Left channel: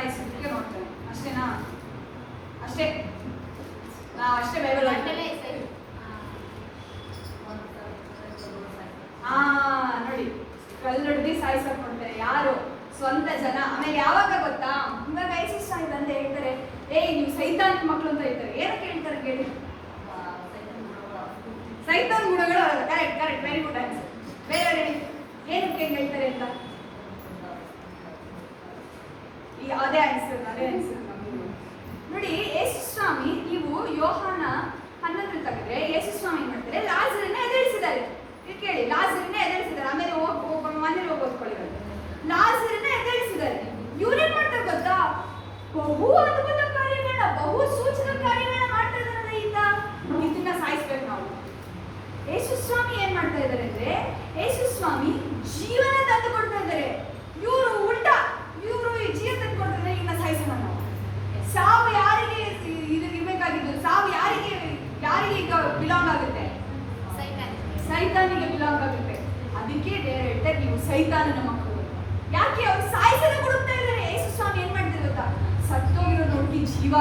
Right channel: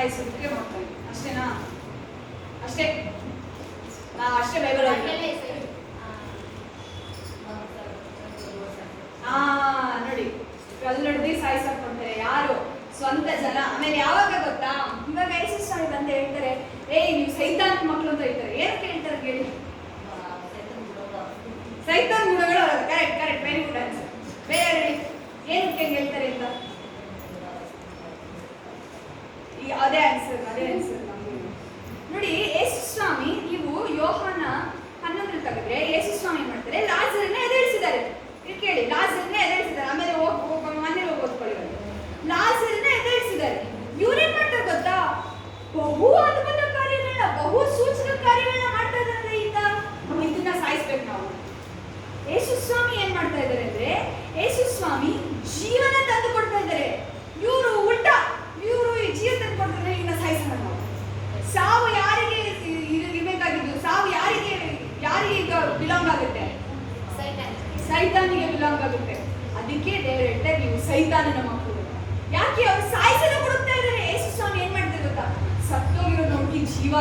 ಸಾಯಿಸೋದಕ್ಕೆ ನೋಡ್ತಾರೆ. ಅಷ್ಟೇನಾ? ಅಷ್ಟೇ ಅಷ್ಟೇ ಬೈಬಲ್ ನೋಡಿ, ಕಲ್ಲೊಡ್ದು ಸಾಯಿಸಕ್ ಕೊಡ್ತಾರೆ. ಯಾರು? ಸ್ವಂತ ಜನ. ಆಮೇಲೆ ಯಾವಾಗ ಗೊತ್ತಾ, ಇವಾಗ ಯೇಸು ಸ್ವಾಮಿ ಬಂದು ಹೇಳ್ತಾರೆ, ನೀವು ಸೈತಾನ್ ಮಕ್ಕಳು ಅಂತ ಹೇಳ್ತಾರೆ. ಏನಕ್ಕೆ ಹೇಳ್ತಾರೆ ಕೇಳಿ? ಸೈತಾನ್ ಗುಣಗಳು. Correct correct, very good answer. ಬೇರೆ ಏನಕ್ಕೆ ಹೇಳ್ತಾರೆ ಅಂತ? ಈಗ ಅದೇ ಆನ್ಸರ್ ನೋಡಿ. ಯೇಸು ಸ್ವಾಮಿ, ನೀವು ಯೋಹಾನ 11 ತೆಗೆದ್ರೆ ಯೇಸು ಸ್ವಾಮಿ ಏನ್ ಮಾಡ್ತಾರೆ? ಲಾಜರನ್ನ ಎದುರಿಸಿದ್ದಾರೆ. ಕೇಳಿ, ಲಾಜರನ್ನ ಎದುರಿಸಿದ್ದಾರೆ. ಆಮೇಲೆ ಮನೇಲಿ ಓದ್ಕೊಳ್ಳಿ. ಲಾಜರನ್ನ ಎದುರಿಸಿದ್ದಾರೆ. ಇವ್ರೇನ್ ಮಾಡ್ತಾರೆ ಗೊತ್ತಾ? ಬಹು ಅದ್ಭುತ ಕಾರ್ಯಗಳನ್ನ, ಬಹು ಸೂಚಕ ಕಾರ್ಯಗಳನ್ನ ಮಾಡ್ತಾ ಇದಾರಲ್ಲ. ಇದನ್ನ ಸಾಯಿಸ್ಬೇಕು ನಾವು. ಯೇಸು ಸ್ವಾಮಿ ಏನ್ ಮಾಡ್ತಾ ಇದ್ದಾರೆ ಅಂದ್ರೆ, ಯೇಸು ಸ್ವಾಮಿ ಜೀವನ ತಂದು ಕೊಡ್ತಾ ಇದ್ದಾರೆ. ಇವರು ಉಲ್ಟಾ, ಇವರು ಈ ಜೀವ ತಂದು ಕೊಡ್ತಾರೆ, ಈಗ ಸಾಯಿಸೋಣ ನಾವು. ಸಾವು ಯಾರಿಗೆ ಇರಬೇಕಾಗಿದ್ದು? ಸಾವು ಯಾರಿಗೆ ಈಗ ಬಿಲಾಂಗ್ ಆಗುತ್ತೆ? ಸೈತಾನಿಗೆ ಬಿಲಾಂಗ್ ಆಗುತ್ತೆ. ಅದಕ್ಕೆ ದೇವರು ಹೇಳ್ತಾರೆ, ನೀವು ಸೈತಾನನ ಮಕ್ಕಳು. ಯಾಕೆ? ಅವ್ರು ಸಾಯಿಸಲು ಕೊಡುತ್ತಾ ಇದ್ದಾರೆ. ಯೇಸು ಸ್ವಾಮಿ ಏನ್ ಮಾಡ್ತಾರೆ ಗೊತ್ತಾ? ಸತ್ತೋಗಿರೋ ನೋಡಿ ಜೀವ.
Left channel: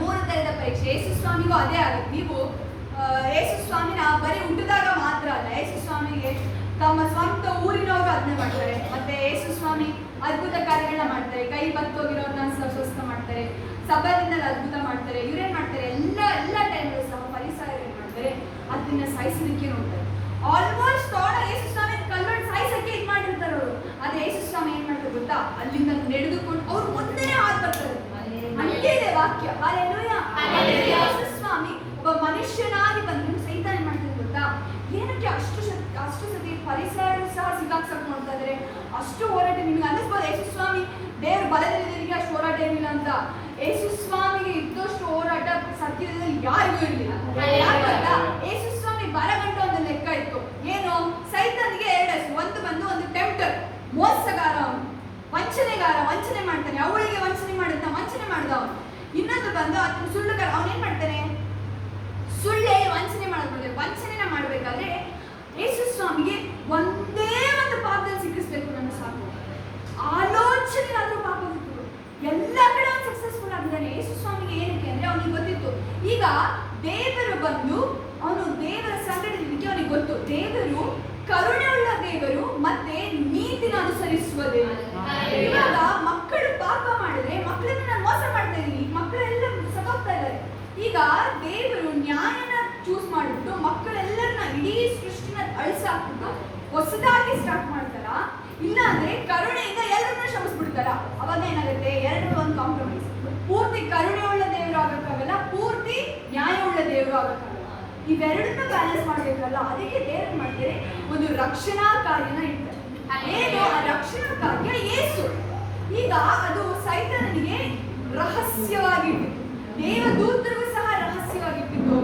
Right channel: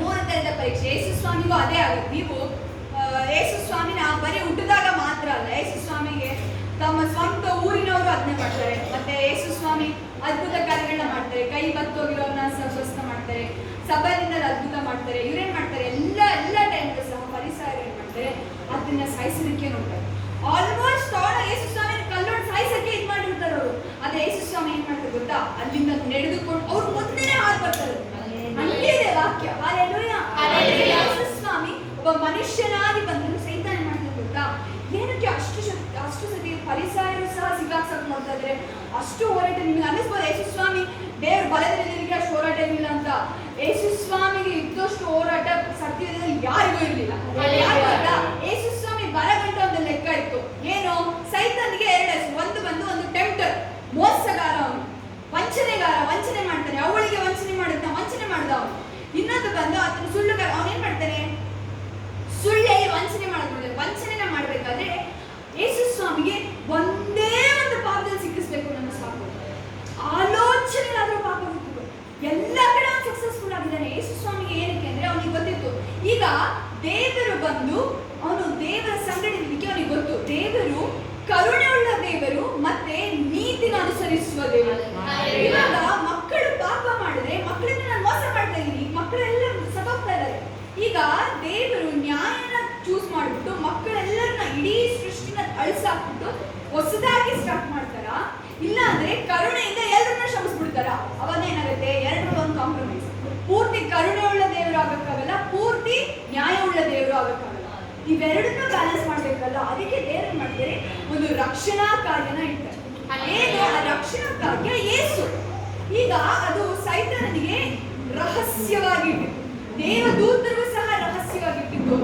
ಮೂರು ತರದ ಪರೀಕ್ಷೆ ಯೇಸು ಸ್ವಾಮಿಗೂ ಅದೇ ಆಗುತ್ತೆ. ನೀವು ಯೇಸು ಸ್ವಾಮಿನ ಬರೀ ಹುಟ್ಟಿದಾಗ ಮಾತ್ರ ಅಲ್ಲ, ಯೇಸು ಸ್ವಾಮಿಗೆ ತಮ್ಮ ಸ್ವಂತ ಊರಿನವರು ಅದನ್ನೇ ಮಾಡ್ತಾರೆ. ಮತ್ತೆ ಯೇಸು ಸ್ವಾಮಿ ಅದ್ಭುತ ಕಾರ್ಯಗಳನ್ನ ಮಾಡ್ತಾರೆ. ಕೈ ಬತ್ತೋಗಿರೋನ್ನ ಸ್ವಸ್ಥ ಮಾಡ್ತಾರೆ, ಸಭೆಯಿಂದ ಅದ್ಭುತ ಮಾಡ್ತಾರೆ. ಇವ್ರೇನ್ ಮಾಡ್ತಾರೆ? ಎಲ್ಲ ಟೈಮಲ್ಲೂ ಸಹ ಫರಿಸಾಯರು ಏನ್ ಮಾಡ್ತಾರೆ? ಅದನ್ನ ಸಾಯಿಸೋದಕ್ಕೆ ನೋಡ್ತಾರೆ. ಆಲ್ಮೋಸ್ಟ್ ಯೇಸು ಸ್ವಾಮಿ ಕಲ್ಲೊಟ್ಟು ಸಾಯಿಸಕ್ಕೆ ಇದು ಮಾಡಿರ್ತಾರೆ ಅವರು. ಆದ್ರೆ ಯೇಸು ಸ್ವಾಮಿ ಏನ್ ಮಾಡ್ತಾರೆ ಗೊತ್ತಾ? ಅಲ್ಲಿಂದ ನಡೆದುಕೊಂಡು ಅವ್ರು ಮುಂದೆ ಹಾದು ಬರ್ತಾರೆ. ಹಂಗಿದೆ ವಾಕ್ಯ. ಹಾಲೆಲೂಯಾ. ಯೇಸು ಸ್ವಾಮಿ ಒಬ್ಬ ಮನುಷ್ಯನಾಗಿ ಬಂದು ಸೈತಾನ ಏನ್ ಮಾಡ್ತಾರೆ ಗೊತ್ತಾ? ಏನಕ್ಕೆ ಅಷ್ಟು ಸತಿ ಫರಿಸಾಯರು ಸಹ ಸಿಗಾಕ್ಸಕ್ ನೋಡ್ತಾ ಇದ್ರೆ? ಅಷ್ಟು ಹೋರಾಟ. ನಿಮ್ಗೆ ಅನ್ನಿಸ್ಬೋದು ಯೇಸು ಸ್ವಾಮಿ ದೇವ್ರ ಬಲದಲ್ಲಿ ಅಷ್ಟು ಹೋರಾಟ ಇರಲಿಲ್ಲ ಅಂತ. ಯೇಸು ಸ್ವಾಮಿಗೆ ಇದ್ದಷ್ಟು ಹೋರಾಟ ಸತ್ಯದಲ್ಲಿ ಯಾರಿಗೂ ಇರಲಿಲ್ಲ. ಯೇಸು ಸ್ವಾಮಿ ಬರಗಂಟ ಒಂದು ಲೆಕ್ಕ ಇತ್ತು. ಏನು? ಸೈತಾನಿಗೆ ಎರಡು ಹೆಸರು. ಒಂದು ಟೆಂಪ್ಟರ್, ಮೋಸಗಾರ, ಅವನು ವಂಚನೆಗಾರ, ವಂಚನೆ ಮಾಡ್ತಾನೆ. ಅವಳಿಗೆ ವಂಚನೆ ಮಾಡಿದ್ದ, ವಂಚನೆ ಮಾಡಿದ ಅವನು. ಇನ್ನೊಂದು ಬಂದು ಆತನ ಸುಳ್ಳುಗಾರ. ಅವನೇನ್ ಮಾಡ್ತಾನೆ? ಸುಳ್ಳೇ ವಂಚನೆ ಮಾಡೋದು. ವಂಚನೆನ ಮಾಡ್ಬೇಕಾದ್ರೆ ಯೇಸು ಸ್ವಾಮಿಗೆ ಒಂದೇ ಒಂದು ಪಾಪದಲ್ಲಿ ಸಿಕ್ಕಿಸ್ಬೇಕು ನಮ್ಗೆ ಸಾಕು. ಆಲೋಚನೆ ಆದ್ರೂ ಪಾಪ ಗೊತ್ತಿತ್ತು. ಎಲ್ಲ ಕಡೆ ಅವ್ನು ಸಕ್ಸಸ್ಫುಲ್ ಆಗಿದ್ದಾನೆ. ಯೇಸು ಸ್ವಾಮಿಗೆ ಏನಕ್ಕೆ ಅಂದ್ರೆ ಅವನಿಗೆ ಗೊತ್ತಿತ್ತು, ಈಗ ದೇವರು ಬಂದು ಅವನು ದೇವರ ಸಂಗಡಿಲಿಕ್ಕೆ ಅವನಿಗೆ ಗೊತ್ತು. ದೇವರು ಕರುಣೆ ಉಳ್ಳ ದೇವರು, ಮತ್ತೆ ನೀತಿನ ಅನುಸರಿಸುವ ದೇವರು. ಇವಾಗ ಮಕ್ಕಳು ಪಾಪ ಮಾಡಿದ್ರೆ ಮಕ್ಕಳನ್ನ ನಾನು ಮೋಸ ಮಾಡ್ತಾ ಇದೀನಿ, ಮಕ್ಕಳೆಲ್ಲ ಸತ್ತೋಗ್ತಾ ಇದ್ದಾರೆ. ಈಗ ದೇವರು ನ್ಯಾಯನ ಚೂಸ್ ಮಾಡಿಬಿಟ್ಟು ಮಕ್ಕಳೆಲ್ಲರನ್ನ, ಇಡೀ ಸೃಷ್ಟಿನ ಅಳಿಸಾಕ್ಬಿಟ್ಟು ಹೊಸದಾಗಿ ಸ್ಟಾರ್ಟ್ ಮಾಡ್ತಾರ, ಇಲ್ಲ ಅಂದ್ರೆ ಕರುಣೆಯಿಂದ ಎಲ್ಲರನ್ನ ಶ್ರಮಿಸ್ಬಿಡ್ತಾರ. ಅವಾಗ ಏನಾಗುತ್ತೆ? ಎರಡರ ಒಂದು ಕಾಂಪ್ರಮೈಸ್. ಪೂರ್ತಿ ಕರುಣೆ ಉಳ್ಳ ದೇವರು ಆಗಕ್ಕಾಗಲ್ಲ, ಪೂರ್ತಿ ನ್ಯಾಯ ಉಳ್ಳ ದೇವರು ಆಗಕ್ಕಾಗಲ್ಲ. ಇವೆರಡನ್ನೂ ಬ್ಯಾಲೆನ್ಸ್ ಮಾಡ್ಬೇಕಲ್ಲ. ಅದಕ್ಕೆ ದೇವರು ಮಾಡ್ತಾರೆ, ಒಂದು ರಕ್ಷಣಾ ಕಾರ್ಯನ ಇಡ್ತಾರೆ. ಏನು ಆ ರಕ್ಷಣಾ ಕಾರ್ಯ? ಯೇಸು. ಈಗ ಅದು ಸೈತಾನನಿಗೆ ರಹಸ್ಯವಾಗಿ ಇಟ್ಟಿತ್ತು, ದೇವದೂತರಿಗೂ ಸಹ ರಹಸ್ಯವಾಗಿ ಇಟ್ಟಿತ್ತು.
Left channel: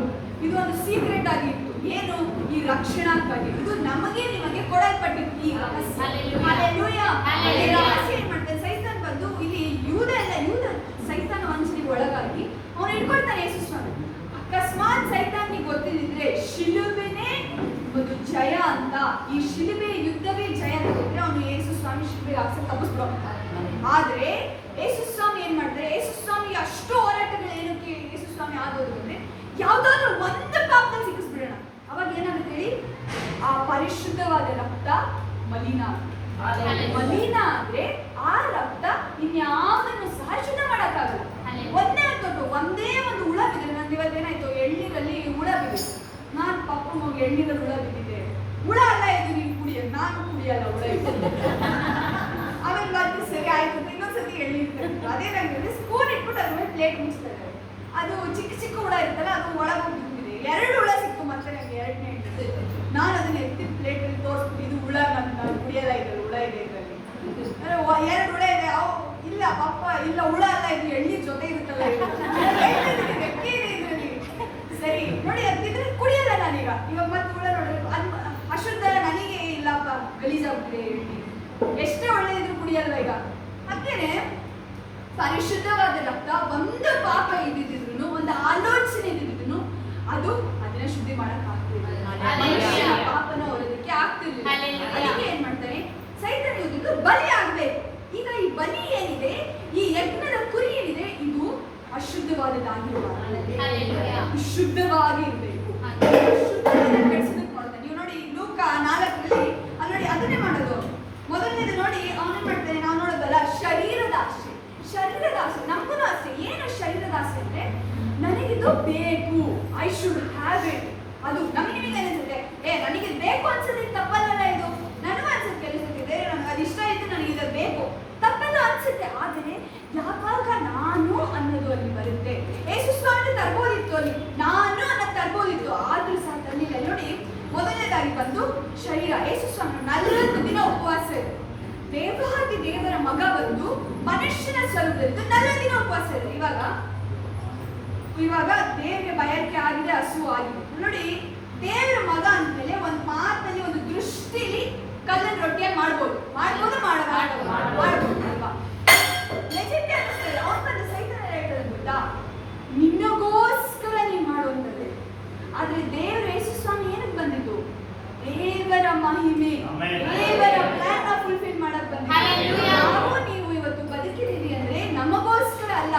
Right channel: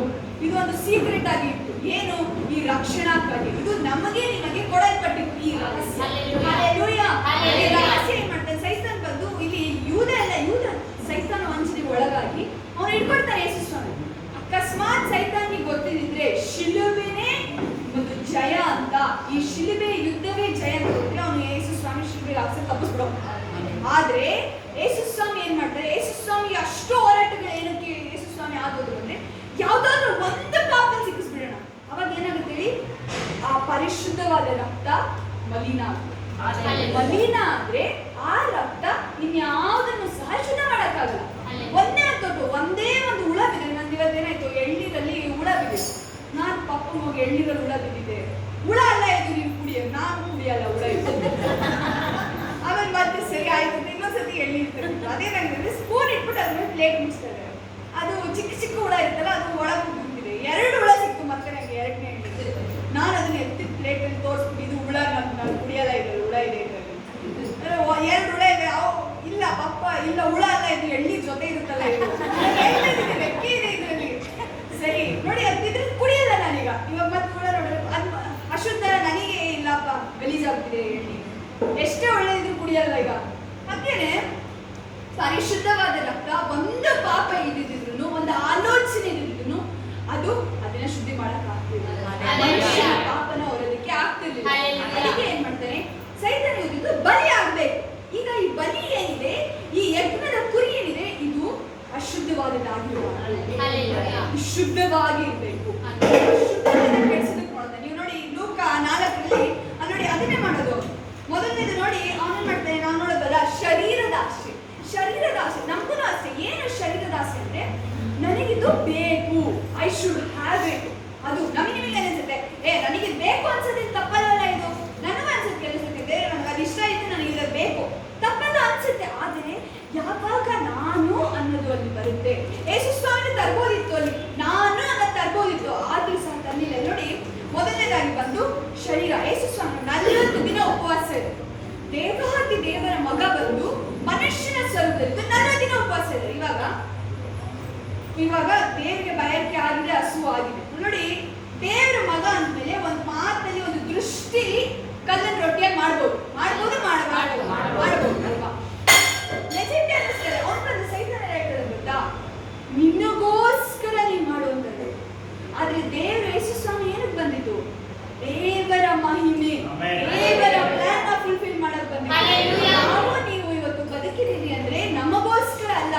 ಇದು ಒಂದು ಸೀಕ್ರೆಟ್ ಆಗಿ ಇತ್ತು. ಏನು? ಈ ರಕ್ಷಣಾ ಕಾರ್ಯ ಇದು ನಮಗೆ ನಿಮಗೆ ಕೊಡಲ್ಪಟ್ಟಿತ್ತು. ಈ ರಹಸ್ಯ. ಹಾಲೆಲೂಯಾ. ಈ ರಹಸ್ಯ ಏನ್ ಮಾಡ್ತಾನೆ? ಸೈತಾನ್ ಬಂದು ಇಲ್ಲಿ ಯೂದ ಸೈತಾನ ವಂಚನೆಗೆ ಒಳಗಾಗಿ ಅವನು ಇಟ್ಕೊಳ್ತಾನೆ ಯೇಸು ಸ್ವಾಮಿ. ಅಕಸ್ಮಾತ್ ಸೈತಾನ್ಗೆ ಗೊತ್ತಿದ್ರೆ ಶಿಲುಬೆನೇ ಒಂದು ಜಯ ಅಂತ, ಈ ಶಿಲುಬೆ ಯುದ್ಧವೇ ಜಯ ಅಂತ ಗೊತ್ತಿದ್ರೆ ಅವನು ಯೇಸು ಸ್ವಾಮಿ ಶಿಲುಬೆಗೆ ಹಾಕ್ಸಕ್ ತಪ್ಪಿಸ್ಬಿಡೋ. ಆದ್ರೆ ಯೇಸು ಸ್ವಾಮಿ ಏನ್ ಮಾಡ್ತಾರೆ? ಯೇಸು ಸ್ವಾಮಿ ಅಷ್ಟು ಹೋರಾಟಗಳು ಏನಕ್ಕೆ ಯೇಸು ಸ್ವಾಮಿ ಆಗೋದು ಅಂದ್ರೆ, ಯಾವ್ದಾದ್ರು ಒಂದು ಪಾಪದಲ್ಲಿ ಸಿಕ್ಕಿಸ್ಬಿಡೋಣ. ಅವಾಗ ಏನಾಗುತ್ತೆ ಹೇಳಿ? ಆ ಪರಿಶುದ್ಧವಾದ ರಕ್ತ ಮಲಿನ ಆದ್ರೆ ಆ ರಕ್ತ ಇನ್ಯಾವುದನ್ನು ಸಹ ಶುದ್ಧ ಮಾಡಕ್ಕಾಗಲ್ಲ. ಒಂದೇ ಒಂದು ಹುಳ ಬಿದ್ದಿದೆ. ನಂದು ಇವತ್ತೇನಾಯ್ತು, ಎಳ್ನೀರಲ್ಲಿ ಹುಳ ಬಿದ್ದಿದೆ. ನಾನು ಪಪ್ಪ ಹೋಗಿ ಎಳ್ನೀರಲ್ಲಿ ಹುಳ ಬಿದ್ದಿದೆ. ಹುಳ ಅಲ್ಲ ಇದು, ನೀವು ಕುಡಿಯೋದು, ನಾನು ಕುಡಿಯಲ್ಲ ಹುಳ ಇದು. ಆಮೇಲೆ ಮತ್ತೆ ಸರಿ ಆಯ್ತು, ಇನ್ನೊಂದ್ಸತಿ ಎಳ್ನೀರು. ಅದೇ ನಂಗೆ ಸ್ಪೂನ್ ಇಟ್ಬಿಟ್ಟು ಅದ್ರ ಮೇಲೆ ಪ್ಲೇಟ್ ಮುಗಿಸ್ತಾರೆ. ಅದು ಚಿಕ್ಕ ಹುಳ ಇರ್ತಲ್ಲ, ಅದು ಒಳಗೆ ಬಿದ್ದಿದೆ. 2 ಹುಳ ಸಿಕ್ತು ಮತ್ತೆ ನಂಗೆ, 2ನೇ ಎಳ್ನೀರು. ನಾನು ಅದನ್ನ ಎತ್ತಿ ಪ್ಲೇಟಲ್ಲಿ ತೋರಿಸ್ಬಿಟ್ಟು, ಇದು ಹುಳ, ನಾನು ಕುಡಿಯಲ್ಲ, ಇದ್ರಲ್ಲಿ ಹುಳ ಇದೆ ಇದರಲ್ಲಿ. 2 ಹುಳ ಇದೆ. ಇಲ್ಲ ಪಪ್ಪ, ಇಲ್ಲ ಹುಳ ಅಲ್ಲ ಇದು, ಎಳ್ನೀರ್ ಜೊತೆ ಇರುತ್ತಲ್ಲ, ರೆಕ್ಕೆ ಇದೆ ಇದರಲ್ಲಿ. ಸರಿ ನೋಡಿ, ಅದಿದ್ರೆ ಕುಡಿಯಲ್ಲ ನಾನೀಗ. ಇವಾಗ ಮತ್ತೆ ಹುಳ ನೋಡಿದ್ರೆ ಅಶುದ್ಧ, ನನಗೆ ಇಲ್ಲಪ್ಪ ಗಲೀಜಾಗ್ತಿದೆ ಎಳ್ನೀರು. ಎಷ್ಟೇ ಒಳ್ಳೆದಿದ್ರು ಕುಡಿಯಲ್ಲ ಈಗ. ಹಾಗೇನೆ ಪರಿಶುದ್ಧವಾದ ರಕ್ತ ಒಂದು ಪಾಪ ಇದ್ದಿದ್ರು, ಒಂದು ಆಲೋಚನೆ ಇದ್ದಿದ್ರು, ಅದನ್ನ ಶುದ್ಧಿ ಮಾಡಕ್ ಆಗ್ತಿರ್ಲಿಲ್ಲ. ಮನುಷ್ಯನ ಪಾಪನ ಹೊರೋದಕ್ಕೆ ಆಗ್ತಿರ್ಲಿಲ್ಲ. ಅದಕ್ಕೆ ಏನ್ ಮಾಡ್ತಾರೆ? ಸೈತಾನ ಇದು ಬಲಿ ಆಗ್ಬೇಕು. ಈಗ ಈ ಬಲಿ ಏನಿದೆ, ಈ ಯಜ್ಞದ ಕುರಿ ಏನಿದೆ, ಇದು ಅಶುದ್ಧವಾದದ್ದಾಗಿರಬಾರದು, ಶುದ್ಧವಾಗಿರ್ಬೇಕು. ಕೆಡಿಸೋದಕ್ಕೆ ಮಾಡ್ತಾನೆ. ನೀವು ನೋಡಿ ಲೂಕ 4ರಲ್ಲಿ ಅಲ್ಲಿ ನೋಡಿ ಅದನ್ನೇ ಮಾಡೋದು. ಮೊದಲನೇದು ನೋಡಿ ಅವನೇನ್ ಮಾಡ್ತಾನೆ, ನಾವು ನೋಡೋದಲ್ಲ, ಶರೀರದ ಆಸೆ. ಶರೀರದ ಆಸೆ ನಮಗೂ ಆಸೆ. ಏನು ಶರೀರದ ಆಸೆ ಅಂದ್ರೆ, ನನಗಿದು ಬೇಕು, ಐ ಶುಡ್ ಹ್ಯಾವ್ ಇಟ್. ಅದು ನಮಗೆ ಅನಿಸುತ್ತೆ, ನನಗೆ ಬೇಕು ಅನ್ಸುತ್ತೆ, ತಪ್ಪಲ್ಲ ಇದು. ನನಗೂ ಅನ್ಸುತ್ತೆ, ಕೆಲಸುತ್ತೆ, ಬೇರೆ ನನಗೆ ಅದು ಇಷ್ಟ ಆಯ್ತು, ನನಗೆ ಇದು ಬೇಕು, ತಪ್ಪಲ್ಲ ಅನ್ಸುತ್ತೆ. ಆದರೆ ಯಾವಾಗ ನಾನು ಅನ್ನೋದು ಅಲ್ಲಿ ಬರುತ್ತೆ. ಯೇಸು ಸ್ವಾಮಿ ತರ್ಬೋದಿತ್ತು, ಅಲ್ಲಿ ನಾನು ಅನ್ನೋದು ತರ್ಬೋದಿತ್ತು, ಆದ್ರೂ ಸಹ ತರಲಿಲ್ಲ. ನೋಡಿ ಮೊದಲನೇದಾಗಿ ಬಂದು ಶರೀರ. ಯೇಸು ಸ್ವಾಮಿ 40 ದಿನ ಉಪವಾಸ ಇದೆ. ದೇವಾದಿ ದೇವರ ಮಗ ಬಂದು ಮನುಷ್ಯನ ಸ್ವರೂಪದಲ್ಲಿದ್ದು 40 ದಿನ ಉಪವಾಸ ಇದೆ. ಇವಾಗ ದೇವರಿಗೆ ಬಯಕೆ ಆಗಿದೆ, ಹಸು ಆಗಿದೆ. ನೋಡಿ ದೇವರ ಮಗ ಅಂದ್ಮೇಲೆ ಒಂದು ಮಾತಲ್ಲಿ, ಒಂದು ದೃಷ್ಟಿಲಿ ಕಲ್ಲನ್ನು ರೊಟ್ಟಿಯಾಗಿ ಮಾಡ್ಬೋದು ಅಲ್ವಾ? ಲೆಜೆಂಡ್ ಅನ್ನಿಸ್ತಾರೆ. ಅವನು ಬಂದು ಸೈತಾನ ಹೇಳ್ತಾರೆ ಗೊತ್ತಾ, ನಿನ್ನಗೋಸ್ಕರ ನೀವು ಮಾಡುವಂಥದ್ದೇ. ಆದ್ರೆ ದೇವರ ಯೇಸು ಸ್ವಾಮಿ ಏನಕ್ಕೆ ಬಂದಿದ್ದು? ದೇವರ ಮಹಿಮೆ, ದೇವರ ಪ್ಲಾನ್ ಫುಲ್ಫಿಲ್ ಮಾಡಕ್ ಬಂದಿದ್ದು. ನಾವು ನೀವು ಇವತ್ತು ಬದುಕಿದ್ದೀವಿ ಅಂದ್ರೆ ನಮಗೋಸ್ಕರ ಅಲ್ಲ,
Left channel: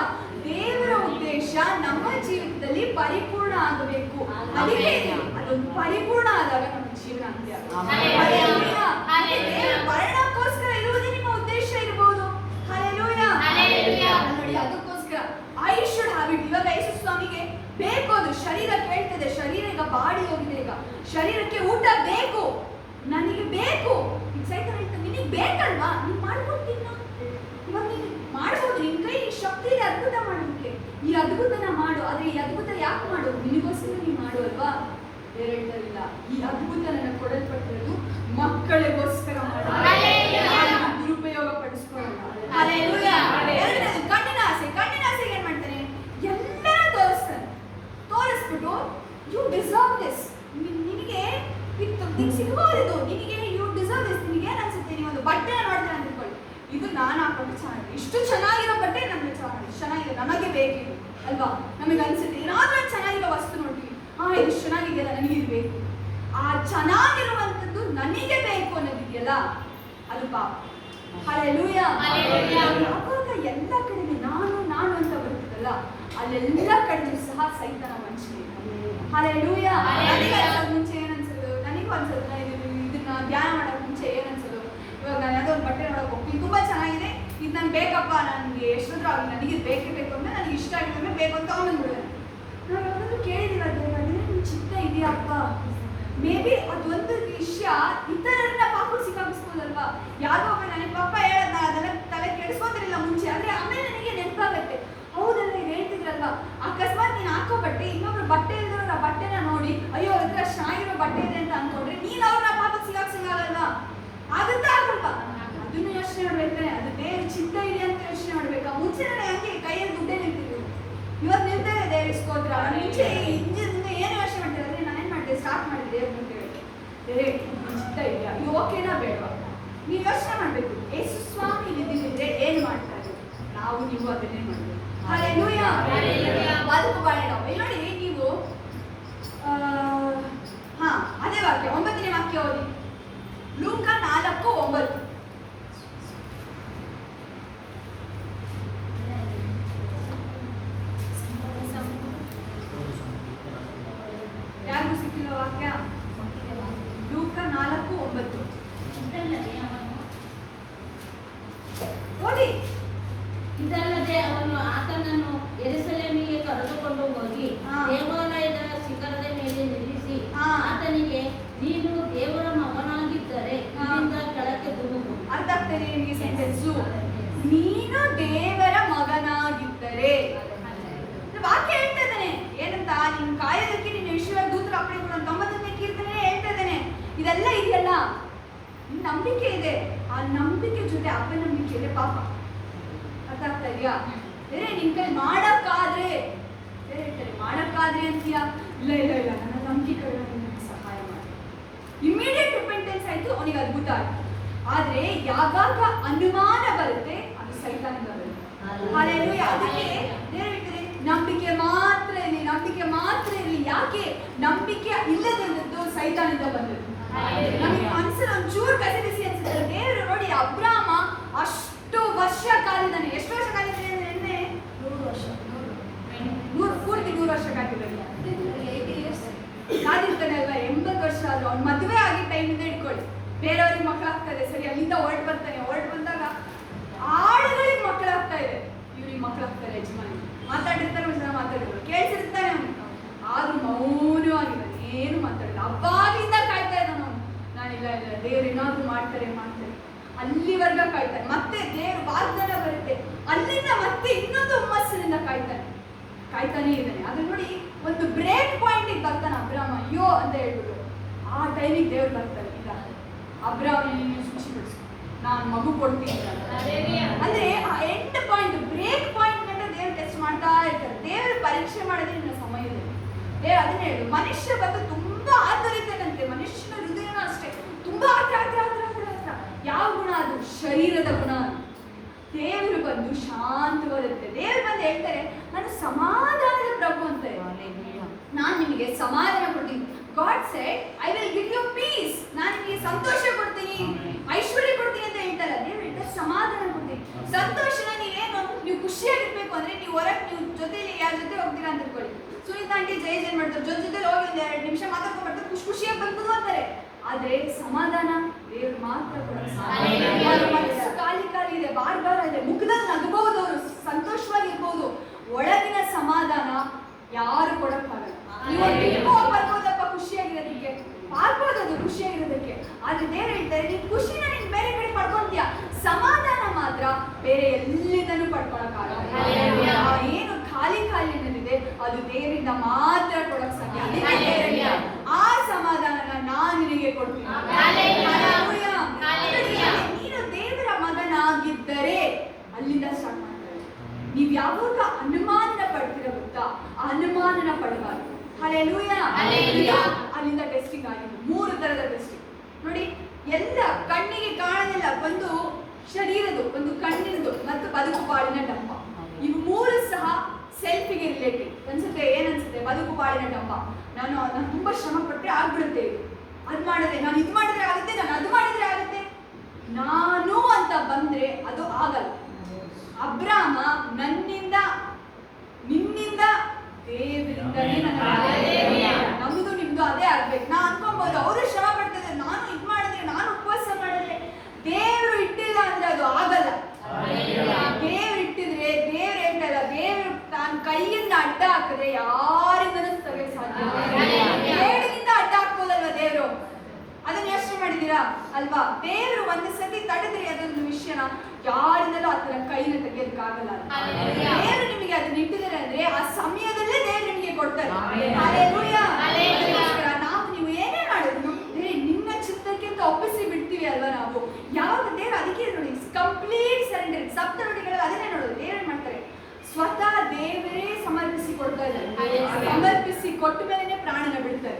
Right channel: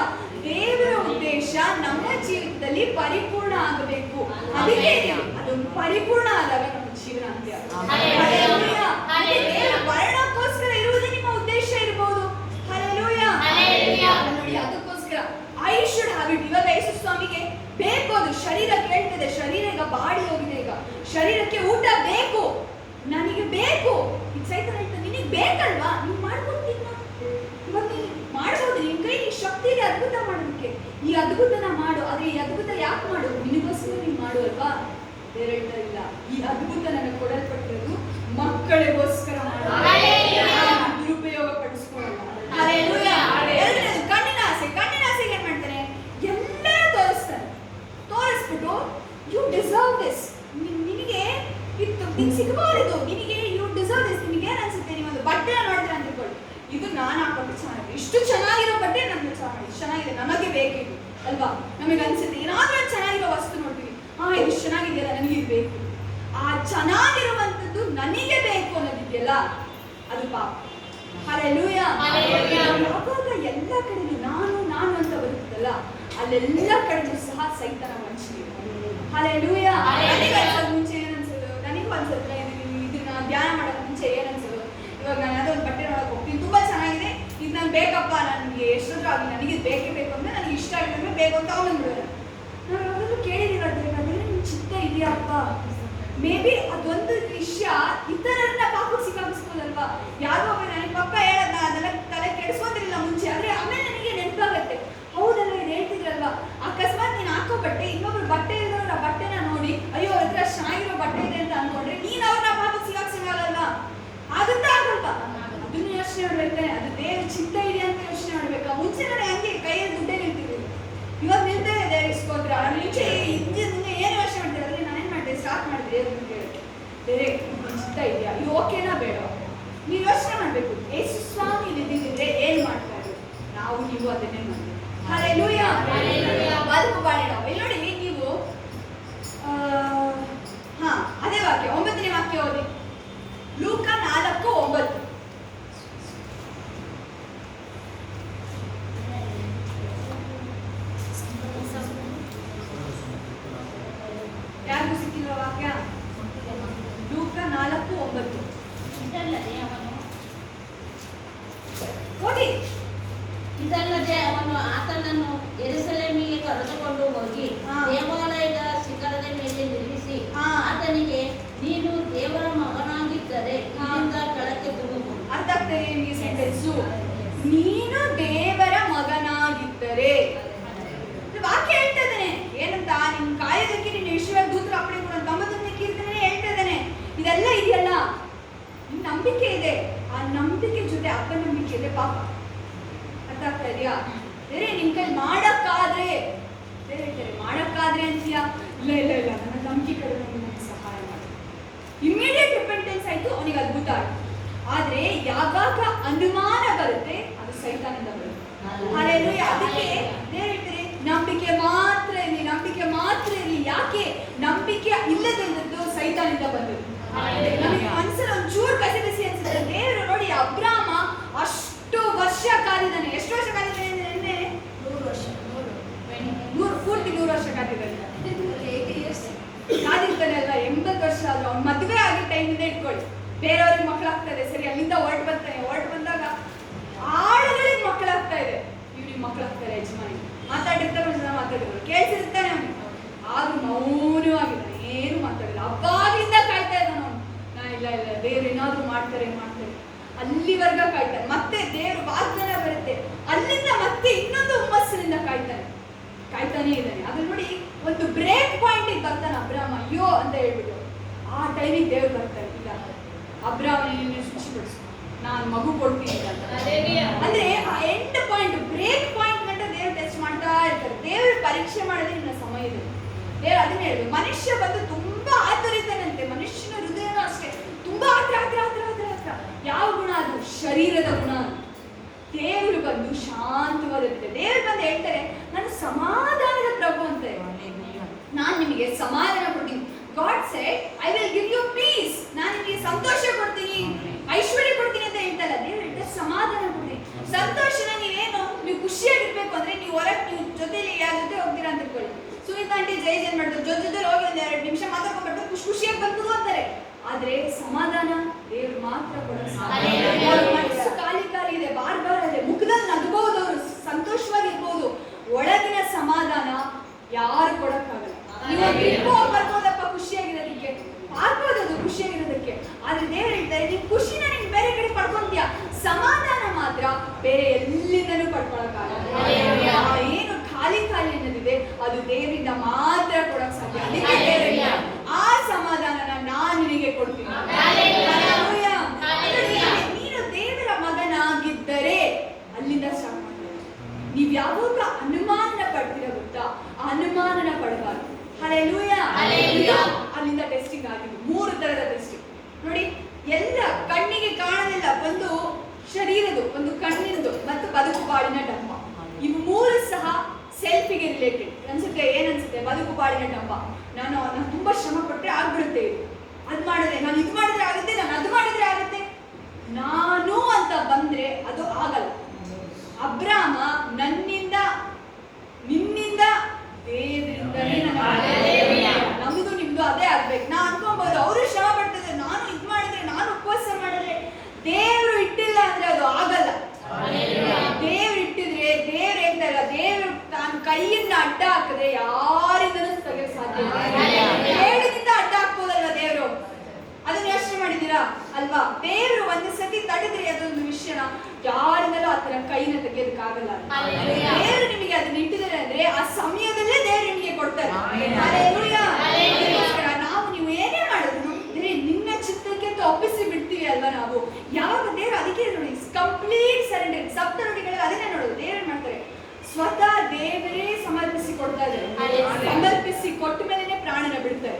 ದೇವರ ಉದ್ದೇಶ ನಮ್ಮ ಜೀವಿತದಲ್ಲಿ ಪರಿಪೂರ್ಣ ಆಗಬೇಕು. ಅದಕ್ಕೆ ಅದೊಂದು ಪರಿಪೂರ್ಣ ಆದಾಗ ನಮ್ಮ ಜೀವನ ಅಂತ್ಯ. ಮರಣಕ್ಕೋಸ್ಕರ ಇರುವುದೇ ನಿಮ್ಮ ಉದ್ದೇಶ ಇರಬಹುದು. ನೋಡಿ ಅದಕ್ಕೋಸ್ಕರ ಐ ಶುಡ್ ಹ್ಯಾವ್ ಇಟ್. ಇವಾಗ ಯೇಸು ಸ್ವಾಮಿಗೆ ಬೇಕು, ಅದು ಶರೀರ ಕೇಳ್ತದೆ. ಶರೀರ ಈಗ ಬಾಡಿ ಹೋಗಿದೆ, ಈಗ ಶರೀರಕ್ಕೆ ಊಟ ಬೇಕು, ನನಗೆ ಬೇಕು. ಈಗ ಸೈತಾನ ಹೇಳ್ತಾನೆ, ನಿನಗೆ ಬೇಕಲ್ವಾ, ನೀನು ಮಾಡ್ಕೊಡ್ತೀನಿ. ಇವಾಗ ನೀನು ಮಾಡ್ಬೋದು, ನಿನ್ ಕೈ ಶಕ್ತಿ ಇದೆ ಅದ್ಭುತ ಮಾಡೋದಕ್ಕೆ, ಈ ಅದ್ಭುತನ ಮಾಡು. ಆದ್ರೆ ಈ ಅದ್ಭುತ ಯಾಕೆ ಮಾಡು? ನಿನಗೋಸ್ಕರ ನೀನು ಮಾಡು ಅಲ್ವಾ? ಬೇರೆ ಹೇಳ್ತಾ ಇಲ್ಲ, ಈ ಅದ್ಭುತ ನನಗೆ ಕೊಡಲ್ಪಟ್ಟಿರೋದು ಮಕ್ಕಳಿಗೋಸ್ಕರ ಮಾಡು, ದುರುಪಯೋಗ ಪಡಿಸ್ಕೊಳ್ಳಲ್ಲ. ಕಣ್ಣಿನ ಆಸೆ. ಕಣ್ಣಿನ ಆಸೆಗೆ ಏನ್ ಮಾಡ್ತಾನೆ? ಎಲ್ಲರೂ ತೋರಿಸ್ಬಿಟ್ಟು ಯು ಡಿಸರ್ವ್ ದಿಸ್, ನಿನಗೆ ನಿನಗೆ ಸಿಗಬಹುದು, ನಿನಗೆ ಯು ಡಿಸರ್ವ್ ದಿಸ್. ನಿನಗೆ ಏನ್ ಅನ್ಸುತ್ತೆ? ನೀವು ಒಂದು ಬಟ್ಟೆ ನೋಡ್ತೀರ ಅಂತ ತಿಳ್ಕೊಳ್ಳಿ, ಇದು ನಾನು ಹಾಕೊಂಡು ಚೆನ್ನಾಗಿದೆ, ಇಷ್ಟು ಚೆನ್ನಾಗಿರೋ ಬಟ್ಟೆ ನಮ್ಗೆ ಚೆನ್ನಾಗಿದೆ, ನಮಗೆ ಬೇಕಿದು ಅಲ್ವಾ? ನಮಗೆ ಅನ್ಸುತ್ತೆ ಏನಾದ್ರೂ ಚೆನ್ನಾಗಿರೋ ವಸ್ತು ನೋಡ್ತೀವಿ, ಇದು ಚೆನ್ನಾಗಿದೆಯಲ್ಲ, ನನಗೆ ಇದು ಬೇಕು. ಆ ಚೆನ್ನಾಗಿರುವಂತದ್ದು ನನಗೆ ಬೇಕು ಅನ್ನೋದಿದೆಯಲ್ಲ, ಅದು ಪಾಪ. ಹಲ್ಲೆಲೂಯಾ. ಯಾವಾಗ ಎಲ್ಲ ಕಡೆನೂ ನಾನು ಅಂತ ಬರುತ್ತಲ್ಲ, ಅಲ್ಲೆಲ್ಲ ಕಡೆನೂ ಸಹ ಸೈತಾನ ವಂಚನೆ. ಹಲ್ಲೆಲೂಯಾ. ಮುಂಚೆ ಏನನ್ಸೋದು, ನನಗೂ ಅನ್ಸುತ್ತೆ, ಇದನ್ನ ಧ್ಯಾನ ಮಾಡೋಕೆ ಮುಂಚೆ ಏನನ್ಸೋದು, ಇವಾಗ ನಾನು ಯಾವುದೋ ಒಂದು ಬಟ್ಟೆ ನೋಡಕ್ ಹೋಗ್ತೀನಿ, ತುಂಬಾ ಚೆನ್ನಾಗಿದೆ, ಇದು ನನ್ಗೆ ಬೇಕಪ್ಪ, ನನಗೆ ಎಷ್ಟಾದ್ರೂ ಆಗಲಿ, ನನಗೆ ಇದು ಬೇಕೇ ಬೇಕು ಅಂದ್ರೆ, ನನಗೆ ಇಷ್ಟ ಆಗಿದ್ರೆ ಬೇಕು ಅಂತ ಅವನು ಬಿಡೋಣ. ನಾವು ಯಾವಾಗಲೂ ಕೇಳಿದಿರೋದು ಏನಂದ್ರೆ, ನಿಮ್ಗೆ ಚಿತ್ತ ಇದೆಯಪ್ಪ. ಮೇ ಬಿ ಅದೊಂದು ವಿಷಯ ಇತರರನ್ನ ಪಾಪಕ್ಕೆ ಸಿಕ್ಕಾಗಿಸ್ಬೋದಲ್ವಾ? ಯಾರೋ ಒಬ್ಬ ನನಗೆ ಪಪ್ಪ ಹೇಳೋದು, ನಾನು ಅದೆಲ್ಲ ತಲೆ ಕೆಡಿಸ್ಕೋತಿರಲಿಲ್ಲ ಮುಂಚೆ, ಆದರೆ ಆಮೇಲೆ ನನಗೆ ನೆನಪಾಗತ್ತೆ, ಹೌದಲ್ಲ ಇದು ಹೇಳ್ತಿದ್ರಲ್ವಾ. ಅಕಸ್ಮಾತ್ ನೀನು ಹಾಕೋ ಬಟ್ಟೆ ಇನ್ನೊಬ್ರು ಬಟ್ಟೆ ಇಲ್ದವ್ರ ಆ ಬಟ್ಟೆನ ನೋಡಿ, ಅಯ್ಯೋ ಅವ್ರ ಹತ್ರ ಚೆನ್ನಾಗಿರೋ ಬಟ್ಟೆ ಇದೆ ಅಂತ ಅನ್ಕೊಂಡ್ರೆ ನೀನು ಅವ್ರನ್ನ ಪಾಪಕ್ಕೆ ಸಿಕ್ಕಾಕ್ಸಂಗಾಗಲ್ಲ. ಆಗುತ್ತಾ ಆಗಲ್ವಾ? ಅದನ್ನು ಯೋಚನೆ ಮಾಡ್ಬೇಕಾನೆ. ಅದು ದೇವ್ರ ಚಿತ್ತ ಇದೆ ಅಂತ ಯೋಚನೆ ಮಾಡ್ಬೇಕಾ? ಮುಂಚೆ ನಾನು ಹಂಗೆ ಕೈಯಲ್ಲಿ ದುಡ್ಡೇ ನಿಲ್ತಿದ್ದೀನಿ, ಇವಾಗ ನಿಲ್ತೇನೆ ದೇವ್ರ ಇಸ್ಕೋತ್ರ. ಮುಂಚೆ ಇದನ್ನ ಏನು ಯೋಚನೆ ಮಾಡ್ತಾರೆ ಅಂದ್ರೆ, ನಾನು ಏನು ಮಾಡಿದೆ, ಸ್ಟಾರ್ಟ್ ಮಾಡಿದೆ ದೇವ್ರ ಮುಂದೆ ಹೇಳಿ, ಬೇರೆ ಚಿತ್ತ ಇದೆಯಾ, ಇದು ಓಕೆನಾ ಬೇಡವಾ? ನೀವು ಯೋಚನೆ ಮಾಡಬೇಕು. ಯೇಸು ಸ್ವಾಮಿ ಇಲ್ಲಿದ್ದಿದ್ರೆ ಏನು ಮಾಡ್ತಾರೆ? ನಾವು ನೀವು ಅದನ್ನೇ ಮಾಡ್ತೀವಿ. ಹಲ್ಲೆಲೂಯಾ. ಬದುಕು ಬಾಳೆ ನಾವು ಇಲ್ಲಿ ನೋಡಿ. ನೀವು ಅದೇ ವಾಕ್ಯ 9ನೇ ವಾಕ್ಯ ಓದಿ, ಲೂಕ 4:9. ಯಾರಿಗೂ ಸಿಕ್ಕಿಲ್ವ ವಾಕ್ಯ? ಲೂಕ 4:9 ಓದಿ. ಇದಲ್ಲದೆ ಅವನು ಆತನನ್ನು ಯೆರೂಸಲೇಮಿಗೆ ಕರೆದುಕೊಂಡು ಹೋಗಿ ದೇವಾಲಯದ ಶಿಖರದ ಮೇಲೆ ನಿಲ್ಲಿಸಿ ಆತನಿಗೆ, ನೀನು ದೇವರ ಮಗನಾಗಿದ್ದರೆ ಇಲ್ಲಿಂದ ಕೆಳಕ್ಕೆ ಬೀಳು. ಅರ್ಥ ಆಗ್ತದೆ ನಿಮಗೆ ಸೆಂಟೆನ್ಸು? ನೀನು ದೇವರ ಮಗನಾಗಿದ್ದರೆ. ವಾಕ್ಯ ಹೇಳ್ತಾ ಇದ್ದಾನೆ ಏನಂತ, ನಿನ್ ಕಾಯೋದಕ್ಕೆ ನಿನ್ನ ಯೆಹೋವನ ದೂತರ ಅಪ್ಪಣೆ ಕೊಡು. 91ನೇ ಕೀರ್ತನೆ ಹೇಳ್ತಾ ಇದ್ದಾನೆ. ಇದೆಲ್ಲ ಇದೆಯಲ್ಲ, ನಿನ್ ನಂಬಿಕೆ ಇದೆ, ಆ ನಂಬಿಕೆ ಜೊತೆ ಅಪನಂಬಿಕೆ ಇದೆ ಪಾಪ. ಅರ್ಥ ಆಗ್ತಾ ಇದೆಯಾ? ಬೇರೆ ನಿನ್ ಕೈ ಮಾಡಕ್ಕಾದ್ರೆ, ಬೇರೆ ಹೇಳ್ತಾರೆ ಮಾಡಕ್ಕಾದ್ರೆ ಅಂತೀಯಾ? ಇಲ್ಲ ಇಲ್ಲ ಇಲ್ಲ, ನನ್ನ ನಂಬಿಕೆ ಕಡೆ ನನಗೆ ಸಹಾಯ ಮಾಡಿ. ಇಮಿಡಿಯೇಟ್ ರಿಪೆಂಟೆನ್ಸ್ ಆಯ್ತು, ಅವನಿಗೆ ಅದ್ಭುತ ಆಯ್ತು. ಆದ್ರೆ ಯಾವಾಗ ಅನುಮಾನ ಬರುತ್ತೆ, ಅದು ಸೈತಾನಿಂದ ಬರುತ್ತೆ. ಹಲ್ಲೆಲೂಯಾ. ಅದಕ್ಕೆ ದೇವರು ಹೇಳ್ತಾರೆ, ನಂಬಿಕೆ ಮಾತ್ರ ಇರಲಿ, ನಂಬಿಕೆ ಮಾತ್ರ ಇರಲಿ. ಯಾಕೆ? ನಂಬಿಕೆ ಇಲ್ಲದೆ ಸೈತಾನಿಂದ ಬಂದದ್ದು. ನಮಗೆ ಮನಸ್ಸಲ್ಲಿ ಒಂಚೂರು ಕಸಿ ಅನ್ಸುತ್ತೆ. ದೇವರು ಅಬ್ರಾಮ ಅಷ್ಟು ವರ್ಷ ಕಾದಿದ್ದಾನೆ. ಎಷ್ಟು ವರ್ಷ ಕಾದಿದ್ದಾನೆ ಅಂದ್ರೆ 100 ವರ್ಷ, 100 ವರ್ಷ ಕಾದಿದ್ದಾನೆ. 80 years ಕಾದಿರ್ತಾನೆ ಅಲ್ವಾ. 80 ವರ್ಷ ಆದ್ರೂ ಅವ್ನು ಮದುವೆ ಆಗಿ ಟೈಮಿಂದ ಇಟ್ಕೊಳ್ಳಿ, ಬೇರೆಯವ್ರಿಗೆ ಮಕ್ಕಳಾಗ್ತದೆ ಸರಿ, ಅಲ್ಲಿಂದ ಹೊರಟು ಬರ್ತಾನೆ. ಹೊರಟು ಬಂದಾಗ ಆಡುಗಳಿಗೆ ಮಕ್ಕಳಾಗ್ತಾ ಇದೆ, ಇವ್ರಿಗೆ ಮಕ್ಕಳಾಗ್ತಾರೆ. ಯಜಮಾನಿ ಮಾತಾಡಿರ್ತಾನೆ, ಒಂದ್ಸಲ ಮಾತಾಡಿದ್ರು ಕೇಳಿಸಿರ್ತಾನೆ ಅವನಿಗೆ, ಆದ್ರೂ ಮೌನವಾಗಿದ್ದಾನೆ, ಏನು ಮಾತಾಡಿಲ್ಲ. ಅವಾಗಿಂದ ಕಾಯ್ತಾ ಇದ್ದಾನೆ ಅವನು. ನಾನಿಲ್ಲ ಇಲ್ಲ ದೇವ್ರು ಏನಾದ್ರು ಮಾಡ್ತಾರೆ ಅಲ್ಲಿವರೆಗ ಕಾಯ್ತಾನೆ. ಮತ್ತೆ ದೇವ್ರ ವಾಗ್ದಾನ ಬರುತ್ತೆ, ಅಲ್ಲಿಂದ ಮತ್ತೆ ಇನ್ನೊಂದು ಹುಮ್ಮಸ್ಸಿನಿಂದ ಕಾಯ್ತಾನೇ ಇದ್ದಾನೆ. ಅದು ನೋಡಿ, ಒಂದು ಬ್ರೇಕ್ ಪಾಯಿಂಟಿಗೆ ಬರ್ತಾನೆ ಅಬ್ರಾಮ. ಅಯ್ಯೋ ಅಂತ ಹೇಳ್ಬಿಟ್ಟು ಆ ಟೈಮಿಗೆ ದೇವ್ರು ಬರ್ತಾರೆ. ಇಲ್ಲ ಅಬ್ರಾಮ ಖುಷಿಪಡಿಸು, ನಾನು ಮಗು ಕೊಡ್ತೀನಿ ಅಂದ್ರೆ ಆ ಎಂಡ್ ಪಾಯಿಂಟ್, ಬ್ರೇಕ್ ಪಾಯಿಂಟ್ ಗಂಟ ದೇವ್ರು ಟೆಸ್ಟ್ ಮಾಡ್ತಾ ಇರ್ತಾರೆ. ದೇವ್ರು ಪರೀಕ್ಷೆ ಮಾಡೋದೇ ನನ್ನ ಸಮಯದಲ್ಲಿ. ದೇವ್ರು ಅದನ್ನ ಹೇಳು, ಮನುಷ್ಯ ಬಂದು ತುಂಬಾ ಆತರಿದ್ದಾನಂತೆ. ಮನುಷ್ಯನ ಹೃದಯನೂ ಅಷ್ಟೇ, ತುಂಬಾ ಆತ್ರ. ಯಾವ ಗುಣ ಅದು? ಶರೀರದ ಗುಣ. ದೇವರು ಬಂದು ಶಾಂತವಾಗಿರುತ್ತೆ. ದೇವರು ಬಂದು ಹೇಳ್ತಾರೆ, ನಾನು ಸಮಾಧಾನದ ಪ್ರಭು ಅಂತ. ನಾನು ನಿಮಗೆ ಸಮಾಧಾನ ಕೊಡ್ತೀನಿ. God said I will give you peace. ನಾನು ನಿಮಗೆ ಸಂತೋಷ ಕೊಡ್ತೀನಿ, ಐಶ್ವರ್ಯ ಕೊಡ್ತೀನಿ ಅಂತ ಹೇಳ್ತಾರೆ. ದೇವರು ಹೇಳ್ತಾರೆ ಸಮಾಧಾನ ಕೊಡ್ತೀನಿ. ಸಂತೋಷನ ನೀವು ಖುಷಿಯಾಗಿರ್ಬೇಕು ಅಂದ್ರೆ ನೀವು ಹೊರಗೆ, ನೀವು ಜೊತೆಲಿ ಯಾರ ಜೊತೆ ಹೋಗ್ತೀರಾ ಅಂತ ತಿಳ್ಕೊಳ್ಳಿ. ಸುನೀತಾ ಆಂಟಿ ಜೈಜ್ ಏನ್ ಮಾಡ್ತಾರೆ, ಜೊತೆ ಹೋಗಿ ಒಂದು 2 ನಿಮಿಷ ಮಾತಾಡ್ಕೊಂಡ್ಬರ್ತಾರೆ, ಖುಷಿಯಾಗಿ ಬಂದ್ಬೋದು ಅಂತಾರೆ. ಆದ್ರೆ ಸಮಾಧಾನ ದೇವ್ರು ಮಾತ್ರ ಕೊಡೋದು. ಮನಸ್ಸು ಖಾಲಿ ಇದೆ, ಬಾರ್ ಇದೆ, ಮುಖದಲ್ಲಿ ನಗಬಹುದು, ಅವರು ಸಂತೋಷವಾಗಿರ್ಬೋದು, ಒಳಗಿನ ಸಮಾಧಾನ ಯಾರು ಕೊಡಕ್ಕಾಗಲ್ಲ. ನೀವು ಬರ್ಬೋದಪ್ಪ ಖುಷಿಯಾಗಿರೋದಕ್ಕೆ, ಆಗ್ಬೋದದು ಖುಷಿಯಾಗಿರೋದಕ್ಕೆ. ಆದ್ರೆ ದೇವ್ರು ಹೇಳ್ತಾರೆ, ನೀನ್ ಖುಷಿನ ನೀನ್ ಬೇರೆ ಕಡೆ ಪಡ್ಕೊಂತೀಯ, ಸಮಾಧಾನ ಮಾತ್ರ ಬೇರೆ ಎಲ್ಲಿಂದನೂ ಪಡ್ಕೊಳಕ್ಕಾಗಲ್ಲ. ಏನು ಖಾಲಿ ಅನ್ನೋದಿದೆ ಅದು ದೇವರಿಂದ ಮಾತ್ರ ಕೊಡಕ್ ಸಾಧ್ಯ. ಆ ಸಮಾಧಾನನ ನಾನು ನಿನಗೆ ಕೊಡ್ತೀನಿ. ನೀನು ದೇವರ ಮಗನಾಗಿದ್ದರೆ ಅಲ್ಲಿಂದ ಸ್ಟಾರ್ಟ್ ಮಾಡ್ತಾರೆ. ನೀವ್ ಯಾವಾಗ ಅನುಮಾನ ಪಡ್ತೀರ ಗೊತ್ತಾ, ಆ ಅನುಮಾನನ ಪಡಬಾರ್ದು. ಅಲ್ಲಿಂದ ಟೆಸ್ಟಿಂಗ್ ಆಗಿದ್ದು 3 ತರದ ಟೆಸ್ಟಿಂಗ್ ನೋಡಿ. ಎಲ್ಲ ಕಣ್ಣಿಗೆ ಕಾಣಲಿಲ್ಲ, ಒಂದು ಶರೀರದ್ದು, ಒಂದು ಕಣ್ಣಿನದು ಮತ್ತು ಬದುಕು ಬಾಳಿನ ಡಂಬ. ಇವು 3 ಸಹ ಸೆಲ್ಫಿಗೆ ರಿಲೇಟೆಡ್ ಅನ್ಸುತ್ತೆ. ಏನನ್ಸುತ್ತೆ? ಬದುಕು ಬಾಳಿನ ಡಂಬ. ನಾನು ತುಂಬಾ ಶ್ರಮ ಪಟ್ಟರೆ ಆಗ್ಬಿಡುತ್ತೆ, ಇದು ಅದು ಮಾಡಿದ್ರೆ, ನಾನು ಇದು ಮಾಡಿದ್ರೆ ಆಗುತ್ತೆ, ನಾನು ಅದು ಮಾಡಿದ್ರೆ ಆಗುತ್ತೆ, ನಾನು ಅಂತ ಬಂದ್ರೆ ಅದು ಆಗಲ್ಲ. ಅಬ್ರಾಮ ನನ್ನಿಂದ, ನಿನ್ನಿಂದ, ದೇವರಿಂದನೇ ನಮ್ದು ನಿಮ್ದು ಅದೇ ಆಗ್ಬೇಕು. ನಾ ಅನ್ಕೊಬಹುದು ಅವರು ಶ್ರಮ ಪಡ್ತಿದ್ರೆ, ನಾನು ಇದು ಮಾಡಿದ್ರೆ, ನಾನು ಉಪವಾಸ ಮಾಡಿದ್ರೆ, ದೇವ್ರು ಇಟ್ಟಿಲ್ಲ ಅಂದ್ರೆ ಅದು ಆಗಲ್ಲ. ದೇವ್ರು ಇಟ್ಟಿದ್ರೆ, ದೇವ್ರು ಹೇಳ್ತಾರ, ದೇವ್ರು ತಾನು ಕೈಯಿಂದ ಅಡ್ಡ ಹಾಕಿದ್ರೆ ಯಾರಿಂದನೂ ತೆಗೆಯಕ್ಕೆ ಸಾಧ್ಯ ಇಲ್ಲ. ಹೇಳಿನಿಂದ ಅಡ್ಡ ಹಾಕ್ಬೋದಲ್ವಾ ದೇವ್ರು? ಅದನ್ನ ಯೋಚನೆ ಮಾಡಿದೀರಾ ಅಲ್ವಾ? ದೇವ್ರು ಒಂದು ಸತಿ ತಡೆದ್ರೆ ಅದೊಂದು ವಿಷಯನ ಯಾರಿಂದಲೂ ಆ ತರ ಕೈನ ತೆಗೆಯೋದಕ್ಕಾಗಲ್ಲ. ದೇವ್ರು ನಿಮಗೆ ಅದನ್ನ ಇಟ್ಟಿದ್ದಾರೆ ಅಂದ್ರೆ ಆ ಸಮಯದಲ್ಲೇ ದೇವ್ರು ನಿಮಗೆ ಕೊಡ್ತಾರೆ. ನಾವು ನೀವು ಏನೇ ಮಾಡಿದ್ರು ನಿನ್ನ ಚಿತ್ತಕ್ಕೆ ಅಂತ ಒಪ್ಪಿಸಿ ಬಿಡ್ತೀವಿ ಅಲ್ವಾ ನಾವು. ಯಾವಾಗ ದೇವ್ರು ಅದಕ್ಕೆ ನೋಡಿ ಕಂಪ್ಲೀಟ್ ಸರೆಂಡರ್. ಸಪ್ತ ನುಡಿಗಳಲ್ಲಿ ಅದನ್ನೇ ನೋಡೋದು. ದೇವ್ರು ಮಾಡ್ತಾರೆ, ಸ್ವತಃ ದೇವರೇ ಸಮರ್ಪಿಸಿ ಕೊಡ್ತಾ ಇದ್ದಾರೆ. ಸಮರ್ಪಿಸಿ ಕೊಟ್ಟ ಮೇಲೆ ಪ್ರಾಣನ ಬಿಡ್ತಾರೆ.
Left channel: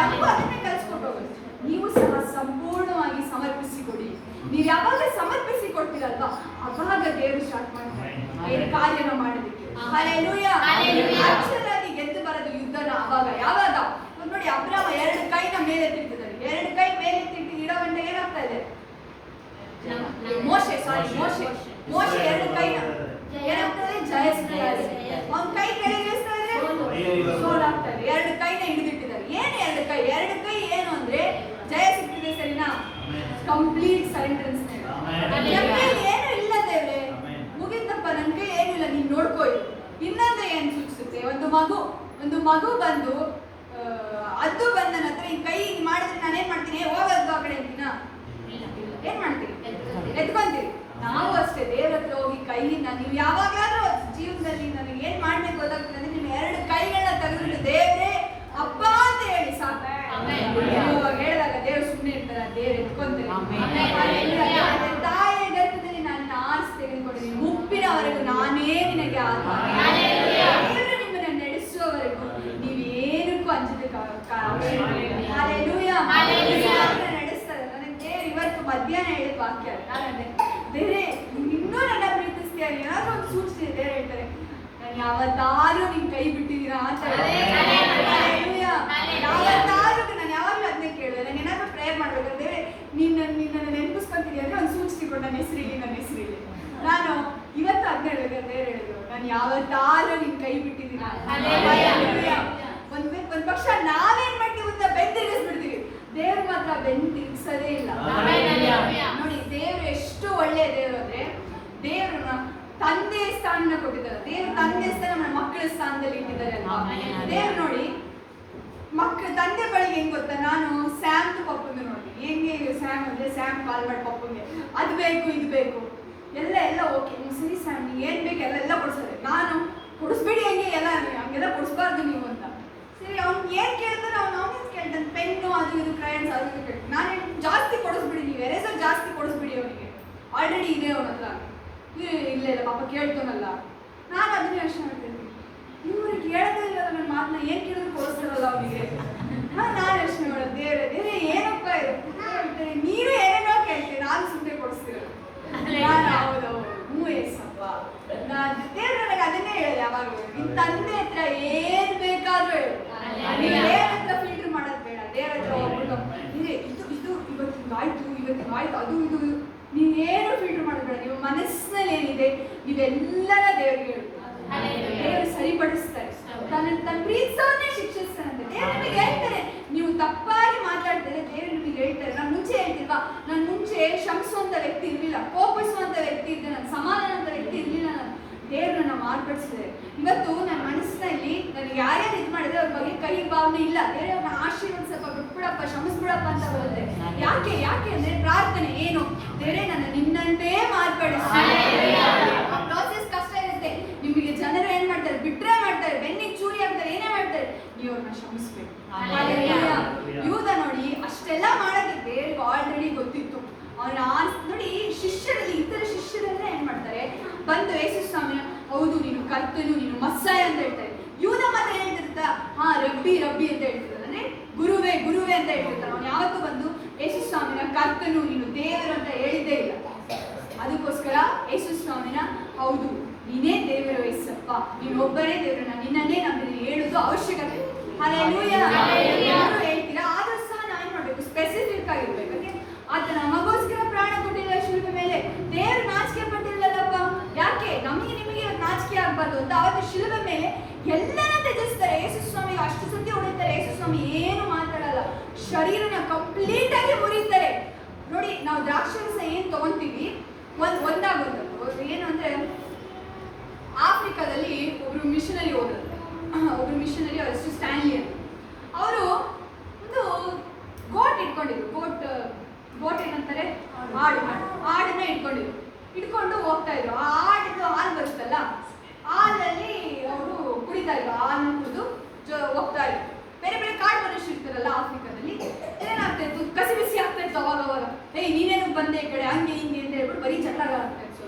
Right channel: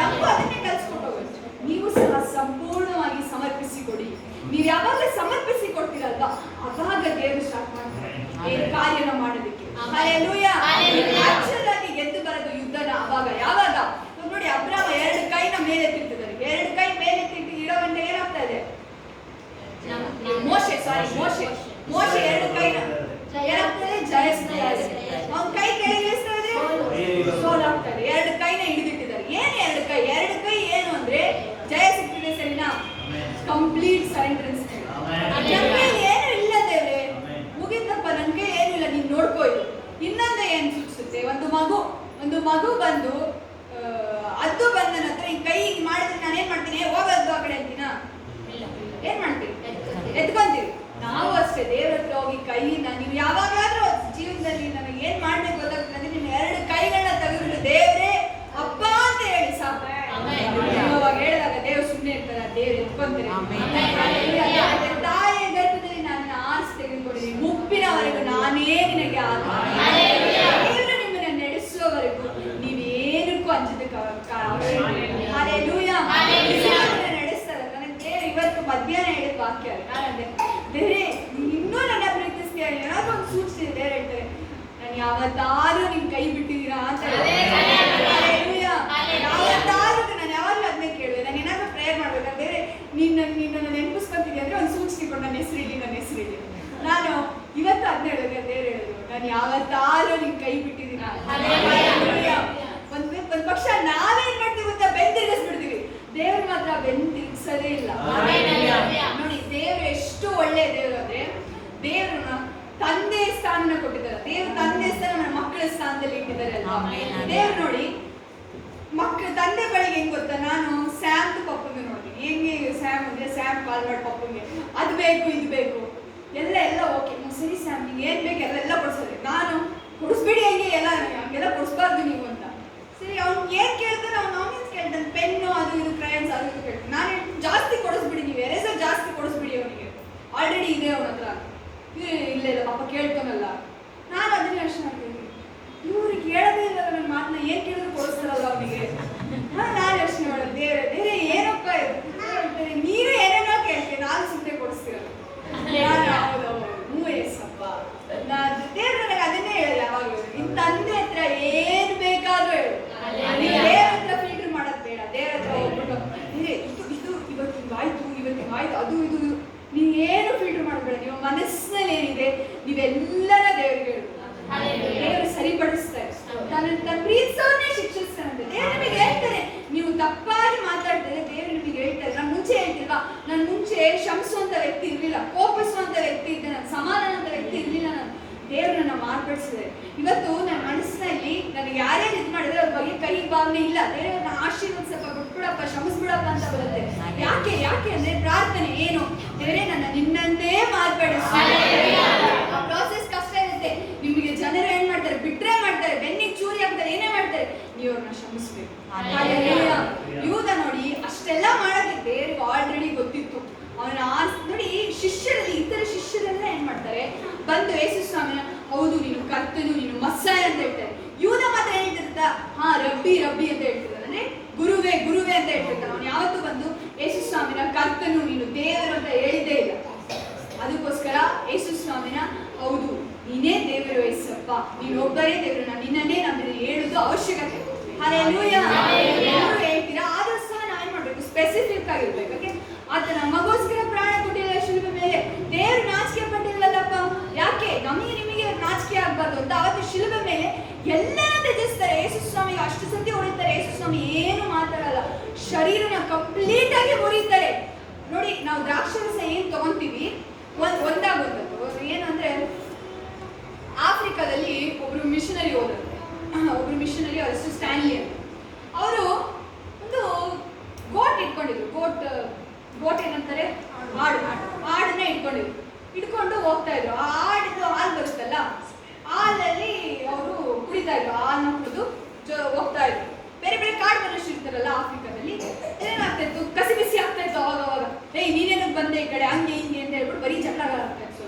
ನಮಗೂ ಅದನ್ನೇ ಕಲ್ಸ್ಕೊಟ್ಟು ಹೋಗೋದು. ನೀವು ಸಹ ಸಂಪೂರ್ಣವಾಗಿ ಸಮರ್ಪಿಸಿ ಕೊಡಿ. ನೀವು ಯಾವಾಗ ಸಮರ್ಪಿಸಿ ಕೊಡ್ತೀರಲ್ವಾ, ಅವಾಗ ದೇವರು ಸ್ಟಾರ್ಟ್ ಮಾಡ್ತಾರೆ ಕಾರ್ಯನ ಮಾಡೋದಕ್ಕೆ. ರಾಜ್ಯದಲ್ಲಿ ಗೆದ್ದು ಬರೋದು ಯುದ್ಧನ ಅವಾಗ. ಯಾವಾಗ ನೋಡಿ, ಅಬ್ರಾಮ 2 ಕೈನ ಮೇಲೆ ತಿಂತಿದ್ದಾರೆ. 2 ಕೈ ಮೇಲೆ ತಿಂತಿ ಇರೋ ಗಂಟೆ ಏನಾಗ್ತಾ ಇದೆ? ಮೋಶೆ 2 ಕೈನ ಏನಾಗ್ತದೆ? ಜಯಿಸ್ತಾ ಇದೆ. ಅವ್ನ ಕೈ ಕೆಳಗೆ ಇಳಿಸ್ತಾ ಇದ್ರೆ ಸೋಲಾಗ್ತಾರೆ. 2 ಕೈನ ಹಿಡಿದಿಟ್ಟಿದ್ದಾರೆ. ಏನು 2 ಕೈ? 2 ಕೈ ಏನು ಅಂದ್ರೆ ಜಯ ಸಿಗ್ತಿದೆ, ಸರಿನಾ? ಕಂಪ್ಲೀಟ್ ಸರೆಂಡರೆನ್ಸ್. ಏನು ಇಲ್ಲ ದೇವ್ರೆ, ಮುಗಿತಪ್ಪ, ನನ್ ಕೈ ಏನು ಇಲ್ಲ, ನೀನ್ ನೋಡ್ಕೋ. ಇನ್ನೊಂದು ಏನ್ ಸೂಚಿಸುತ್ತೆ? ಒಂದು ಮಗು ಬಂದು ಅದು ಬಂದ ನಂತರ ಈ ಕೈ ಮಾಡಿದ್ರೆ ನಾನು ಏನ್ ಮಾಡ್ತೀನಿ? ಹೋಗದ್ದು ಆ ಕಡೆ ಅಂತೀನ? ಏನ್ ಮಾಡ್ತೀವಿ? ಎತ್ಕೊಂತೀವಿ. ನಾವು ಅಷ್ಟೇ ದೇವ್ರ ಹತ್ರ ಹೋಗಿ ಕೈಯಿಂದ, ನೀವು ಯಾವಾಗಾದ್ರೂ ಜೀವನದಲ್ಲಿ ನಮಗೆ ಏನ್ ಮಾಡ್ಬೇಕು ಗೊತ್ತಾಗ್ತದೆ ಅಂದ್ರೆ, ನಿಮ್ಮ 2 ಕೈಗಳನ್ನ ತೆಗೆದ್ಬಿಟ್ಟು ದೇವ್ರೇ ಅಪ್ಪ ಅಂತ ಹೇಳಿ ಸಾಕು. ಅವಾಗ ಹೇಳಿದಾಗ ದೇವ್ರು ಸುಮ್ಮನೆ ಇರ್ತಾರೆ, ದೇವ್ರು ಎತ್ಕೊಂತಾರೆ. ತಾಯಿಯ ಗರ್ಭದಲ್ಲಿ ನಾನು ಆರಿಸಿ ತೆಗೆದುಕೊಂಡಿದ್ದೀನಿ, ಮುಪ್ಪಿನವರೆಗೂ ನಾನೇ ನಿನಗೆ ದೇವರು ನಿಮ್ಮನ್ನ ನಡೆಸುವವರೆಗೂ ನೀವೇನಕ್ಕೂ ಅಂಜದಕ್ಕೆ ನಡೆಸ್ತಾರೆ. ನನಗೆ ದೇವ್ರು ಇವತ್ತು ಮಧ್ಯಾಹ್ನ ಹೇಳಿದ ವಾಕ್ಯ ನಾನಂದೆ, ಬೇರೆ ಇನ್ನೂ ನನ್ನ ಪ್ರೀತಿಸ್ತೀಯ, ಏನಾದ್ರೂ ಒಂದು ಸೂಚಿಸಿದೆ. ಬೇರೆ ಹೇಳ್ತಾರೆ, ನಾನು ಯಾವತ್ತಾದ್ರೂ ನಿನ್ ಕೈ ಬಿಟ್ಟಿದ್ದೀರಾ ಅಂತ. ಯಾವತ್ತಾದ್ರೂ ನಾನು ಯಾವಾಗಲೂ ಅದನ್ನೇ ಕೇಳುವೆ. ನಾನು ಏನಾದ್ರೂ ಪ್ರೇಯರ್ ಮಾಡ್ಬೇಕಾದ್ರೆ, ಬೇರೆ ನಿನ್ನನ್ನು ನೆನಪಿಸ್ಕೊಂತೀನಿ ಅಂದ್ರೆ ಒಂದು ನಾನು ಯಾವತ್ತಾದ್ರೂ ನಿನ್ ಕೈ ಬಿಟ್ಟಿದ್ದೀನ? ಒಂದ್ ಪಕ್ಷ ನಾವೇನ್ ಮಾಡ್ತೀವಿ ಅಂತ ಬೆನ್ ತಿರ್ಗಿಸ್ಬಿಡ್ತೀವಿ, ದೇವ್ರು ಮಾತ್ರ ಬೆನ್ ತಿರ್ಗಿಸೋದೇ ಇಲ್ಲ. ನೋಡಿ, ದೇವ್ರು ಎಷ್ಟು ಒಳ್ಳೆ ದೇವ್ರು ಅಂದ್ರೆ, ದೇವ್ರನ್ನ ತಂದೆ ಸ್ಥಾನನ ಕೊಟ್ಟಿದ್ದಾರೆ. ದೇವ್ರ ತಂದೆ ಸ್ಥಾನ ನಮ್ಮ ಮಕ್ಕಳ ಸ್ಥಾನದಲ್ಲಿ ಇಟ್ಟಿದ್ದಾರೆ ಅಲ್ವಾ? ದೇವ್ರು ನೋಡಿ, ತಂದೆ ಬಳಿಗೆ ಹೆಂಗ್ ಗೊತ್ತಾ, ನಾನು ಸ್ಯಾಮ್ ಪಪ್ಪಂಗೆ ನೋಡ್ತೀನಿ. ಹೆಂಗೆ ಸ್ಯಾಮ್ ಅಂದ್ರೆ, ಸ್ಯಾಮ್ ಕಾಲ್ ಮಾಡಿ ಪಪ್ಪಂಗೆ ಅದು ಬೇಕು ಇದು ಬೇಕು ಎಲ್ಲ ಓಕೆ, ಸರಿ ಸ್ಯಾಮ್ ನಿಂಗೆ ಏನ್ ಬೇಕು ಎಲ್ಲ ಕೊಡ್ಸೋದೆ. ನಾನು ಕೊಡಿಸ್ಬಿಡಿ ಹಂಗೆಲ್ಲ ಕೊಡಿಸ್ಬಾರ್ದು ನೀವು ಅಂತ. ಸರಿ, ಅವ್ನು ಏನ್ ಕೇಳ್ತಾನೆ ಅವನೇನ್ ಕೇಳ್ತಾನೆ, ಪೆನ್ನು ಅದು ಇದು ಕ್ರಯನ್ಸ್ ಅದು ಇದು ಕೇಳ್ತಾನೆ. ನಾನೇನು ಜಾಸ್ತಿ ಕೊಡಿಸ್ಬಿಡಿ, ನೀವು ಎರೇಸರ್ ಜಾಸ್ತಿ ಕೊಡಿಸ್ಬಿಡಿ, ಅವನಿಗೆ ಆಲ್ರೆಡಿ ಇದೆ ಅವನ ಹತ್ರ. ಇಲ್ಲ ಪಾಪ ಕೇಳ್ತಾನಲ್ಲ. ನಾನು ಅದನ್ನ ಯೋಚನೆ ಮಾಡ್ತೀನಿ, ಇವ್ರಿಗೆ ಹೇಳೋದೇ ಇಲ್ಲ ನನ್ನ ಮಾತನ್ನ, ಏನ್ ಕೇಳಿದ್ರು ಕೊಡಿಸ್ತಾರಲ್ಲ ಅವನಿಗೆ. ನಾನು ಯೋಚನೆ ಮಾಡೋದು, ದೇವ್ರೆ ಏನಪ್ಪ ಹೇಳ್ತಾರೆ, ನೀವೇ ಏನೇನೋ ಕೇಳ್ತೀನಿ, ನಾನು ಸುಮ್ಮನೆ ಕೊಡಿಸ್ತೀರಲ್ಲ. ಹೌದೌದು, ಹ್ಞೂ ಎಸ್ಸಪ್ಪ. ನಾನು ದೇವ್ರ ನನಗೆ ಅದನ್ನೇ ಹೇಳಿ ಯಾವಾಗಲೂ, ನಿನ್ ತಂದೆ ಹತ್ರ ಏನ್ ಬೇಕಾದ್ರೂ ಹೇಳು, ನೀವು ದೇವ್ರ ಹತ್ರ ಫಿಲ್ಟರ್ ಮಾಡೋದು ಬೇಡ. ದೇವ್ರ ಹತ್ರ ಹೋಗ್ಬಿಟ್ಟು ಇದು ಇವತ್ತಿಗಾಯ್ತು ಅದು ಇದು ನೀವೇನು ಫಿಲ್ಟರ್ ಮಾಡೋದು ಬೇಡ. ನಿಮ್ಮ ಮನಸ್ಸಿನಲ್ಲಿ ಏನಿದೆ ನೀವೆಲ್ಲರ ದೇವರಿಗೆ ಹೇಳ್ಬೋದು. ದೇವರು ಸರಿಪಡಿಸ್ತಾರೆ, ತನ್ನ ಪ್ರೀತಿಸೋನ್ನೇ ಶಿಕ್ಷಿಸ್ತಾನಂತೆ. ದೇವರು ನಿಮಗೆ ಹೇಳ್ತಾರೆ, ನೀವು ತಪ್ಪಾಗಿ ಮಾತಾಡ್ತಾರೆ, ದೇವರು ನಿಮಗೆ ಹೇಳ್ತಾರೆ. ನಾನು ಮುಂಚೆ ಹೇಳ್ತಿಲ್ವಾ, ನಾನು ಮುಂಚೆ ಕ್ಷಮಿಸುವಂತ ವ್ಯಕ್ತಿ ಇರಲಿಲ್ಲ, ಕೋಪಿಸುವಂತ ವ್ಯಕ್ತಿ ಇದ್ದೆ, ನಾನು ಸಮಾಧಾನ ಅಂತ ವ್ಯಕ್ತಿ ಇರಲಿಲ್ಲ. ನಾನು ದೇವರು ನನ್ನ ಮಾರ್ಪಡಿಸಿದೆ. ಇವತ್ತು ನನ್ನ ಮನಸ್ಸಿನಲ್ಲಿ ನನಗೆ ಯಾರ್ಯಾರು ಇದು ಮಾಡಿದ್ರೆ ಅವ್ರ ಬಗ್ಗೆ ಕೈ ಭಾವನೆ ಇಲ್ಲ. ದೇವರನ್ನ ಆಶೀರ್ವದಿಸಪ್ಪ, ಬಿಟ್ಬಿಡಪ್ಪ, ಕ್ಷಮಿಸ್ಬಿಡಪ್ಪ ಅಂತ ಬರುತ್ತೆ. ಯಾಕೆ ಅಂದ್ರೆ ಪ್ರಾರ್ಥನೆ ಏನು, ದೇವರೇ ನನ್ನ ನಿನ್ನಂತೆ ಮಾರ್ಪಡಿಸಿ. ಆ ಪ್ರಾಸೆಸ್ ಕಷ್ಟ ಇರುತ್ತೆ. ನಿಮಗೆ ಜನರು ಏನ್ ಮಾಡ್ತಾರೆ, ಬಿಟ್ರೆ ಮಾಡ್ತಾರೆ, ಬೆನ್ನಿಗೆ ಚೂರಿ ಹಾಕ್ತಾರೆ, ಏನೇ ಮಾಡ್ತಾರೆ, ನೀವು ಅವ್ರನ್ನ ಕ್ಷಮಿಸ್ಬೇಕು. ಯೂದ ನೋಡಿ, ಅಷ್ಟೆಲ್ಲ ಮಾಡೋದಕ್ಕೆ ದೇವರಿಗೆ ಆಲ್ರೆಡಿ ಗೊತ್ತಿತ್ತು. ಅವನ ನೋಡಿ, ಶಿಷ್ಯರಲ್ಲಿ ಇತರ ಶಿಷ್ಯರೆಲ್ಲ ಏನ್ ಮಾಡ್ತಾರೆ, ಬಂದು ಯೇಸು ಸ್ವಾಮಿನ ಹೌದು ನೀನು ಕರ್ತನು, ನೀನು ಮಸ್ಸಾಯ ಅಂತ ಹೇಳ್ತಾರೆ. ಯೂದ ಮಾತ್ರ ಹೇಳ್ತಿರ್ತ, ರಬ್ಬಿ ಅಂತ ಹೇಳ್ತಿರ್ತಾರೆ, ಅಂದ್ರೆ ಗುರುವೇ ಅಂತ ಹೇಳ್ತಿರ್ತಾರೆ. ಅವನು ಯಾವತ್ತೂ ಬಂದು ಯೇಸು ಸ್ವಾಮಿನ ಕರ್ತನು, ನೀನು ದೇವರು ಅಂತ ಹೇಳಿದ್ದೇ ಇಲ್ಲ. ಅದಕ್ಕೋಸ್ಕರ ಯೇಸು ಸ್ವಾಮಿನ ಹೌದು ನೀನೇ ದೇವರು ಯೇಸಪ್ಪ, ನೀನೊಬ್ಬರೇ ದೇವರು, ನಾನು ನಿನ್ನನ್ನೇ ನಮಗೆ ಹೇಳುದು ಅವಶ್ಯಕತೆ. ಹೇಳ್ತೀರಾ, ಆದ್ರೂ ಸಹ ನಾವೇನ್ ಮಾಡ್ಬೇಕು, ಸ್ಪೆಸಿಫಿಕ್ ಆಗಿರ್ಬೇಕು. ಆತ ನಮಗೋಸ್ಕರ ಪ್ರಾಣ ಕೊಟ್ಟಿಲ್ಲ ಶಿಲುಬೆ ಮೇಲೆ. ದೇವರು ನಾಚಿಕೆ ಪಟ್ಟಿರಲ್ಲಪ್ಪ, ಯಾಕೆ ನಮಗೆ ನಿಮಗೆ ನಾಚಿಕೆ ಆಗ್ಬಾರ್ದು ಅಂತ ಅವತ್ತು ಶಿಲುಬೆ ಮೇಲೆ ಎಲ್ಲರ ತ್ಯಜಿಸ್ತಾರೆ. ಯೇಸು ಸ್ವಾಮಿಗೆ ಅಷ್ಟು ಸತಿ ಹೊಡಿತಾರೆ, ಯೇಸು ಸ್ವಾಮಿ ಏನು ಮಾತಾಡಲ್ಲ, ಶರೀರನ ಕಂಪ್ಲೀಟ್ ಆಗಿ ಮುರಿತಾರೆ. ನೋಡಿ, ನಾವು ದ್ರಾಕ್ಷಾರಸ ಏನ್ ತಗೊಂತೀವಿ ಒಂದಾಗೊಂದದ್ದು ಏನು ಅಂದ್ರೆ, ಆಫ್ರಿಕಾದಲ್ಲಿ ಒಬ್ರು ಮಿಷನರಿ ಹೋದಂತೆ. ಒಬ್ರು ಮಿಷನರಿ, ಅವ್ರ ಹೆಸರು ಸ್ಟ್ಯಾನ್ಲಿ ಅಂತ. ಅವರು ಒಂದು ಗೋಟ್ ಇಟ್ಕೊಂಡಿದ್ರು. ಗೋಟ್ ಏನಂತಾರೆ, ಆಡನ್ನ ಇಟ್ಕೊಂಡು ಹೋಗ್ತಾ ಇದ್ರು. ಆ ಆಡಿದ್ದು ಹಾಲು ಬರುತ್ತಲ್ಲ, ಹಾಲಲ್ಲಿ ಅವರು ಕುಡಿತಾ ಇದ್ರು, ಹಾಲನ್ನ ಕುಡಿದು ಹೋಗ್ತಾ ಇದ್ರು. ಬೇರೆ ಕಾಡು ಮನುಷ್ಯರು ಇರ್ತಾರಲ್ಲ ಆಫ್ರಿಕಾದಲ್ಲಿ, ಏನಾಗ್ತಾ ಇತ್ತು, ಕಸಿ ಬಿಸಿ ಆಗ್ತಾ ಇತ್ತು ಅವಾಗ. ನೀನೇನಕ್ಕೆ ಬಂದೆ ಈ ಕಡೆ, ಹಂಗೆ ಹಿಂಗೆ ಅಂತ ಹೇಳ್ಬಿಟ್ಟು ಬರೀ ಜಗಳ ಆಗ್ತಾ ಇತ್ತು.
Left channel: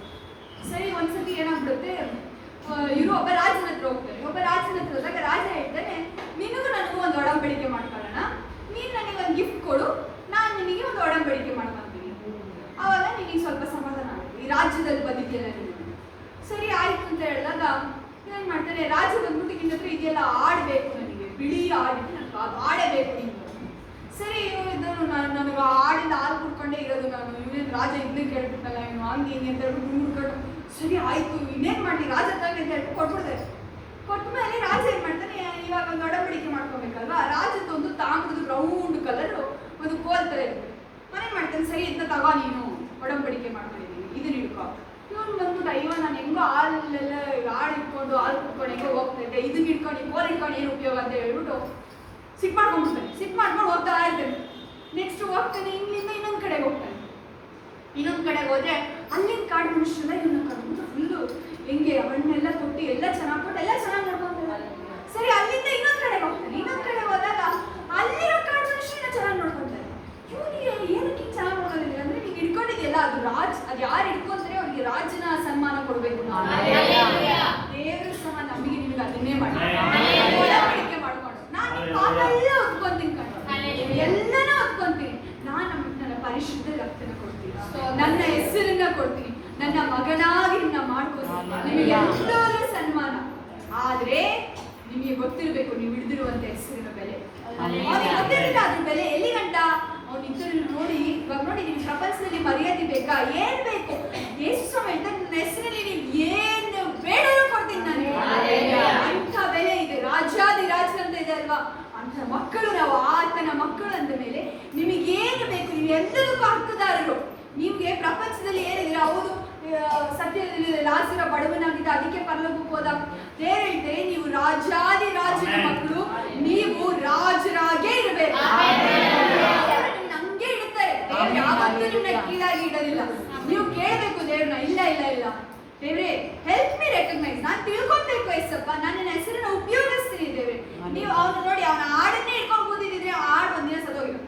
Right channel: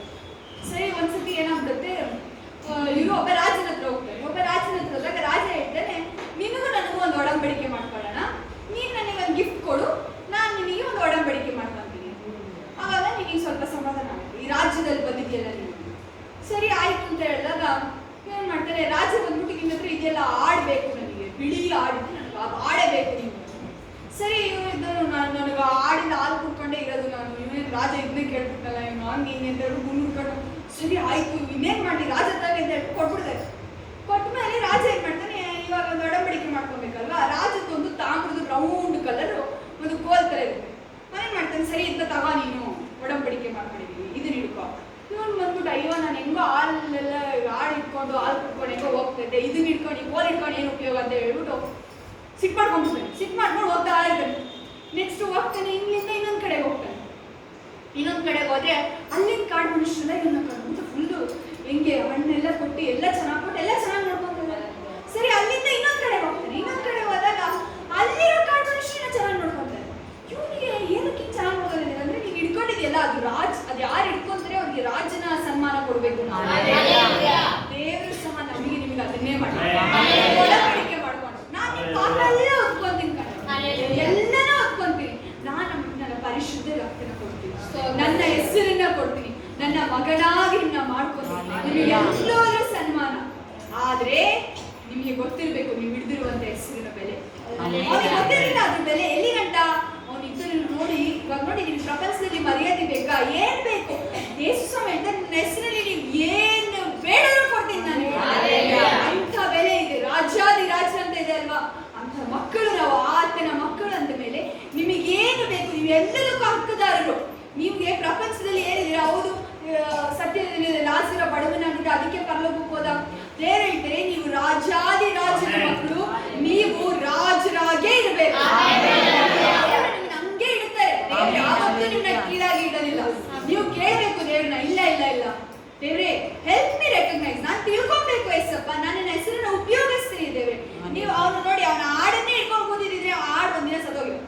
ಸರಿ, ಒಂದ್ಸತಿ ಏನಾಗ್ಬಿಡುತ್ತೆ, ಇವರು ಒಬ್ಬ ರಾಜನ ಹತ್ರ ಹೋಗ್ತಾರೆ. ಒಬ್ಬ ರಾಜನ ಹತ್ರ ಹೋದಾಗ ರಾಜ ಹೇಳ್ತಾನೆ, ನಿನಗೂ ನನಗೂ ಒಂದು ಒಡಂಬಡಿಕೆ ಮಾಡ್ಕೊಳ್ಳೋಣ, ನೀನು ನನಗೆ ಒಂದು ಗಿಫ್ಟ್ ಕೊಡು, ನಾನು ನಿನಗೆ ಒಂದು ಒಡಂಬಡಿಕೆ ಮಾಡ್ಕೊಂತೀನಿ, ಆವಾಗ ನಿನಗೆ ಸ್ವಲ್ಪ ಸಮಾಧಾನ ಆಗುತ್ತೆ, ಈ ರಾಜ್ಯದಲ್ಲಿ ಬದುಕಿಲ್ಲ ನೀನು. ಸರಿ ಆಯ್ತು ಅಂತ ಹೇಳಿದಾಗ ಏನ್ ಮಾಡ್ತಾರೆ, ರಾಜ ಬಂದ್ಬಿಟ್ಟು ನಿನ್ನ ಹತ್ರ ಇದೆಲ್ಲ ಆಡ್ಬೇಕು, ನನಗೆ ಬಿಳಿ ಆಡಿದ್ದು ನನಗೆ ಅದು ಆಡಬೇಕು ನೀನು. ಸರಿ, ಇವರಿದ್ದನು ನನಗೆ ಆಡಿದ ಹಾಲು ಕುಡ್ಕೊಂಡೇ ಇರೋದು, ನಾನು ಇವನೇನು ರಾಜ ಇದನ್ನೇ ಕೇಳ್ಬಿಟ್ಟಲ್ಲ, ಇವನು ಹಂಗೆ ಹಿಂಗೆ ಅಂತ ಹೇಳ್ಬಿಟ್ಟು ಮುಂದ್ಕೊಂಡು, ಸರಿ ಆಯ್ತು ಇನ್ನೇನ್ ಮಾಡಿ ರಾಜ ತಾಗೆ ಅಂತ ಹೇಳ್ಬಿಟ್ಟು ಕೊಟ್ಬಿಡ್ತಾರೆ. ಕೊಟ್ಮೇಲೆ ರಾಜ ಏನ್ ಮಾಡ್ತಾನೆ, ಇವಾಗ ಒಂದು ಒಡಂಬಡಿಕೆ ಮಾಡ್ಕೊಬೇಕಲ್ವಾ, ರಾಜದೊಂದು ತಾಮ್ರದ ರೌಂಡ್ ಕಲರ್ ಒಂದು ಕೋಲ್ ತರ ಇರುತ್ತೆ. ಮನೇನ್ ಮಾಡ್ತಾನೆ, ಸರಿ ಇಂತ ತಗೋ, ನೀನು ಒಡಂಬಡಿಕೆ ಮಾಡ್ಕೊಂಡಿದ್ದೀನಿ, ಇದನ್ನ ಹಿಡ್ಕೊ. ಇವನು ಬಂದ್ಬಿಟ್ಟು, ಅಯ್ಯೋ ನಾನು ಹೆಂಗೋ ಹಾಲೆಲ್ಲ ಹಾಳು ಇಟ್ಕೊಂಡು ಹಾಲು ಕುಡ್ಕೊಂಡು ಹೆಂಗೋ ಹೋಗ್ತಾ ಇದ್ದೆ, ಇದನ್ನ ಹಿಡ್ಕೊಂಡು ಕೋಲ್ ಹಿಡ್ಕೊಂಡು ಏನು ಉಪಯೋಗ ಅಂತ ಹೇಳ್ಬಿಟ್ಟು ಸಿಟ್ ಮಾಡ್ಕೊಂಡ್ಬಿಡ್ತಾನೆ. ಸಿಟ್ ಮಾಡ್ಕೊಂಡು ಹೋಗ್ತಾ ಇರ್ತಾನೆ. ನೆಕ್ಸ್ಟ್ ಹೋಗ್ತಾನೆ, ಇಲ್ಲಿಂದ ಇನ್ನೊಂದ್ ಕಡೆಗೆ ಹೋಗ್ತಾನೆ. ಇನ್ನೊಂದ್ ಕಡೆಗೆ ಹೋದ್ರೆ ಅಲ್ಲಿನ ಕಾಡು ಮನುಷ್ಯರೆಲ್ಲ ಇವನ್ನ ಕರ್ಬಿಟ್ಟು ಫುಲ್ಲು ಹೆಂಗೆ ಹಣ್ಣೆಲ್ಲ ಕೊಟ್ಟು ಎಲ್ಲ ಚೆನ್ನಾಗಿ ಕೊಟ್ಟು ಎಲ್ಲ ಚೆನ್ನಾಗಿ ನೋಡ್ಕೊಂತಾರೆ. ಸರಿ, ಅಲ್ಲಿಂದ ಇನ್ನೊಂದ್ ಕಡೆಗೆ ಹೋಗ್ತಾನೆ. ಇನ್ನೊಂದ್ ಕಡೆ ಹೋದಾಗ ಅಲ್ಲಿರೋ ಕಾಡು ಮನುಷ್ಯರನ್ನ ಚೆನ್ನಾಗಿ ನೋಡ್ಕೊಂತಾರೆ. ಇವನಿಗೆ ಏನಕ್ಕೆ ಚೆನ್ನಾಗಿ ನೋಡೋದಿಲ್ಲ ಅಂದ್ರೆ, ನೀನು ಹಿಡ್ಕೊಂಡಿದ್ಯಲ್ಲ ಅದು ಅದು ಯಾರು ಹಿಡ್ಕೊಂತಾರೆ ಅವ್ರಿಗೆ ರಾಜನ ಸನ್ಮಾನ ಕೊಡ್ಬೇಕು. ದೇವರು ಸಹ ನಮಗೆ ನಿಮ್ಗೆ ಅದನ್ನೇ ಮಾಡಿ ಒಡಂಬಡಿಕೆ ಮಾಡ್ಕೊಂಡು, ನಾನು ಪಾಪ ಎಲ್ಲ ಒದ್ಕೊಂತೀನಿ ಕಣ, ಎಲ್ಲನ ಒದ್ಕೊಂತೀನಿ, ನಾನು ನನ್ನ ಪರಿಶುದ್ಧ ರಕ್ತನ ಕೊಡ್ತೀನಿ, ನನ್ನ ಹೆಸರನ್ನ ಕೊಡ್ತೀನಿ, ನನ್ನ ಮಗನಾಗಿ ಮಾಡ್ಕೊತೀನಿ, ನಿಮಗೆ ಎಲ್ಲರೂ ಸನ್ಮಾನ. ಆದ್ರೆ ನಿಮಗೆ ಗೊತ್ತಿರಬೇಕು ನೀವು ಹಿಡಿದಿರುವಂತ ಹೆಸರಿನ ಬೆಲೆ. ಅವನಿಗೆ ಗೊತ್ತಿರಲಿಲ್ಲ ಅದ್ರ ಬೆಲೆ ಎಲ್ಲಿ ಗಂಟ. ಅವನು ಇತರ ನೋಡಿ, ಇವಾಗ ನೋಡಿ, ನಿಮ್ ಪ್ರಪಂಚದಲ್ಲಿ ಮರ್ಯಾದೆ ಬೇಕಾ, ಏನ್ ಬೇಕು, ಯೇಸು ಸ್ವಾಮಿ ಹೇಳ್ತಾರೆ, ನನ್ನ ಹೆಸರಲ್ಲಿ ನೀವು ಏನ್ ಬೇಡರೂ ಕೊಡ್ತೀನಿ ಮಕ್ಕಳು, ನಾವು ಆತನ ಮಕ್ಕಳು ಅಂದ ಮೇಲೆ ನಿಮಗೇನು ಬೇಕು, ನೀವು ಎಲ್ಲದಕ್ಕೂ ಹಕ್ಕುದಾರರು. ನಿಮ್ಗೆ ಪ್ರಪಂಚದಲ್ಲಿ ಏನಿದ್ದೀರಾ, ಹೌದು ಸತ್ಯದಲ್ಲಿ ಲಾಜರ ಬಡವನಾಗಿದ್ದ ಅದಕ್ಕೆ ಪರಲೋಕಕ್ಕೆ ಹೋದ. ದೇವರು ಹೇಳ್ತಾರೆ ನೀವು ರಾಜಾದಿ ರಾಜನ ಮಕ್ಕಳು, ನೀವು ರಾಜರಾಗೇ ಇರಬೇಕು. ಹಂಗೆ ಇಡುತ್ತಾರೆ, ಯಾವತ್ತೂ ನಿಮ್ಮನ್ನ ಕೀಳಾಗಿ ಇಡಲಿಲ್ಲ. ನೀವು ಕೇಳಬೇಕು ದೇವ್ರನ್ನ, ಇಲ್ಲ ಇಲ್ಲ ಇಲ್ಲ ದೇವ್ರೆ ಹೆಲ್ಪ್ ಮಿ ರೆಕಗ್ನೈಸ್, ನಾನು ತಿಳ್ಕೊಬೇಕು ಎಸ್ಸಪ್ಪ, ನಾನು ನನ್ನ ಹೆಸರನ್ನ ಉಪಯೋಗಿಸ್ತೀನಿ ದೇವ್ರೆ. ನೀವು ಅವನು ನೋಡಿ ಅವನ ಹಾಡನ್ನೇ ಇಟ್ಕೊಂಡು ಕೂತಿದ್ರೆ ಹಾಡು ಒಂದಿನ ಸದೋಗಿಲ್ಲ.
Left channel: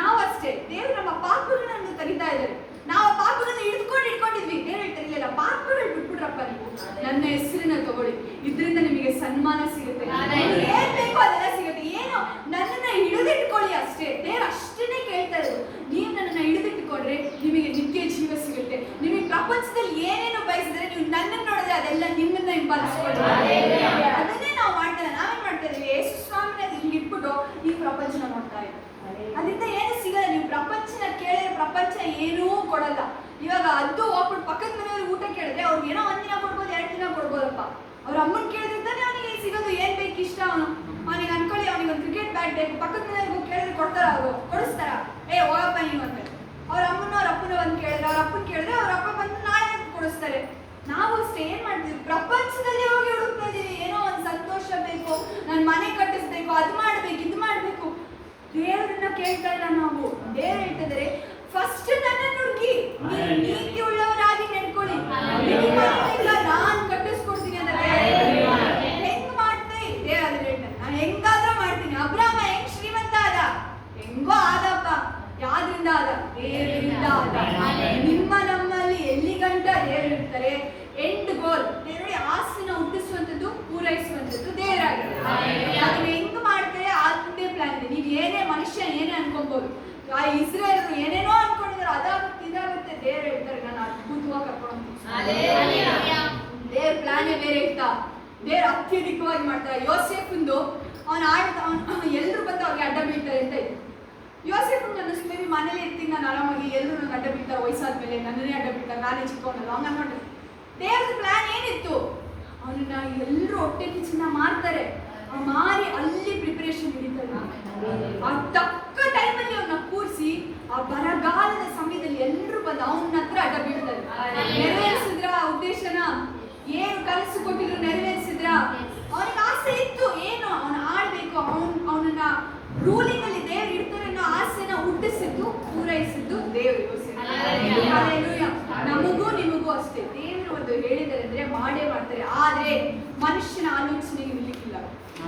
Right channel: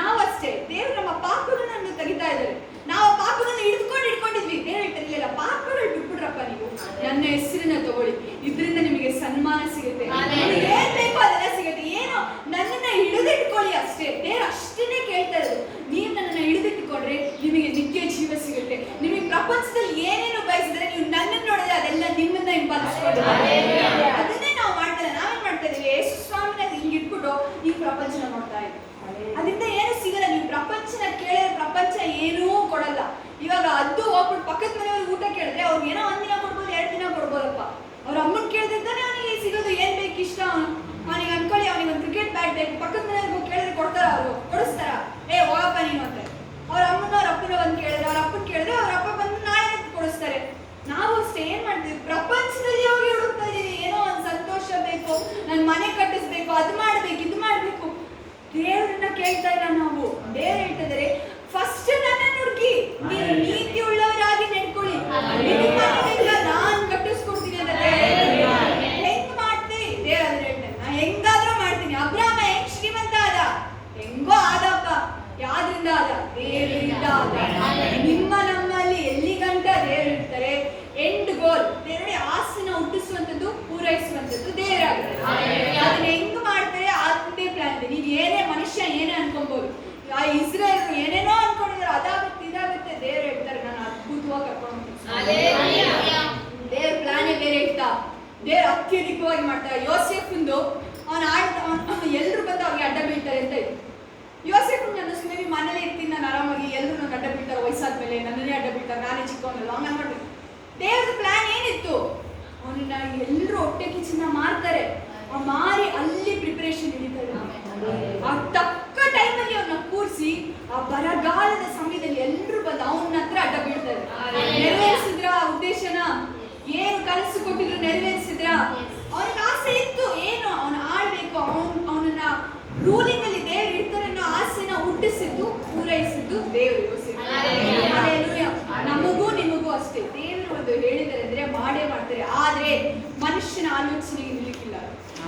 ನಾವು ಅಷ್ಟೇ, ದೇವ್ರು ನಮ್ಮ ಪಾಪಗಳನ್ನು ತೆಗಿತಾ ಇದ್ದಾರೆ. ನಾವು ಪಾಪಗಳನ್ನ ಇಟ್ಕೊಂಡಿದ್ವಿ. ದೇವ್ರು ಹೇಳ್ತಾರೆ ಇಲ್ಲ ಪಾಪಗಳು ಬಿಟ್ಬಿಡ್ರಪ್ಪ, ನೀವು ನನ್ನ ಹೆಸರನ್ನ ತಗೊಳ್ಳಿ, ಇದರಿಂದ ನಿಮಗೆ ಸನ್ಮಾನ ಸಿಗುತ್ತೆ, ಏನ್ ಬೇಕೋ ಅದೆಲ್ಲ ಸಿಗುತ್ತೆ. ಏನು ನನ್ನನ್ನ ಹಿಡಿದಿಟ್ಕೊಳ್ಳಿ ಅಷ್ಟೇ. ದೇವ್ರು ಅಷ್ಟನ್ನೇ ಕೇಳ್ತಾ ಇರೋದು, ನೀವು ನನ್ನನ್ನ ಹಿಡಿದಿಟ್ಟುಕೊಂಡ್ರೆ ನಿಮಗೆ ನಿತ್ಯ ಜೀವ ಸಿಗುತ್ತೆ. ನಿಮಗೆ ಪ್ರಪಂಚದಲ್ಲಿ ಏನೇನು ಬಯಸಿದ್ರೆ ನೀವು ನನ್ನನ್ನು ನೋಡಿದ್ರೆ ಅದೆಲ್ಲ ನಿಮ್ಮನ್ನ ಹಿಂಬಾಲಿಸ್ಕೊಳ್ಳಿ. ಅದನ್ನೇ ನಾವು ಮಾಡ್ತೇವೆ. ನಾವೇನ್ ಮಾಡ್ತಾ ಇದೀವಿ, ಯೇಸು ಸ್ವಾಮಿನ ಹಿಂಗ್ ಇಟ್ಬಿಟ್ಟು ಈ ಪ್ರಪಂಚನ ನೋಡ್ತಾ ಇದ್ದೀವಿ. ಅದರಿಂದ ಏನು ಸಿಗಲ್ಲ. ನೀವು ಪ್ರಪಂಚನ ಕೇಳಿದ್ರೆ ಪ್ರಪಂಚ ಏನೂ ಕೊಡಲ್ಲ. ಇವಾಗ ಅದು ಹೋಗ್ಬಿಟ್ಟು ಪಕ್ಕದ ಮನೆಯವ್ರಿಗೆ ಊಟ ಕೇಳಿದ್ರೆ ಅವ್ರಿಗೆ ಏನೋ ಒಂದಿನ ಕೊಡ್ಬೋದು, 2 ದಿನ ಕೊಡ್ಬೋದಪ್ಪ. ಅವ್ರ ಅಮ್ಮನ್ ಕೇಳಿದ್ರೆ ಅವನಿಗೆ ಸಿಗೋದು ಏನ್ ಬೇಕು ಇಷ್ಟ. ಅವನಿಗೆ ಅನ್ಕೊಳ್ಳಿ, ಅವನಿಗೆ ಒಂದು ಕ್ರಿಕೆಟ್ ಬ್ಯಾಟ್ ಬೇಕು, ಪಕ್ಕದ ಮನೆಯವ್ರಿಗೆ ಕೇಳಿದ್ರೆ ಕೊಡ್ತಾರ, ಅವರು ಕೊಡಿಸ್ತಾರ, ಹೋಗಪ್ಪ ನೀನು ಅಂತ. ಅವ್ರ ಅಮ್ಮನ ಅವ್ರ ಅಪ್ಪನ ಬಂದು ಕೇಳಿದ್ರೆ, ಅವ್ರ ಅಪ್ಪನ ಕೇಳಿದ್ರೆ ಅವ್ರ ಅಪ್ಪ ಬಂದು ನಾಳೆ ಕೊಡಿಸ್ತಾರೆ. ನಾವು ಅಷ್ಟೇ ಏನ್ ಮಾಡ್ತೀವಿ, ಪ್ರಪಂಚದಲ್ಲಿ ಹೋಗಿ ಹುಡುಕ್ತಾ ಇದೀವಿ. ಏನೋ ಒಂದು ಸಂತೋಷ ಬೇಕು, ನನ್ ಮನೆ ಕಟ್ಟಿಸ್ಬೇಕು, ಅದು ಮಾಡ್ಬೇಕು, ಇದು ಮಾಡ್ಬೇಕು. ದೇವ್ರನ್ನ ಕೇಳ್ತಾ ಇಲ್ಲ ನಾವು. ದೇವ್ರು ಹೇಳ್ತಿದ್ದಾರೆ ಫಸ್ಟ್ ನನ್ನ ಹುಡುಕಿ, ನೀವು ನೀತಿ ಉಳ್ಳವರಾಗಿ ನಡ್ಕೊಳ್ಳಿ, ನಾನ್ ಕಟ್ಟಿಸ್ಕೊಡ್ತೀನಿ ಅಂತ. ಹೆಂಗ್ ಮಾಡ್ತಿ ದೇವ್ರ ಅಂದ್ರೆ ಹೇಳ್ತಾನೆ, ನಾ ಹೆಂಗಾದ್ರೂ ಮಾಡ್ತೀನಿ. ಅಬ್ರಾಮ ಹೆಂಗ್ ಶ್ರೀಮಂತ ಆದ, ಹೆಂಗೋ ಆದಪ್ಪ. ಯಾವ್ದ್ರಿಂದ ಆದ, ದೇವರಿಂದ ಆದ. ನಿಮ್ಮ ನಮ್ಮಲ್ಲಿ ಎಲ್ಲಿ ಗಂಟ ದೇವ್ರು ಇರ್ತಾರೆ, ಎಂಡ್ ಗೋಲ್ ದೇವರೇ ಆಸೆನ ಹುಟ್ಟಿಸುವಂಥದ್ದು, ಪೂರೈಸುವಂಥದ್ದು ದೇವರಾಗಿದೆ. ಅದನ್ನ ಹೆಂಗ್ ಮಾಡ್ತಾರೆ ಅದೇ ಪ್ಲಾನ್ ಇದೆ. ನೀವು ಏನೇ ಮನುಷ್ಯ ಏನೇ ಅನ್ಕೊಬಹುದು, ಇಸ್ರೇಲ್ ಏನೇನೋ ಅನ್ಕೊಂಡಿದ್ರು, ಅದಾಗುತ್ತೆ ಇದಾಗುತ್ತೆ. ದೇವ್ರು ಹೇಳ್ತಾರೆ ನಾನು ಅದ್ಭುತವಾಗಿ ಕರ್ಕೊಂಡು ದೇವ್ರ ಪ್ಲಾನೇ ಬೇರೆ ಇರ್ತಾ. ದೇವ್ರು ಅತ್ಯಧಿಕವಾಗಿ ಮಾಡ್ತಾರೆ. ಯೋಸೇಫಂದು ಅವನ ಎಲ್ರು ಬಂದು ಅವ್ರಿಗೆ ಅಡ್ಡ ಬೀಳ್ತಾರೆ ಅಂತ ಇತ್ತು. ಯೋಸೇಫನ್ ನಾನು ಸುಮ್ಮನೆ ಮನೇಲಿ ಇರ್ತೀನಿ, ನಾನು ಆರಾಮಾಗಿ ಎಲ್ಲರೂ ನಂಗೆ ಅಡ್ಡ ಬೀಳ್ತಾರೆ, ವಯಸ್ಸಾದ್ಮೇಲೆ ನನ್ನನ್ನೇ ಅಡ್ಡ ಬೀಳ್ತಾರೆ, ನಾನೇ ಚಿಕ್ಕವನಲ್ಲ ಹಂಗ ಮಾಡ್ತಾರೆ. ದೇವ್ರ ಪ್ಲಾನ್ ಏನಿತ್ತು, ಅವನನ್ನ ಎಲ್ಲರೂ ಹೊಟ್ಟೆ ಕಿಚ್ಚನ್ನ ಮಾಡ್ತಾರೆ, ಮಾರಿ ಅಲ್ಲಿ ಪ್ರಿಪರೇಷನ್ ಹಿಡಿತಾರೆ. ಆ ತಕ್ಕ ಟೈಮಲ್ಲಿ ಅವನ್ನ ಕೂರಿಸಿ ಆ ಬರಗಾಲದ ಸಮಯದಲ್ಲಿ ಎಲ್ಲರೂ ಬಂದು ಅವನ ಹತ್ರ ಅಡ್ಡ ಬೀಳ್ತಾರೆ. ನೆರವೇರಿಸಿದ್ರ ಆ ಉದ್ದೇಶನ, ಏನು ಕನಸು ಕೊಟ್ಟಿದ್ರು ನೆರವೇರಿಸಿದ್ರ. ಅವನಿಗೆ ಆಸೆ ಇತ್ತು, ಏನು ಅವನ ಆಳ್ಬೇಕು, ಅವನನ್ನ ರೂಲಿಂಗ್ ಅಲ್ಲಿ ದೇವ್ರು ಇರ್ತಾರೆ ಅನ್ನೋ ಆಸೆನ ಹುಟ್ಟಿಸಿದ್ದು, ಪೂರೈಸಿದ್ದು ದೇವ್ರು. ಯೋಸೇಫ ನಮಗೂ ನಿಮಗೂ ಅಷ್ಟೇ. ದೇವರು ಒಂದು ಹೇಳಿದ್ದಾರೆ ಅಂದ್ರೆ ಮಾಡೇ ಮಾಡ್ತಾರೆ. ಆದ್ರೆ ಮನುಷ್ಯನ ಆಲೋಚನೆಗೆ ನಿಲ್ಲಿಕ್ಕಿಲ್ಲ.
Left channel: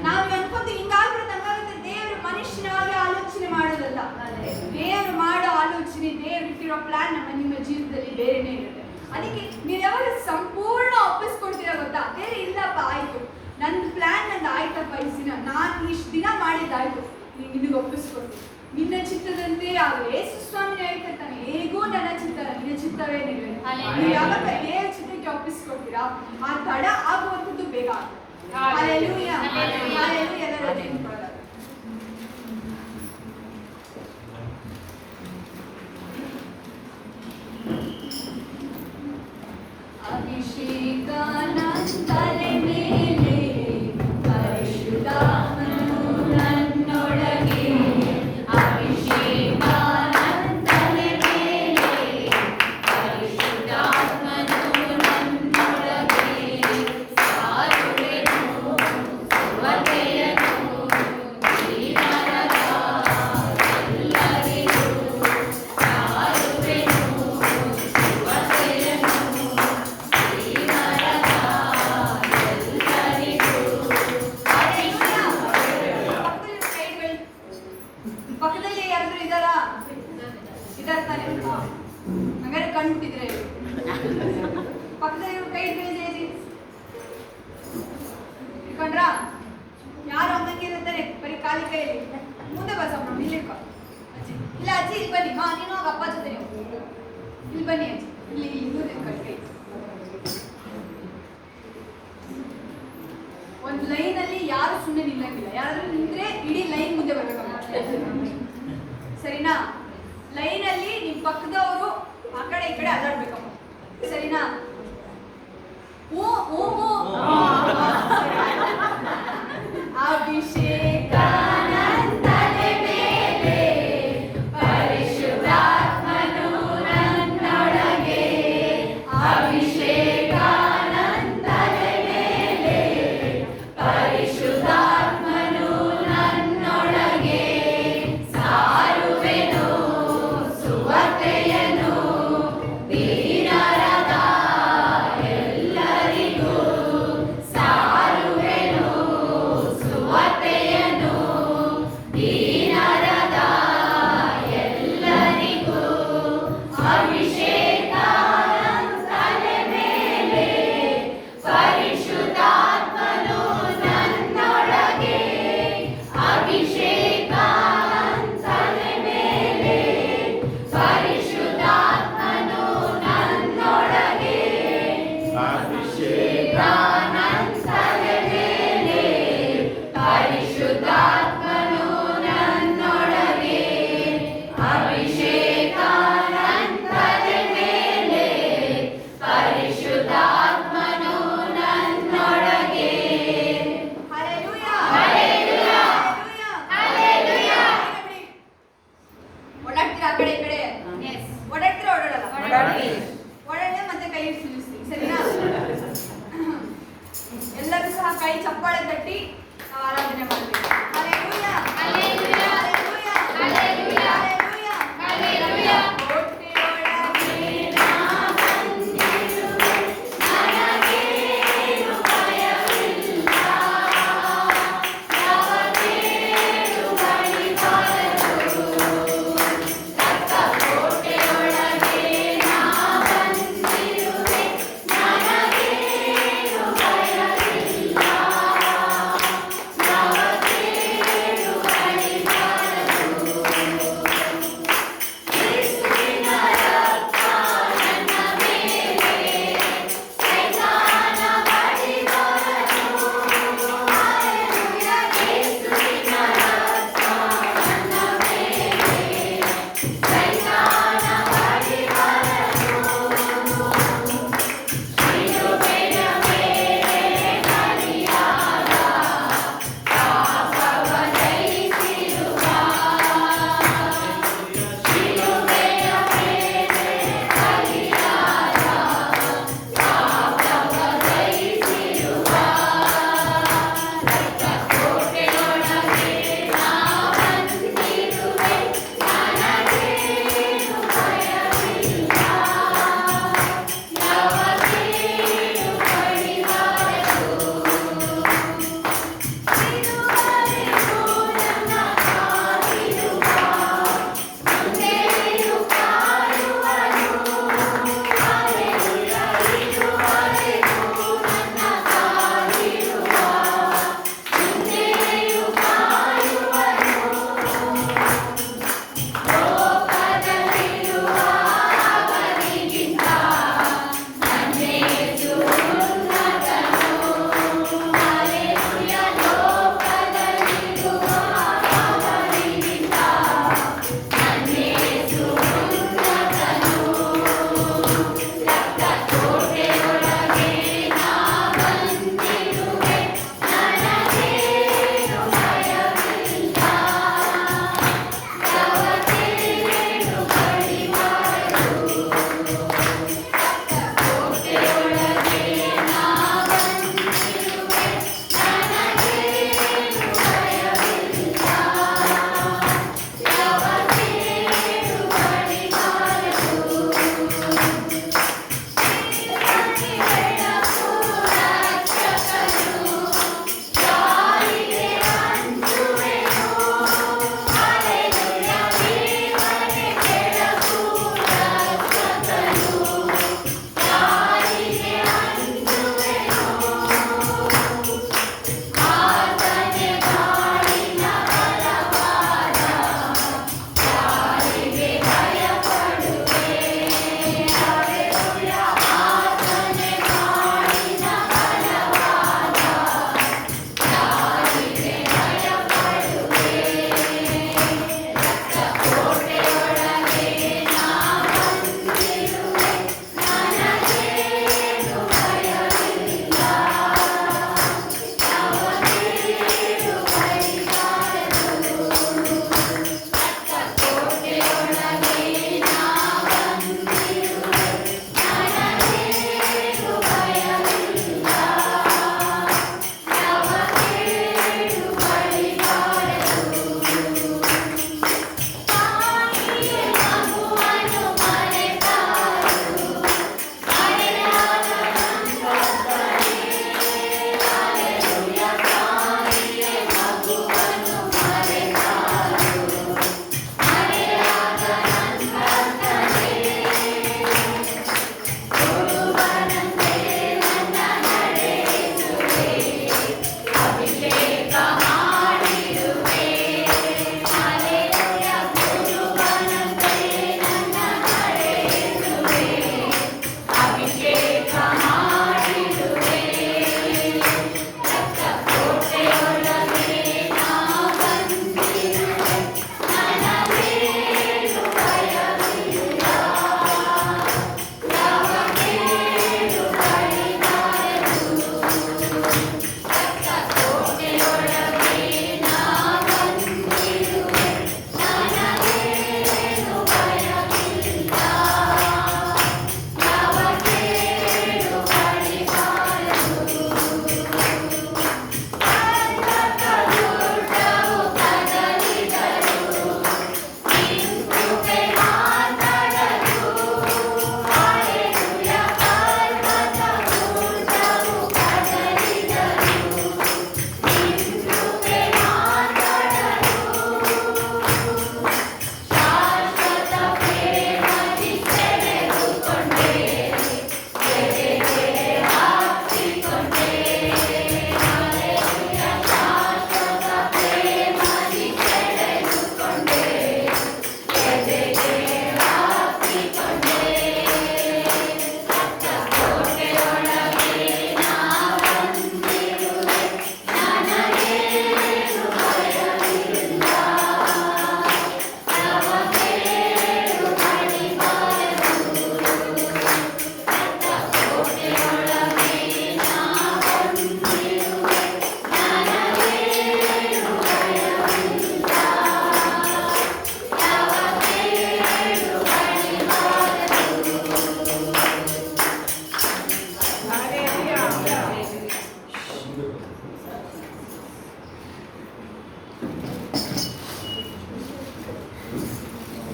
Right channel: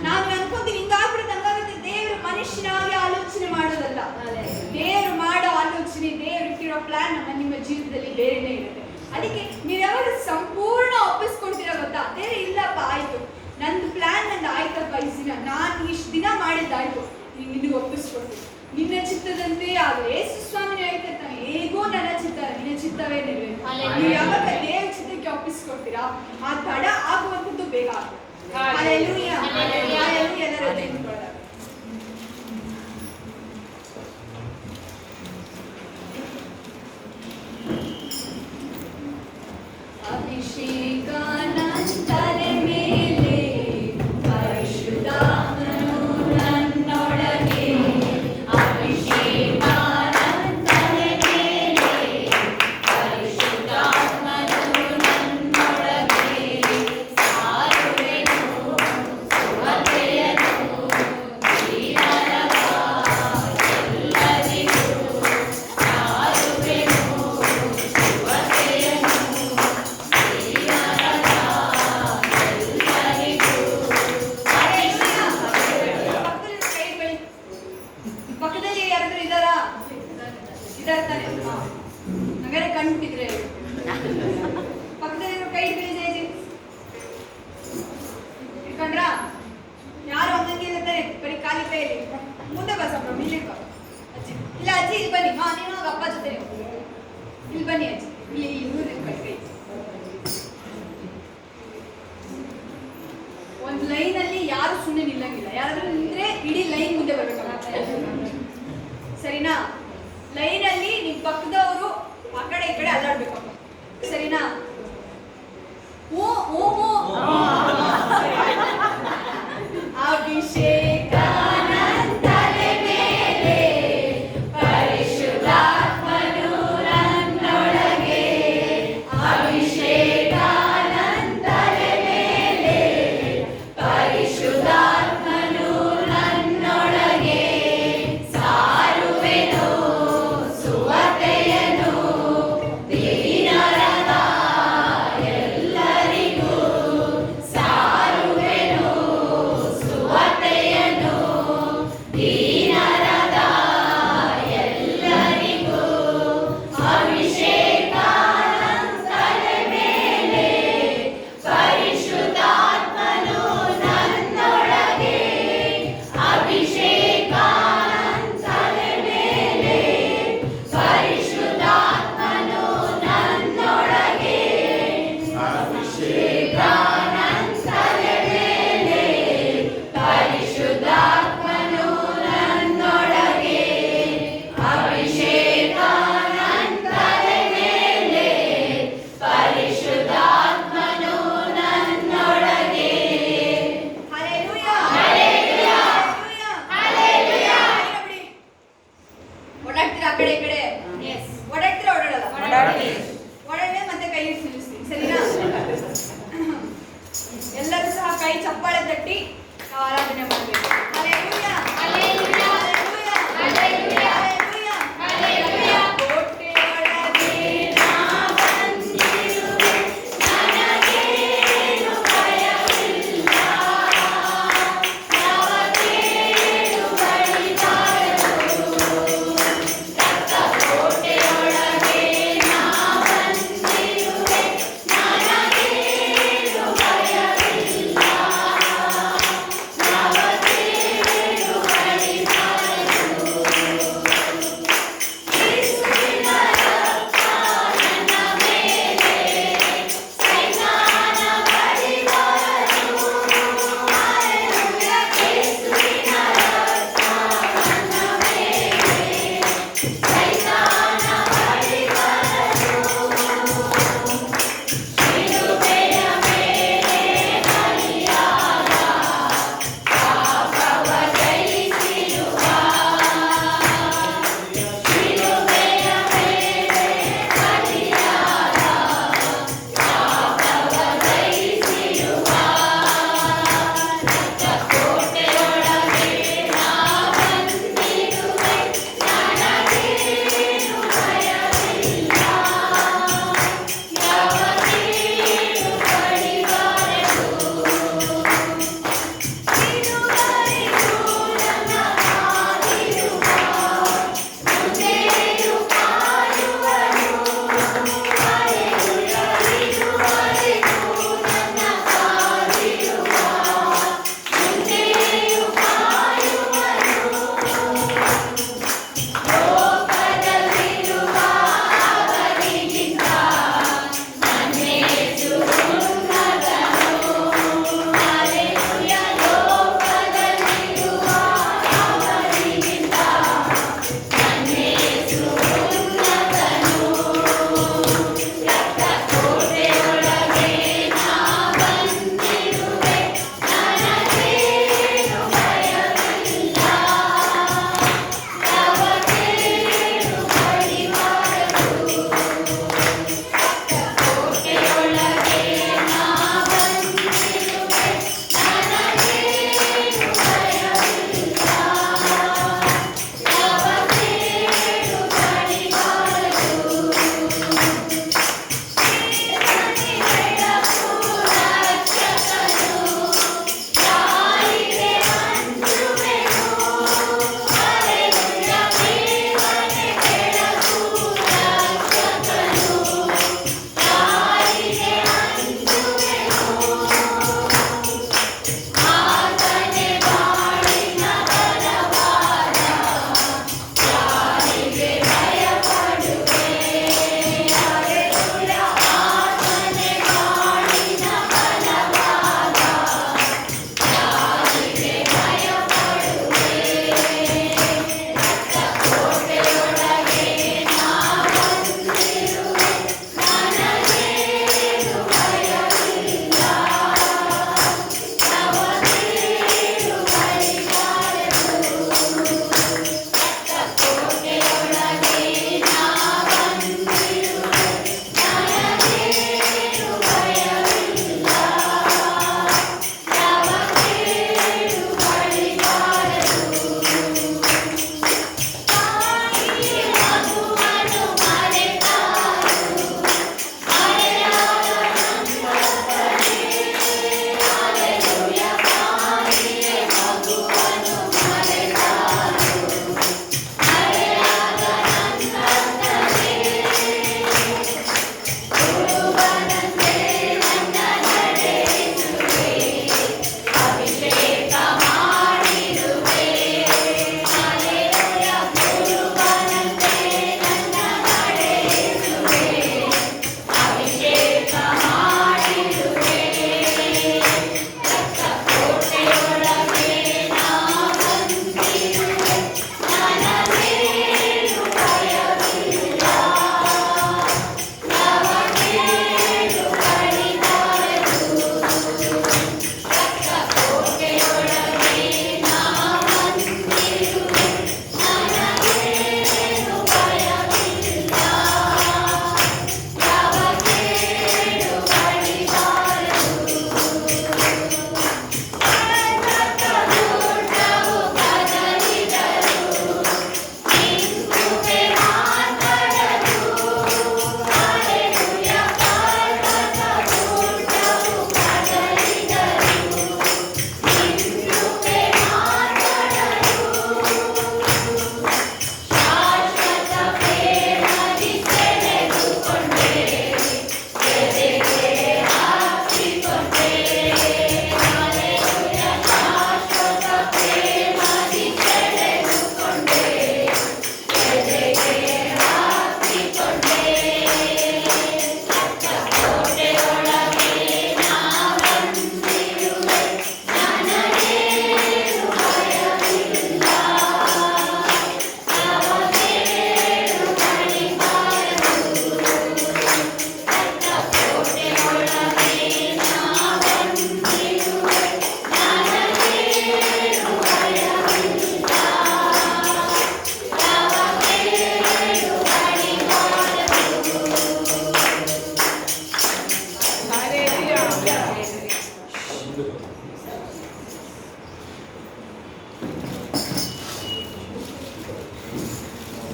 ನಾವ್ ಅನ್ಕೊಂತೀವಿ ಹಿಂಗಾಗ್ಬಿಡುತ್ತೆ ಹಂಗಾಗುತ್ತೆ. ದೇವ್ರು ಮನುಷ್ಯನಾಗಿ ಆಲೋಚನೆ ಮಾಡೋದಲ್ಲ. ದೇವ್ರು ಮಾಡೋ ಆಲೋಚನೆ, ದೇವ್ರು ಇಟ್ಟಿರೋ ಪ್ಲಾನ್ ನಿಮ್ಮ ಜೀವಿತದಲ್ಲಿ ಬೇರೆನೇ ಇರುತ್ತೆ. ಅದಕ್ಕೆ ನೀವ್ಯಾವಾಗ ಸಂಪೂರ್ಣ ಒಪ್ಪಿಸ್ಕೊಡ್ತೀರಾ ಗೊತ್ತಾ, ದೇವ್ರು ಇಲ್ಲಪ್ಪ ಆಯ್ತು, ನಂದು ಪ್ಲಾನ್ ನಂದು ಆಯ್ತಪ್ಪ, ಈ ದಿನ ನಾನು ಇಷ್ಟು ದಿನ ಮಾಡಿದ್ದಾಯ್ತು, ನಿನಗೆ ಒಪ್ಪಿಸ್ಕೊಡ್ತೀನಿ, ನಿನ್ನ ಚಿತ್ತದಂತೆ ಆಗ. ಯೇಸು ಸ್ವಾಮಿನ ಹೇಳ್ತಿರ್ತಾನೆ, ಹೇಗೂ ನನ್ನ ಚಿತ್ತ, ನಿನ್ನ ಚಿತ್ತವೇ ನೆರವೇರು. ನೀವು ಯಾವಾಗ ದೇವ್ರ ಚಿತ್ತಕ್ಕೆ ಒಪ್ಪಿಸ್ಕೊಡ್ತೀರಾ, ಆ ತಡ ಆಗುವಂಥದ್ದು ಬೇಗ ಆಗುತ್ತೆ. Hallelujah, hallelujah. ಎಲ್ಲರೂ ನಿಂತ್ಕೊಳ್ಳೋಣ. ಅಭಿಷೇಕ ನಂತರೆ ಮೇಲೆ ಪರಿಶುದ್ಧಾತ್ಮನು ನನ್ನೊಳಗೆ, ಅಭಿಷೇಕ ನಂತರೆ ಮೇಲೆ ಪರಿಶುದ್ಧಾತ್ಮನು ನನ್ನೊಳಗೆ, ಸಾರುವೆನು ಸುವಾರ್ತೆಯನ್ನು ಶ್ರೀನರದ ಎಲ್ಲರಿಗೂ, ಸಾರುವೆನು ಸುವಾರ್ತೆಯನ್ನು ಪಕ್ಕದಲ್ಲಿ ಯಾರಾದ್ರೂ ಇದಾರಾ? ಇದಾರೆ ತಾನೆ? ಹಂಗಾರೆ ಕಂಡ್ಬಿಟ್ಟಿದ್ರೆ ಪಕ್ಕದಲ್ಲಿ ಕೈ ಹಿಡಿದ್ರೆ ಇಟ್ಕೊಂಡ್ರಾ? ಯಾರು ಹಂಗಂಗೆ ಇರ್ತಾರೆ ಬರೀ ಖಾಲಿ ಕೈಯಲ್ಲಿ? ಮುಂದೆ ಬಸಮ್ಮ, ಇಲ್ಲಿರ್ಕೊ ಅಜ್ಜಿ. ಇಲ್ಲ ಅಜ್ಜಿ ಇಲ್ಲಿ ಬನ್ನಿ. ನೀನು ಹೋಗ ಅಪ್ಪ ಜೊತೆ, ಇಲ್ಲಿ ಬನ್ನಿ ಅಜ್ಜಿ, ಇಲ್ಲಿ ಇವ್ರು ಕೈ. ಒಂದು ಲೈನ್ ಅಲ್ಲಿ ಯಾರು ಸುಮ್ಮನೆ ನಿಲ್ಲಂಗಿಲ್ಲ. ಯಾರಾದ್ರೂ ನಿಂತ್ರೆ ಇಡೀ ಲೈನ್ ಮುಂದೆ ಬರ್ಬೇಕಲ್ಲ, ಸರಿನಾ? ಲೈನ್ ಅಲ್ಲಿ ನಿಮ್ ಪಕ್ಕದವರು ಆ ಕಡೆ ಈ ಕಡೆ ಅಲ್ಲಾಡ್ಬೇಕಪ್ಪ, ಸರಿನಾ? ಅಭಿಷೇಕ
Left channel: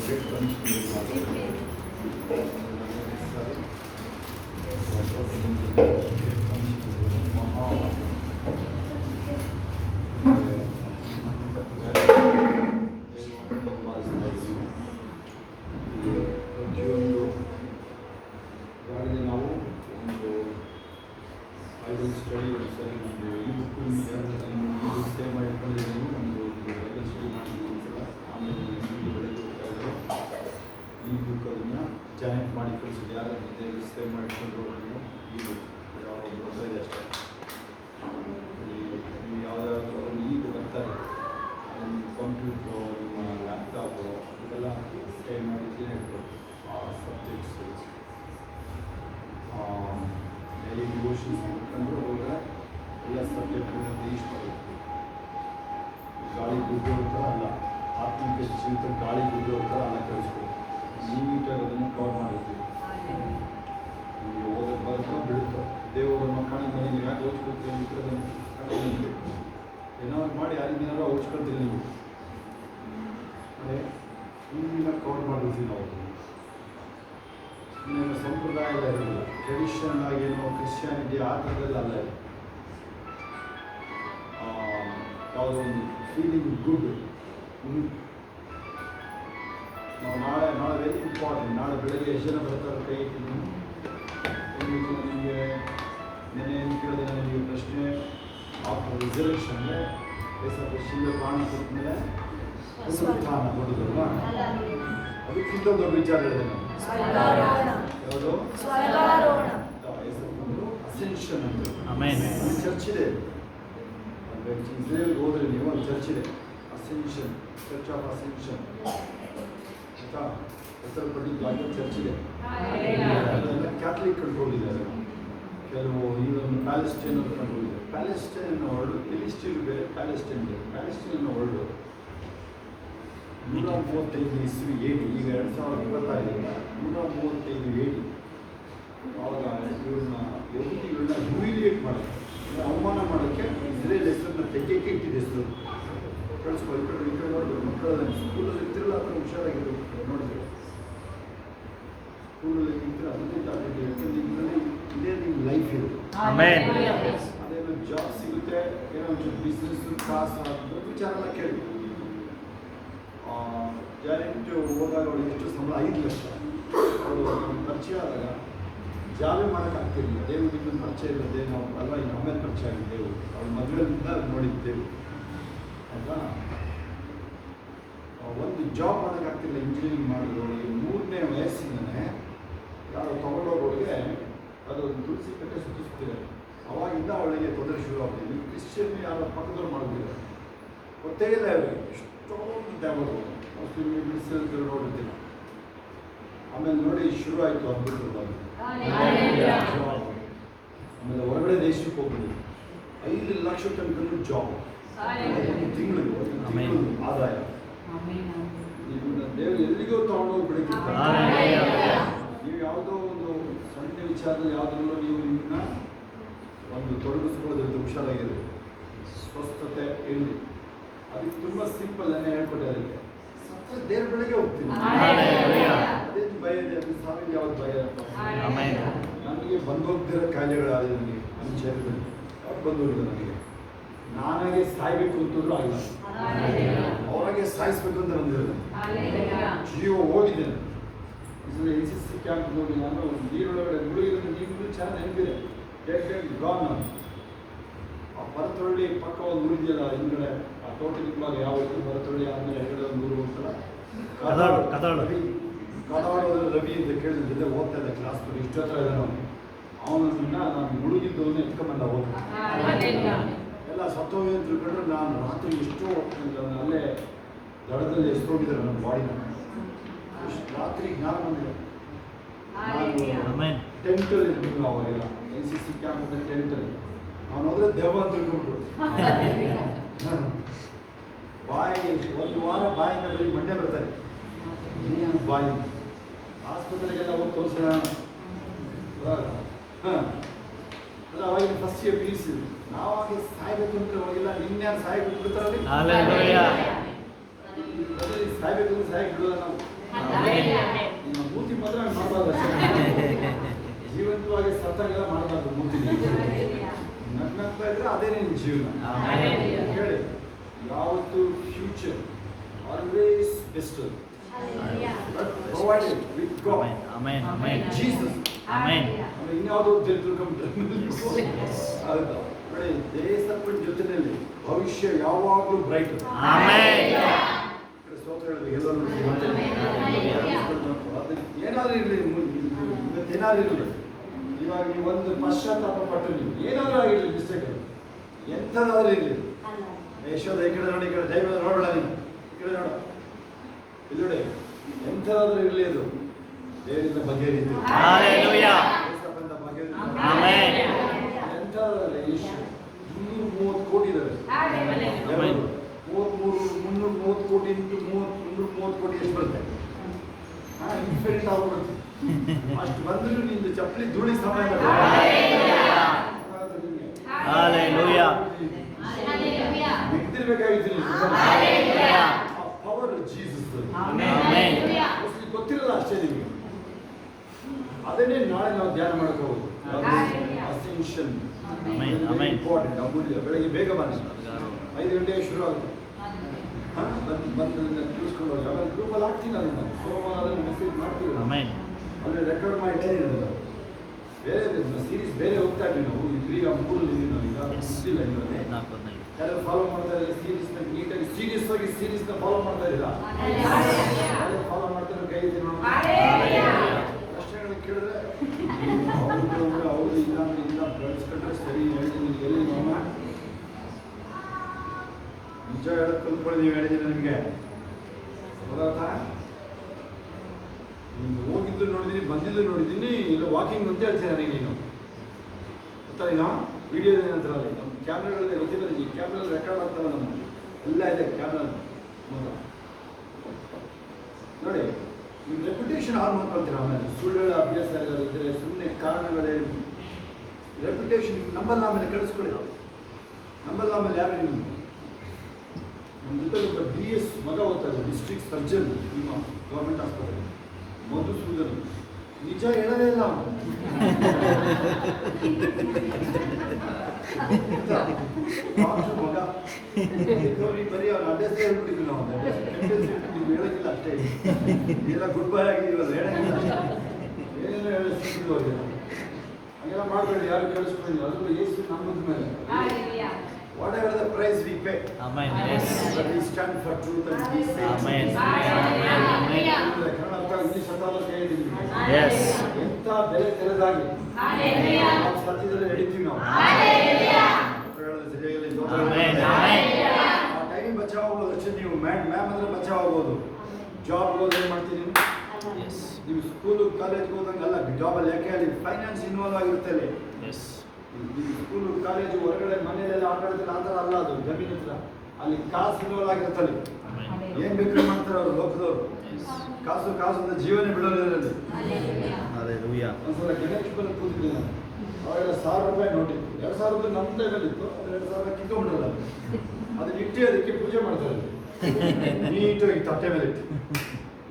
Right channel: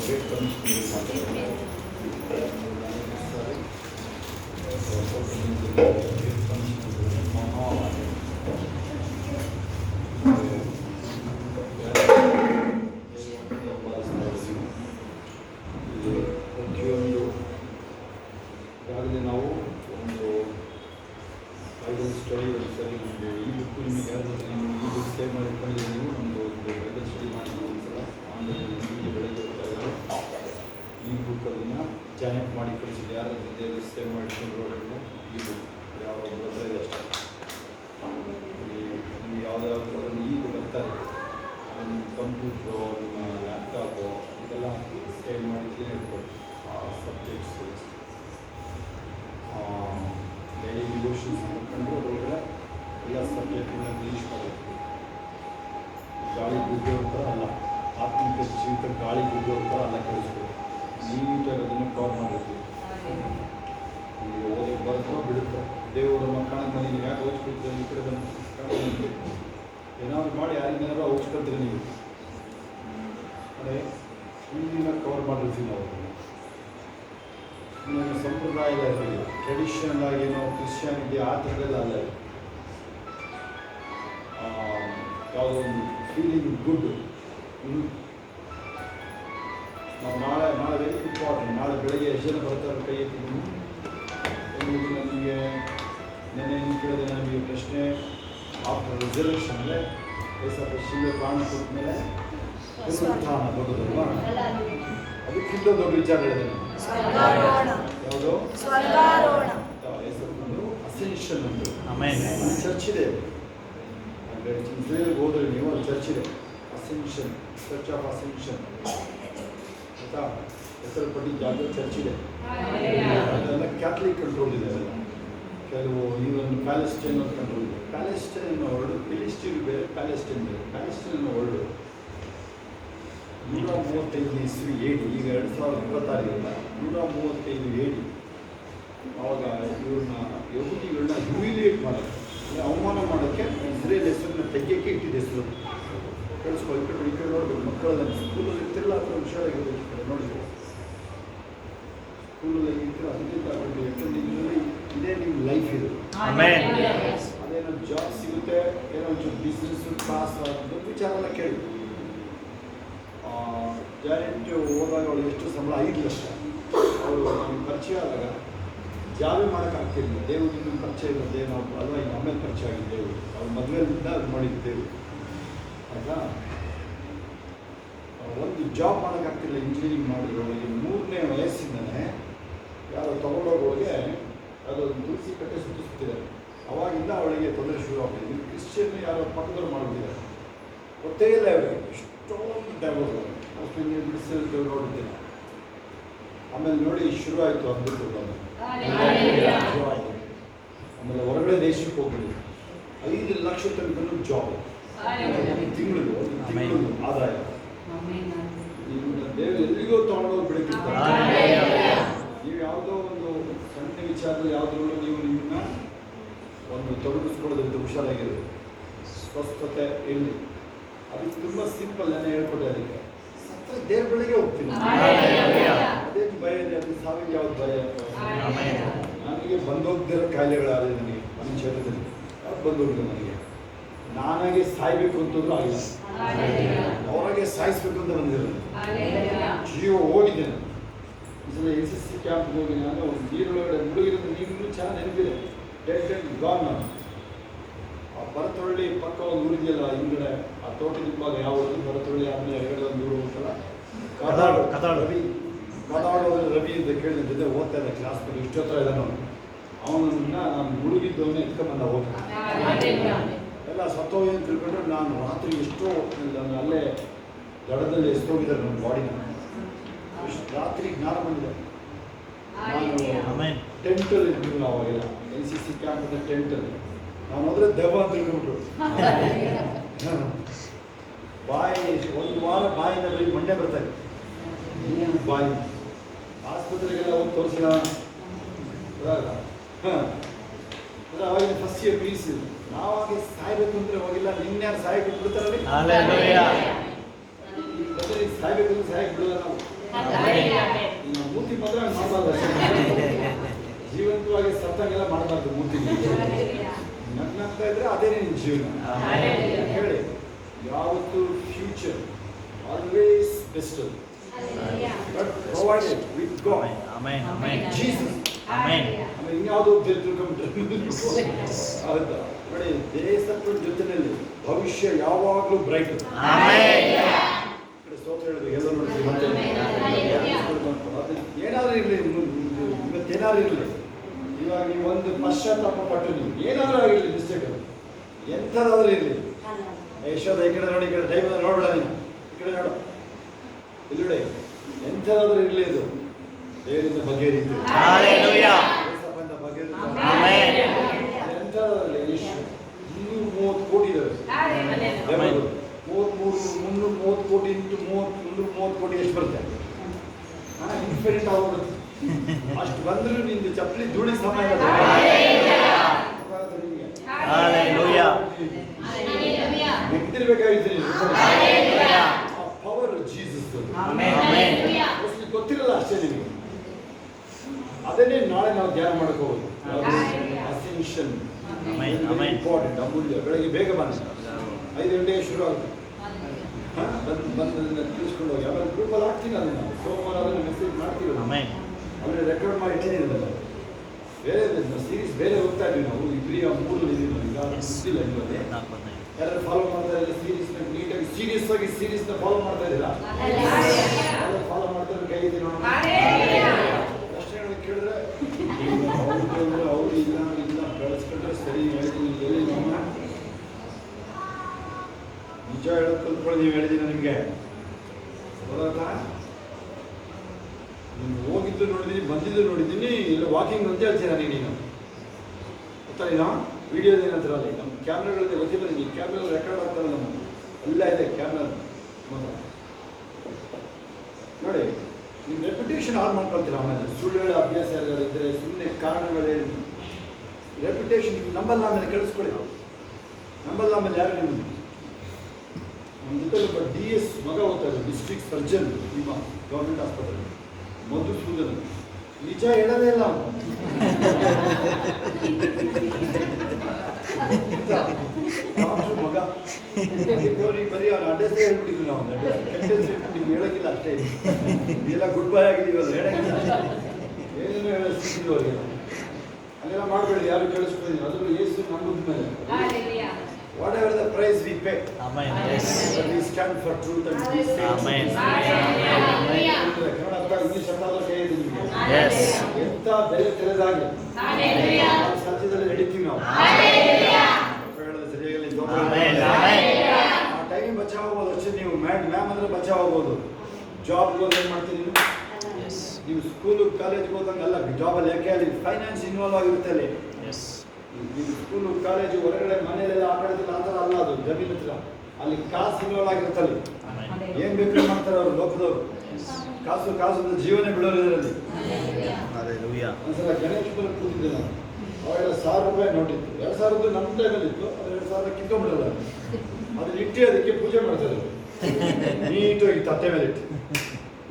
great commission ಪ್ರತಿಯೊಂದು ಈಗಾಗಲೇ ನಾವು ಒಂದು ಬೈಬಲ್ ಸ್ಟಡಿ ಈ ಬುಕ್ ನಿಮಗೆ ಈ ಬುಕ್ ಸೇವ್ ಮಾಡಿಕೊಂಡು ನೀವು ನಮ್ಮದು ಒಂದು ಬೈಬಲ್ ಸ್ಟಡಿ ಮಾಡಿ ಒಂದ್ಸಲ ಆಮೇಲೆ ನಿಮಗೆ ಬೆಳಗ್ಗೆ ಹೋಗ್ತಾ ಇದ್ದಾರೆ ಈ ಬುಕ್ ಅದನ್ನು ಜಾಯಿಂಟ್ ಮಾಡಿ ಕಳಿಸಿದ್ದು ಯಾರು ದೇವರು ಸೇವ್ ಮಾಡಿಕೊಂಡು ನೀವು ಈ ಬುಕ್ ಯಾವ ಒಬ್ಬರು ಇದೆ ಅಷ್ಟೇ ಯಾವುದಾದ್ರು ಅದನ್ನು ಈ ಬುಕ್ ಅಂತಾರೆ ನಿಮ್ಮ ಕಂಪ್ಯೂಟ್ರು ನಿಮ್ಮ ಲ್ಯಾಪ್ಟಾಪು ಇದೆಲ್ಲ ಸೇವ್ ಮಾಡಿದ್ದೇನೆ ಇರ್ಬೋದು ಸಬ್ಜೆಕ್ಟ್ಸು ಡೈಲಿ ಡಿವೋಷನ್ಸ್ ಮಾಡ್ಕೊಂಡು ಅದರೊಳಗಡೆ ಎಲ್ಲ ಸಬ್ಜೆಕ್ಟನ್ನ ಫಿನಿಷ್ ಮಾಡಬೇಕು ಗಾಳಿ ಗುದ್ದೋರ ಥರ ಅಲ್ಲ ಆತ್ಮಿಕ ಜೀವಿತ ಗಾಳಿ ಗುದ್ದೋರ ಥರ ಅಲ್ಲ ಕಳಿಸ್ಬೇಕು ನೀಟಾಗಿ ಅದನ್ನು ಕವರ್ ಮಾಡಿರ್ತೀವಿ ಈಗ ಓದಕ್ಕೆ ಬರುತ್ತೋ ಬಿಡುತ್ತೋ ದೇವರ ಮಕ್ಕಳ ಮನೆ ನೀವು ಯಾಕೆ ಓದ್ಕೊಳ್ತೀರಿ ಈ ಕಡೆ ಬಂದು ಏನಾದ್ರು ಮಾಡಿ ಯಾರಿಗೇನಾದ್ರು ಓದ್ಕೊಳ್ತೀರಿ ನೀವು ಅಂದರೆ ಹಿಂದಿನ ಕವರ್ ಮಾಡಿರ್ತೀವಿ ನಾವು ಇನ್ನೇನು ಸಂಪ್ರದಾಯ ಇರಲಿಲ್ಲ ಟ್ರೆಡಿಷನಲ್ ಆಗಿ ಏನೋ ಕ್ರಿಶ್ಚಿಯಾನಿಟಿ ಆ ಥರದ್ದೆಲ್ಲ ಅಲ್ಲ ಇದು ಯಾವುದೋ ಒಂದು ಫೀಲಿಂಗ್ ಗುಡ್ ನಾವು ನಾಳೆ ವೆರಿ ಇಂಪಾರ್ಟೆಂಟ್ ನಾಳೆ ಬೆಳಗ್ಗೆ ಎಷ್ಟು ಜನ ಬರ್ತಾರೆ ಕೈ ಎತ್ತಿ ನಮಗೆ ನೆನ್ನೆ ಕೇಳಿದೆ ನನಗೆ ಪ್ರಶ್ನೆ ಆಫ್ಟರ್ ರಿಸರ್ವೇಷನ್ ಅಂದರೆ ಏಸಪ್ಪ ಶಿವ ಪ್ರಾಣ ಕೊಟ್ಟ ಮೇಲೆ ಪುನರುತ್ಥಾನ ದೊಡ್ಡದಲ್ವಾ ಅದಕ್ಕಿಂತ ದೊಡ್ಡ ವಿಚಾರ ಹೇಳಿದೆ ನಾನು ಯಾವುದು ಏಸಪ್ಪಂದು ಅಸೆನ್ಷನ್ ಅಂತ ಚರ್ಚ್ ಇದೆ ಅಂದರೆ ಇಸ್ರೇಲ್ಗೆ ಹೋದರೆ ನೀವು ಅಲ್ಲಿ ಚರ್ಚ್ ಇದೆ ಅಸೆನ್ಷನ್ ಚರ್ಚ್ ಆಫ್ ಅಸೆನ್ಷನ್ ಆಯಿತಾ ಹೆಸರು ಪಟ್ಟಿ ಜಾಗ ಚರ್ಚ್ ಇದೆ ಅದೆಲ್ಲ ಕ್ಯಾಥಲಿಕ್ ಕಂಟ್ರೋಲ್ ಇದೆ ಅದನ್ನು ಕೆಲವು ಇದೊಂದು ಪ್ಯಾಲೆಸ್ಟೈನ್ ಅಂತ ಕಂಟ್ರೋಲ್ ಇದೆ ಪ್ಯಾಲೆಸ್ಟೈನ್ ಅನ್ನೋ ವರ್ಡು ಫಿಲಿಸ್ಟೀನ್ ಬೇರೆ ಪ್ಯಾಲೆಸ್ಟೈನ್ ಬೇರೆ ಪ್ಯಾಲೆಸ್ಟೈನ್ ಅನ್ನೋ ವರ್ಡು 135 ಇಸ್ವಿ ಏಡಿ ಈಗ 2026 135 ಏಡಿ ಆವಾಗ ಇವ್ರನ್ನ ಯಹೂದಿಗಳನ್ನ ಹ್ಯೂಮಿಲಿಯೇಟ್ ಮಾಡೋಕ್ಕೆ ಅವಮಾನ ಮಾಡೋಕ್ಕೆ ಇಸ್ರೇಲ್ ಹೆಸರನ್ನ ತೆಗೆಯಕ್ಕೆ ಇಟ್ಟಿದೆ ಹೆಸರು ಕಳಿಸ್ಕೊಳ್ಳಿ ಈ ಕಡೆ ನೋಡಬೇಕು ಮಕ್ಕಳನ್ನ ಸ್ಕೂಲಲ್ಲಿ ಇರ್ತಿರಲ್ಲ ಅಥವಾ ಹುಷಾರಾಗಿರ್ಬೇಕು ನೋಡಿದ್ರು ಸ್ಕೂಲಲ್ಲಿ ಇರ್ತೀರ ಅದಕ್ಕಿಂತ ಆಗ್ಬಿಟ್ಟಿದೆ ಯಾಕೆಂದರೆ ಇದರಲ್ಲಿ ಇದೇ ನಿಮ್ಮ ಲೈಫ್ ಇದು ಅದೇನೋ ಜಾಬ್ ಸಿಗುತ್ತೆ ಏನೋ ಒಂಚೂರು ಬಿಸ್ನೆಸ್ಸು ಕಾಸು ದೊಡ್ಡ ವಿಚಾರ ಎಲ್ಲ ಕೇಳಿ ಜಾನೆಟ್ ಹೋದಾಗ ಅವಳಿಗೆ ಎಷ್ಟು ಸಂಬಳ 5 ಲಕ್ಷ ಅವರು ನಮ್ಗೆ ಪರಿಚಯ ಆದಾಗ ಜಾಬೇ ಮಾಡೋಕ್ಕಾಗ್ತಿರ್ಲಿಲ್ಲ ದೇವ್ರು ನಿಮ್ಮನ್ನು ಪರಿಚಯ ಇರೋದೇ ನಾವು ಅಲ್ವಾ ಈಗ ಆಮೇಲೆ ಪರಿಚಯ ಆಗಿದ್ದೆವು ಅವ್ರ ಮದುವೆಯಿಂದ ನೋಡಿದ್ದೆವು ಆಯಿತಾ ಒಂದು ಜಾಬ್ ಮಾಡೋಕ್ಕಾಗ್ತಿಲ್ಲ ಇಂಜಿನಿಯರಿಂಗ್ ಮಾಡಿದ್ರು ಅವಳಿಗೆ 3ನೇ ವಯಸ್ಸಿಂದನೇ ಯಾರೋ ತೊಗೊಂಡೋರೊಳಗೆ ಅದೊಂದು ತುಳಸಿ ಕಟ್ಟೆ ಸುತ್ತಿಸ್ತಿದ್ದಾರೆ ಅವಾಗಿಂದ ಅವಳಿಗೆ ತೊಂದರೆ ಶುರು ಆಗ್ತಿದೆ ನೀವು ಕ್ರಿಶ್ಚಿಯನ್ ಯಾರೋ ಪಕ್ಕದವ್ರು ಮಾಡಿಬಿಟ್ಟಿದ್ದಾರೆ ಗೊತ್ತೇ ಇಲ್ಲ ಅವರಿಗೆ ಎಷ್ಟೊಂದು ಡ್ಯಾಮೇಜ್ ಅಷ್ಟು ನೀವು ಬಿಡಿಸಿದ್ರು ನೋಡಿದ್ದಿಲ್ಲ ಆಮೇಲೆ ನೋಡಿ ಶುರು ಆಯಿತು ಅಂದ್ಬಿಟ್ಟು ಆಮೇಲೆ ಹೊರಗಡೆ ದೇಶಕ್ಕೆ ಹೋಗ್ಬಿಡಿ 5 ಲಕ್ಷ ತನಕ ಜಾಬ್ ತಿಂಗಳಿಗೆ ಒಂದು ತಿಂಗಳು ಆದಾಯ ದೇವರು ಎಲ್ಲಿಗೋ ತಗೊಂಡೋಗಿ ಬಿಡಕ್ಕಿರ್ತಾರೆ ನೀವು ಯಾವುದೋ ಒಂದು ಸಣ್ಣ ವಿಚಾರದಲ್ಲಿ ಯಾವುದ್ರಲ್ಲೂ ನೀವು ನಿಮ್ಮನ್ನ ಒಂದು ತೊಡಗಿಸ್ಕೊಳ್ಳೋದ್ರಿಂದ ಹುಷಾರಾಗಿರೋದು ಸ್ವಸ್ಥತೆ ಇರಲಿ ಅದಕ್ಕೆ ತುಂಬ ಸಿಂಪಲ್ ನಾನು ಹೇಳ್ಕೊಟ್ಟೆ ಅದಕ್ಕೆ ಸತ್ತ ದೇವ್ರ ಬೆಳಗ್ಗೆ ಹೋಗ್ತೀನಿ ಅದೇನು ಭಯ ಇದೆ ಅದು ಸಾವಿಗೆ ಯಾವ್ದು ಭಯ ನನಗೆ ಬಂದೋಗ್ದಿರೋ ಕಾಯಿಲೆಗಳಾಗಿದೆ ನನಗೆ ನನ್ನ ಶರೀರದಲ್ಲಿ ಯಾವ್ದು ಬಂದೋಗಿದೆ ನನಗೆ ನಾನಾಗೆ ಸಾಯ್ಬೇಕು ಅಂತಂದ್ರೂ ಆಗಿಲ್ಲ ಅವರಾಗೆ ಸಾಯಿಸ್ಬೇಕು ಅಂತ ನನಗಿರೋದು ಜೀವ ಹೋಗಿದ್ದೇನೆ ಈ ಸಲ SSC ಕ್ಯಾಂಪ್ಗೆ ಹೋಗಿ ನಾನು ನೀರೊಳಗಡೆ ಮುಳುಗಿರೋದು ಈಗಲೂ ಚೆನ್ನಾಗಿ ನೆನಪಿದೆ ಡೆಡ್ ಆ್ಯಂಡ್ ಗಾನ್ ನಾನು ಆ ಭರತೊಳ್ಳಿ ಪಕ್ಕ ಒಂದು ಊರಿದೆಯಲ್ಲ ಹಿಂದ್ಗಡೆ ಆ ತೋಟದ ಯಾವ ಭರತೊಳ್ಳಿ ಆದಮೇಲೆ ಎರಗಡೆ ಒಂದು ಊರು ಅಂತಲ್ಲ ಕದಾಡೋದು ರವಿ ಅಂತ ಕೇಳಿದ ಜೊತೆ ಓದ್ತಾ ಇದ್ದ ಕ್ಲಾಸ್ ಇಷ್ಟು ಹತ್ರ ಇದ್ದಾನೆ ಅವನನ್ನ ನಾನು ಮುಳುಗಿದ್ದವನ್ನೇ ಎತ್ಕೊಂಬಂದ ಹೋಗ್ತಾನೆ ಎಲ್ಲ ಸತ್ತೋಗಿ ಅಂತ ತಿಳ್ಕೊಂಡ್ರೆ ನಾನು ರಾತ್ರಿ ಎಷ್ಟೋ ಅಲ್ಲೇ ದಡದಲ್ಲಿ ಎಷ್ಟೋಗಿದ್ದಾರೆ ನನ್ನ ಬಾಡಿನ ರಾತ್ರಿ ಜ್ಞಾನ ಬಂದಿದೆ ನಾನು ಟೆಂಟಲ್ಲಿ ಇರ್ತೀವಿ ಅವಾಗೆಲ್ಲ SSC ಕ್ಯಾಂಪ್ ಅಂತ ಟೆಂಟಲ್ಲಿ ನಾನು ಹೋದ್ರೆ ದೆವ್ವ ಅಂತ ತಿಳ್ಕೊಂಡ್ಬಿಟ್ರು ಬಾಯಿ ಒಂದು ವಾರ ಬಾಯಿಂದ ಬರೀ ಮಂಡೆ ಬರ್ತಾರೆ ಬಾಯಿ ಆಸ್ಪತ್ರೆಗೆಲ್ಲ ಹೋಗಿ ತೋರಿಸಿದ ಅದು ಅವಾಗಿನ ಫಸ್ಟ್ ಇಯರ್ ಪೀಸ್ ನಾವಾಗಿ ಸಾಯ್ಬೇಕು ಅಂದ್ರೆ ಹೋಗಿಲ್ಲ ನಿನ್ನೆ ಸಾಯ್ಬೇಕು ಬಿಡ್ತಾರಲ್ಲಿ ಸಾಯ್ಬೇಕು ಅಂದ್ರೆ ಸಾಯಕ್ಕೆ ಬಿಡೋಲ್ಲ ನಾವು ಇನ್ನು ಮೂರ್ತಿ ಮಾತ್ರ ಮಾಡಬಾರ್ದು ಅಷ್ಟೇ. ಜೀವಂತವಾಗಿ ಸತ್ತಂಗೆಲ್ಲ ಮಾಡಬಾರ್ದು ಮೂರ್ತಿ. ನಗ್ನಾಗ್ತಾ ಇದ್ರೆ ಅದೇ ನಿನ್ನ ಜೀವನ. ಹೇಳಿ, ಯಾವತ್ತು future always best, but provided with god, Jesus. ಆಮೇಲೆ ಇನ್ಯಾವುದೋ ತಿಳ್ಕೊಂಡ್ಬಿಟ್ರೆ ಹೌದಾ? ನೋಡಿ, ದೇಶದ ಜೊತೆಯಲ್ಲಿ ಭವಿಷ್ಯ ಯಾವಾಗಲೂ ಬ್ರೈಟ್. ಸ್ತೋತ್ರ ಹೇಳಿದ್ರು ಎಲ್ಲೋ ನೋಡ್ತೀವಿ. ಏನಾದರೂ ಇರಲಿ, ಇವತ್ತೇನಾದ್ರು ಇರಲಿ, ಇವಾಗ ನೀವು ಒಂದು ಪಶ್ಚಾತ್ತಾಪ ಪಟ್ಟು ನೀವು ಏನಾದರೂ ಆಗಿರಲಿ, ಮಿಸ್ಟೇಕ್ ಎಂಥದಾದ್ರೂ ಇರಲಿ, ಯಶೋದ ಈ ಕಡೆ ನೋಡಿ, ಈ ಕಡೆ ದೈವದ ನೋಡಬೇಡ, ನೀನು ಈ ಕಡೆ ನೋಡು, ಇಲ್ಲಿ ಎಂಥದಾದ್ರೂ ಇರಲಿ, ಅದು ದೇವರಿಂದ ಬಗೆಹರಿತು. ಎಂಥದಾದ್ರಲ್ಲಿ 330 ಕೋಟಿ ಇದ್ದಾರೆ. 330 ಕೋಟಿ ಇಂಟು 330 ಕೋಟಿ ಎಷ್ಟು ಬರುತ್ತೆ? ಇನ್ಫಿನಿಟ್ ಆಗ್ಬಿಡುತ್ತೆ. ಅಷ್ಟು ಬಂದರೂ ನಿಂದು ಚಪ್ಪಲಿ ಧೂಳಿ ಸಮಯ ನೆಗ್ದಿರ್ಬೇಕಾಗಿತ್ತು ನೀನು. ಪವರ್ ಜೀಸಸ್ ಗೊತ್ತಿರಲ್ಲ ಅಷ್ಟೇ ನಿಮಗೆ. ಅದನ್ನೇ ನಾಳೆ ನಾವು ಧ್ಯಾನ ಮಾಡಕ್ಕೆ ಹೋಗೋದು. ಅಸೆನ್ಷನ್ ಇಂಪಾರ್ಟೆಂಟ್, ಅಮೂಲ್ಯ. ಬೆಳಗ್ಗೆ ಬೇಗ ಬನ್ನಿ, 5 ಗಂಟೆಗೆ ಶುರು ಆಗುತ್ತೆ. ಬಂದು ತಿಳಿಸ್ಕೊಂಡು ಹೋಗಿ. ಆಮೇಲೆ ಗ್ರೂಪಲ್ಲಿ ಹಾಕ್ತೀನಿ, ಅದನ್ನು ಸೋಮವಾರ ಅದನ್ನು ಮೆಸೇಜ್ ಮಾಡ್ತೀವಲ್ಲ, ಆಮೇಲೆ ರೆಕಾರ್ಡ್ ಮಾಡಿ ಇಟ್ಟಿದ್ದೀರಲ್ಲ. ಬೇರೆ ಸೀರೀಸ್ ಬೇರೆ ಹೋಗ್ತಾ ಇದ್ವಿ ನಾವು, 3 ಇದೀವಿ ನಾವು. ಗೊತ್ತಿಲ್ಲ ಇವತ್ತೇ ಯಾರು ಫಾಲೋ ಮಾಡ್ತಾ ಇದ್ದಾರೆ ಸೀರೀಸ್ನ ನೀಟಾಗಿ, ಸೀರಿಯಸ್ ಆಗಿ ಸೀರೀಸ್ನ ಫಾಲೋ ಮಾಡ್ತಾ ಇದ್ದೀರಾ? ಫಾಲೋ ಮಾಡ್ತಾರೆ, ಕೈ ಇದೆ ನೋಡಿ. ಪ್ರಶ್ನೆಗಳು ಕೇಳಿದ್ರೆ ಅವ್ರು ಇಲ್ಲ ಅಂದ್ರೆ ಇಲ್ಲ, ಬೆಳೆಸ್ಕೊಂಡ್ರೆ ಸರಿ. ಎಲ್ಲಿ ನಮ್ಮ ನಿಜ ಹೇಳೋದು ಕಲ್ತ್ಕೊಳ್ಳಿ. ನೀವು ಹೇಳಿದ್ದೀನಿ ನಿಮಗೆ ಗೊತ್ತಾ? ನೀನು ಹೋಗಿದ್ದು ನೋಡಿದ್ದೀನಿ, ಬಂದಿದ್ದು ನೋಡಿದ್ದೀನಿ, ಇಲ್ಲ ವಾಕಿಂಗ್ ಅಂತ ಹೇಳ್ತೀರ ನೀನು. ಗೊತ್ತಾ? ಈಗ ವಿಡಿಯೋದ ಏನಂತಾರೆ ಅಲ್ಲಿ ನಮ್ಮ ಕ್ಯಾಮ್ರಾಗಳಲ್ಲಿ ಗೊತ್ತಿಲ್ಲ, ಈ ಕ್ಯಾಮ್ರಲ್ಲಿ ರೆಕಾರ್ಡ್ ಆಗ್ತವೆ, ನಮ್ಮ ಎಲ್ಲ ಇದೆ ಕ್ಯಾಮ್ರಾ. ನೋಡಿ, ನಿಮ್ಮ ರೆಪ್ಯುಟೇಷನ್ ಹಾಳು ಮಾಡ್ಕೊಳ್ತೀರ. ಆಮೇಲೆ ಸುಳ್ಳು ಹೇಳೋ ಅಭ್ಯಾಸ ಇದ್ದರೆ, ಸುಮ್ಮನೆ ಕಾರಣಗಳೇ ರೆಪ್ಯುಟೇಷನ್ ನಂಬಲ್ಲ. ಆಮೇಲೆ ಕಳಿಸ್ಕೊಳ್ಳಿ, ನಂಬಲ್ಲ. ಆಮೇಲೆ ಯಾರು ನಿಮ್ಮ ನಮ್ಮ ಜೊತೆ ಒಬ್ಬ DS ಮಗ ಹೋಗ್ತಾರೆ, ಡಿಸ್ಟ್ರಿಕ್ಟ್ ಸರ್ಜನ್ ನಿಮ್ಮ ಗೌರ್ಮೆಂಟ್ ಆಸ್ಪತ್ರೆ, ಮಧುಸೂದನ್. ನಿಜ ಹೇಳೋದೇ ಇಲ್ಲ ಅವನು. ಮಗ ಬರೀ ಅವ್ನ ಅಡ್ರೆಸ್ ಹೇಳ್ಬಿಟ್ಟಿದ್ವಿ ನಾವು. ಹೇಳೋಕ್ಕಿಲ್ಲ ಅಷ್ಟೇ, ಎಲ್ಲ ಗುಡ್ ಬೈ ಆಗಿದ್ದೀವಲ್ಲ, ಹೇಳೋಕ್ಕಿಲ್ಲ. ಏನೇನೋ ಹೇಳಿಸ್ತಿದ್ವಿ ಅವರಿಗೆಲ್ಲ. ಹಾಗೆಲ್ಲ ಮಾಡಬೇಡಿ, ಯಾರು ಕೇಳಿಸ್ಕೊಂಡಿದ್ದೀವಿ. ಅದರಲ್ಲೂ ಯೇಸು ನಂಬುದ ಮೇಲೆ whatever the price we pay, but we stand for truth and peace. Kannada ಅರ್ಥ ಇಂಗ್ಲಿಷ್ ಅರ್ಥ ಆದ್ರೆ ಕೈ ಇದ್ದೀವಿ. ಎಂಥ ಬೆಲೆ ತೆರೆದಾಗಿ ಸತ್ಯದಲ್ಲಿ ನಡೀತೀವಿ ನಾವು. ಸರಿಯಾಗಿ ಟೈಮ್ ಬಚಾವ್ ಆಗ್ಬೋದು ಅಷ್ಟೇ. ನೀವು ಮ್ಯಾಮ್ ಅಂದ್ರೆ ಬಚಾವ್ ಆಗ್ಬೋದು. ಜಾಬ್ಗೆ ಹೋದ್ರೆ ಏನು ಮಾಡ್ತೀರಿ ನೀವು? ಸ್ಕೂಲು ಕಾಲೇಜ್ಗೆ ಹೋದಂಗಲ್ಲ, ಜಾಬಲ್ಲಿ. ಯಾಕೆ ಅಲ್ಲಿ ಫೈನಾನ್ಸ್ ಇನ್ವಾಲ್ವ್ ಆಗಿರುತ್ತೆ. ಅಲ್ಲಿ ಸ್ಕೂಲು ಕಾಲೇಜು ಹೊರಗಡೆ ಮನೆಯಲ್ಲೆಲ್ಲ ಆಟ ಆಡೋದಿಲ್ಲ, ಆ ಥರ ಅಲ್ಲ. ಅದು ಜಮೀನು ಹತ್ರ ಅಲ್ಲಿ ಕಾಸು ಇನ್ವಾಲ್ವ್ ಆಗಿರುತ್ತಲ್ಲಿ. ಏನು ಬೇಕು ಮಾಡ್ತಾರೆ ಅವರು ಲೋಕದವರು. ಕಾಸು ಅಂದ್ರೆ ಜೀವನ ಬಿಡೋರು ಇದರಲ್ಲಿ. ಒಂದ್ಸಲ ಗಣೇಶಪುರ ಕೂತಿದ್ದೆ ನಾನು. ಅವಾಗ 1,000 ರೂಪಾಯಿ ನೋಟಿತ್ತು. 2,000 ನಮ್ಮ ಟೈಮಲ್ಲಿ ಇತ್ತು. ಅದು 2,000 ಕಿತ್ಕೊಂಡ್ಬಿಡಲ್ಲ. ಅದನ್ನ ಇಟ್ಟು ಅದಕ್ಕೆ ಪೂಜೆ ಮಾಡ್ತಾರೆ ನೀಟಾಗಿ ತಟ್ಟೆ ಮೇಲೆ ಇಟ್ಟು.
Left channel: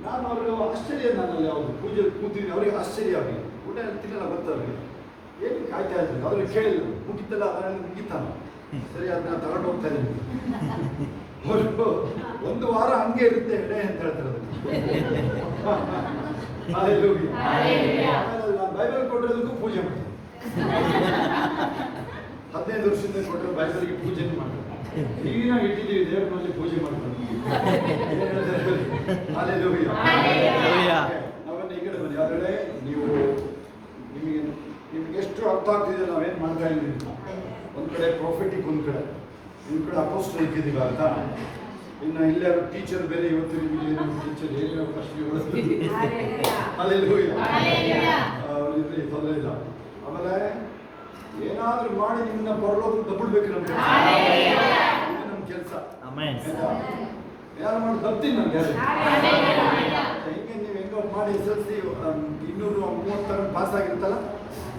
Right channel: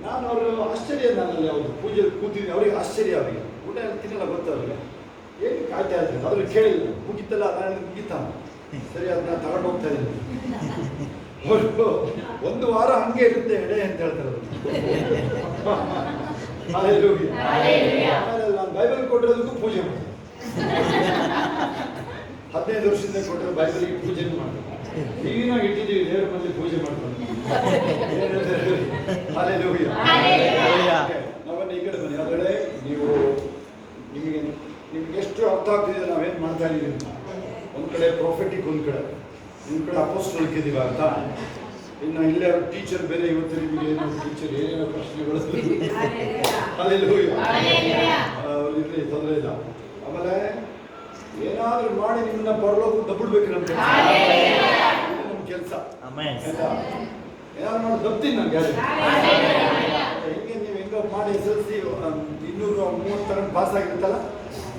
ನಾನು ಅವರು ಆಶ್ಚರ್ಯ, ನನ್ನಲ್ಲಿ ಅವರು ಪೂಜೆ ಕೂತಿದ್ದೀನಿ. ಅವ್ರಿಗೆ ಆಶ್ಚರ್ಯ, ಅವರಿಗೆ ಊಟ ಎಲ್ಲ ತಿನ್ನಲ್ಲ, ಗೊತ್ತ ಅವರಿಗೆ. ಏನು ಕಾಯ್ತಾ ಇದ್ದೀನಿ, ಅವ್ರಿಗೆ ಕೇಳಿಲ್ಲ. ಮುಗಿತಲ್ಲ, ಅದನ್ನ ಮುಗಿತಾನ. ಸರಿ, ಅದನ್ನ ತಗೊಂಡು ಹೋಗ್ತಾ ಇದ್ದೀನಿ. ಒಂದು ವಾರ ಹಂಗೆ ಇರುತ್ತೆ ಎಡೆ ಅಂತ ಹೇಳ್ತಾರೆ ಅದಕ್ಕೆ. ಆಮೇಲೆ ನಾನು ಬೈಬಲ್ ಕೊಟ್ಟಿರೋದಕ್ಕೂ ಪೂಜೆ ಮಾಡ್ತೀನಿ. 15 ವರ್ಷದಿಂದ ಕೊಟ್ಟರೆ ಬೈಬಲ್ಗೆ ಪೂಜೆ ಮಾಡ್ತಾರೆ. ಕ್ಲೀನಾಗಿ ಇಟ್ಟಿದ್ದೀವಿ, ದೇವರ ಮನೆಯಲ್ಲಿ ಪೂಜೆ ಮಾಡ್ತಾರೆ. ನಾವನ್ನ ಈ ಕಡೆ ಬನ್ನಿ. ಆದರೆ ನೀವು ನಿಮ್ಗೆ ಎಷ್ಟು ಅರ್ಥ ಆಗ್ತಿದೆ ನಾವೇನು ಮಾಡ್ತಾ ಇದ್ದೀವಿ ಅಂತ. ಒಂದು ಕಡೆ ಪ್ರೊಫೆಟಿಕ್, ಒಂದು ಕಡೆ ನಿಮ್ಮ ಕಡೆ ಅಪೋಸ್ಟಲಿಕ್ ಇದೀವಿ ಅರ್ಥ. ಇನ್ನು ಇಲ್ಲೇ ಟೀಚರ್ ಬೇರೆ. ಇವತ್ತು ನಿಮಗೆ ಏನೋ ಟೀಚರ್ ಏನೇನೋ ಪ್ರಶ್ನೆಗಳು ಇರಲಿ, ತೊಂದರೆ ಇಲ್ಲ. ಆಮೇಲೆ ಏನಾದರೂ ಮಾಡಿ ನಿಮ್ಮನ್ನ ಪರಲೋಕ ದಬ್ಬಿಡ್ಬೇಕು. ನಮ್ಮ ಕೆಲಸ ಏನಾದ್ರು ಮಾಡಿ ದಬ್ತೀನಿ ನಾನು ಗ್ಯಾರಂಟಿ. ಹೆಂಗೆ ನೀವು ಹೆಂಗೋ ಮಾಡಿ SSLC 230 ತಗೊಂಡು ಪಾಸ್ ಆಗಿರುತ್ತಲ್ಲ,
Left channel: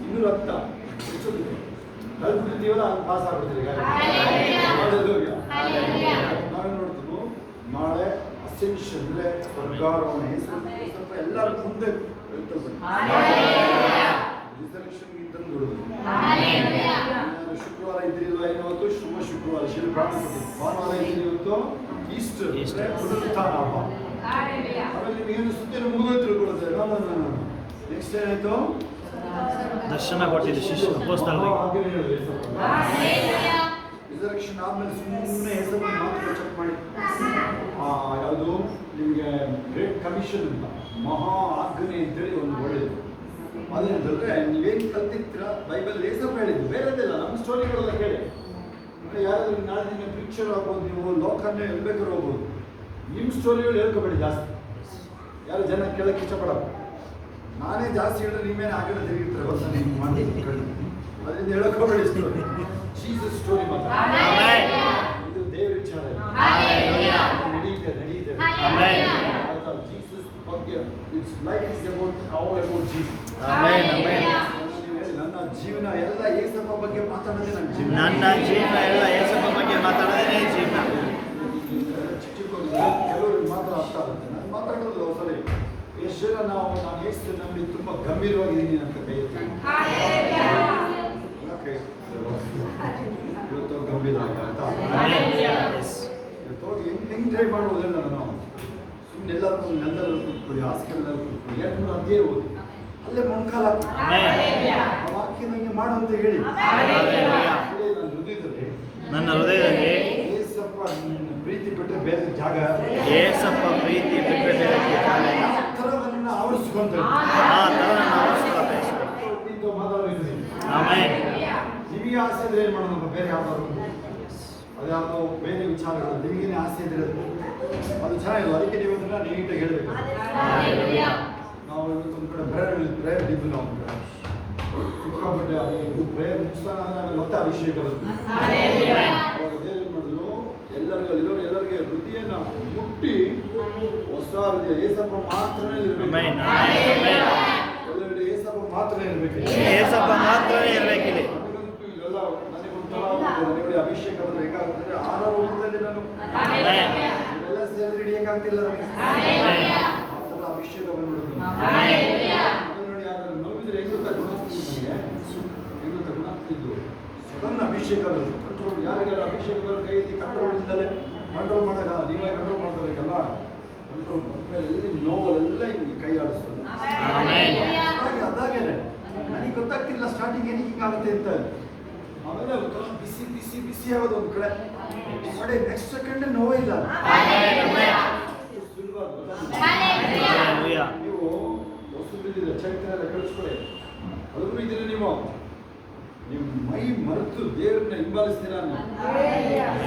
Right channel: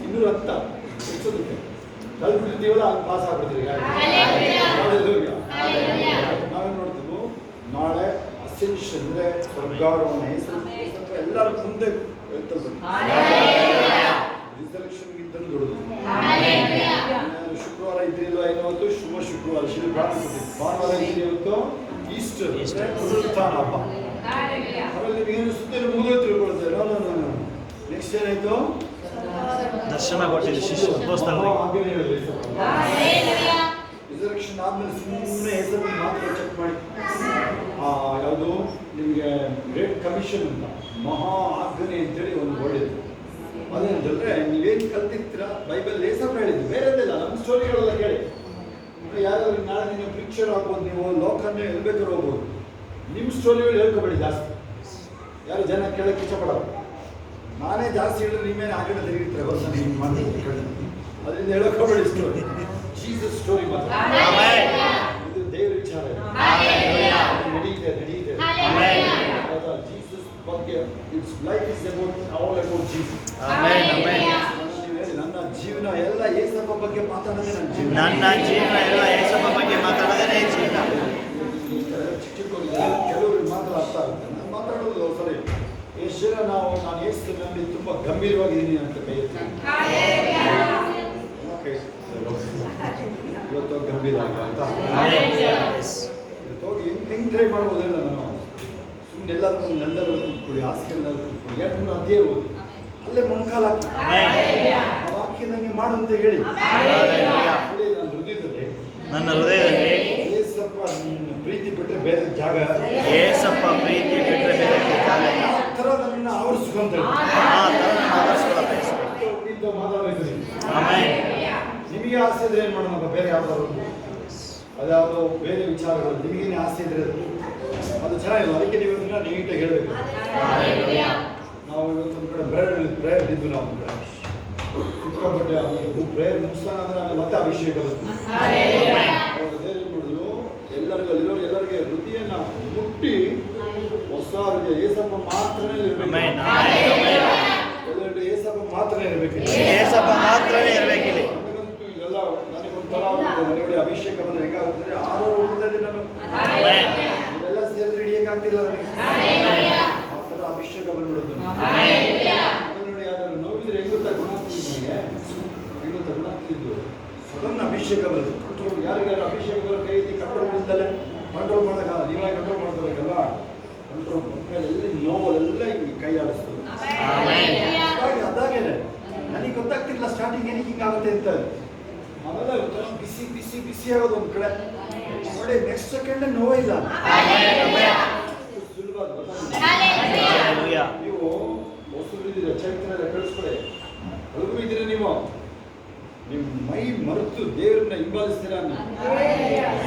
210 ಹೆಚ್ಚೋದಕ್ಕೆ ಕಲ್ಬಿಟ್ಟಿದ್ದೀವಲ್ಲ, ಅಲ್ಲಿ ಪಾಸ್ ಆಗ್ಬಿಡ್ತೀರಿ ಗ್ಯಾರಂಟಿ. ನಾವೇನು ನೋಡ್ತೀವಿ, ನಾಳೆ ಅಸೆನ್ಷನ್ ಅಂದ್ರೆ ಸ್ವರ್ಗಾರೋಹಣ ಹೆಸರು ಸ್ವಲ್ಪ ಎಲ್ಲರ ಮುಂದೆ ರಿಸರ್ವೇಷನ್ ಗಿಂತಲೂ ದೊಡ್ಡದು. ಶುಕ್ರವಾರ ಇದ್ರಿಲ್ವ ಇವತ್ತು ಶುಭ ಶುಕ್ರವಾರ ಶಿಲ್ ಭಾನುವಾರ ಇದ್ರೆ ಇವತ್ತು ಈಸ್ಟರ್ ಪುನರುತ್ಥಾನ ಹಬ್ಬ. ಆಮೇಲೆ ನಿಮ್ಗೆ ಏನು ಸುತ್ತಲೂ ಮುಗಿದು ತಿಳ್ಕೊಳ್ತೇವೆ. ನಾನು ನೆಕ್ಸ್ಟ್ ಏನಾಯ್ತು ದರ್ಶನ ಕೊಟ್ಟಿದ್ದು ಶಿಷ್ಯ ರಿಸರ್ವೇಷನ್ ಆದ್ಮೇಲೆ ಸುಮ್ಮನೆ ಹೆಸರು ಮಾತ್ರ ಚೆಕ್ ಮಾಡಿ ಯಾವುದು ನಿಮಗೆ ಗ್ರೇಟ್ ಕಮಿಷನ್ ಅಂತ ಮಹಾ ಆಜ್ಞೆ ಅಂತೇಳಿ ಒಂದು ಒಳ್ಳೇದು. ಅದೇನಂತಂದ್ರೆ ನೀವೇನು ಕಲ್ತಿರ್ತೀರ ಬೈಬಲ್ ಹೆಸರು ಹೇಳಿದ್ವಿ, ಬೇರೆದಿಲ್ಲ. ನಮ್ಮ ಸ್ಟೋರಿಗಳೆಲ್ಲ ಕೇಳಿ. ಯಾರಾದ್ರೂ ನಾಳೆ ದಿನ ಪಿಕ್ಚರ್ ಆಗ್ಬೋದು, ನೀವು ಲೋಕನ್ನೇ ಎಲ್ಲಿ ಬೇಕಾದ್ರೂ ಹೋಗ್ಬೋದು. ನಿಮ್ಮ ಸ್ಟೋರಿಗಳು ಹೇಳ್ಕೊಬೇಡಿ ಜಾಸ್ತಿ, ಯಾರು ಜನ ಕೇಳಕ್ಕೆ ಇಷ್ಟಪಡಲ್ಲ. ನಾನೇ ಜಾಸ್ತಿ ಹೇಳಿದ್ರೆ ನೀವೇನು ಆಗಡೆ ತೆಗಿರ್ತಾರೆ ಗೊತ್ತಾ, ನೀವು ಮಾಡಿ ಅದರಿಂದ ಹೇಳ್ಕೋಬೇಡಿ ಸ್ಟೋರಿ. ಜೀಸಸ್ ಸ್ಟೋರಿ ಮಾತ್ರ ಇದು ದೇವ್ರ ವಿಚಾರ ನಡೀತೆ. ಜೀಸಸ್ ಬಗ್ಗೆ it's life is about all about Jesus. ನನ್ನ ಜೀವನ ಎಲ್ಲ ಯೇಸಪ್ಪ ಬಗ್ಗೆ ಮಾತಾಡೋದೇ ನನ್ನ ಜೀವನ. ಎಲ್ಲ ಯೇಸಪ್ಪ ಬಗ್ಗೆ ಮಾತಾಡೋದೇ ಜೀವನ. ಕೆಲವರು ಮಾತ್ರ ಅರ್ಥ ಆಗುತ್ತೆ. ನಾನು ಮಾತಾಡೋದು ಸರಿ. ಎಷ್ಟು ಜನ ನಾನು ಯೇಸು ನಂಬಿ ತುಂಬ ಗಂಭೀರವಾಗಿದ್ದೀನಿ ಅಂತ ಕೈ ಎತ್ತಿ. ಇವತ್ತು ಗಂಭೀರ ಅಂತ ಇವತ್ತು ಹೋಗಿ ಹೆಂಗೆ ಟ್ರೈ ಮಾಡ್ಬೋದಿಲ್ಲ. ನಾನು ಸುಮ್ಮನೆ ಎಲ್ಲರೂ ನೆಲ್ಲರೂ ಕೂತ್ಕೊಳ್ಳಿ, ಹಾಸಿಗೆಲ್ಲರೂ ಕೂತ್ಕೊಳ್ಳಿ, 2-3 ಅದೇ ಓದಿ ಅಲ್ಲೇ ಮೊಣಕಾಲ ವಾಕ್ಯ ನಂಗೆ ಮಾಡು ಅಂತ ಹೇಳಿ ನನ್ನ ಹೃದಯದಲ್ಲಿ ಏಸಪ್ಪ ಪ್ರೀತಿ ಬಿಟ್ಟರೆ ಬೇರೆ ಜಾಗ, ಏಸಪ್ಪ ಪ್ರೀತಿ ಬಿಟ್ಟರೆ ಬೇರೆ ಜಾಗ, ಆ ಥರ ನನ್ನನ್ನು ಆವರಿಸ್ಕೊಂತಾರೆ. ನಿಮಗೆ ಆಸೆ ಇದ್ರೆ ಏನು ಮಾಡೋಣ, ಬೇರೆ ಯಾವ್ದಾದ್ರು ಅದ್ಯಾವುದೋ ಬೇರೆ ವಿಚಾರಗಳು ನಿಮಗೇನೆ ಆಸೆ ಇದ್ರೆ ಅದು ಚೆನ್ನಾಗಿಲ್ಲ. ಅದಕ್ಕೆ ನೀವು ಅದನ್ನ ನೀಟಾಗಿ ಹೇಳಬೇಕು. ನಾವು ಇವತ್ತೊಂದು ಕಡೆ ಪ್ರೇಯರ್ ಇದ್ದು ನಾವು ಸಿಕ್ಕಾಪಟ್ಟೆ ಪ್ರೇಯರ್ ಮುಗಿಸೋಣ ಅಂದ್ರೆ ಆಮೇಲೆ ಮತ್ತೆ ಅಭಿಷೇಕ ಬರುತ್ತೆ. ಮಾಡಿದ್ರು ಎಲ್ಲರಿಗೂ ಅಲ್ಲಿರೋರು ಎಲ್ಲರಿಗೆ ಹೃದಯನ ಮುಟ್ಟಿ ಹೊಸ ಹೃದಯ ಏಸಪ್ಪ ಮಾತ್ರನೇ ಇರಬೇಕು. ಎಲ್ಲರಿಗೆ ಏಸಪ್ಪ ಮಾತ್ರನೇ ಇರಬೇಕು. ಏಸಪ್ಪ ಮಾತ್ರನೇ ಇರಬೇಕಿದೆ. ಇದೆಲ್ಲ ನನಗೊಂಥರ ನನಗೆ ಅಭಿಷೇಕ ಬಂದ್ರೆ ಹೆಂಗಾಗುತ್ತದೆ 6 ರೂಪದಲ್ಲಿ ನಾನು ಇವೆಲ್ಲ ಸೇರಿ ಹಿಡಿಯಕ್ಕಾಗ್ತಿಲ್ಲ ನನಗೆ. ಆ ಥರ ಅಭಿಷೇಕ ಬಂದ್ಬಿಡುದು. ನೋಡಿ ಯಾರು ನೋಡಿದ್ರೆ ಹೆಂಗುತ್ತಾ ಗುಣಾಗ್ತಿದ್ದು ನನಗೆ ಹೆಂಗುತ್ತಾ ಗುಣಾಗ್ತಿದ್ದು ಸಡನ್ ಅಭಿಷೇಕ ಬರುತ್ತೆ. ಕಂಟ್ರೋಲ್ ಯಾರಿಗಾರು ಅಭಿಷೇಕ ಬರೋ ಕೈ ಎತ್ತಿ ಕಂಟ್ರೋಲ್ ಇದ್ದಲೆ ಕಂಟ್ರೋಲ್ ಮಾಡೋಣ. ನೀವೇ ಕಂಟ್ರೋಲ್ ಮಾಡ್ಕೋಬೇಕಲ್ಲ. ಕಂಟ್ರೋಲ್ ಬಂದ್ಮೇಲೆ ಎಲ್ಲಿ ನೋವೆಲ್ಲ ಹಿಂಗೆ ಕೈ ಆಡಿಸ್ತದೆ. ಅದಾಗೇನೆ ನನಗೆ ಗೊತ್ತಾಗ್ತಿಲ್ಲ ಸ್ಟಾರ್ಟಿಂಗ್ ಏನಕ್ಕೆ ಹಿಂಗಾಗುತ್ತೆ ಅಂತ. ಆಮೇಲೆ ಬಿಸಿ ಬಿಸಿ ಬಿಸಿ ಆಗೋದು ಒಂದು ಕಡೆ ನೋಡಿ, ನೆಕ್ಸ್ಟ್ ಸೆಕೆಂಡ್ ನೋವೇ ಇಲ್ಲ. ನೀವು ಹೊಸಬ್ರಿದ್ದೀರ, ಚೈತ್ರ ಎಲ್ಲ ಕಳಿಸ್ಕೊಡಿ. ಹಳಬರು ಇದ್ದೀರ, ನೀವು ನಿಮ್ಮ ಮೈ ಮರೆತು ದೇವ್ರನ್ನ ಹಿಂಬಾಲಿಸ್ತೀರಾ.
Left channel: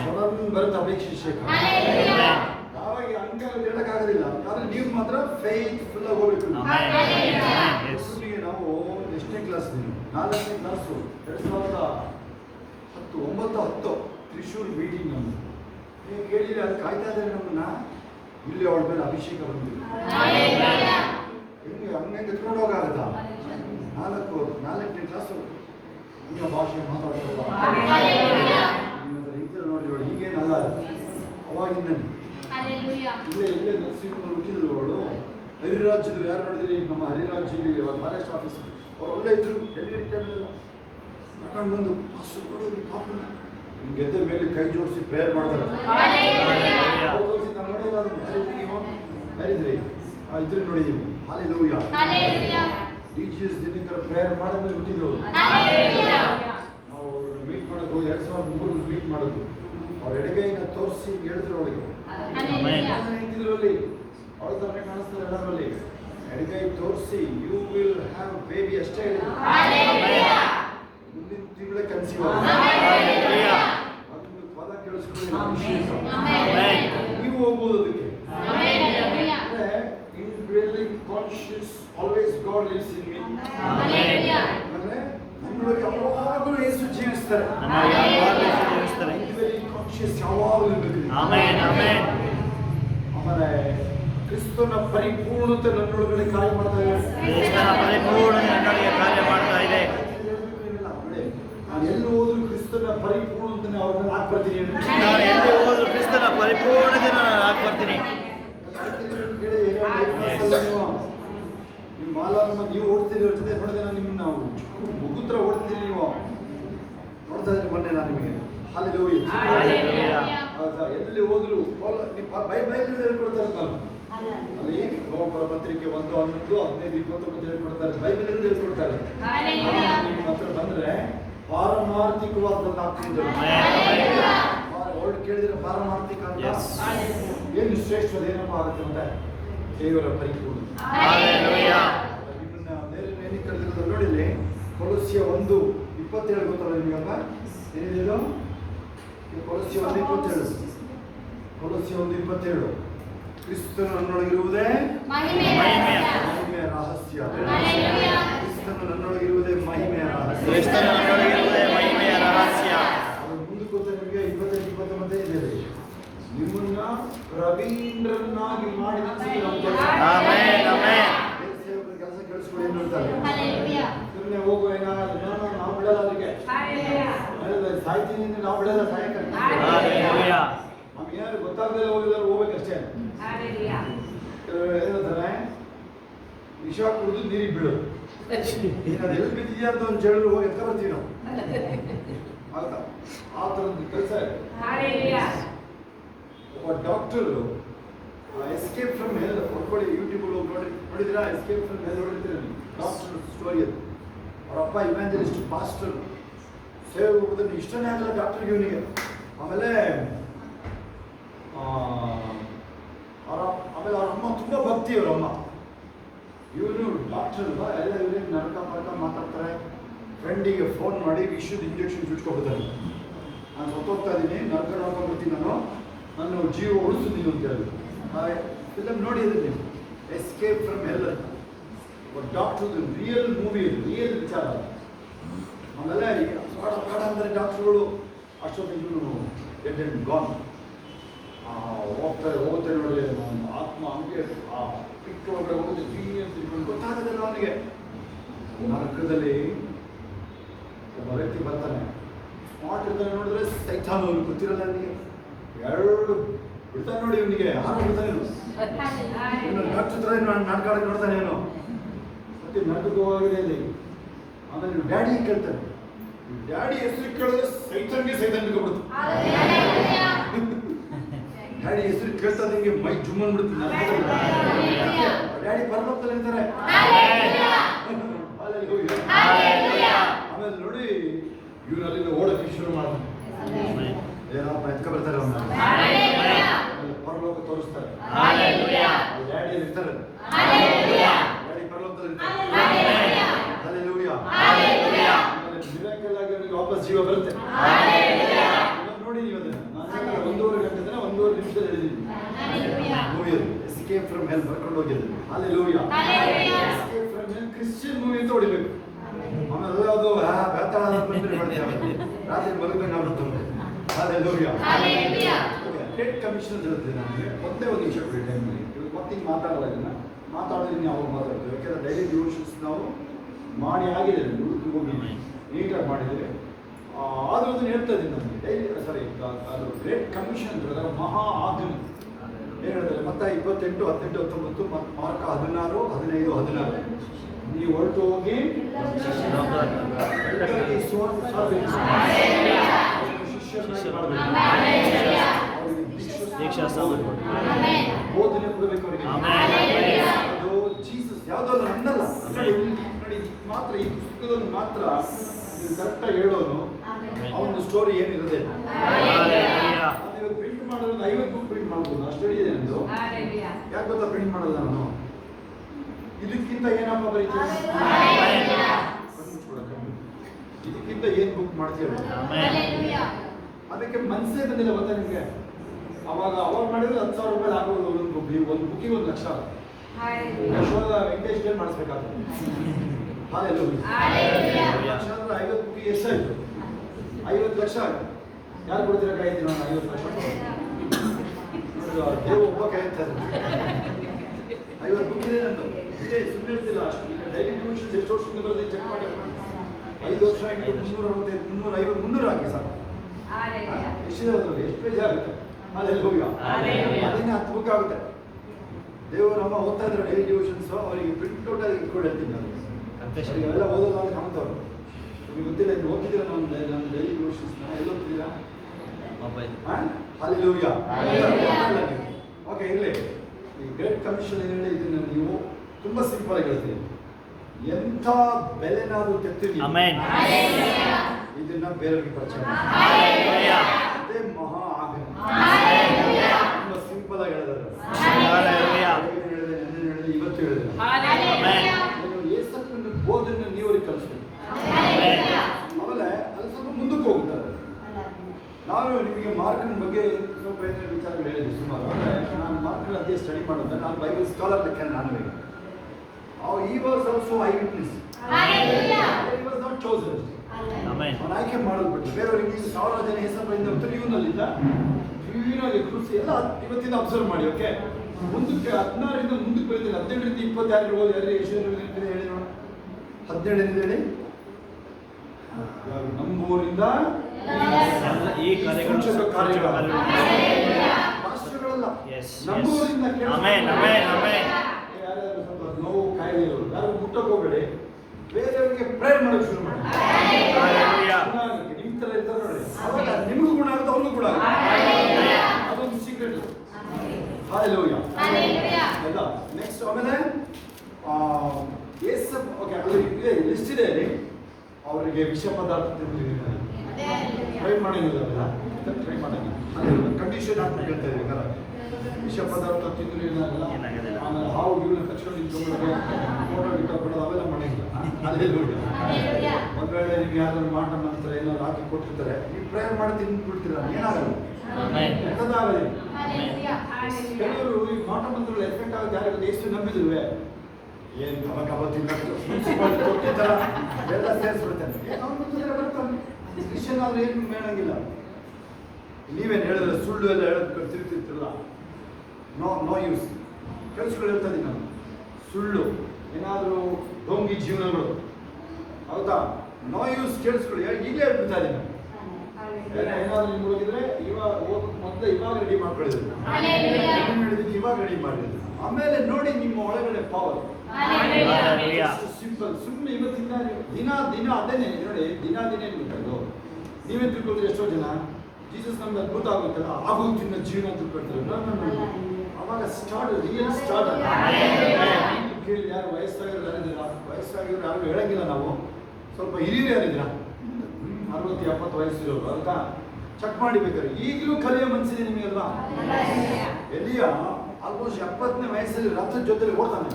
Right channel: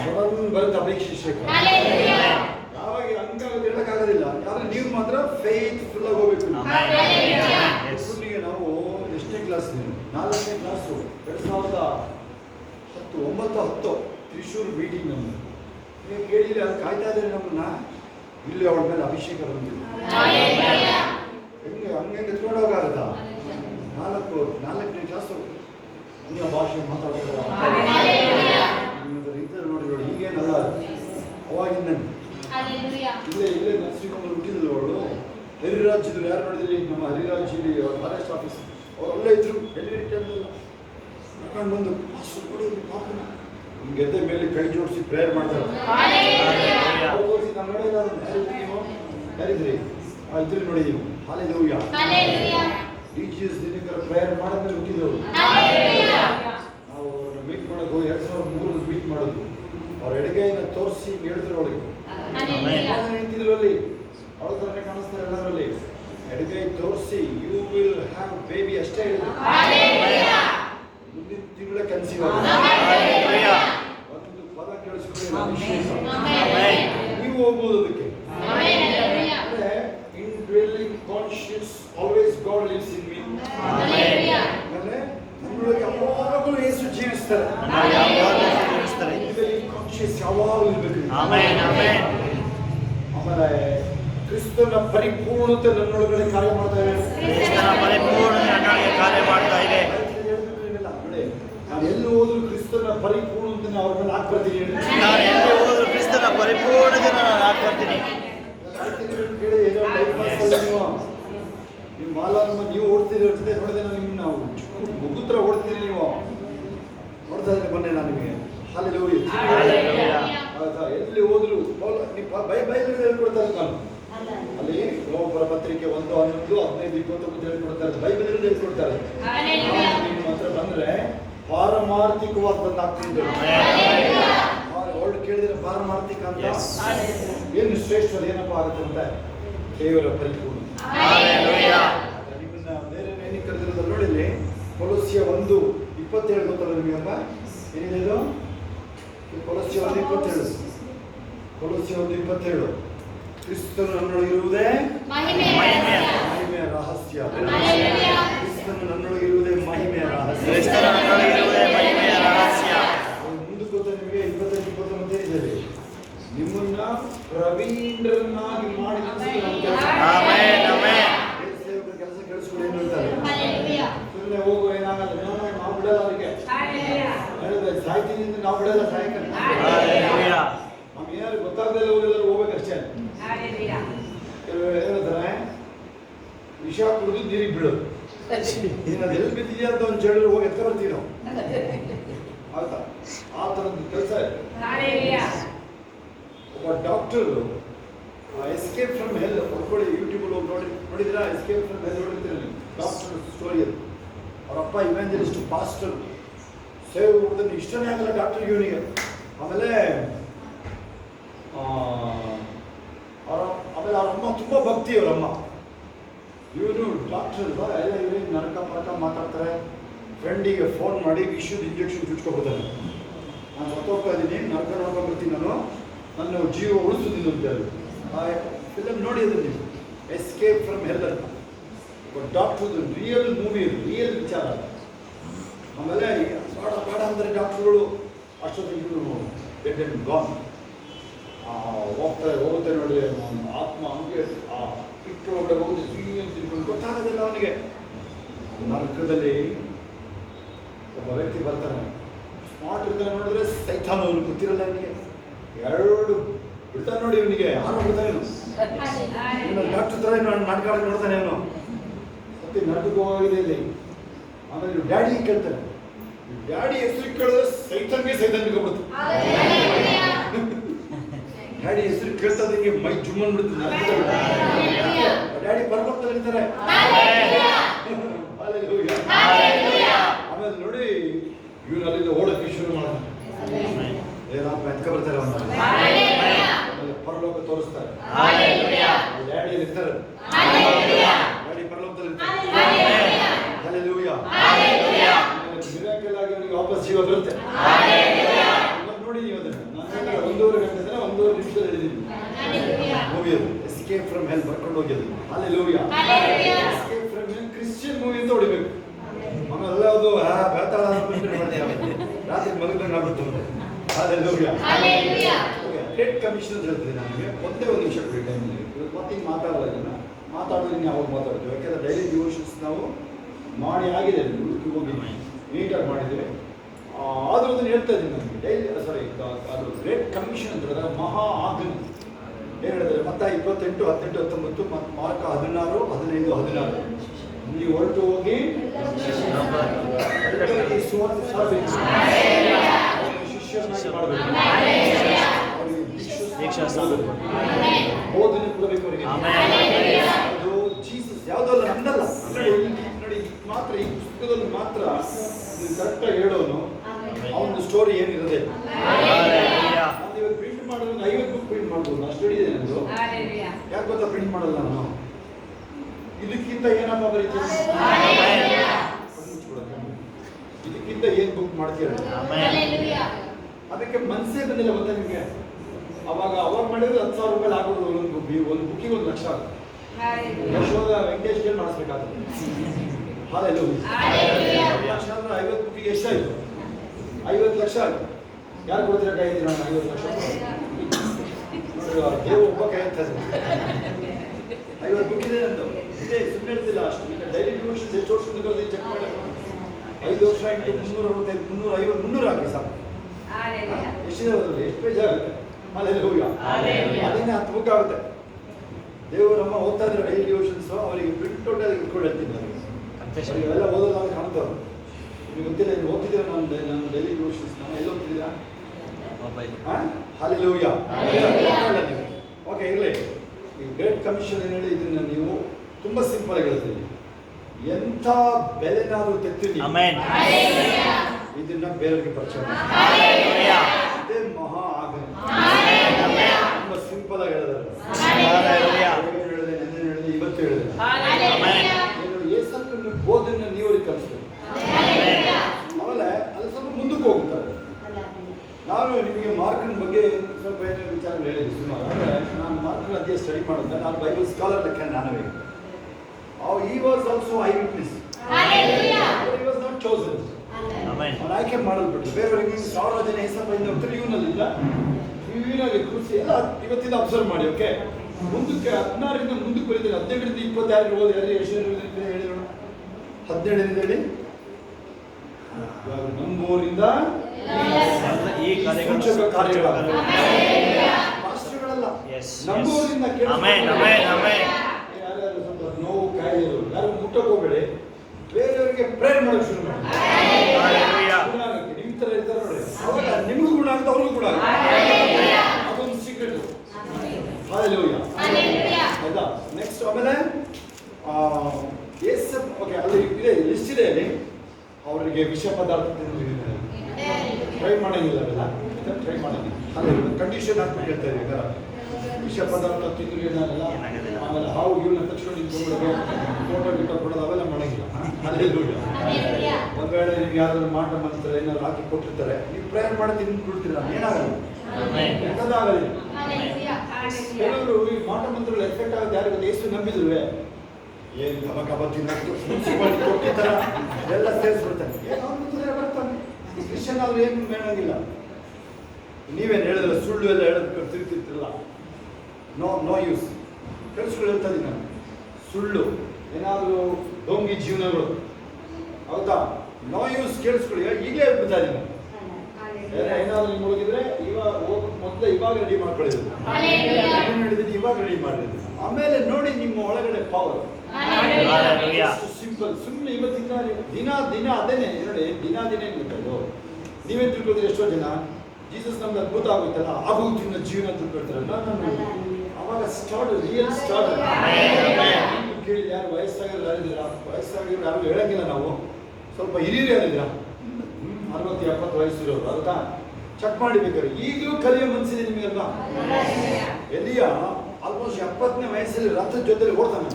ಸಡನ್ ಬರುತ್ತೆ ಅಭಿಷೇಕ. ಯಾವಾಗ ಹಂಗಾಗೋದು ಹೇಳಕ್ಕಾಗೋದಿಲ್ಲ. ಯಾರು ನೀವು ಮಾತ್ರ ಫೇತ್ಫುಲ್ ಆಗಿ ಹೋಗ್ಬೇಕು. ಹುಡುಗಿಗೆ ನಾವು ಎಷ್ಟನೇ ಕ್ಲಾಸ್, ನೀನು 4ನೇ ಕ್ಲಾಸು 2010 ತ್ರಿಶೂರ್ ಮೀಟಿಂಗ್ ನಮ್ಮದು. ಕೇಳಿದ್ರೆ ಅದು ಕಾಯ್ತಾ ಇದ್ದಾರೆ ನಮ್ಮನ್ನ. ಇಲ್ಲಿ ಅವಳ ಮೇಲೆ ಅಭಿಷೇಕ ಬಂದಿದೆ. ಹೆಂಗೆ ಹಂಗೆ ಎತ್ಕೊಂಡು ಹೋಗಾಗತ್ತಾ? 4ನೇ ಕ್ಲಾಸು ಅನ್ಯ ಭಾಷೆ ಮಾತಾಡ್ತಾರೆ. ಇದ್ದರೆ ನೋಡಿ ಅವಳು ಹೀಗೇನಲ್ಲ. ಅವಾಗಿಂದ ಇಲ್ಲೇ ನರಸಿಂಹಲ್ಲಿ ಹುಟ್ಟಿದ್ರು ಅವಳು. ಹರಿರಾಜ್ಯದ್ರು ಯಾರು ನೋಡಿದ್ರಿ? ನಮ್ಮ ಹರಿರಾಜ್ ಇಲ್ಲಿ ಫಾರೆಸ್ಟ್ ಆಫೀಸ್ ಅವರೆಲ್ಲ ಇದ್ರು. ಡೆಲಿವರಿ ಟೈಮಲ್ಲ ಕರ್ಕೊಂಡು ಬಂದು ಪಾಪನ ಹಿಂಗೆ ಎದ್ದ ಮೇಲೆ ಕೈ ಜೋಡಿಸಿ ಪ್ರೇಯರ್ ಮಾಡ್ತಾರೆ. ಅವ್ರು ತೋರಿಸಿ ನಾನು ನೋಡಿಲ್ಲ. ಅದನ್ನು ನೀವು ಕರೀದ್ರಿ ಇದ್ರಿ ನೋಡಿ ನೀವು. ಹಾಲೆಲೂಯಾ. DGS ದಿನಕರ ಪ್ರೇಯರ್ ಮಾಡೋದ್ರೆ ಹುಟ್ಟಿದವರು. ನಾವು ಮೀಟ್ ಮಾಡೋದು 2003 ಮೀಟ್ ಮಾಡೋದು. ಅವ್ರ ಎಡಗೈನ ತೋರಿಸಿ ಹೇಳಿದ್ರು ಅವಳಿಗೆ. ನಿಂತಿದ್ರು ಅಲ್ಲಿ ಅವಳ ಥರನೇ ಕಾಣಿಸ್ತಾರೆ ಎಲ್ಲದರಲ್ಲಿ. ಎಡಗೈ ತೋರಿಸಿ ಯು ವಿಲ್ ಹ್ಯಾವ್ ಬೇಬಿ ಅಷ್ಟೇ ಹೇಳಿದ್ರು. ಮುಂದಿನ ತಿಂಗಳೇ ಕನ್ಸೀವ್ ಒಂದು ಪದ ಕೇಳಿಸ್ಕೊಳ್ಳಿ. ಅಭಿಷೇಕ ನೀವು ಹೋಗ್ಬೋದು ಅದಕ್ಕೆ. ಅಂದ್ರೆ in really conscious always God lives in me. ಅಂದ್ರೆ ನನ್ನೊಳಗೆ ಯಾವಾಗಲೂ ಯೇಸು ಜೀವಿಸ್ತಾರೆ. ಕಾನ್ಶಿಯಸ್ ಯಾವಾಗಲೂ ಇರಬೇಕು. ಆಮೇಲೆ ಕ್ರಿಸ್ತನ ಪರಿಪೂರ್ಣತೆ ನನ್ನೊಳಗಡೆ ಕಾರ್ಯ ಮಾಡ್ತಾ ಇದೆ. ನಾನು ಎಲ್ಲಿ ಹೋದ್ರು ಕ್ರಿಸ್ತನ ಪರಿಪೂರ್ಣತೆ ಅವ್ರ ಮೇಲೆ ಹಾಕ್ಬರ್ತೀನಿ. ಕೇಳಿ ಏನೋ ಲೈಫ್ ಪಾಸ್ ನೀವು ನಿಮ್ಮ ಮಾಲನ್ನು ನೀವು ಓಡ್ತೀರಿ ಜೊತೆ ನೋಡಿದೆ ನಾನು ನಿಮ್ಮನ್ನ ನಾವು ಮುಗುತ್ರ ಓಡ್ತೀರಿ ನೀವು ನೋಡ್ತಾ ಇದ್ರೆ ಮೊನ್ನೆ ನಾನು ನಿಮಗೆ ಅಲ್ಲಿ ಹೋಗಿ ಎಲ್ಲಿ ಹೋದ್ರು ಬೈಬಲ್ ಹೇಳ್ಕೊಡ್ತಾರೆ ನಾನು ಅಲ್ಲಿ ರೋಮಪುರ ಪತ್ರಿಕೆ 1:11-15-20 ಹೇಳ್ಕೊಡ್ತಾರೆ ಬೈಬಲ್ ಹೇಳ್ಕೊಡ್ತಾರೆ ನಿಮ್ಮ ಹತ್ರ ಬಂದ್ರೆ ಪಾರಮಾರ್ಥಿಕವಾದದ್ದು ಆಗ್ತಿದ್ರು ವರ್ಡ್ ಕೇಳಿದ್ರೆ ಪಾರಮಾರ್ಥಿಕ ಅಂತ ಏನು ಶ್ರೇಷ್ಠ ಏನಪ್ಪ ಆಗುತ್ತೆ ಅಂತ ದೇವರ ಪರಿಪೂರ್ಣ ನಿಮ್ಮನ್ನ ಬೇರೆ ಏನಕ್ಕೆ ಕರೆದಿರೋದು ನೋಡಿದ್ರೆ ಕೊಲೊಸ್ಸೆ 1:27 ಗೊತ್ತಲ್ಲ ನಿಮಗ ಏನಿದೆ ಕೊಲೊಸ್ಸೆ 1:27 ಕೊಲೊಸ್ಸೆ 1:27 ಕ್ರಿಸ್ತನು ನನ್ನೊಳಗಿರುವುದೇ ಮಹಿಮೆಯ ರಹಸ್ಯ ಕ್ರಿಸ್ತನು ನನ್ನೊಳಗಿರುವುದೇ ಮಹಿಮೆಯ ರಹಸ್ಯ ಮುಂದಕ್ಕೆ ಗೊತ್ತಾ ನಿಮಗೆ 28-29 ಇದ್ದೇವೆ ನಿಮ್ಮನ್ನ ರವೀಂದ್ರನಾಗಿ ಮಾಡಿ ಕೆಲಸ ಕೆಡಿಸ್ಕೊಳ್ಳಿ ಏನು ಹೇಳ್ತಾರೆ ಸುಮ್ಮನೆ ಹೋಗುವ ಏನಾಗಲ್ಲ ನಾವು ಬಿಡಲ್ಲ ಅದಕ್ಕೆ ಸಾಯ್ತೀನಿ ನಾವು ಬಿಡಲ್ಲ ಸಾಯಕ ನಮ್ಗೆ ಏನಾದ್ರು ಗೊತ್ತಾಗದೆ ಹೋಗಿಲ್ಲರೂ ಹೋಗ್ಬೇಕಷ್ಟೇ ಹೇಳ್ತಾರೆ ವಿಷ ಕುಡಿದು ನೀರಿಗೆ ಬಿಡೋದು ನೀನು ಅದು ಎಲ್ಲಿ ಬಿದ್ದಿದೆಯಾ ಅಂತ ಒಂದು ಹೇಳಿದ್ರೆ ಹೋಗಿ ಎತ್ತ ಬರ್ತೀವಿ ನಾವು ಆಯ್ತಾ ಆ ಥರದ್ದು ಕೆಲಸ ಒಬ್ಬ ಡಾಕ್ಟರು ಎಸ್ಕೇಪ್ ಫ್ರಮ್ ಹೆಲ್ ಹೊಡ್ಕೊಳ್ಳಿ ಯೂಟ್ಯೂಬಲ್ಲಿ ಹೋಗಿ ನೋಡಿದಿರಾ ಎಸ್ಕೇಪ್ ಫ್ರಮ್ ಹೆಲ್ ನೋಡಿರ್ತೀರ ಡಾಕ್ಟರ್ ಸ್ಟೋರಿ ಅದು ಅವರಪ್ಪ ಇವ್ಯಾಂಜಲಿಸ್ಟ್ ಪಾಸ್ಟರ್ ಸೇವೆ ಕೊಡೋದನ್ನು ಇಷ್ಟನೇ ಆಗಲ್ಲ ಡಾಕ್ಟರ್ಗೆ ಇವನಿಗೆ ಆಮೇಲೆ ಅವರಮ್ಮ ತುಂಬ ಭಕ್ತಿ ಅವರಮ್ಮ ಇವನು ಡಾಕ್ಟರ್ ಅಲ್ವಾ ಎಲ್ಲ ಇವರಿಗೆ ನರಕ ಪರಕ ಮಾತಾಡ್ತಾರೆ ಫ್ರೆಂಡಿಗೆ ಫೋನ್ ಮಾಡಿ ವಿಷಯದ ಇಂಜೆಕ್ಷನ್ ಚುಚ್ಕೊಬಿಡ್ತಾನೆ ನಾನು ಸತ್ತೋಗ್ತಾ ಇದ್ದೀನಿ ನರಕ ನೋಡ್ಕೊಂಡ್ಬಿಡ್ತೀನಿ ನಾನು ನನ್ನ ಜೀವ ಉಳಿಸ್ತೀನಿ ಅಂತ ಹೇಳಿ ಫಿಲಮ್ ನೋಡಿದ್ರೆ ನೀವು ಎಸ್ಕೇಪ್ ಫ್ರಮ್ ಹೆಲ್ ಅಂತ ಡಾಕ್ಟರ್ದು ರಿಯಲ್ ಮೂವಿ ರಿಯಲ್ ವಿಚಾರ ಆಮೇಲೆ ಈಗ ಬೇಡ ಅಂದರೆ ಡಾಕ್ಟರ್ಗಳು ಅಷ್ಟೊತ್ತಿಗೆ ಇವನು ಡೆಡ್ ಆ್ಯಂಡ್ ಗಾನ್ ಹೋಗುತ್ತೆ ನೋಡಿ ಆತ್ಮ ಹಂಗೆ ಆ ಪಿಕ್ಟ್ ಒಳಗಡೆ ಹೋಗುತ್ತೆ ಅಂತ ತಿಳ್ಕೊಂಡು ಗೊತ್ತಾಗೋದಿಲ್ಲ ಅವನಿಗೆ ನರಕದಲ್ಲಿ ಒಬ್ಬ ವ್ಯಕ್ತಿ ಬರ್ತಾನೆ ಸ್ಮಾರ್ಟ್ ಇರ್ತಾನೆ ನೋಡಿದ್ರೆ ಸೈತಾನ್ ಅವನು ಗೊತ್ತಿರಲ್ಲ ಅವನಿಗೆ ಎರಡು ಬಿಡ್ತಾನೆ ನೋಡಿ ಇವನಿಗೆ ಯಾರು ಬಿಡ್ತಾನೆ ಇವನು ಡಾಕ್ಟರ್ ಥರ ನಾಟಕ ನೋಡ್ತಾನೆ ಅವನು ಮತ್ತೆ ನರಕಕ್ಕೆ ಹೋಗಿದೆ ಇಲ್ಲಿ ಆಮೇಲೆ ಡ್ಯಾಡಿ ಕೇಳ್ತಾನೆ ಡ್ಯಾಡಿ ಹೆಸರು ಕೇಳಿದ್ರೆ ಸೈತಾನ್ಗೆ ಬಿಡುತ್ತೆ ಡ್ಯಾಡಿ ಹೆಸರು ಕೇಳ್ತದಂಗೆ ಮೈ ಜುಮ್ಮನ್ ಬಿಡುತ್ತೆ ಡ್ಯಾಡಿ ಪರಲೋಕದಲ್ಲಿ ಇರ್ತಾರೆ ಆಮೇಲೆ ನೋಡಿ ಇವ್ರು ಅಲ್ಲಿಂದ ಓಡಕ್ಕೆ ಶುರು ಮಾಡ್ತಾರೆ ಏನಪ್ಪ ಎತ್ಕ ಬರ್ತಾರೆ ಅವನ್ನ ಪರಲೋಕ ತೋರಿಸ್ತಾರೆ ಡ್ಯಾಡಿ ಇರ್ತಾರೆ ಡ್ಯಾಡಿ ಪರಲೋಕದಲ್ಲಿ ಇರ್ತಾರೆ ಮಿರಾಕಲ್ ಆಗಿ ಅವನಿಗೆ ವಾಪಸ್ ಜೀವ ಬರುತ್ತೆ ನೋಡಿ ನೀವು ಅದನ್ನ ನಾನು 1.5 ಗಂಟೆ 1.5 ನಿಮಿಷದಲ್ಲಿ ಹೇಳಿದ್ದೀನಿ ಮೂವಿಯಲ್ಲಿ ಎಸ್ಕೇಪ್ ಫ್ರಮ್ ಹೆಲ್ ಬರ್ಕೊಂಡು ಹೋಗಿದ್ದು hallelujah escape from hell Christian movie ಅಂತ ಹೊಡಿಬೇಕು ಆಮೇಲೆ ಅದು ಬೇತಾಳ ರಾತ್ರಿ ಮಲಗ್ದಂಗೆ ಆಗ್ಬಿಡ್ತು ಹಲ್ಲೆಲೂಯಾ ಗ್ರೇಟ್ ಕಮಿಷನ್ ಅಂತ ಹೇಳ್ತೀನಿ ನನಗೆ ಒಂದೇ ಒಂದು ನಿಮಿಷ ಕೊಡಿ ಟೈಮ್ನಲ್ಲಿ ಮತ್ತೆ ಹಿಂಗೆ ಮಾತಾಡಲ್ಲ ಇದನ್ನು ಮಾತಾಡಿದ್ರೆ ಯಾವಾಗ ಮಾತಾಡ್ತೀವಿ ಯಾಕೆಂದರೆ ಡೈಲಿ ಡಿವೋಷನ್ಸ್ ನಾವು ಮಾಡಿ ಆಗಿದೆ ಹುಡುಕಿ ಹೋಗಿದ್ವಿ ನೀಟಾಗಿ ಮಾಡಿದರೆ ಆದರೂ ಅದನ್ನು ಹೇಳ್ತಾ ಇದ್ದೀನಿ ನನಗೆ ಡೈಲಿ ಸಾರಿ ಅದು ಗ್ರೇಟ್ ಕಮಿಷನ್ ಅಂತ ಹೇಳಿದಾಗ ಮಹಾ ಆಜ್ಞೆ ಏನು ಹೇಳಿದ್ರೆ ಮತ್ತೆ 28, 18, 19 ಮತ್ತು ಮಾರ್ಕ 16, 15, 16 ನೀವು ಹೊರಟು ಹೋಗಿ ಶಿಷ್ಯನಾಗಿ ಮಾಡಬೇಕು ಅವರಿಗೆ ಬೋಧನೆ ಕೊಡಬೇಕು ಅವರಿಗೆ ಅದು ಜೀಸಸ್ ಯಾವುದಲ್ಲ ನನ್ನಲ್ಲ ನೋಡಿ ಮಾತ್ರ ಈ ಪುಸ್ತಕದಲ್ಲಿ ಮಾತ್ರ ನೀವು ಕರೆಕ್ಟಾಗಿ ಹೇಳೋನು ಅವನ ಸ್ಟೋರಿ ಏನಿರುತ್ತೆ ಪ್ರಿಂಟ್ ಮಾಡೋದು 50 ಬುಕ್ ಪ್ರಿಂಟ್ ಮಾಡ್ಬೋದು ಅಷ್ಟು ಹೇಳಿದೆ ನಂದು ಯಾಕೆ ಗೊತ್ತಾ ಪ್ರಿಂಟ್ ಮಾಡಲ್ಲ ನಾನು ಇದಕ್ಕಿಂತ ಏನಪ್ಪ ಬರೀತೀನಿ ಇದಕ್ಕಿಂತ ಏನು ಬುಕ್ ಮಾಡ್ತೀರ ಅದಕ್ಕೆ ಮನಸ್ಸೇ ಬಂದಿಲ್ಲ ಗೊತ್ತಾ ನಿಮಗೆ ಅವಾಗ ಮಾಡಿದ್ರೆ 10,000 ರೂಪಾಯಿ ಆಗೋದು ಒಂದು ಬುಕ್ಕಿಗೆ 1 ಲಕ್ಷ ಆಗುತ್ತೆ ಯಶೋಧ ವೆಂಕಟೇಶ್ಗೆ ಮಾಡಿಸ್ಬೇಕಾಗುತ್ತೆ ಹಾಲೆಲ್ಲೂ 50 ಬುಕ್ಕಿಗೆ ಎಷ್ಟಾಯಿತು 50 ಲಕ್ಷ ಆಗುತ್ತೆ ಯಾರು ಕೊಡ್ತೀರ ಕೈ ಐತಿ ನಾನು 50 ಲಕ್ಷ ನೋಡಿ ದೇವ ಒಬ್ಬ ಕೈ ಇರ್ತಾರೆ 50 ಬುಕ್ ಇದೆ ನಂದು ಇದೆ ಸುಮ್ಮನೆ ಇರ್ತಿಲ್ಲ ಅಷ್ಟು ಈಗ ಡೈಲಿ ಡಿವೋಷನ್ಸ್ ಎಷ್ಟು ವರ್ಷದಿಂದ ಬರೋದು ಚೆಕ್ ಮಾಡಿ 5 ವರ್ಷ ಇಂಟು 365 350 300 ಹಾಕಿ ಸಾಕು ಎಷ್ಟಿದೆ ಅದರಲ್ಲಿ ಎಷ್ಟು ಪೇಜ್ ಆಗುತ್ತೆ ಅಲ್ಲೆಲ್ಲ ಹೋಗಿ ಅದನ್ನೇ 10 ಬುಕ್ ಆಗುತ್ತೆ ದೇವರಮ್ಮ ಓದ್ತಾ ಇದ್ದಾರೆ ಡೈಲಿ ಡಿವೋಷನ್ಸ್, ಅವರಿಗೆ ಪ್ರಿಂಟ್ ಔಟ್ ಆಗಿ ಇಟ್ಕೊಂಡು ಹೇಳ್ತೀನಿ ನಾನು. ಅವರಿಗೆ ಎಲ್ಲ ಓದೋದು ಅಂತ ಕಾಣ್ತವ್ರು. ನಿಮಗೆ ಗೊತ್ತಿಲ್ಲ, ನೀವು ಓದ್ತಿದ್ದೀರಾ ನಮ್ಮ ಡೈಲಿ ಡಿವೋಷನ್ಸ್ನ? ಎಲ್ಲಿ ಓದ್ತಿದ್ದೀರಾ? ಹಲ್ಲೆಲೂಯಾ. ಓಕೆ, ಇರಲಿ. ಈ ಗ್ರೇಟ್ ಕಮಿಷನ್ ಏನು ಹೇಳಿ ಇದನ್ನ ನೀವು ತುಂಬ ಸಿಂಪಲ್ ಆಗಿ ಹೇಳ್ತೀನಿ. ಎಂಥ ಬೆಲೆನಾದ್ರೂ ತೆತ್ತಿರಲಿ, ಇದನ್ನ ಬೇರೆಯವರಿಗೆ ಪರಿಚಯ ಮಾಡಿ. ಅದೇ ಮಹಾ ಆಗಮನ. ತುಂಬ ಸಿಂಪಲ್ ಆಗಿ ಹೇಳಿದ್ರೆ ಹೇಳಿದೆ, ನೆನ್ನೆ ಹೇಳಿದೆ, ಇವತ್ತು ಹೇಳಿದೆ. ಏಸಪ್ಪನ ಬೋಧನೆ ನೀವು ಅವ್ರಿಗೆ ಕಲಿಸ್ಬೇಕು. ಆಮೇಲೆ ಅದು ಸ್ವಲ್ಪ ಮುಂದಕ್ಕೆ ಹೋಗುತ್ತಾರೆ. ನಾನು ನಿಮಗೆ ಮಾರ್ಕನ ಬಗ್ಗೆ ಸ್ವಲ್ಪ ಏನೇನು ವಿಚಾರಗಳು ಹೇಳಿದ್ದೆ ಸುಮಾರು. ಅಂದರೆ ನಾನು ಮಾರ್ಕನ ಅದೇ ಸ್ಟಡಿ ಮಾಡಿದ್ದೆ. ನಾನು ಬೈಬಲ್ ಸ್ಕಾಲರ್ ಲೆಕ್ಕ ನಾನುವೇ. He was also eyewitness. He was not chosen. ಅವನು ಆಯ್ಕೆ ಮಾಡಲ್ಪಟ್ಟು ಬೇರೆಯವರಿಗೆ 1000 ಜನ ಏಸಪ್ಪ ಇವನಲ್ಲಿಲ್ಲ, ಇವನಾಗಿ ಕೃಷಿ ಎಲ್ಲ ಇವತ್ತಿಂದ ಅಬ್ಸರ್ವ್ ಮಾಡಿ. ಓಕೆ, ಮುಂದಕ್ಕೆ 16ರಿಂದ ಮುಂದಕ್ಕೆ ಬರೀತಾರೆ. 17ರಿಂದ 26 ಹೋದ ಯಾರು ಎಷ್ಟು ಹೇಳಿ ನೋಡ. 17ರಿಂದ ಹೇಳಿ, ನಂಬುವರಿಂದ ಈ ಕಾರ್ಯಗಳು ಮಾಸ್ಟರ್ಗಳಲ್ಲ, ನಂಬುವರಿಂದ ಯಾರ್ಯಾರು ಸ್ವಲ್ಪ ನೋವು ಕಾಯಿಲೆ ಇರೋರು ಯಾರು ಮುಟ್ಟಕ್ಕೆ ಹೋಗಬೇಡಿ, ಬೇರೆಯವರಿಗೆ ಪ್ರೇಯರ್ ಮಾಡೋಕೆ ಶುರು ಮಾಡಿ. ನಿಮ್ಮ ಥರ ಇರ್ತಾರೆ ನೋಡಿ, ಅವಾಗ ನಿಮಗೂ ಗುಣ ಆಗುತ್ತೆ, ಅವ್ರಿಗೂ ಗುಣ ಆಗುತ್ತೆ. ಅದೊಂದು ಸೀಕ್ರೆಟ್. ಹಲ್ಲೆಲೂಯಾ. ಆಯ್ತಾ? ನೆಕ್ಸ್ಟ್ ಆಮೇಲೆ ಓಕೆ, ಅಲ್ಲಿ ಇದೆ, ಲಿಸ್ಟ್ ಇದೆ ಅಲ್ಲಿ. ಅವರಿಗೆ ವಿಷ ಪದಾರ್ಥ ಟ್ರೈ ಮಾಡಂಗಿಲ್ಲ, ಅವೆಲ್ಲ ಟ್ರೈ ಮಾಡಂಗಿಲ್ಲ. ಅಲ್ಲಿ ಕಂಡೀಷನ್ ಹಾಕ್ಬಿಟ್ಟು ಹೇಳ್ತಾ ಇದ್ದೀವಿ, ವಿಷ ಪದಾರ್ಥ ತಿಂದ್ರು ಏನಾಗಲ್ಲ. ಆಮೇಲೆ ಹಾವು ಇವನ್ನ ತಕ್ಷಣ ನಿಂತ್ಕೊಂಡ್ಬಿಡೋದು, ಫೋಟೋ ಗಿಟೋ ಕೊಡೋದು ಅವೆಲ್ಲ ಮಾಡಂಗಿಲ್ಲ. ಹಲ್ಲೆಲೂಯಾ. ಒಂದು ವೇಳೆ ನಿಮ್ಗೆ ಯಾರಾದ್ರೂ ಮಾಟ ಮಂತ್ರ ಏನಾದ್ರು ಹಾಕಿ ಕೊಟ್ಟಿರ್ತಾರೆ, ನೀವು ಪ್ರೇಯರ್ ಮಾಡಿ ತಿಂದ್ಬಿಡ್ತೀರ, ಏನಾಗಲ್ಲ, ಆಗಲ್ಲ. ಕೆಲವರು ಈ ಮಾಟ ಮಂತ್ರಗಳು ಎಫೆಕ್ಟ್ ಆಗುತ್ತೆ ಯಾರಿಗೂ ಎಷ್ಟು ನಂಬಿದಿಲ್ವೇ, ಏನು ಕಬ ಕಬ ತಿನ್ನಕ್ಕೆ ಕೊಟ್ಟಿರ್ತಾರ, ಎಲ್ಲ ಸೇರಿಸ್ಬಿಡ್ತಾನೆ. ಏನು ಅವ್ರು ಬರ್ತಾನೆ. ಕ್ರಿಶ್ಚಿಯನ್ ಆದ್ರೆ ಏನು ಮೇಣಂಗಿಲ್ಲ. ನೀವೇನು ಹೇಳಿದ್ರೆ ಸುಳ್ಳು ಎಲ್ಲ ಹೇಳೋದು ತಿರ್ತಿರ್ತಿರಲ್ಲ, ನೋ ಯೂಸ್. ಕೆಲಸಗಳು ಹೇಳ್ತಾ ಇದ್ದೀನಿ ನಾನು, ಸುಳ್ಳು ಏನಾದರೂ ಡೋಂಗಿ ಜೀವನಗಳು, ಹೌದಾ, ನೋ ಯೂಸ್ ಕೇಳಿಸ್ಕೊಳ್ಳಿ. ಈಗಲೇ ಹೇಳ್ಬಿಡ್ತಾ ಇದ್ದೀನಿ ನಾನು. ಏನಾದ್ರು ನಿಮ್ಗೆ ಹೋಗಿದ್ರೆ ಇವಾಗ ಮೊದಲೇ ಇವಾಗ ರೆಡಿ ಮಾಡ್ಕೊಳ್ಳಿದ್ರು, ಹೇಳಿದ್ದೀನಿ ಇವಾಗ ರೆಡಿ ಮಾಡಿದ್ರು. ಆಮೇಲೆ ನೋಡಿ ನಿಮ್ಮ ಒಳಗಡೆ ಪವರ್. ಸಿಂಪಲ್. ಸುಮ್ಮನೆ ಇವತ್ತಿನ ದಿನ ಅದೇನೆ ನೋಡಿ, ದಿನ ನಿಂತು ನೀವೇನು ತಿಳ್ಕೊಳ್ತೀರಿ? ಎಷ್ಟೋ ಜನ ಜೀಸಸ್ ನಮ್ಗೆ ಅದ್ಭುತ ಆಗುತ್ತಲ್ಲ, ಆಗುತ್ತಿನ ಜೀವನ ತಿಳ್ಕೊಳ್ತಾರೆ. ಅವಾಗ ಸ್ಟಾರ್ಟ್, ರಿಯಲ್ ಸ್ಟಾರ್ಟ್. ಕೇಳಿ ಯಾರು ವಯಸ್ಸಾಗಿರೋ ಯಾರಿದ್ದೀರಾ? ವಯಸ್ಸಾಗಿರೋ ಯಾರು ಹೇಳಂಗಿಲ್ಲ. ನಾವು ಸ್ವಲ್ಪ ಹಿರಿಯರು ಯಾರಿದ್ದೀರಾ? 60-70 ವಯಸ್ಸಿರೋರು, ಅದಕ್ಕೆ ಚೆಕ್ ಮಾಡಿಬೇಕಾರೆ ಈಗಲೂ ಕಲಿಯೋ ಮನಸ್ಸಿದೆ ನಿಮಗೆಲ್ಲ. ಎಲ್ಲಿಯ ಆಲ್ಮೋಸ್ಟ್ 70ನೇ ವಯಸ್ಸಲ್ಲಿ ರಥದ ಜೊತೆಲಿ ಓಡ್ತಾನೆ,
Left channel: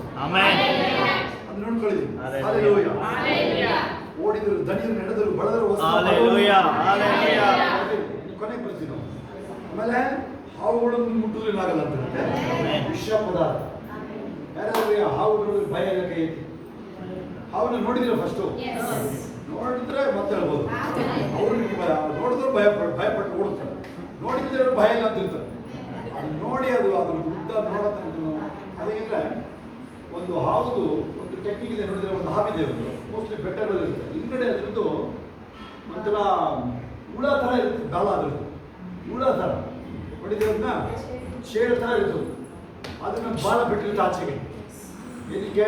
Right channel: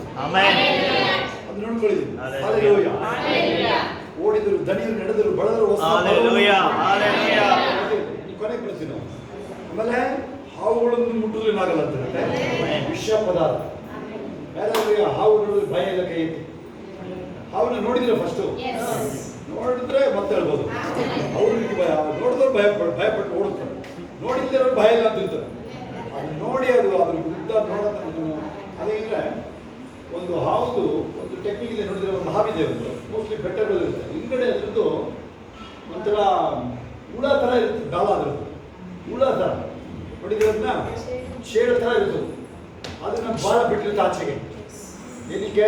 ಅದು ನೋಡ್ಕೊಳ್ಳಿ. ಹಲ್ಲೆಲೂಯಾ. ಓಡಿದರು, ದಣಿಯರು, ನಡೆದರು, ಬಳದರು, ಕೊನೆಗೆ ಬರ್ತೀವಿ ನಾವು. ಆಮೇಲೆ ಹಾವುಗಳನ್ನು ಮುಟ್ಟಿದ್ರೆ ಏನಾಗಲ್ಲ ಅಂತ ವಿಷ ಪದಾರ್ಥ. ಯಾರಾದ್ರೂ ಹಾವುಗಳು ಭಯ ಎಲ್ಲ ಕೈ ಎತ್ತಿ. ಹಾವನ್ನ ನೋಡಿದಿರ ಫಸ್ಟು? ನೋಡಿದ್ರೆ ಮತ್ತೆ ಹೇಳ್ಬೋದು. ಅವ್ರಿಗೆ ಭಯ, ನೋಡಿದ್ರೆ ಭಯಪಟ್ಟು ಓಡುತ್ತಾರೆ, ನೋಡಿದ್ರೆ ಭಯ ಇಲ್ಲ ಅಂತ ಇರ್ತಾರೆ. ಅದು ನೋಡಿ ಅದ್ರ ಉದ್ದ ನೋಡೋದು. ಅದೇಂದ್ರೆ ಒಂದು ಹಾವುದು ಒಂದು ಟೆಕ್ನಿಕ್ ಇದೆ ನೋಡಿದ್ರೆ, ಒಂದು ಹಾವಿದೆ, ಒಂದು ಮೋಸ್ಟ್ಲಿ ಬೆಟ್ಟಗಳಲ್ಲಿ ಇರುತ್ತೆ. ಹಿಂಗಡೆ ಅದ್ರದ್ದು ಒಂಥರ ಹುಳ ಥರ ಇರುತ್ತೆ, ಗಾಳ ಅದ್ರದ್ದು ಹುಳ ಥರ ಹೊಡಿದ್ರದನ್ನ ಶೇಡ್ ಥರ ಇರ್ತದೆ. ಅದನ್ನ ಬಾಳ ಬಿಟ್ಟಿರುತ್ತೆ ಆಚೆಗೆ. ಏನಕ್ಕೆ?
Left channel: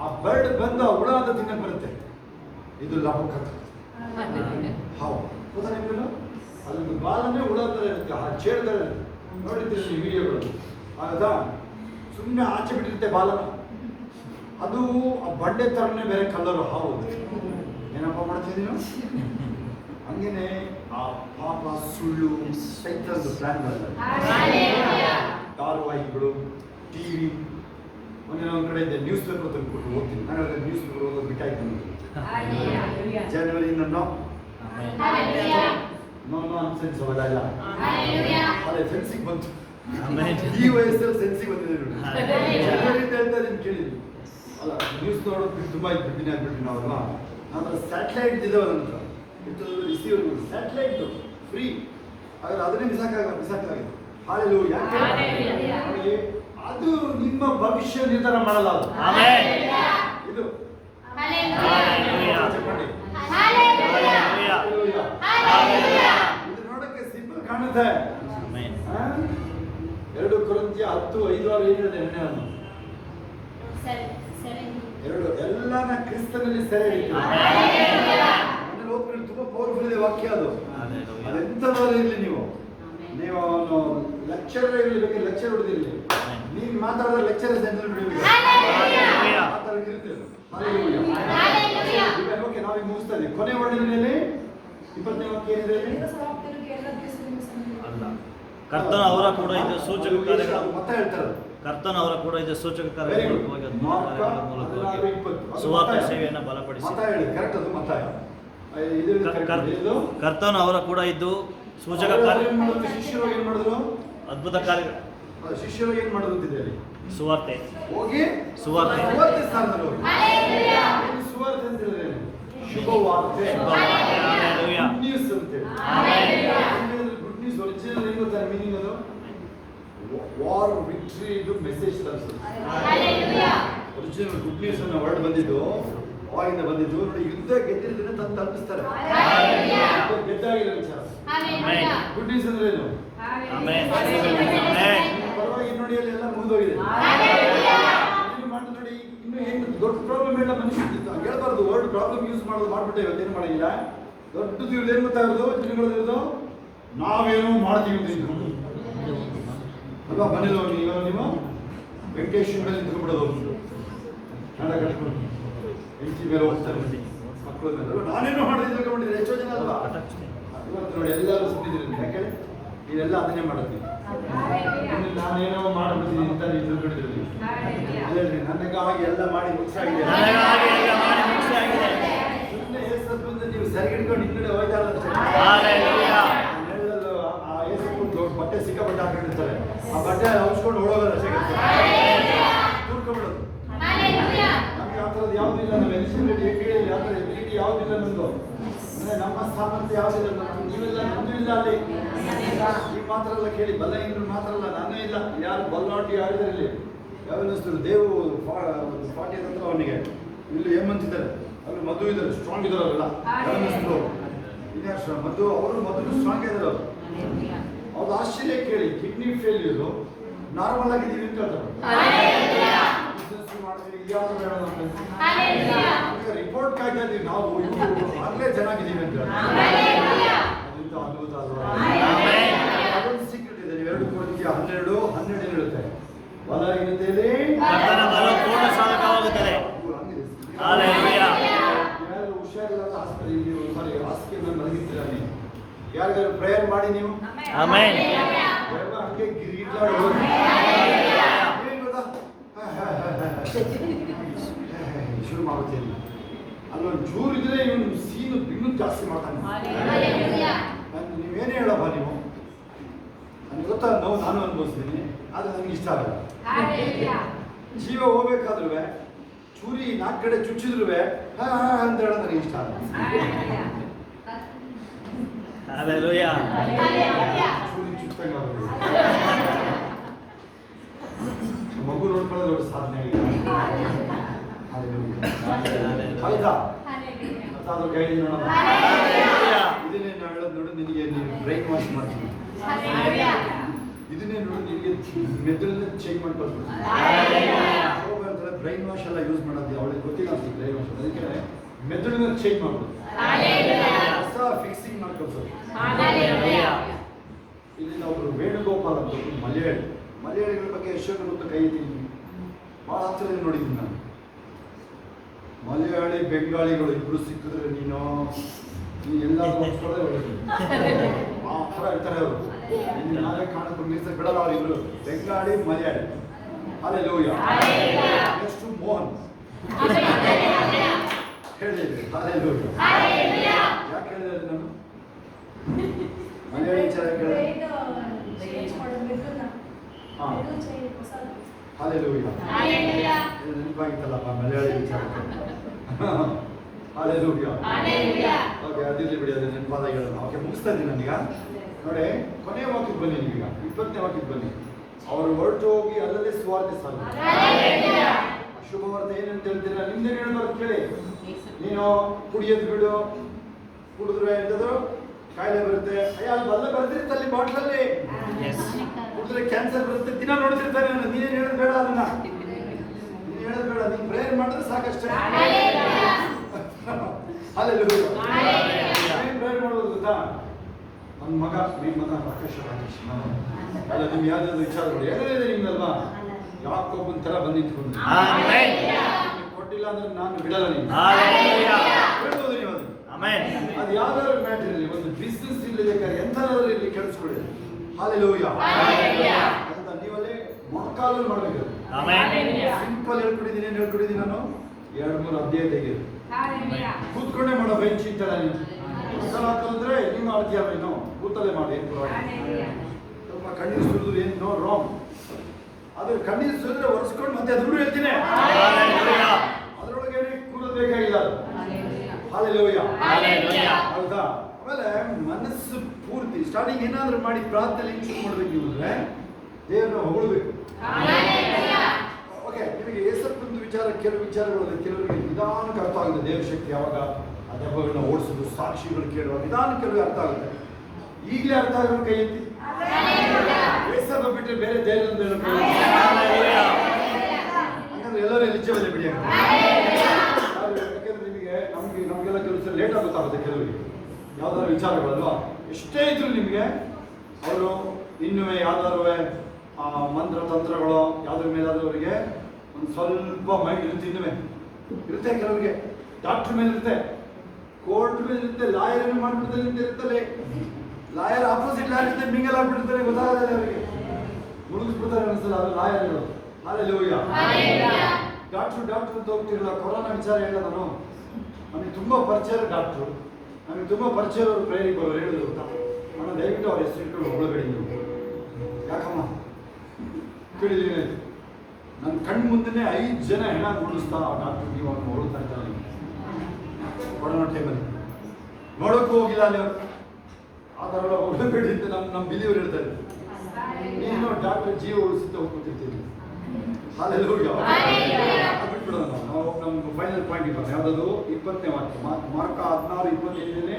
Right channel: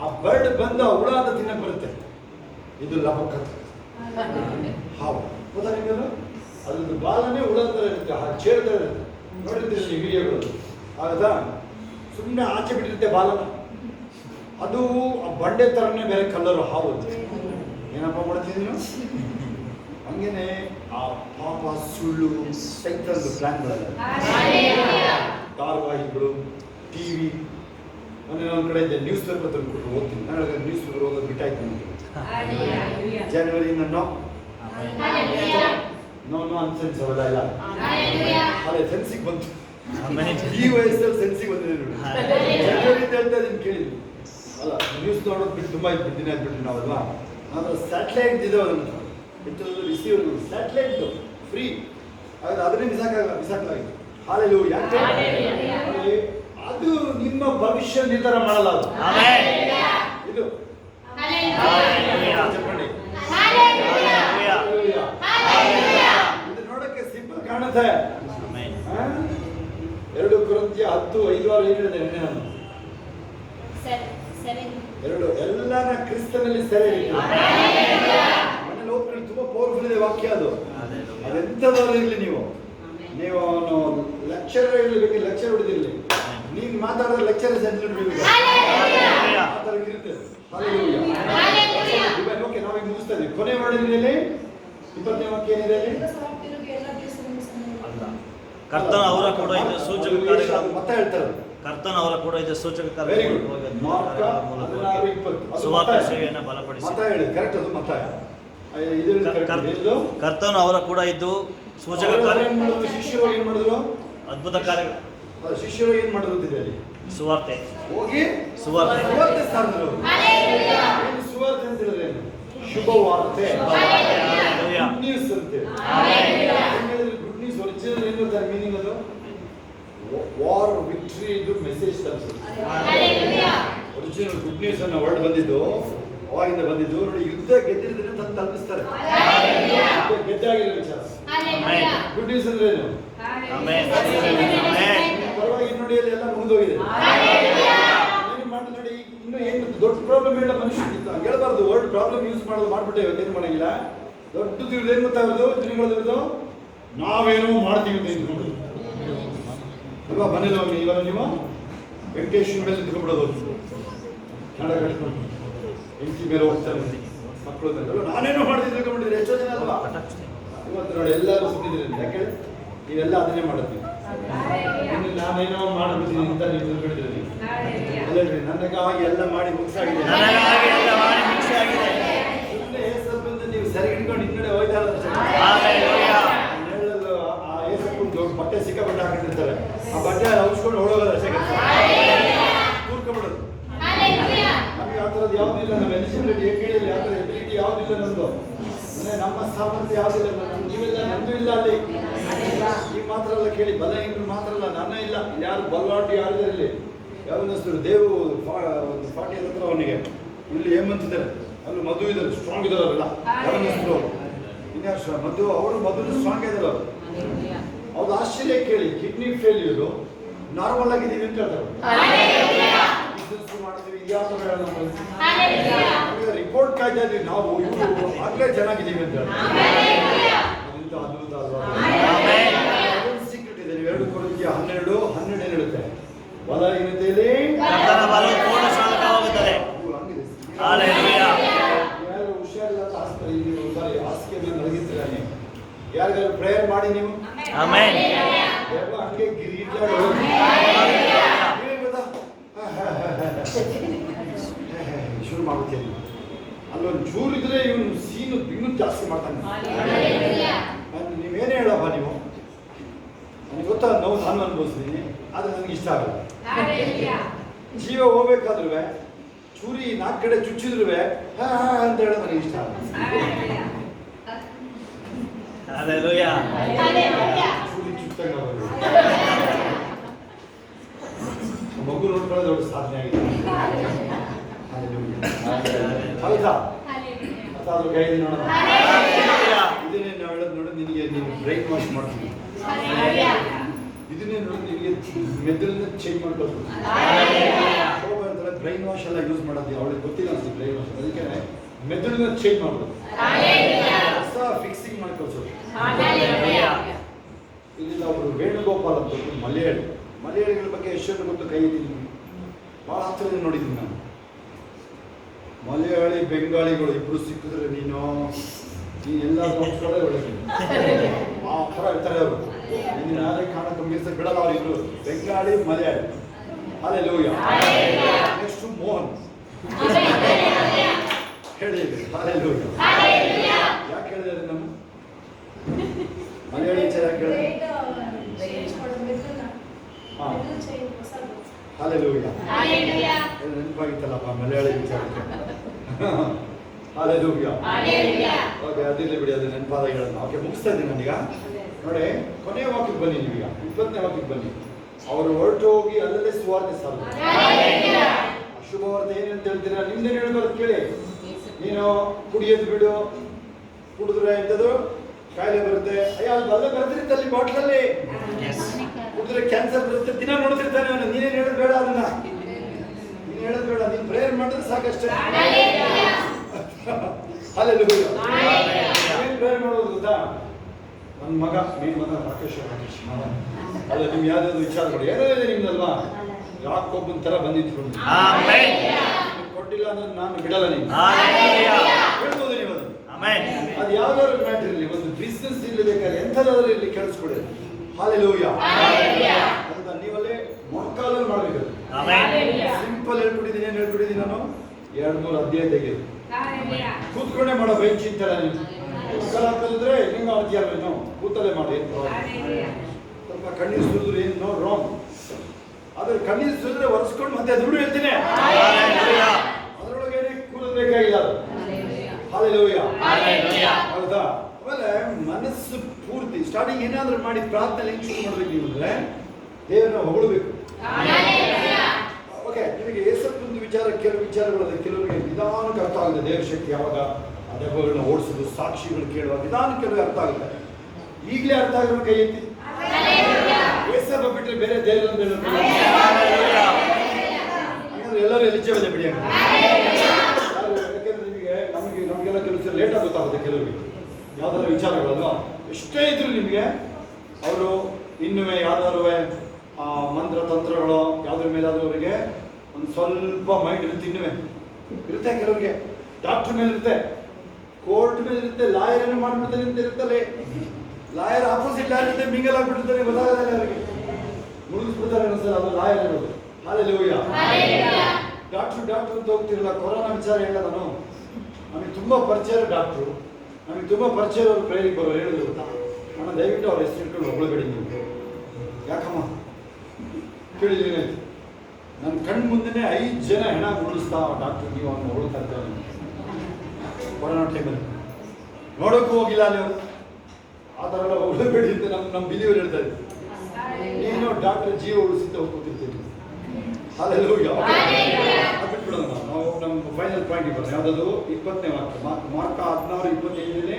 ಆ ಬರ್ಡ್ ಬಂದು ಹುಳ ಅಂತ ತಿನ್ನಕ್ಕೆ ಬರುತ್ತೆ. ಇದು ಲಪಕ ಹಾವು, ಗೊತ್ತಾ ನಿಮ್ಮದು? ಅದ್ರದ್ದು ಬಾಲನೇ ಹುಳ ಥರ ಇರುತ್ತೆ, ಆ ಶೇಡ್ ಥರ ಇರುತ್ತೆ. ನೋಡಿರ್ತೀರಿ ನೀವು ವಿಡಿಯೋಗಳು. ಆಗ ಸುಮ್ಮನೆ ಆಚೆ ಬಿಟ್ಟಿರುತ್ತೆ ಬಾಲನ. ಅದು ಆ ಬಂಡೆ ಥರನೇ ಬೇರೆ ಕಲರು ಹಾವು. ಏನಪ್ಪ ಮಾಡ್ತಿದ್ದೀನೋ ಹಂಗೇನೆ ಆ ಪಾಪ, ಸುಳ್ಳು, ಸೈತಂದು ಪ್ಲಾನ್ಗಳೆಲ್ಲ, ಧಾರಾವಾಹಿಗಳು, ಟಿವಿ. ಮೊನ್ನೆ ನನ್ನ ಕಡೆ ಇದೆ, ನ್ಯೂಸ್ ಪೇಪರ್ ತಂದುಕೊಟ್ಟು ಓದ್ತೀನಿ. ನಾನು ಹೇಳಿದ್ರೆ ನ್ಯೂಸ್ ಪೇಪರ್ ಓದೋದು ಬಿಟ್ಟಾಯ್ತು ನನಗೆ. ಜನವರಿಯಿಂದ ನೋ ಅನ್ಸೆನ್ಸ್ ಅವೆಲ್ಲ ಇಲ್ಲ. ಅದೇ ಸೆನ್ಸಿಗೆ ಬಂತು. ಈ ವಯಸ್ಸಲ್ಲಿ ಸೆನ್ಸಿಗೆ ಬಂದಿದೆ ನೋಡಿ. ಜನವರಿಯಿಂದ ಹೇಳ್ತಾ ಇದನ್ನು ಕೇಳಿದ್ವಿ ಅಲ್ಲ, ನ್ಯೂಸ್ ನೋಡೋದು ಬಿಟ್ಟು ತುಂಬ ದಿನ ಆಗ್ಬಿಟ್ಟು ನಾವಲ್ವಾ. ನಾನು ಸ್ಯಾಟಲೈಟ್ ಇದಾವೆ ಅಂತ ಇತ್ತು, ರಿಸೀವರ್ ಸ್ಯಾಟಲೈಟು ಫ್ರೀ. ಹಾಗಾದ್ರೆ ಅದನ್ನೇ ಬಿಸಾಕಲಾಗಿತ್ತು. ಹಲ್ಲೆಲೂಯಾ. ಯಾಕೆ? ಅದು ನಿಮ್ಮ ಭವಿಷ್ಯ ನಿರ್ಧಾರ ಮಾಡಲ್ಲ. ಅದು ಇದು ಇದು ನೋಡಕ್ಕೆ ಸಿಂಪಲ್ ಕಾಣುತ್ತೆ. 2 ಕೊರಿಂಥಿಯ 10:5-6 ಏನು ಹೇಳಿದೆ ನೆನ್ನೆ ನಾನು? ಎರಡು ಎಲ್ಲಾನ ಕ್ರಿಸ್ತನಲ್ಲಿ ಸೆರೆ ಹಿಡಿತು. ಮನೇಲಿ ಓದ್ಕೊಂಡು ತುಂಬಾ ಪವರ್ಫುಲ್ ಇದೆ ವಾಕ್ಯ ಅದು. ಅದೆಂಥದವ್ರು ಇರಲಿ ನೀವು ಅವನು ಲೆಕ್ಚರ್ ಇರಲಿ, ಬೇಕಾದ್ರೆ ಲೆಕ್ಚರ್ ಹೊಡೆದಿರಲಿ, ನೀನು ಮಾತಾಡಿದ್ರೆ ಲೆಕ್ಚರ್ ಸೆಂಟರ್ ಹಿಡಿಬೇಕು. ಆ ಥರ ಇರುತ್ತೆ. ಓಕೆ, ನಾವೀಗ ಮುಗಿಸ್ತಾ ಇದ್ದೀವಿ. ಕೊನೆ ವರ್ಣದಲ್ಲಿ 20ನೇ ವಾಕ್ಯ ಏನಿದೆ ಅಲ್ಲಿ? ಕರ್ತನ ಅವರ ಕೂಡ ಇದು ಸೂಚಕ ಕಾರ್ಯಗಳು ಮತ ಹೇಳ್ತಾರೆ. ಕರ್ತನ ಅವರ ಕೂಡ ಇದು ಸೂಚಕ ವೆರಿ ಗುಡ್. ಕಾರ್ಯಗಳು ಮಾರ್ಕ 16:20 ಸುವಾರ್ತೆ ಸೇವೆಯನ್ನು ಬಲಪಡಿಸಿ. ಮತ ಹೇಳಿ ಕರೆಕ್ಟ್, ಅದು ಮತ ಇದು ಕರೆಕ್ಟ್. ಕರ್ತನ ಅವರ ಕೂಡ ಇದ್ದು ಸೂಚಕ ಕಾರ್ಯ. ಶಿಷ್ಯರು ಏನ್ ಮಾಡಿದ್ರು? ಅದ್ಭುತ ಕಾರ್ಯ. ಶಿಷ್ಯರು ಏನ್ ಮಾಡಿದ್ರು ಅಲ್ಲಿ? ಸುವಾರ್ತೆ ಹೋಗಿ ಸುವಾರ್ತೆ ಸಾರಿದ್ರು. ಸುವಾರ್ತೆ ಅಂತ ಹೇಳಿದ್ರೆ ಶುಭವಾರ್ತೆ, ಗುಡ್ ನ್ಯೂಸ್ ಅಂತೆ. ಗುಡ್ ನ್ಯೂಸ್ ಒರಿಜಿನಲ್ ಏನು ಅದರ ಮೀನಿಂಗ್? ಅದು ವಾರ್ ವಿಕ್ಟರಿ ಇದು ಮೆಸೇಜ್ ತರಿಸೋದು. ಒರಿಜಿನಲ್ ಗುಡ್ ನ್ಯೂಸ್ ಅನ್ನೋ ವರ್ಡ್ ಬಂದಿದ್ದು ಅವಾಗಿಂದ ಬಂದಿದ್ದು. ನೋಡಿ, ಯುದ್ಧ ಗೆದ್ದಿದ್ದನ್ನು ತಂದು ತಲುಪಿಸ್ತಾರೆ. ಗೆದ್ದಾಗಿರೋ ವಿಚಾರ ಗುಡ್ ನ್ಯೂಸ್ ಅಂದ್ರೆ ಏನು? ಪರವಾಗಿ ನೋಡಿ, ಅಲ್ಲಿ ಎಲ್ಲ ಮುಗಿದೋಗಿದೆ. ಏನು ಮಾಡಿ ನೋಡಿ, ಇನ್ನು ಏನು ದೊಡ್ಡ ಪ್ರಾಬ್ಲಮ್ ಇಲ್ಲ ಮನುಷ್ಯ ಹೇಳ್ಬಾರ್ದು. ವರ್ಡ್ ಪ್ರಾಬ್ಲಮ್ ಯೂಸ್ ಮಾಡೋದು ಮಾಡ್ಬಿಟ್ಟೆ. ಇವತ್ತೇನು ಮಾಡಂಗಿಲ್ಲ. ದೊಡ್ಡದು ಇವ್ರದ್ದು ಏನು ಗೊತ್ತಾಗೋದು ಜನಗಳದ್ದು, ನಾವೇನೋ ಮಾಡ್ತೀವಿ ಅಂತ ಇದ್ಕೊಂಡು ಅಲ್ವಾ? ಮನೇಲಿ ಇಲ್ಲ ನೀವು ವೆಂಕಟೇಶ್ ಮೇಲೆ ನಿಂತ್ಕೊಂಡ್ಬಿಡೋದು, ನಾಡ ಕಟ್ಕೊಂಡು ಹೆಂಡತಿ ಮೇಲೆ ಹೋಗ್ತಾರೆ, ಮಕ್ಕಳು ಮೇಲೆ ನಾನೇನೋ ಮಾಡಿದ್ರೆ ತಿಳ್ಕೊಂಡಿದ್ರೆ ಎಷ್ಟೋ ಜನ ಅಲ್ವಾ? ಇವತ್ತು ನೋಡಿ ಎಲ್ಲರೂ ಸುತ್ತಿದ್ದೀರಿ. ಯಾಕೆ ನೀವೆಲ್ಲ ಅದನ್ನೇ ಮಾಡುತ್ತೀವಿ. ನಾನೇನೋ ಮಾಡ್ಬಿಡ್ತೀನಿ ಅಂತ ನೀವು ತಿಳ್ಕೊಂಡಿದ್ದೀರಿ. ಅಲ್ಲರಿ, ನನಗಾಗಿ ಎಲ್ಲ ಮಾಡಿ ಮುಗಿಸಾಗಿದೆ. ಸುಮ್ಮನೆ ಸ್ವಲ್ಪ ನೀವು ಸರಿ ಹಿಡ್ಕೊಂಡು ಹಿಂದ್ಗಡೆ ಹೋಯ್ತಾ ದೊಡ್ಡ ಬಟ್ಟೆ ಸಿಕ್ಕಾಪಟ್ಟೆ ಹಾಕಿರ್ತಾರೆ. ಆ ಬಟ್ಟೆ ಹೊಚ್ಕೊಂಡು ಹೊಡೋಗೋದು ಅಷ್ಟೇ ಕೆಲಸ, ಕೂರ್ಕೊಂಡ್ಬಿಡೋದು. ನಮಗೆ ಆ ಥರದ್ದು ಯಾವುದಿಲ್ಲ. ನಮ್ಮ ಎಲಿಜಿಬಿಲಿಟಿ ಹೇಳಿ ಯಾವ ಥರ ಎಬಿಲಿಟಿ ಯಾವುದಿಲ್ಲ ನಂದು. ಅಂದರೆ ನಮ್ಮ ಸಾಮರ್ಥ್ಯ ಯಾವುದಿಲ್ಲ. ನೀವೆಲ್ಲ ನಂದು ಇಲ್ಲ ಅಲ್ಲಿ. ನೀವು ಮಾತ್ರ ಅಲ್ಲ ಕೇಳಿ, ಬಲಹೀನರು ಮಾತ್ರ ಅಲ್ಲ, ನಾನೇ ಇಲ್ಲ. ಯಾರು ಬಲ್ಲಾಟಿ ಯಾರಿದ್ದಾರೆ ಯಾವ ದೇವು 40 ಹತ್ರ ಅವನಿಗೆ ಇಲ್ಲಿ ಹೇಮಂತಿದ್ದಾರೆ, ಅಲ್ಲಿ ಮಧು ಇದ್ದಾರೆ, ಸ್ಟ್ರಾಂಗ್ ಇದ್ದಾರೆ ಅವರೆಲ್ಲ. ಯಾವ ಇನ್ಯಾರು ಮಧು, ಅವರು ಮೊದಲು ಸ್ಟ್ರಾಂಗ್ ಇದ್ದಾರೆ ಅವರು. ಅವ್ರದ್ದು ಆಶ್ಚರ್ಯ ಕೇಳಿ, ಕಿಡ್ನಿ ಫೇಲ್ಯೂರು ನಾರ್ಮಲ್ ಆಗಿದ್ದೀವಿ ಅಂತ ಹೇಳ್ತಾರೆ. ಬಿಸ್ನೆಸ್ ಮಾಡ್ತೀವಿ, ಇದ್ಯಾವುದು ರಿಪೋರ್ಟ್ ಕಾಯ್ತಾ ಇದ್ದೀವಿ ನಾವು, ಇವರು ಆಗಲೇ ಚೆನ್ನಾಗಿದ್ದೀವಿ ಅಂತ. ಅದಂತ ಅದ್ಭುತ ಅಲ್ವಾ? ಅದೊಂದು ಸೀಕ್ರೆಟ್ ಇದೆ. ನೀವು 2 ಕೊರಿಂಥಿಯ 12:12 ಹೇಳುತ್ತೆ, ಬಲಹೀನತೆಯಲ್ಲಿ ಪೂರ್ಣ ಸಾಧಕವಾಗುತ್ತದೆ. ಯಾರು ಹುಷಾರಿಲ್ಲ ಅಂತ ಹಾಸಿಗೆ ಮೇಲೆ ಮಲಗಿರ್ತೀರಾನೆ, ಯಾರಿಗಾದ್ರು ಪ್ರೇಯರ್ ಮಾಡಿ ನೀವು ಆಮೆನ್. ಎಲ್ಲ ಹಂಗೆ ಗಿರಿಗಿಟ್ಲಾಡಿ ಹೋಗಿ ಶುರು ಮಾಡುತ್ತೆ. ಅಲ್ಲೊಂದು ಚೂರು ಇದ್ರೆ ಇವನು ಸೀನು ಇನ್ನೂ ಜಾಸ್ತಿ ಮಾಡ್ತಾನೆ. ನೀವೇನೇ ಹೇಳಪ್ಪ ನೀವು, ನನಗೆ ಗೊತ್ತಾ, ನೋವು ನಾನು ಅನುಭವಿಸ್ತೀನಿ, ಆದರೆ ನನಗೆ ಇಷ್ಟ ಆಗಲ್ಲ. ಜೀವ ಹೋಗ್ಬೇಕಾದ್ರೂ ಚೂರಿ 4 ಕಡೆ ಚುಚ್ಚಿದ್ರು ಅಂತ ಹೇಳೋದು ನನಗೆ ಇಷ್ಟ ಆಗಲ್ಲ. ಚೂರಿ ಚುಚ್ಚಂಗ ಮಗು ನೋಡ್ಕೊಳ್ಳೋದು ದೊಡ್ಡ ಸಾಧನೆ ಆಗಿದೆ. ಹೌದಾ? ಅದಾದ್ರೂ ಕೈ ನೋಡೋಣ. ಇದನ್ನೇ ನಾವು ಹೇಳೋದು ನೋಡು, ನಿನಗೆ ನೀನು ಬ್ರೈನ್ ವಾಶ್ ಮಾಡ್ತೀನಿ. ಇದನ್ನೇ ನೋಡು, ನಿನಗೆ ಮೆದುಳನ್ನ ಚೇಂಜ್ ಮಾಡ್ಕೊಳ್ತೀನಿ. ಶೋಭಾ ಅಂತಾರೆ ಬ್ರೈನ್ ವಾಶ್ ಎಲ್ಲ ಯೂಸ್ ಮಾಡೋದು, ಅವಳಿಗೆ ಗೊತ್ತಿಲ್ಲ ಅನ್ಸುತ್ತೆ ಬ್ರೈನ್ ವಾಶ್. ಅದಕ್ಕೆ ಮೆದುಳನ್ನ ಚೇಂಜ್ ಮಾಡೋದು, ಹೊಸ ಫಿಕ್ಸಿಂಗ್ ಮಾಡ್ಕೊಳ್ಸೋದು. ಇಲ್ಲಿಂದ ಒಬ್ರು ವೇಣುಗೋಪಾಲ್ ಅಂತ ಒಬ್ರು ಮಲಯಾಳಿಗಳ ಬಗ್ಗೆ ಎಷ್ಟೊಂದು ಗೊತ್ತು, ಕೈ ಇದ್ದೀನಿ ಭಾಳ ಹತ್ತಿರದಿಂದ ನೋಡಿದ್ದೀನಿ ನಾನು. ಮಲಯಾಳಿ ಬೆಂಗಾಳಿಗಳು ಇಬ್ರು ಸಿಕ್ಕಿದ್ರೆ ನೀನು ಎಲ್ಲರೂ ನೋಡ್ಕೊಳ್ಳೋದೇ ಒಳ್ಳೆಯದು. ಆ ಥರ ಇರ್ತಾರೆ ಅವರು. ನಿನ್ನ ನಾವೇ ಕಾಣಕ್ಕೆ ಮೀರ್ಸಕ್ಕೆ ಬಿಡಲ್ಲ ಅವರಿಬ್ರು, ಬೆಂಗಾಳಿ ಮಲಯಾಳಿ. ಹಲ್ಲೆಲೂಯಾ. ನೆಕ್ಸ್ಟ್ ಮೋಹನ್ ಹೇಳಿದೆ. ಹಲ್ಲೆಲೂಯಾ. ಯಾಕೆ ಹೇಳಿದ್ರೆ ನಾನು ಮಲಯಾಳಿ ವಿಚಾರ ಕೇಳಿದೆ. ಹಾಂ, ಹಲ್ಲೆಲೂಯಾ. ನೆನಪಾಗಿತ್ತಲ್ಲಪ್ಪ ಮಲಯಾಳಿ ವಿಚಾರಕ್ಕೆ. ಹಲ್ಲೆಲೂಯಾ. ಓಕೆ, ಅದಿರಲಿ ಬಿಡಿ, ಅದು ನೆನಪಾದ ಹೇಳೋಣ. ಓಕೆ, ಮುಗಿಸ್ತಾ ಇದ್ದೀನಿ ನಾನೀಗ. ನೋಡಿ, ಕೊನೆಯ ವಾಕ್ಯಕ್ಕೆ ಬನ್ನಿ. ನೀವೀಗ 20ನೇ ವಾಕ್ಯಕ್ಕೆ ಬನ್ನಿ. ಅವರು ಹೊರಟು ಹೋಗಿ ಅಲ್ಲದೆ ಸುವಾರ್ತೆ ಸಾರು. ಶುಭವಾರ್ತೆ ಏನಂತ ಹೇಳ್ತೀರಾ? ನಿಮ್ದೇನು ಹೇಳ್ಬಾರ್ದು ಕೇಳಿ. ನೀನು ಕುಡಿಯೋದು ಬಿಡು, ಕುಡಿದ್ರೆ ಎಂಥದ್ದು ಕಾಯಿಲೆ ಬರುತ್ತೆ. ಅಯ್ಯ, ಅಲ್ಲಿ ಬಲ್ಲ ಬರ್ತಿರುತ್ತೆ ಅಲ್ಲಿ ಬಾಟ್ಲಲ್ಲಿ. ಕುಡಿದ್ರೆ ಕ್ಯಾನ್ಸರ್ ಬರುತ್ತೆ ದಿನ ನೋಡ್ತಿರ್ತಾನೆ ಅವನು. ನೀನೇನು ಹೇಳೋದು ಬೇಡ ಅದನ್ನ, ನೀನು ಹೇಳೋದು ಬೇಡ, ನೀನು ಪ್ರೇಯರ್ ಮಾಡಿದ್ರೆ ಸಾಕಷ್ಟೇ. ಹಲ್ಲೆಲೂಯಾ. ಏನು ಪ್ರೇಯರ್ ಮಾಡೋದು ಗೊತ್ತಾ? ನನ್ನ ಮಗ, ನಿಮ್ಮ ಮಗ ರಾಕೇಶ್ ಅಲ್ಲ, ನಿಮ್ಗೆ ಯಾವ್ದಾದ್ರು ವಿಚಾರಗಳು ಏನೋ ಇದೆ ನಿಮ್ದಲ್ವಾ, ಯಾಕೊಬ್ಬನ ಥರ ಬಂದಿಟ್ಕೊಂಡು ಕೊಟ್ಟಿಲ್ಲ ಅಂದ್ರೆ ನಾನು ಬಿಡಲ್ಲ. ನೀವು ಹೇಳ್ಬೋದು ನೀವು ಅದು. ಅದು ಯಾವ್ದಾದ್ರು ಮ್ಯಾಟ್ರ್ ಇರಲಿ, ಒಂದು ಬಿಸ್ನೆಸ್ ಇರಲಿ, ಬೇಕಾದ್ರೆ ಎಂಥದಾದ್ರೂ ಇರಲಿ, ಕೇಳಿಸ್ಕೊಡಿ. ಹಲ್ಲೆಲೂಯಾ. ಅದನ್ನ ನೀವಲ್ಲೇ ಮೊಣಕಾಲಲ್ಲಿ ಮಾಡಬೇಕು. ಸಿಂಪಲ್ ಹೇಳ್ಕೊಟ್ಟಿದ್ದೀನಿ. ಏನು ಹೇಳ್ಕೊಟ್ಟಿದ್ದೀನಿ ನಾನು? 2-3 ಅಧ್ಯಾಯ ತೆಗೆದು ಕೂತ್ಕೊಂಡೇ ಮಾಡೋ ಬೆಂಚ್ ಇಂತಲ್ಲ. ನೀವು ಮೊಣಕಾಲ ಕಲಿದ್ರೆ ಹೆಂಗೆ ಮಾಡ್ತೀಯ? ನಾವು ಕೂತಲ್ಲೇ ಮಾಡಿ. ಸ್ವಲ್ಪ ಕಣ್ಣೀರು ಸುರಿದ್ರು ಏನು ನೋ ರಾಂಗ್. ಆದ್ರೆ ಕಣ್ಣೀರು ಸುರಿದ್ರೆ ಒರೆಸ್ಕೊಂಡು ಮತ್ತೆ ದುಡ್ಡು ಹೇಳ್ತೀನಿ, ಅದರೊಳಗೇನೆ ಕೂರೋದು ಬೇಕಾಗಿಲ್ಲ ಅದು. ಹಲ್ಲೆಲೂಯಾ. ಹೌದಾ? ಆಮೇಲೆ ಮನಸ್ಸು ಪೂರ್ತಿ ಸ್ಟಾರ್ಟಿಂಗ್ ಏನಾದ್ರೂ ಮಾಡಿ ಪ್ರಾರ್ಥನೆ ಶುರು ಮಾಡ್ಬೇಕು. ನೀವು ಅಂದ್ರೆ ದೇವರನ್ನ ಹೊಗಳಬೇಕು. ಓಕೆ, ನಿಮಗೆ ಏಸಪ್ಪಂದು ವಿಚಾರ, ಕೆಲವು ವಿಚಾರಗಳು ಕೆಲವರಿಗೆ ನಿಧಾನಕ್ಕೆ ಅರ್ಥ ಆಗುತ್ತೆ. ದೇವ ಶಕ್ತಿ ಯಾವಾಗ ಆ ದೆವ್ವಗಳನ್ನ ಓಡಿಸೋದು, ಸಾಕ್ಷಿಗಳು ಕೇಳುವ ನಿಧಾನ ಕೆಲವರಿಗೆ ಅರ್ಥ ಆಗುತ್ತೆ. ಈಗಲೇ ಅರ್ಥ ಆಗಿರೋ ಕೈ ಎತ್ತಿ. ಏಸಪ್ಪ ಬಿಟ್ಟರೆ ಬೇರೆ ದೇವರ ಮೇಲೆ ಹಂಗಂದ್ರೆ ಎಲ್ಲರೂ ಎಲಿಜಿಬಲ್ ಬಿಡಿ. ಯಾಕಂದ್ರೆ ನಿಮಗೆ ನಮಗೆಲ್ಲ ಕೆಲಸ ಲೇಟಾಗಿ ಗೊತ್ತಾಗುತ್ತೆ. ಕೆಲವರಿಗೆ ಯಾವ್ದಾದ್ರು ವಿಚಾರಗಳಲ್ವಾ, ಎಷ್ಟೇ ಇದ್ರು ನಿಮಗೆ ಅವರು ಇನ್ನೂ ಯಾವ್ದಾದ್ರು ಮಂತ್ರ ತಂತ್ರಗಳು ಯಾವ್ದ್ರ ಮೇಲಾದ್ರೂ ಅವರಿಗೆ ಒಂದು ಸ್ವಲ್ಪ ಮೈಂಡ್ ಇರುತ್ತೆ. ಇನ್ನೂ ಇರುತ್ತೆ ಕೆಲವರಿಗೆ. ಡಾಕ್ಟರ್ ಮೇಲೆ ಇರುತ್ತೆ, ಕೋರ್ಟ್ ಮೇಲೆ ಇರುತ್ತೆ, ಲಾಯರ್ ಮಾಡ್ಬಿಡ್ತಾರೆ ಅಂತ ಇರುತ್ತಲ್ಲ. ಲಾಯರ್ ಆಪೋಸಿಟ್ ಲಾಯರ್ ಇರುತ್ತೆ, ಮಿಂಗಲ್ ಆಗ್ಬಿಡ್ತಾರೆ, ಗೊತ್ತಾಗಲ್ಲ ಅವರಿಗೆ, ಮುಳುಗಿಸ್ಬಿಡ್ತಾರೆ ಅನ್ಸಲ್ಲ. ಅದು ಲಾಯರ್ ಇರೋದು. ಹಲ್ಲೆಲೂಯಾ. ಡಾಕ್ಟರ್ ಅಂತ ಹೋಗ್ತಿರಲ್ಲ. ಕೊರೋನಾ ವಿಚಾರ ಹೇಳ ನಾನು, ನಮಗೆ ತುಂಬ ಪರಿಚಯ ಡಾಕ್ಟ್ರು, ನಮಗೆ ತುಂಬ ಪರಿಚಯ ಅವರು ಪ್ರೇರಿಗೆ ಬರೋರು ಹೇಳಿದ್ರು ಗೊತ್ತಾ, ಅಣ್ಣ ದಯವಿಟ್ಟು ಅವ್ರ ಹೆಸರು ಇಟ್ಕೊಂಡು ಹೊಗಳಬೇಡಿ ನೀವು. ಯಾಕಮ್ಮ ಕೇಳಿದ್ದೀನಿ, ನನ್ನ ಕಣ್ಣು ಮುಂದೆನೇ 5 ಜನ ಹೆಣ ಉಳಿಸ್ತಾ ಡಾಕ್ಟರ್ ನೀವು ಅವ್ನು ಹೊಳ್ತಾ ಇದ್ದಾರೆ. ಕೊರೋನಾ ಟೈಮಲ್ಲಿ ನೋಡೋಕ್ಕೂ ಹೋಗಿಲ್ಲ ಅಲ್ಲಿ ಅವರು. ಆ ಥರ ಎಲ್ಲ ಹೊಗಳಬೇಡಿ ಅಂತ ನಮ್ಮ ಬಿಲಿಯವರು ಹೇಳ್ತಾ ಇದ್ರು. ನೀನು ಡಾಕ್ಟರ್ ಜೀವ ಉಳಿಸಿದ್ದ ಹೋಗ್ಕೊತಿರ್ತೀನಿ. ಹಲ್ಲೆಲೂಯಾ. ಬಿಟ್ಬಿಡೋಣ ನಾವು. ನಮ್ಮ ಫೈನಲ್ ಪಾಯಿಂಟ್ ಬರೋಣ. ಯಾವುದದು? 20ನೇ ವಾಕ್ಯ, ಮಾರ್ಕ 16:25.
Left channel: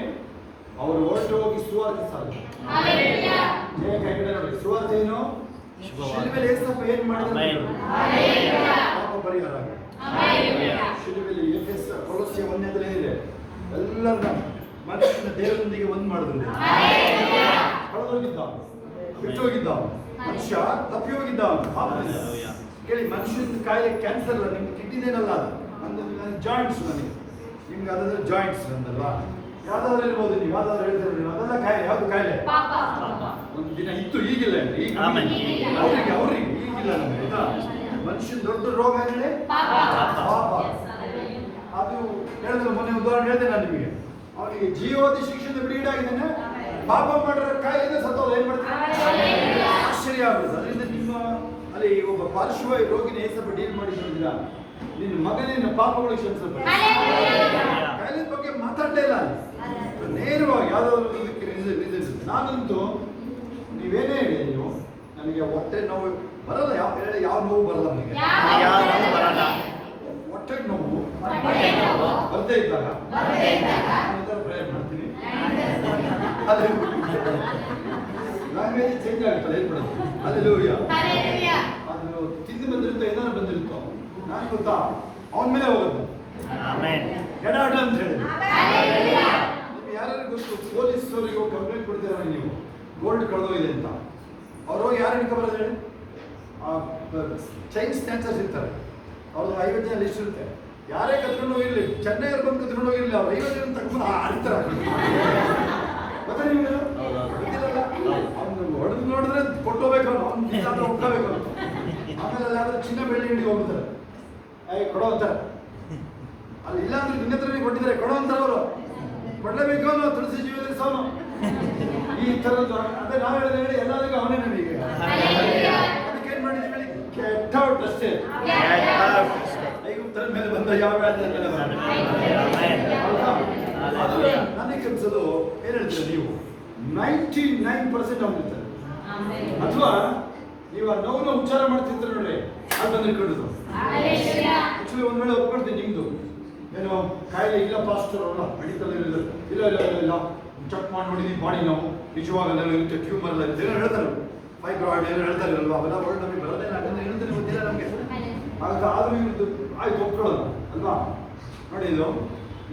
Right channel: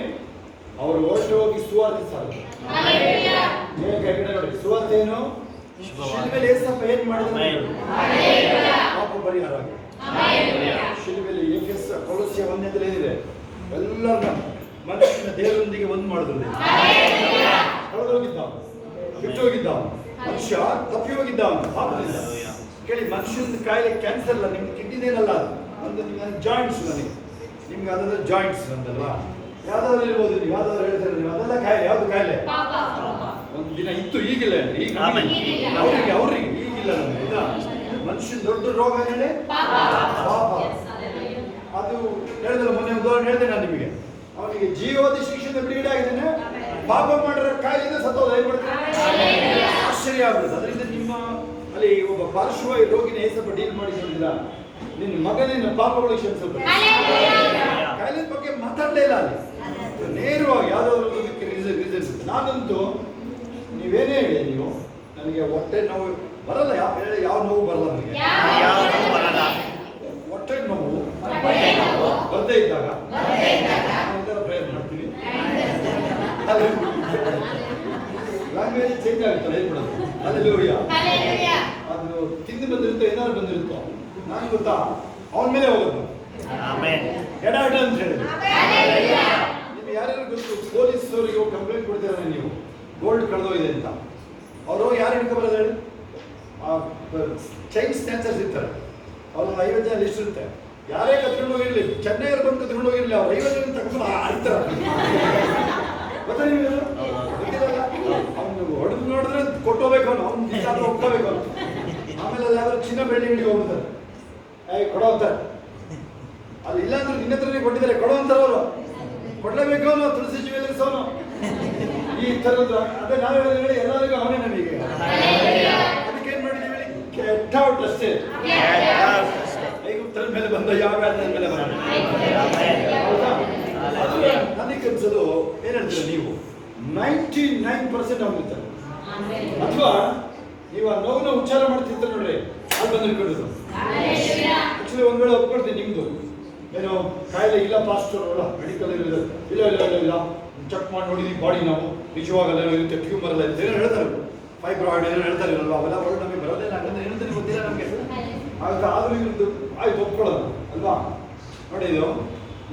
ಅವರು ಹೊರಟು ಹೋಗಿ ಸುವಾರ್ತೆ ಸಾರಿದ್ರು. ನೋಡಿ, ಸುವಾರ್ತೆ ಏನು? ಶಿಲುಬೆಯಲ್ಲಿ ಏಸಪ್ಪ ಏನ್ ಮಾಡಿದ್ರು? ಪಾಪ ಪರಿಹಾರ ಆಗಿದೆ. ಶಿಲುಬೆಯಲ್ಲಿ ಎಫೆಸ ಕೊಲೊಸ್ಸೆ 1 ಇದೆ. ಎಲ್ಲರನ್ನ ಮನುಷ್ಯನ ದೇವರೊಂದಿಗೆ ಒಂದು ಮಾಡಿದ್ರು. ಕಳೆದೋಗಿದ್ದ, ಬಿಟ್ಟು ಹೋಗಿದ್ದ ಮನುಷ್ಯ, ತಪ್ಪಿ ಹೋಗಿದ್ದ ಪಾಪದಿಂದ. ಕೇಳಿ, ಮನುಷ್ಯನ ಕಾಯಿಲೆ ಕ್ಯಾನ್ಸರ್ ಅಲ್ಲ, ನಿಮ್ಗೆ ಕಿಡ್ನಿನೇನಲ್ಲ, ಅದು ನನ್ನ ಜಾಯಿಂಟ್ಸ್. ನನಗೆ ನಿಮ್ಗೆ ಅದಾದ್ರೆ ಜಾಯಿಂಟ್ಸ್ ಅಂದಲ್ವಾ, ಯಾವ್ದಾದ್ರು ಇರ್ಬೋದು. ನೀವು ಯಾವ್ದಾದ್ರು ಹೇಳ್ತಾರೆ, ನೀವು ಅದೆಲ್ಲ ಕಾಯಿಲೆ. ಯಾವ್ದು ಕಾಯಿಲೆ? ಒಂದು ದಿನ ಇತ್ತು, ಈಗಿಲ್ಲ. ಈಗ ಅವ್ರಿಗೆ ಈಗಿಲ್ಲ. ನಮಗೆ ಮನುಷ್ಯನ ದೊಡ್ಡ ರೋಗ ಹೇಳಿ ಪಾಪ. ಅದು ಹೇಳಿದ್ರೆ ಮೊನ್ನೆ ಒಂದು ಹೇಳಿದೆ ನಾನು ನಿಮಗೆ. ಅವನಿಗೆ ಜೀವಾವಧಿ ಶಿಕ್ಷೆಯಿಂದ ಬಿಡುಗಡೆ ಆಗಿದ್ದೇನೆ, ಪಾಪ ಮಾಡಿರೋ ಕಾಯಿಲೆಯಿಂದ ಸತ್ತೋದ. ಏನ್ ಮಾಡ್ತಾರೆ? ಆಶ್ಚರ್ಯ ಆಗ್ಬಿಡುತ್ತೆ. ಅದರಿಂದ ನಿಮ್ಮ ಅಲ್ಲಿ ಒಬ್ಬ ಪಾರ್ಶ್ವವಾಯು ರೋಗಿನ ಏಸಪ್ಪ ಡೀಲ್ ಮಾಡಿ ನೋಡಿಲ್ಲ, ನಿನ್ನ ಮಗನಿನ ಪಾಪಗಳು ಕ್ಷಮಿಸಲ್ಪಟ್ಟ. ಕಾಯಿಲೆ ಬಗ್ಗೆ ಮಾತಾಡಲೇ ಇಲ್ಲ ಅಲ್ಲಿ. ನೇರವಾಗಿ ಯಾವುದಾದ್ರು ರೀಸನ್. ನಾನಂತೂ ನೀವೇನೇ ಹೇಳಿ, ನೀವು ನನಗೆ ಹೊಟ್ಟೆ ನೋವು ಬರಲ್ಲ, ಯಾವ ನೋವು ಬರಲ್ಲ ನನಗೆ. ಹೊಟ್ಟೆ ನೋವು ಬರ್ದೇ ಇದ್ದಾಗ ನಾನು ಪ್ರಯತ್ನ ಮಾಡ್ತೀನಿ. ಅದು ಲ್ಯಾಂಗ್ವೇಜ್ ಚೇಂಜ್ ಆಗುತ್ತಲ್ಲ, ಏನ್ ಮಾಡೋದು? ಹಲ್ಲೆಲೂಯಾ. ಅದು ತಿಂದು ಬಂದಿರುತ್ತೋ ಏನಾದ್ರು ಬಂದಿರುತ್ತೋ, ನಾನು ಗೊತ್ತಾ ಅವನ ಮೇಲೆ ಹೋಗೋದು ಎಡಾಟ ಅಂತ ಹೇಳಿ. ನಿಮ್ಗೆ ಯಾರ್ಯಾರು ಗೊತ್ತು? ಪೊಲೀಸ್ ಅವರಿಗೆ ಕಂಪ್ಲೇಂಟ್ ಕೊಡ್ತೀರ ನೀವು, ಗೋಲ್ಡ್ ಕಳೆದೋಗಿದೆ ಅಂತ. ಅವ್ರು ಹೋಗಿ ಯಾರು ಹಿಡ್ಕೊಬರೋದು ಹೇಳಿ? ಚೈನ್ ಸ್ನ್ಯಾಚರ್ಸ್ ಇರ್ತಾರೆ. ಅವ್ರು 50 ಜನ ಲಿಸ್ಟ್ ಇರುತ್ತೆ. ಯಾರೇ ಕತ್ಕೊಂಡು ಹೋಗಿರ್ಲಿ, ಚೆನ್ನೈಯಲ್ಲಿ ಬಂದು ಕತ್ಕೊಂಡು ಹೋಗಿರ್ಲಿ, ಅವ್ರು 50 ಜನ ತಗೊಂಡು ಅರಿತಾರೆ. ಗೊತ್ತಾ ನೀವು? ಗೊತ್ತಿರಲ್ಲ. ಅವ್ನು ಹೊಡೆದು ನೋಡಿದ್ರೆ ಕೊಟ್ಟೋಗ್ಬೇಕು, ಅವ್ನು ನಿಜಾದ್ರೂ ಒಪ್ಕೋಬೇಕು. ಆಮೇಲೆ ಅಲ್ಲಾದ್ರೂ ಚಿನ್ನ ಬೆಳ್ಳಿ ಹಿಡಿಗೆ ಹೋಗ್ಬಿಡ್ತಾರೆ, ಕೊಡೋ ಅಂತಾರೆ. ಅಲ್ಲಿ ಇಲ್ಲಾಂದ್ರೆ ನಿನ್ನ ಹತ್ರನೇ ಕೊಟ್ಟಿದ್ದಾರೆ, ಕೊಡೋ ಅಂತಾರೆ ಅವರು. ಕೊಡಲೇಬೇಕು ಅವನು, ತುಳಸಿ ಜ್ಯುವೆಲ್ಲರ್ಸ್ ಅವನು. ಈ ಥರದ್ದು ಅದೇ ನಾವು ಹೇಳಿ ಎಲ್ಲರಿಗೂ ಅವನೇ ನಮಗೆ. ಅದಕ್ಕೇನು ಮಾಡಿದ್ದೀವಿ? ಕೆಟ್ಟ ಅಷ್ಟೇ. ಐಗುಪ್ತರ ಮೇಲೆ ಬಂದ ಯಾವ ಮೇಲೆ ಬರ. ನನಗೆ ಕನ್ಸೋದು ಏನು ಹೇಳ್ತೀರ ನೀವು? 99% ಅವನಿರ್ತಾರೆ. ಅಥವಾ ನೀವು ಆ ನೋವನ್ನ ಉಚ್ಚಾರ ಮಾಡ್ತಿರ್ತಾರೆ ನೋಡ್ರಿ, ಅದು ಬಂದು ಇಟ್ಕೊಂಡಿದ್ದು. ಆಕ್ಚುಲಿ ಒಂದ್ ವೇಳೆ ಒಪ್ಕೊಳ್ತೀನಿ, ನಿಮ್ದು ಏನೋ ಕಾಯಿಲೆ ಇಲ್ಲ ಪಾಸ್ಟರ್ ಅಲ್ಲ, ಮೆಡಿಕಲ್ ಇಲ್ಲ ಇಲ್ಲ ಇಲ್ಲ ಇಲ್ಲ ಚೆಕ್ ಮಾಡಿ ನೋಡಿದೀವಿ ಬಾಡಿ, ನಾವು ನಿಜವಾಗಲ್ಲ ಇರುತ್ತೆ, ಟ್ಯೂಮರ್ ಎಲ್ಲ ಇರುತ್ತೆ ಏನೋ ಹೇಳ್ತಾರೆ. ಫೈಬ್ರಾಯ್ಡ್ ಏನೋ ಹೇಳ್ತಾರೆ ಅಲ್ವಾ, ಅವೆಲ್ಲ ವರ್ಡ್ ನಮಗೆ ಬರೋದೇ ಇಲ್ಲ, ಯಾಕಂದ್ರೆ ಏನಂತ ಗೊತ್ತಿಲ್ಲ ನಮಗೆ. ಹಾಗಾಗಿ ಆದ್ರೂ ಇದು ಆಯ್ತು ಒಪ್ಕೊಳ್ಳೋದು ಅಲ್ವಾ. ನೋಡಿ, ಇದು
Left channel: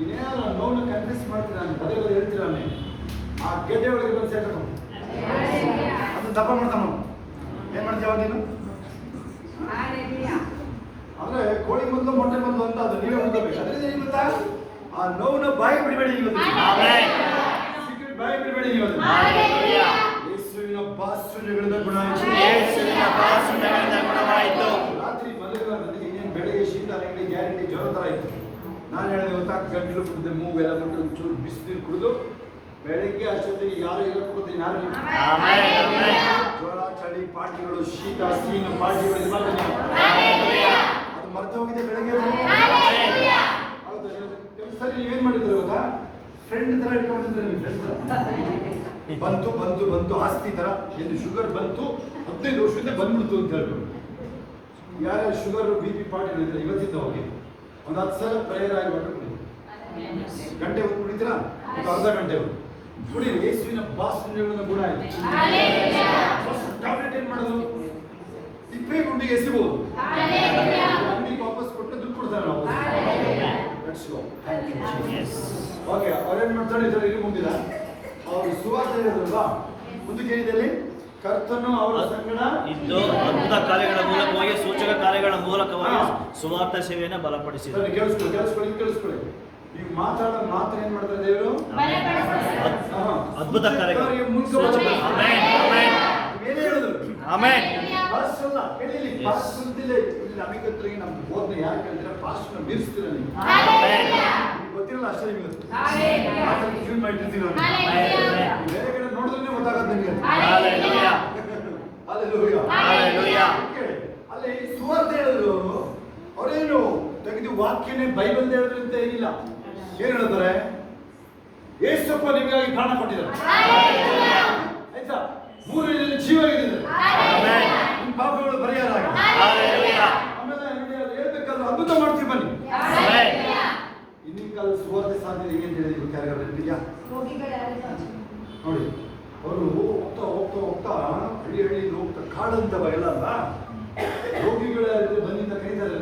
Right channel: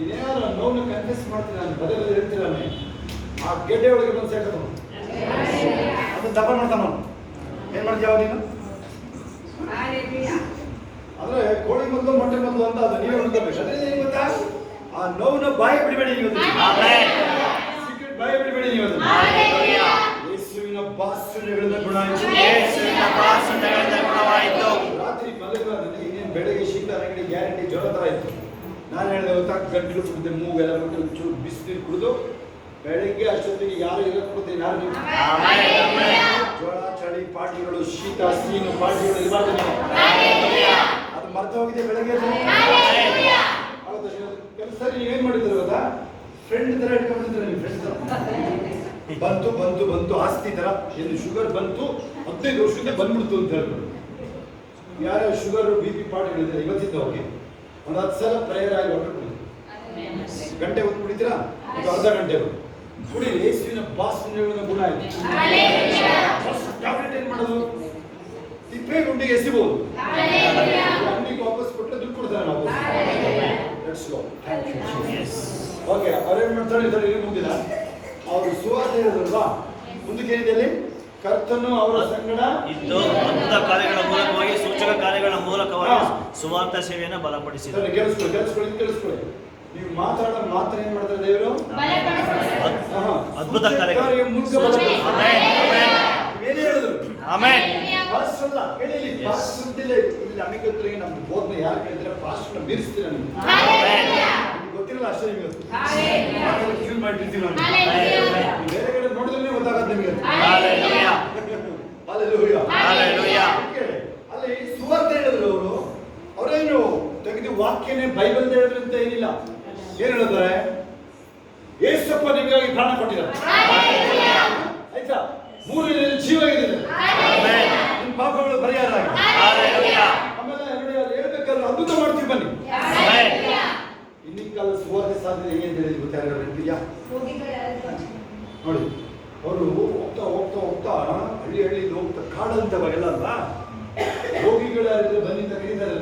ಇದೇನಾದ್ರು ನೋವನ್ನು ಕನ್ಫ್ಯೂಸ್ ಮಾಡ್ತೀನಿ ನಾನು, ಪದೇ ಪದೇ ಹೇಳ್ತೀರ ಆ ಗೆಡ್ಡೆ ಒಳಗೆ ಬಂದು ಸೇರ್ಕೊಂಡು ಅದನ್ನ ದಪ್ಪ ಮಾಡ್ತಾನ. ಏನ್ ಮಾಡ್ತೀಯ ನೀನು? ಅಂದ್ರೆ ಕೋಳಿ ಮೊದಲು ಮೊಟ್ಟೆ ಮೊದಲು ಅಂತ ಅದು ನೀವೇ ಹುಡುಕಬೇಕು. ಅದರಿಂದ ಏನು ಗೊತ್ತಾ, ಆ ನೋವನ್ನ ಬಾಯಿ ಬಿಡಬೇಡಿ ನೀವು, ಸೀಕ್ರೆಟ್ ಬಾಯಿ ಬಿಡಬೇಡಿ ನೀವು. ಯೇಸುವಿನ ಬಾಸುರಗಳಿಂದ ಗುಣ ಆಯಿತು. ರಾತ್ರಿ ಮಲಗುವಾಗ ಇನ್ನೇನು ಬೆಳಗ್ಗೆ ಶೀತ ನೆಗಡಿ ಗ್ಯಾರಂಟಿ ಜ್ವರ ತರ ಇತ್ತು. ನಾನು ಹೇಳಿದೆ ಗೊತ್ತಾ, ಗಂಟಲು ಕುಡಿದೆ, ಮೂಗೆಲ್ಲ ಬಿಟ್ಟು ಚೂರು ಬಿಸಿನೀರು ಕುಡಿದು ಬೆಳಗ್ಗೆ ಅಷ್ಟೊತ್ತಿಗೆ ಯಾರು ಇಲ್ಲ ಕೊಡ್ತೀನಿ. ಯಾರು ಜ್ವರ ಚಳಿ ಪಾರ್ಟಿಗಳು ಶೀತ ಸೀನು ಪಾರ್ಟಿಗಳು ಇರಬಾರ್ದು. ಅದು ಮರ್ತು ಹೋಗಿದೆ ಬೆಳಗ್ಗೆ. ಹೌದು, ಕೆಲವು ಸರಿ ನೀವೇನ್ ಮಾಡಿದ್ರು ಗೊತ್ತಾ, ಫ್ರೆಂಡ್ ತರ ಇಟ್ಕೊಂಡಿದ್ರೆ ನಿಮ್ಮ ಫ್ರೆಂಡ್ಸ್ ಬಂತು ಬಂತು ಬಂತು ಆಸ್ತಿ ತರ, ಏನು ಶುಗರ್ ಬಂತು 15 ವರ್ಷದಿಂದ ಬಂದ್ಬಿಡ್ತು ಅಂತ ಹೇಳ್ಕೊಂಡು ಯಾರ್ಯಾರು ಶುಗರ್ ಬಿ ಪಿ ಪಾರ್ಟಿಗಳಿದೆ ಇವತ್ತಿಂದ ಹೋಗಿ ಒಂದು 10 ಸಲ ಪ್ರೇಯರ್ ಆಗಿ ಹೊಟ್ಟೆ ಕುಡಿ, ಗಂಟೆ ಹೊತ್ತು ಕುಡಿತೀರಾ, ಒಂದು ಅರ್ಧ ಗಂಟೆ ಕುಡಿ. ಯೇಸುವಿನ ಬಾಸುರಗಳಿಂದ ಗುಣ ಆಯ್ತು. ಟ್ಯಾಬ್ಲೆಟ್ ಏನ್ ಮಾಡೋದು, ತಿಪ್ಪೆ ಗುಂಡಿಗೆ ಎಸಿಬಹುದು, ಅಂಗಡಿಗೆ ವಾಪಸ್ ಕೊಟ್ಟರೆ ದುಡ್ಡು ಕೊಡ್ತಾರೆ ವಾಪಸ್. Let's go. ಓಕೆ, ಅವ್ರೇನ್ ಮಾಡ್ತಾರೆ ಇದರಲ್ಲಿ ಮುಗಿಲ್ಲ, ಅವರು ಸುವಾರ್ತೆ ಹೇಳಿದ್ರಲ್ವಾ, ಮುಂದಕ್ಕೆ ಏನಿದೆ, ಕರ್ತನು ಅವರ ಸಂಗಡ ಇದ್ದು ಅದ್ಭುತ ಕಾರ್ಯಗಳ ಮೂಲಕವಾಗಿ ಸೂಚಕ ಕಾರ್ಯಗಳ ಮೂಲಕವಾಗಿ ಸುವಾರ್ಥ ಸೇವೆಯನ್ನು ಬಲಪಡಿಸಿದರು. ಕೇಳಿಸ್ಕೊಳ್ಳಿ. ನೀವು ಮಾತಾಡೋ ಮಾತ್ರ ಏನ್ ಮಾಡ್ತಾರೆ ದೇವರು, ಅದ್ಭುತ ಕಾರ್ಯಗಳ ಮೂಲಕ ಏನೇ ಹೇಳಿದ್ರು. ಆಮೆನ್. ಪಾಸ್ ಅಲ್ಲ ಕೇಳಿಲಿ, ಪಾಸ್ ಸುದ್ದಿಲ್ಲ ಇಲ್ಲಿ ನಮಗೆ ನಮ್ದು ಬೋಧನೆ ಯಾರು ಕೇಳಿದ್ರೆ ಪಾಸ್ನ ಮೀರಿಸ್ತೀರ ನಿಮ್ಗೆ ಗೊತ್ತಿರಲ್ಲ ಅಷ್ಟೇ. ನಿಮಗೆ ಕ್ಯೂರ್ ಮಾಡಿರ್ತೀವಿ ನಾವು, ಬೇರೆ ಕಡೆ ನೋಡಿದ್ರೆ ಗೊತ್ತಾಗತ್ತೆ ನಿಮಗೆ. ಅಲ್ಲಿ ಸುವಾರ್ತೆ ಹೇಳಿದ್ರು ಅವರು, ಅವರೇನು ತೆಗೆದು ವಾಕ್ಯನೇ ಬೈಬಲ್ ಹೇಳಿದ್ರು ಅಂತ ಏನಿಲ್ಲ. ಏನ್ ಹೇಳ್ತಾರೆ, ಯೇಸಪ್ಪ ನಿಮಗಾಗಿ ಪ್ರಾಣ ಕೊಟ್ಟಿದ್ದಾರೆ ಆಯ್ತಾ, 3 ದಿನದಲ್ಲಿ ಜೀವ ಇದ್ದಾರೆ, ನಿಮ್ಮ ಪಾಪಗಳು ಪರಿಹಾರ ಆಗಿದೆ. ಆಮೇಲೆ ನೋಡಿ ಅವ್ರು ಹೇಳ್ಬೇಕಲ್ಲ, ಅದ್ಭುತ ಮಾಡ್ತೀವಿ ಬನ್ನಿ. ಹಿಂದಿನ ಕಾಲದ ಸುವಾರ್ತೆ ಸಾಧ್ಯತೆ ಏನ್ ಹೇಳಿದ್ರು ಗೊತ್ತಾ, ಯಾರಿಗಾರು ನೆನಪಿದ್ಯಾ? ನೋಡಿ, ಅವರು ಹೋಗ್ತಾ ಹೋಗ್ತಾ ಹೋಗ್ತಾ ಹಳ್ಳಿ ಹೋಗ್ತಾ ಕಾಡಂತವ ಎಲ್ಲ ಅಲ್ಲ, ರೋಗಿಗಳಾದ್ರೆ ಬಂದಿಂದ ಕರೀತಾರೆ.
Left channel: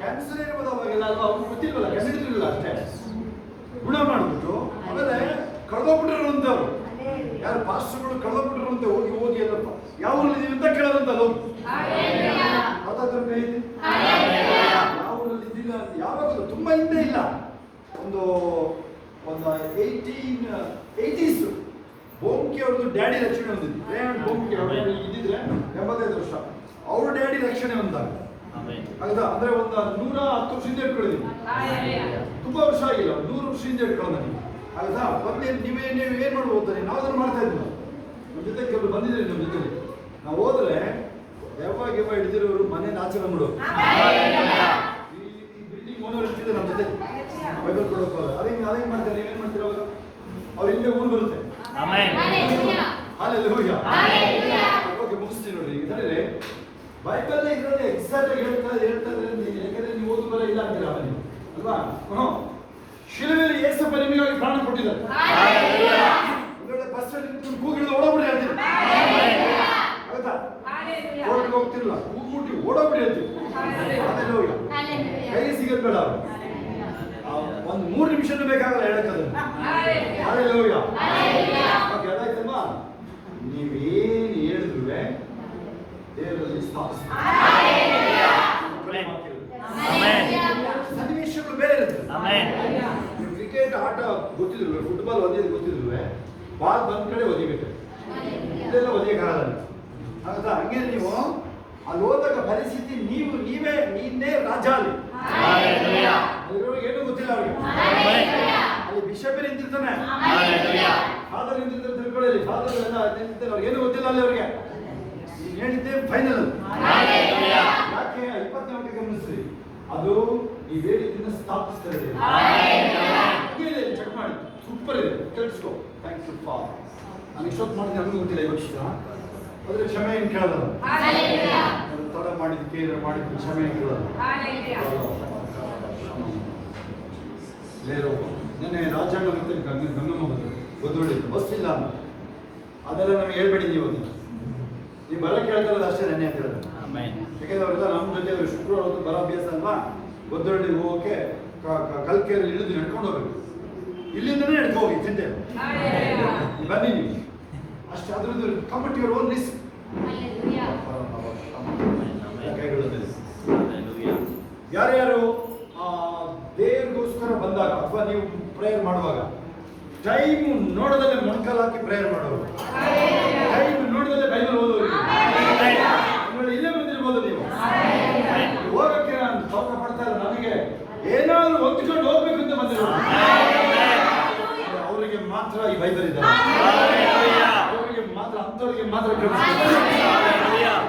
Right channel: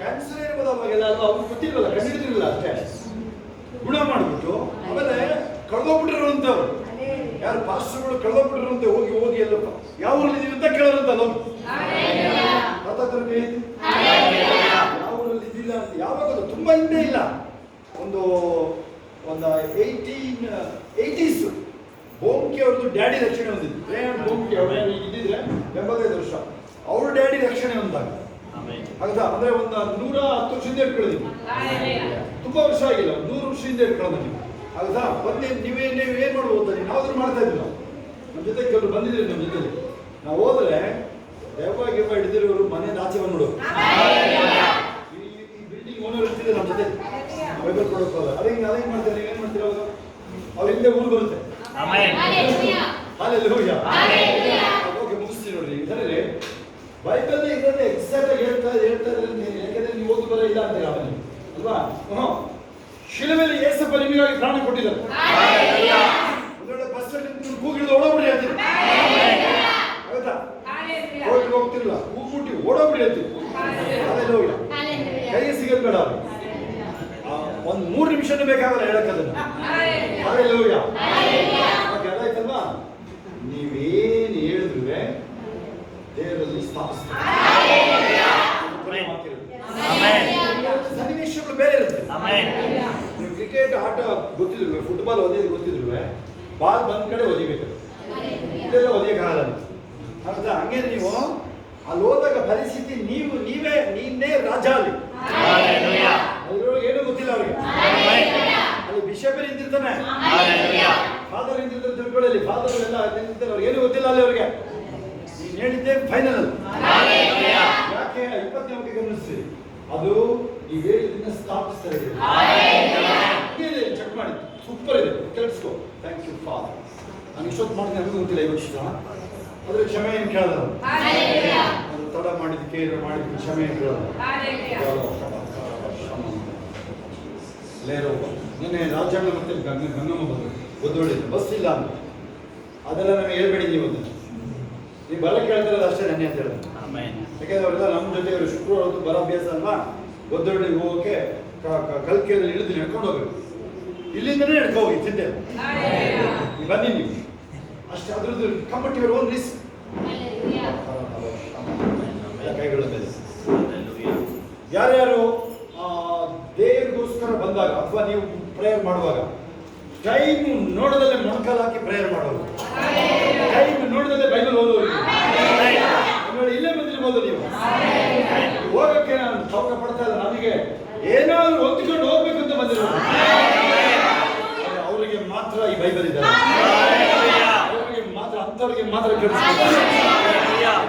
ಕ್ಯಾನ್ಸರ್ ಇರ್ಬೋದು ಅವಾಗೆಲ್ಲ ಅಲ್ವಾ, ಅವ್ರಿಗೆ ಗೊತ್ತಿಲ್ವಲ್ಲ, ಕಂಡಿಡ್ತಿರ್ಲಿಲ್ಲ ಅಷ್ಟೇ. ಗುಣ ಮಾಡಿಬಿಟ್ಟು ಆಮೇಲೆ ಕಳ್ದೋಗ್ಬಿಟ್ಟಿರುವಂತವ್ರು ಯಾರು ಪಾಸ್ಟರ್ಗಳು ಕಳ್ದೋಗ್ಬಿಟ್ಟಿರುವಂತೆ ಹೋಗಿ ಹೋಗಿ ಎಲ್ಲಪ್ಪ ಯಾವ ಊರಲ್ಲಿದ್ದೀವಿ ಅಂತ ಕೇಳೋರಂತ ಹೋಗಿ ಯಾವ ಊರಲ್ಲಿ ಇದ್ದಿಲ್ಲ ಅಂತ. ಯಾವಾಗ ತುಂಬಾ ಹಿಂದೆ ಇಲ್ಲ, ಒಂದು 1880s ಬೋಂಕಿ ಅವ್ರದ್ದು ಡ್ಯಾಡಿ ರಕ್ಷಣೆ ಹೊಂದಿದ್ದು. ರೇಮಂಡ್ ಬೋಂಕಿ ಅವರು ಇದ್ದಿದ್ರೆ 85 ವರ್ಷ, ಅವ್ರ ಡ್ಯಾಡಿ ರಕ್ಷಣೆ ಹೊಂದಾಗ ಆಯ್ತಾ, ಅಂದ್ರೆ ಒಂದು 110 ವರ್ಷದಿಂದ ಇಟ್ಕೊಳ್ಳಿದ್ದೀವಿ. ತುಂಬಾ ವರ್ಷ ಆಗಿಲ್ಲ, 100 ವರ್ಷದಿಂದ ಇಟ್ಕೊಳ್ಳೋಣ ನೀವು ಆಯ್ತಾ. ಮತ್ತೆ ನೀವೇನ್ ಮಾಡ್ಬೋದು, ನಾವಾದ್ರೂ ಮಾಡ್ತಾ ಇದ್ವಿ. ನಮ್ಮ ಜೊತೆ ಕೆಲವರು ಬಂದಿದ್ರಿ, ನಮ್ಮ ಜೊತೆ ನಾವು ಹೋದ್ರೆ ದೆವ್ವ ಹಿಡಿದಿರೋರು ಮನೆ ಆಚೆ ಬಂದ್ಬಿಡೋರು. ಈ ಬಿಲ್ಡಿಂಗ್ ಓನರ್ ಇರ್ತಿದೆ ನಮ್ಮ ಜೊತೆ ಬೈಬಲ್ ಕೊಡೋಕ್ಕಲ್ಲ, ಅದೇನು ಮಾಡ್ತಾರೆ, ನೀವೇನ್ ಮಾಡ್ತೀರ ಅವಾಗ, ಅವ್ರ ಹಿಂದೆ ಊರು ಬರುತ್ತೆ. ಓಕೆ, ಮುಗಿಸ್ತೀನಿ ನೋಡ್ರಿ. ಇದರಲ್ಲಿ ಬೈಬಲ್ ಇದರಲ್ಲಿ ಎಕ್ಸಾಕ್ಟ್ ಆಗಿ ಹೇಳ್ತಾರೆ, ಯಾಕಂದ್ರೆ ನೀವು ಓದು ಬರ ಇಲ್ಲ ಅಂತೀರ ನೀವು ಅಲ್ವಾ. ಶಿಲುಬೆಯಲ್ಲಿ ಯೇಸಪ್ಪ ನಿಮಗಾಗಿ ಪ್ರಾಣ ಕೊಟ್ಟಿದ್ದಾರೆ. ಒಂದೊಳ್ಳೆ ಬಸ್ ನಿಂತು ಕೂಗಿಡಿದು ಓಡೋಗ್ಬಿಡಿ ಹೇಳ್ತೀರಿ ಆಗುತ್ತಾ, ಕೋರ್ಟ್ಗೆ ಹೋಗ್ತಿರಲ್ಲ, ಕೂಗ್ಬಿಟ್ಟು ಓಡೋಗ್ಬಿಡಿ ಹೇಳ್ತೀವಿ. ಅದೆಲ್ಲ ಹೋಗಿಲ್ಲ, ಕೈಗೆ ಸಿಗೋದು ಬೇಡ. ಒಂದು 3 ನಿಮಿಷನೂ ಬೇಕಾಗಲ್ಲ ಹೇಳಕ್ಕದನ್ನ. ಅದೆಲ್ಲ ಹೋಗ ಅದಾಯ್ತಲ್ವಾ. ನೀವೇನು ಹೇಳಿದ್ರು ದೇವರಲ್ಲಿ ಸ್ಥಾಪಿಸ್ತಾರೆ. ಸನ್ನಿವೇಶಗಳು ಬೇರೆ ಇರುತ್ತೆ. ನೀವು ಕ್ರಿಕೆಟ್ ಆಟ ಗೊತ್ತಿದ್ರು, ಫುಟ್ಬಾಲ್ ಒದೆಯೋದು ಗೊತ್ತಿದ್ರು, ಬಾಲ್ ಬಂದ ಕಡೆ ಒದಿಬೇಕು, ಇದೆಲ್ಲ ಒದೆಯಕ್ಕಾಗಲ್ಲ ಆಗುತ್ತಾ. ಹಂಗೆ ನೀವು ಅಲ್ಲಿ ಹೋದಾಗ ಪರಿಸ್ಥಿತಿ ನೀನೇ ರಾಜ. ಅಲ್ಲಿ ಏನೂ ಗೊತ್ತಿಲ್ಲ ಅವ್ರಿಗೆ. ಅಲ್ಲಿ ಬಿಷಪ್ ನಿಂತಿರ್ತಾನೆ, ಫಾದರ್ ನಿಂತಿರ್ತಾರೆ ತಿಳ್ಕೊಳ್ಳಿ. ಫಾದರ್ ಎಲ್ಲ ನಿಂತಿರ್ತಾರೆ, ಅವ್ರಿಗೆ ಏನೂ ಗೊತ್ತಿಲ್ಲ ಅಲ್ಲಿ ಅವ್ರಿಗೆ. ನೀನು ಹೇಳಿದ್ದೆ ಫೈನಲ್. ಯಾಕೆ 24 ಗಮನಿಸ್ರಿ, ಅದು ನೀವು ಹೇಳಿದ್ದನ್ನ ಸ್ಥಾಪಿಸ್ತಾರೆ. ಚೆಕ್ ಮಾಡಿ, ಸೂಪರ್ ಇದೆ, ತಿಳಿಸ್ಕೋ. Thank you father. ನಾನು ಇಷ್ಟೊತ್ತು ಮಾಡಿದ್ರೆ ನಮಗೂ ಗೊತ್ತಿಲ್ಲ 50 ವರ್ಷ. ಅದ್ರ ಕ್ಷಮೆ ಏನು ಕೇಳೋದು, ಅದು ತಡ ಮಾಡಿದ್ದಕ್ಕೆ ಕ್ಷಮೆ ಏನು ಕೇಳೋದು. ನೆನ್ನೆ ರಾಜ್ಯಾಂಗ ಮತ್ತೆ ಗಂಗಮ್ಮ ಬಂದು ಒದ್ದೊಳ್ಳಿದ್ದು ಬಸ್ ಇಲ್ಲ, ಅದೆಲ್ಲ ನಮಗೆ ಹೇಳ್ಬೇಡಿ ನೀವು. ಅದನ್ನು ನೀವು ಬರಕ್ಕೆ ಹೇಳ್ತಾರಲ್ಲ ಅಷ್ಟೇ ಧನ್ಯ ಅಂತ ಹೇಳಿದ್ರು. ಆಮೆನ್. ಯಾಕೆಂದ್ರೆ ಅವರೆಲ್ಲ ನಮ್ಮ ಜೊತೆ ಅವರು ಶುಕ್ರವಾರ ಹೊತ್ತು ಬರೋ ಅಭ್ಯಾಸ ಅಲ್ವಾ, ಒದ್ದೊಳ್ಳಿಗೆ ಹೋಗೋಕೆ ಕಲ್ಕೆಯಲ್ಲಿ ಇಳಿದು ನಡ್ಕೊಂಡು ಹೋಗ್ಬೇಕು. ಇಲ್ಲಿಂದನೇ ನಡ್ಕೊ ಹೋಗಿ ಚಿಂತೆ ಬನ್ನಿ ನೀವು ಅಷ್ಟೇ. ಅದ್ರದ್ದು ಕಮಿಟಿ ಅವರು ಒಂದು ರಿಸ್ಕ್ ಕೈಗಳ ಮೇಲೆ ಯಾರ್ಯಾರು ದೇವ್ರಿಗೋಸ್ಕರ ಬಂದಾಗ ಅಥವಾ ನೀವು ಪ್ರೇಯರ್ ಮಾಡುವಾಗ ಟೈಮ್ ನೋಡದಲ್ಲೇ ಮೊಣಕಾಲು ಹಾಕಿ ಪ್ರೇಯರ್ ಮಾಡೋದು, ಟೈಮ್ ನೋಡದಲ್ಲೇ ಬೈಬಲ್ ಓದೋದು. ಇಲ್ಲೇ ಬಂದಿರ್ಬೋದು ನೀವು ಹೋಗಕ್ಕೆ ನಾನು ಸೌಕ ಪಡ್ತಾ ಇಲ್ಲ, ನನಗೆ ಏನಾದ್ರು ಹೊಂದ್ಕೊಂಡು ಹೋಗ್ಬೇಕು ಅಂತ ಬಂದಿರೋದು. ಅವರಿಗೆ ಮಾತ್ರ ಈ ಬೈಬಲ್ ಇದ್ದಾರೆ, ಅವರಿಗೆ ಮಾತ್ರ, ಅಂಥವ್ರಿಗೆ ಮಾತ್ರ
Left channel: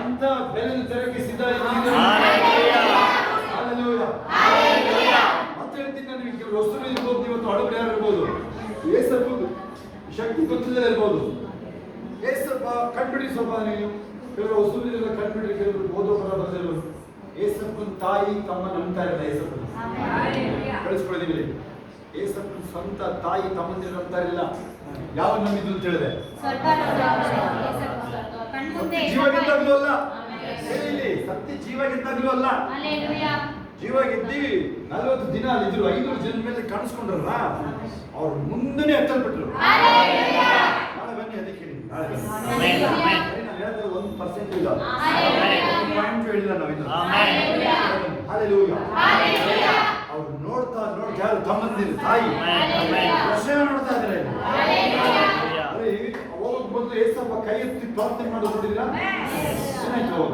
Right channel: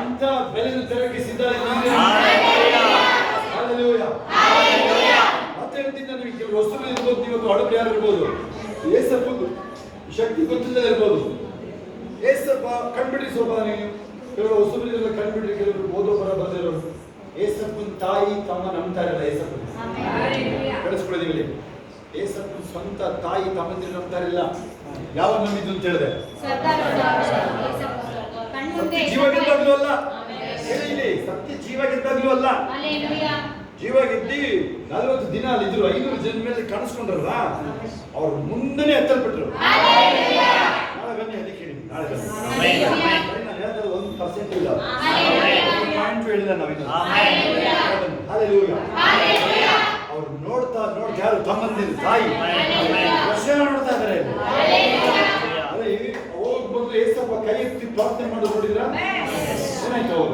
ಅಂತ ಬೆಲೆಯನ್ನು ತೆರಕ್ಕೆ ಸಿದ್ಧ ಇದ್ದೀರಿ. ಮತ್ತೆ ಹೇಳ್ತೀನಿ, ನಿಮಗೆ ಕೆಲವು ವಸ್ತುಗಳು ಇರ್ಬೋದು, ಇವತ್ತು ಹಳಬಡಿ ಯಾರು ಇರ್ಬೋದು, ಏಸಪ್ಪದು ಶಕ್ತಿ ಗೊತ್ತಿಲ್ಲದೆ ಇರ್ಬೋದು. ಏಸಪ್ಪ ಕಂಡುಬಿಡಿ, ಸ್ವಲ್ಪ ನೀವು ಕೆಲವರು ವಸ್ತುಗಳಿಗೆಲ್ಲ ಕಂಡುಬಿಡ್ರಿ, ಕೆಲವರು ಓದೋ ಬರ ಬರದಿರೋರು. ಏಸಪ್ಪನ ತಾಯಿ ತಮ್ಮ ನಂಬ್ತಾ ಇರಲ್ಲ, ಏಸಪ್ಪನ ಕಳಿಸ್ಕೊಳ್ಳೋದಿವಿ. ಏಸಪ್ಪನ ಸ್ವಂತ ತಾಯಿ ತಮ್ಮಂದಿರು ನಂಬ್ತಾ ಇರಲಿಲ್ಲ. ಯಾವ ನಂಬಿದ್ದು ಅಂತ ಹೇಳಿದೆ? ಸತ್ಯ ಜೀವಾಗಿದ್ದಾಗ್ಲೂ ಅಲ್ಲ, ಹೇಳಿ ಇಲ್ಲಿ, ಸತ್ಯ ಜೀವಾಗಿದ್ದಾಗ್ಲೂ ಅಲ್ಲ. ಜೀವ ಗೆದ್ದಿ 40 ದಿನ ಅಲ್ಲಿದ್ರು, 500 ಜನ ಮೇಲೆ ಕಾಣಿಸ್ಕೊಂಡ್ರಲ್ಲ, ಅವ್ರು ಮುಂದೆನೆ ಎತ್ತಲ್ಪಟ್ರು. ನಾಳೆ ಬನ್ನಿ, ಅದಕ್ಕೆ ಹೇಳಿ, ನಾಳೆ ಬನ್ನಿ. ನಾನು ಹೇಳಿದ್ರೆ 1% ಇಲ್ಲ, 1 ಹೇಳಿಲ್ಲ ನಾವಿಲ್ಲ. ಹಲ್ಲೆಲೂಯಾ. ಅವ್ರು ನೋಡ್ತಾ ಯಾರು ತಮ್ಮಂದಿರು ತಾಯಿ ವರ್ಷ ನೋಡ್ತಾ ಇದಾರೆ. ಹೋಗ್ ಬಂದು ಏಸಪ್ಪ ಕೈ ಎತ್ತಿ ಪ್ರಾರ್ಥನೆ ಮಾಡೋದು ನೋಡಿದ್ರ ಏನಾಯ್ತು? ಹೋಗ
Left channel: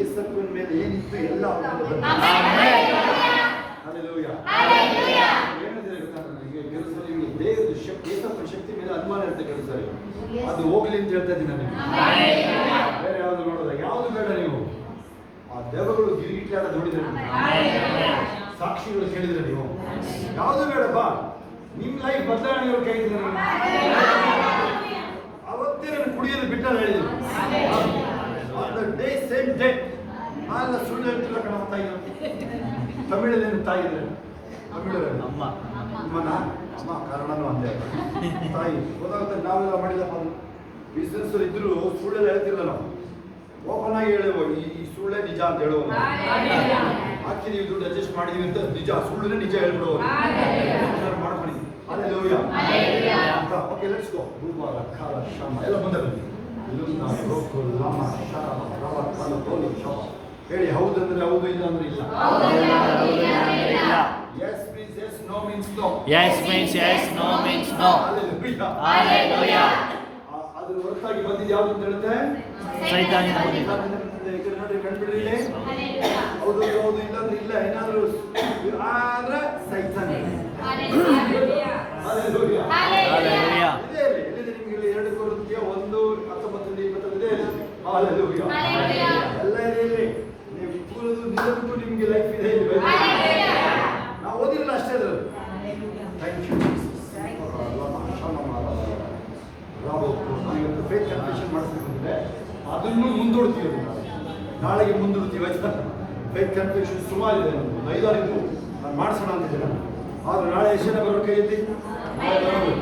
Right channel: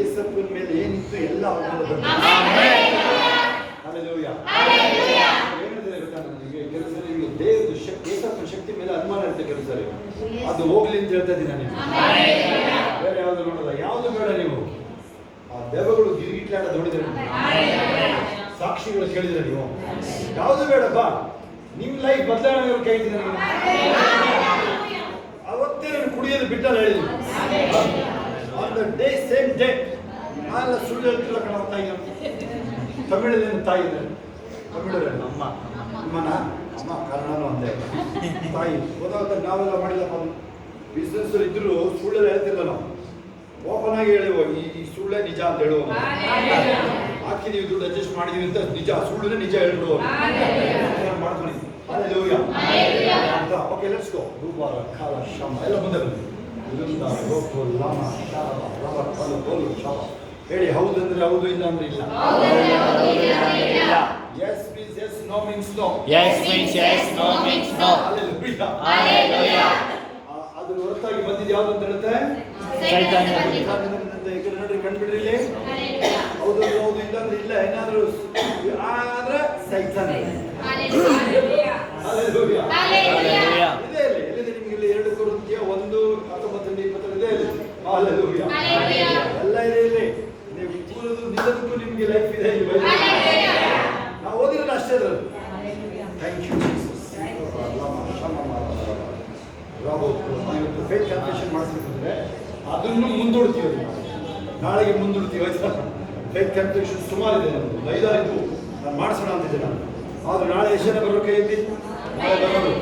ಏಸಪ್ಪನ ಮೇಲೆ ಏನಿತ್ತು ಎಲ್ಲ ಅವ್ರ ಏನಿದೆ ಗೊತ್ತಾ ನನಗೆ? ಕೆಲವು ಸರಿ ನಿಮಗೆ ದೇವರ ಶಕ್ತಿ, ಏಸಪ್ಪನ ಶಕ್ತಿ ಮೇಲೆ ಅನುಮಾನ ಇರುತ್ತೆ ಕೆಲವು ಸರಿ. ಅದು ಹೋಗ್ಲಿ ಅಂತ ಹೇಳ್ತಾ ಇದ್ದೀನಿ ನಾನು. ಬೇರೆ ಯಾವ್ದು ನೋಡೋದ? ಯಾವ್ದು ಬೇಡ. ನೀವು ಆ ದೆವ್ವಗಳು ಗಿರಿಗಿಟ್ಲಾಡೋದು ನೋಡಿದ್ರೆ, ಸಾಕ್ಷಿಗಳು ಕೇಳಿದ್ರೆ ನೀವು ಯಾವ್ದು ಬೇಡಪ್ಪ. ನಿಮ್ ಲೈಫ್ ಬದಲಾವಣೆ ಕೈ ಇದ್ದೀನಿ. ಅವತ್ತೇ ನಾನು ಕುಡಿಯೋದು ಬಿಟ್ಟಲ್ಲ ಹೇಳಿದ್ದೀನಿ. On the day same day ನಾನೆಲ್ಲ ಸುಳ್ಳು ಹೇಳ್ತಿಲ್ಲ ಕಣ. ತಾಯಿ ತಮಿಳಲ್ಲಿ ತಾಯಿ ಇದೆ, ತಮಿಳರಲ್ಲಿ ಅಮ್ಮ ಅಮ್ಮನ ಅಮ್ಮ ಕಾರಣನೂ ಅಂದೆ. ತಾಯಿ ಹೋದಾಗ ನಾವೆಲ್ಲ ಮಾಡಿಲ್ಲಪ್ಪ, ಬಿಸ್ನೆಸ್ ಇದ್ರು ಸುಳ್ಳೆಲ್ಲ ಹೇಳ್ತಿರಲ್ಲ ನಾವು. ಓಪನ್ ಆಗಿ ಹೇಳುವ ಈ ಸುಳ್ಳೇ ನಿಜ ಅಂತ ಹೇಳುವ. ಹಾಕಿದೀವಿ ದುಡ್ಡು ಅಡ್ಜಸ್ಟ್ ಮಾಡಿದೀವಿ ಅಂತ ನಿಜ, ಸುಳ್ಳುನೇ ನಿಜ ಹೇಳ್ಬಿಡುವ ಮಾಡ್ಕೊಂಡಿದ್ವಿ. ಹಲ್ಲೆಲೂಯಾ ಅಂತ. Okay, let's go. ರೂಪಾರ ಕಾಲ ಶಮ ಎಲ್ಲ ಮುಂದೆ ಬನ್ನಿ. ಹೇಳಿ, ಹೌದಂದ್ರೆ ಹೌದು, ಇಲ್ಲ ಅಂದ್ರೆ ಇಲ್ಲ. Yes means yes, no means no. Yes means yes, no means no. Hallelujah. Hallelujah. ಅದ್ರ ಹೊರತಾಗಿ ಬಂದಿದ್ದು ಯಾವ್ದು ಅಂತ ಹೇಳುತ್ತೆ? ಈ ಕಡೆ ನೋಡ್ರಿ, ಕಂಡುಬಿಡ್ರಿ ಇಲ್ಲಿ. ಹೌದು ಹೌದು, ಇಲ್ಲ ಅಂದ್ರೆ ಇಲ್ಲ. ಏನಾದ್ರು ಆದ್ರೆ ಸೈತಾನ. Hallelujah. ಇದೆ ಇಲ್ಲಿ, ಎಲ್ಲಿದೆ ನಿಮ್ಗೆ? ಇಲ್ಲಿ 2 ಕೊಡುತ್ತೀಯ, 1:19-22 ಇದೆ ಇಲ್ಲಿ. Hallelujah. ಎಲ್ಲ ಇದೆ ಇಲ್ಲಿ. ನೀವು ಕೂರೋದು ನಿಲ್ಲೋದಕ್ಕೂ ನಿಮ್ಗೆ ಲೈಫ್ ಇದೆ ಇಲ್ಲಿ. ನಾವು ಓದಿರಲ್ಲ ಅಷ್ಟೇ ಅದ್ರಲ್ಲಿ. Thank you Jesus. ಇವತ್ತು ಫೇತ್ ಕನ್ಫೆಷನ್ ಮಾಡಿಸ್ಬೇಕಂದ್ರೆ ಅದನ್ನು ಮುಂದೂಡ್ತೀವಿ, ನಾಳೆಗೆ ಮುಂದೂಡ್ತೀವಿ. ಆಯ್ತಾ? ಫೇತ್ ಕನ್ಫೆಷನ್ ಸುಮಾರು ಇದೆ, ನಮ್ದು 5-6 ಇತ್ತು. ನಾನು ಮಾಡಿಸೋಣ ಅಂತಿದ್ದೆ ನಾನು. ಆದ್ರೆ ನಾಳೆ ಎಷ್ಟು ಜನ ಬರೋ ಕೈ ಎತ್ತಿ? ನಾಳೆ ಬರೋದು.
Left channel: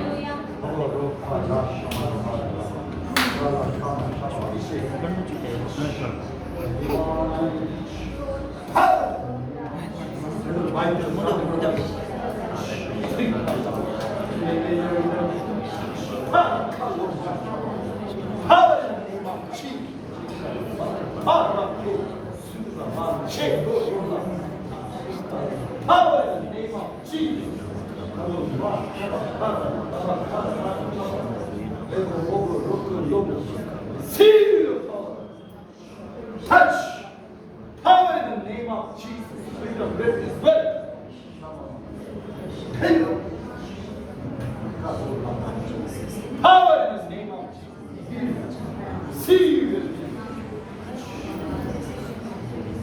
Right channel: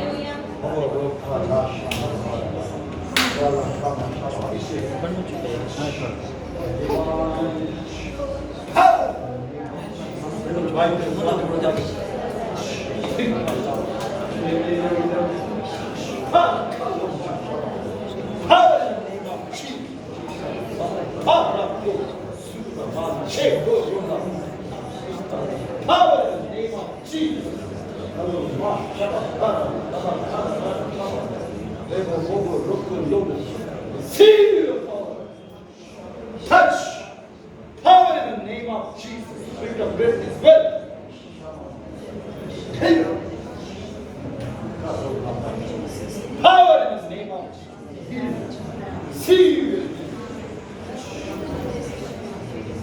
Touch power in the name of Jesus. Spirit of greatness, well. Power in the name of Jesus. See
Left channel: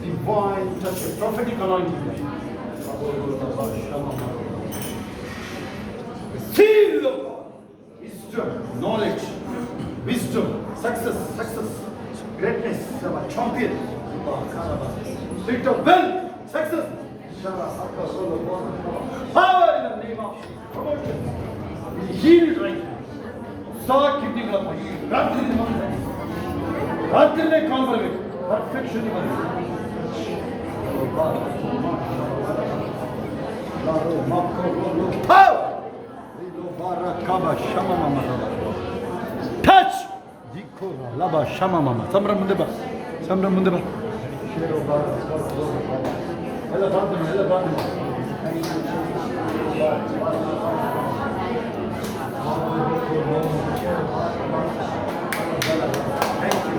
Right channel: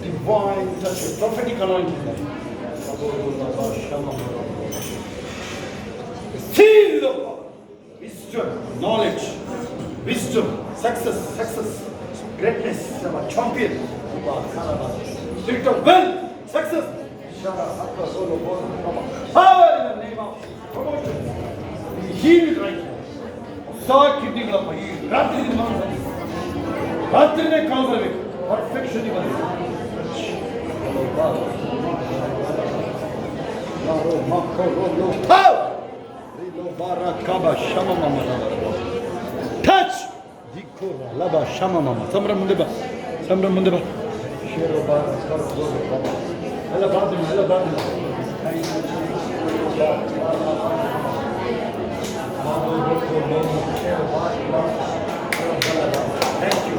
divine touch, prophetic anointing. Feel the power, wisdom, knowledge, wisdom, success, greatness, champion, spirit of wealth, success, power in the name of promotion. Be healed right now. ಕಿಡ್ನಿಗಳಪ್ಪ ಈ ರಾತ್ರಿನೇ ಕಾಲ್ ಬರಬೇಕು perfection ಬಂದಿದೆ. Touch ಲಬ ಶಮ ಮಮ ಸಂಭ್ರಮ ಮುಂದೆ ಬಾ, ಸಂಭ್ರಮ ಮುಂದೆ ಬಾ. ಎಲ್ಲ ಪ್ರಾರ್ಥನೆ ಎಲ್ಲ ಪ್ರಾರ್ಥನೆ. Thank you.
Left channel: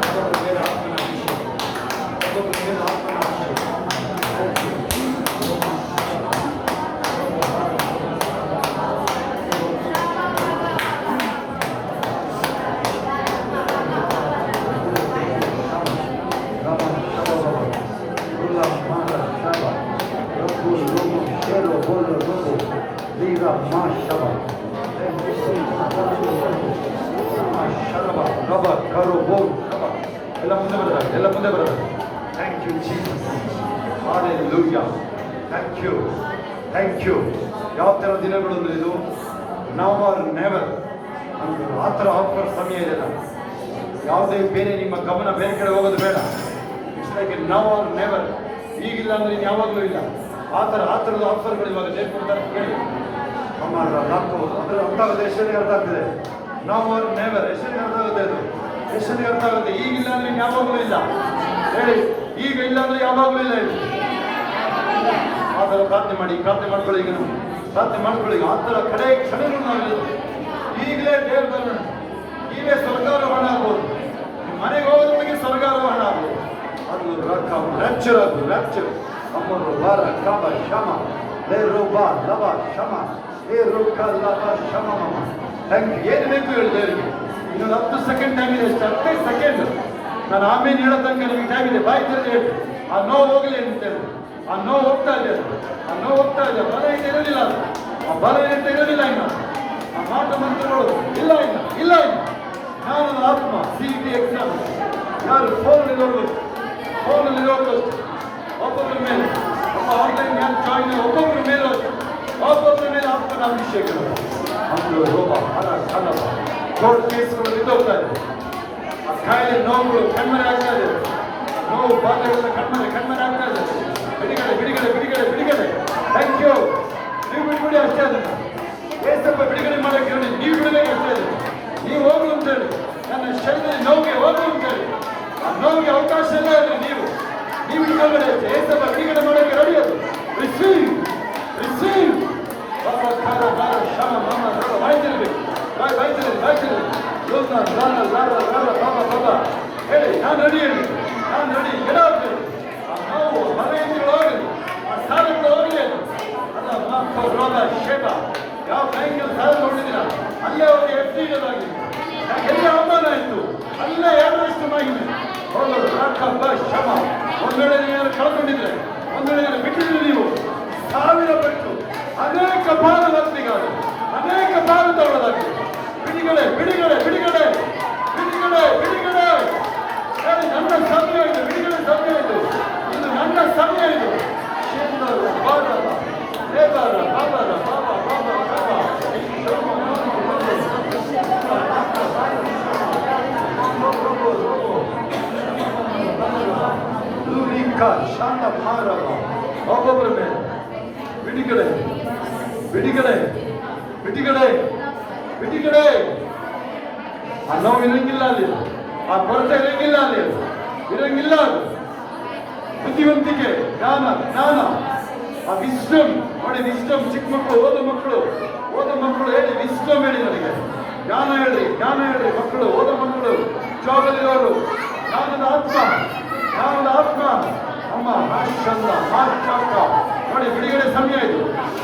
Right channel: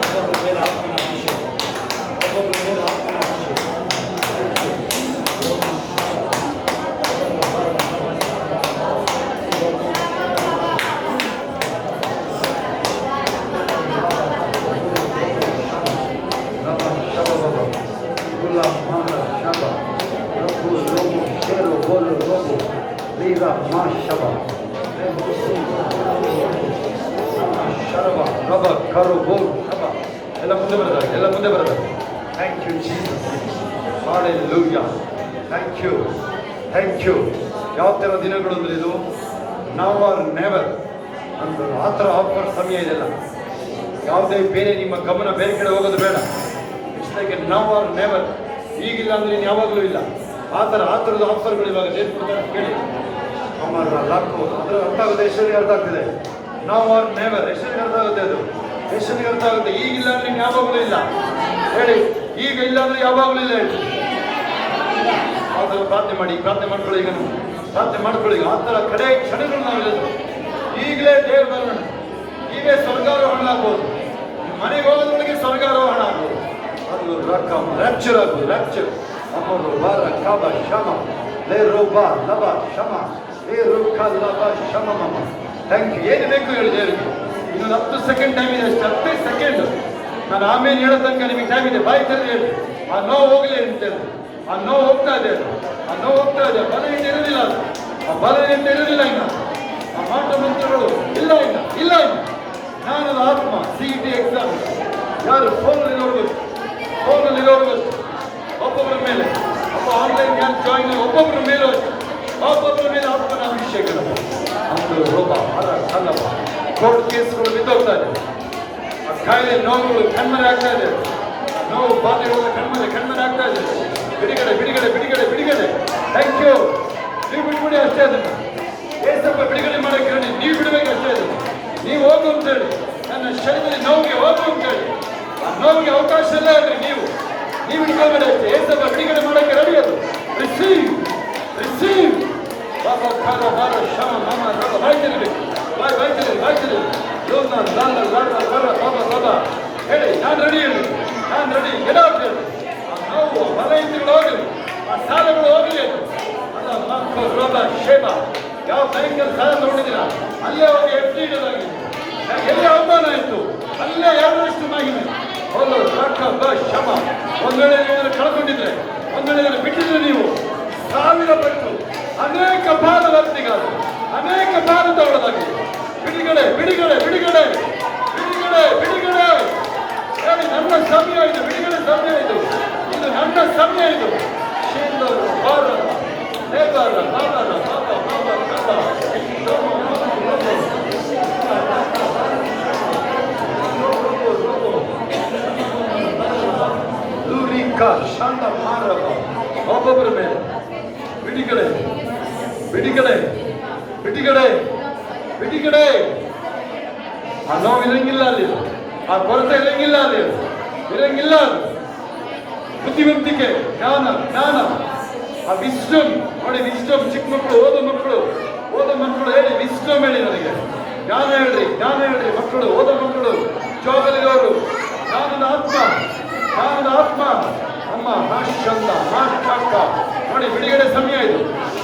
ಒಬ್ಬೊಬ್ಬರ ಮೇಲೆ ಆತ್ಮನ ಅಭಿಷೇಕ, ಒಬ್ಬೊಬ್ಬರ ಮೇಲೆ ಆತ್ಮನ ಅಭಿಷೇಕ. ಎಲ್ಲ ಮುಂದೆ ಬರ್ತದೆ, ಎಲ್ಲ ಮುಂದೆ ಬರ್ತದೆ. Thank you Jesus, hallelujah. Thank you, thank you. ಯಾವ ಥರ ದಿನಗಳು ಇದು, ನವ್ ಆರ್ ನೆವರ್ ಒಂದು ಆ ಥರ ಆಫರ್ ಸಮಯ ಇದೆಲ್ಲ. ಯಾವುದೇ ಬೇರೆ ನಿಮ್ಮ ಗಮನ ಬೇರೆ ಕಡೆ ಹೋಗೋದು ಬೇಡ. It's like now or never. ಈಗಿಲ್ಲ ಅಂದರೆ ಇನ್ನು ಯಾವಾಗಲೂ ಇಲ್ಲ. ಆ ಥರದ ಆಫರ್ಗಳು ಇವಾಗ ಏನು ಕೊಡ್ತಾರೆ ಕೇಳಿ. ಲಾಕು ಅದರ ಅರ್ಥ ಆಗುತ್ತೆ, ಹೆಸರಿಗೆ ಅರ್ಥ ಆಗ್ತಿದೆ. ನವ್ ಆರ್ ನೆವರ್ ಹೆಸರಿಗೆ ಅರ್ಥ ಆಗುತ್ತೆ, ಅದು ಹೆಸರಿಗೆ ಅರ್ಥ ಆಗುತ್ತೆ. ಈಗಿಲ್ಲ ಅಂದ್ರೆ ಇನ್ನು ಯಾವಾಗಲೂ ಇಲ್ಲ ಹೇಳಿ. ಈಗ ಇಲ್ಲ ಅಂದ್ರೆ ಯಾವಾಗಲೂ ಇಲ್ಲ ಹೇಳಿ. ಆ ಥರ ಪ್ರಾರ್ಥನೆ ಮಾಡಿ, ಪ್ರಾರ್ಥನೆ ಮಾಡ್ಕೊಳ್ಳಿ. ಈಗ ಪ್ರಾರ್ಥನೆ ಮಾಡ್ಕೊಳ್ಳಿ. ಆ ಥರ ಕಡೆ ಕ್ಷಣಗಳು ನಾವಿರೋದು. ಈಗಲೇ ದೇವ್ರ ಬರೋಣ, ಈಗಲೇ ಸ್ವರ್ಗಾರೋಹಣ ಆಗ್ಬೋದು. ಮನೆಗೆ ಹೋಗೋದ್ರೊಳಗೆ ಸ್ವರ್ಗಾರೋಹಣ ಆಗ್ಬೋದು. ಅದು ರ್ಯಾಪ್ಚರ್ ಆಗ್ಬೋದು, ರ್ಯಾಪ್ಚರ್. ಅಮ್ಮೊಂದು ವಾರ ಕಾಬ ಶಮ ಲೇ ರೂಪ ಲಭ ಶಮ ಲೇ ರೂಪ ಲಭ ಶಮ. Thank you. ಏನು ಬೇಕು ಹೇಳಿ ದೇವರಿಗೆ. ಇನ್ನು 10 ಸೆಕೆಂಡ್ ಟೈಮ್ ಇದೆ ಅಷ್ಟೇ, 10 ಸೆಕೆಂಡ್. ನಾನು ಆಮೇಲೆ ಹೇಳೋ ತನಕ ನಿಮಗೆ ಟೈಮ್ ಇದೆ. ಬಾಯಿ ತೆರೆದು ಹೇಳಿ. ಆ ನೋವು ಹೋಗಲಿ ಅಂತ ಹೇಳಿ. ಆ ನೋವು ಹೋಗ್ತಾ ಇದೆ, ಆ ನೋವು ಹೋಗ್ತಾ ಇದೆ. ಬಲ ಏನು ಇರೋದಿಲ್ಲ, ಆ ಬಲ ಏನು ಇರೋದಿಲ್ಲ. ಇನ್ನು ಆ ಮಾಟ ಮಂತ್ರಗಳು ಇಲ್ಲ, ಇಲ್ಲ. ನಾನು ಆತ್ಮ CET ಎಕ್ಸಾಮ್ ಯಾರು ಫೋನಲ್ಲಿ ನೋಡ್ಬೇಕು, ಫೋನಲ್ಲಿ ನೋಡ್ಬೇಕು. ಒಬ್ಬೊಬ್ಬರ ಮೇಲೆ ಒಬ್ಬ ಆನ್ಲೈನ್ ಯಾರು ಜಾಯಿನ್, ಒಬ್ಬೊಬ್ಬರ ಮೇಲೆ ಆತ್ಮನ ಅಭಿಷೇಕ. ಒಂದು ರೋಗ ಅಲ್ಲ, ಕೋರ್ಟ್ ಕೇಸ್ಗಳು ಬಿದ್ದೋಗ್ತಾ ಇದೆ. ಆ ಕಾಯಿಲೆ ನೋವುಗಳು ಕಣ್ಮರೆ ಆಗ್ತಾ ಇದೆ. ನೋವು ಬಾಧೆಗಳ ಕಣ್ಮರೆ ಆಗ್ತಾ ಇದೆ. ಬಿಡುಗಡೆ ಬಿಡುಗಡೆ ಬಿಡುಗಡೆ ಬಿಡುಗಡೆ. Thank you. ನೀವು ಬಿಟ್ಬಿಡಿ ಅಷ್ಟೇ. ಅದನ್ನು ಏಸಪ್ಪ ಬಿಡುಗಡೆ ಮಾಡೋಕೆ ಹೇಳಿ, ನೀವು ಬಿಡಬೇಕು ಅಷ್ಟೇ. ಅದನ್ನು ನೀವು ಹೋಗು ಅಂತೇಳಿ, ನನ್ನ ಶರೀರದಲ್ಲಿ ನೋವಿಗೆ ಹೋಗು ಅಂತೇಳಿ. ನೋವಿಗೆ ಅವಕಾಶ ಇಲ್ಲ ಅಂದರೆ ನೀವು ಬಿಡುಗಡೆ ಅಷ್ಟೇ. ಏಸಪ್ಪ ಬಿಡುಗಡೆ ಮಾಡೋಕೆ ರೆಡಿ. ಅದು ರಿಸೀವ್ ರಿಸೀವ್. ಶಮ ಮಮ್ಮ ಬಾಯ್ತಿರಬೇಕು, ಬಾಯ್ತಿರಬೇಕು. ಹೇಳಿ ನಾನು ರೆಡಿ, ಹೇಳಿ ನಾನು ರೆಡಿ. ಗೆಡಾಗ್ತೇನೆ ನಾವು ಮನೆಗಳು ಹೋಗಲಿ, ಆ ಸಾಲಗಳು ಹೋಗಲಿ. ಶೇಪ ಯಾವ ಬ್ಯಾಂಕಲ್ಲಿ ಸಾಲ ನೋಡಿದಿರ ಅಲ್ಲೇ ಹೋಗಿ FD ಇಡಲಾಗಿದೆ. ಎಲ್ಲಿ ಅವಮಾನ ಆಯಿತು ಅಲ್ಲೇ 2% ಆಗಿದೆ. ಶಮ. ಒಂದೆಡೆ ನೀವು ಕಳ್ಕೊಂಡಿದ್ರೆ, ಒಂದೆಡೆ ಬಿಟ್ಟಿದ್ರೆ ನೀವು 1000 ಪಟ್ಟು ಅನೇಕ ಬಾಲವಾರ್ತಿಗಳು, ಅನೇಕ ಬಾಲ ತಗೊಳ್ಳೋದಾಗಿದೆ. ಬಿಡುಗಡೆ ಬಿಡುಗಡೆ ಬಿಡುಗಡೆ ಬಿಡುಗಡೆ ಬಿಡುಗಡೆ. ಹೇಳಿ ನನ್ನ ಸಮಯ ಇದು, ಬಿಡುಗಡೆ ಸಮಯ ಇದು, ಇದು ನನ್ನ ಸಮಯ ಇದು. ಒಬ್ಬೊಬ್ಬರ ಮೇಲೆ ಬಿಡುಗಡೆ ಬಿಡುಗಡೆ ಬಿಡುಗಡೆ ಬಿಡುಗಡೆ. ಆ ನೋವು ಇರಂಗಿಲ್ಲ ಅಲ್ಲಿ, ಆ ಕೊರತೆ ಇರಂಗಿಲ್ಲ ಅಲ್ಲಿ, ಇರಂಗಿಲ್ಲ. ಬುದ್ಧಿವಂತಿಕೆ, ಜ್ಞಾನ ಜ್ಞಾನ, ಆ ವಿಸ್ಡಮ್ ನೋಡಿ. ವಿಸ್ಡಮ್ ಚಿಕ್ಕ ಮಕ್ಕಳು, ಓದೋ ಮಕ್ಕಳು ಹೇಳಿ ವಿಸ್ಡಮ್ ಹೇಳಿ. ನನಗೆ ಜ್ಞಾನ ಹೇಳ್ರಿ, ಜ್ಞಾನ ಹೇಳ್ರಿ. ಮಕ್ಕಳು, ಓದೋ ಮಕ್ಕಳು, ಜಾಬಲ್ಲಿರೋರು, ಜ್ಞಾನದ ಆತ್ಮ, ಜ್ಞಾನದ ಆತ್ಮ. ಅಮ್ಮ ಮಾಷಲ್ಲ ಮಾಷಾಕ ನೋಡಿ. ಬಿಡುಗಡೆ ಸಮಯ ಇದು,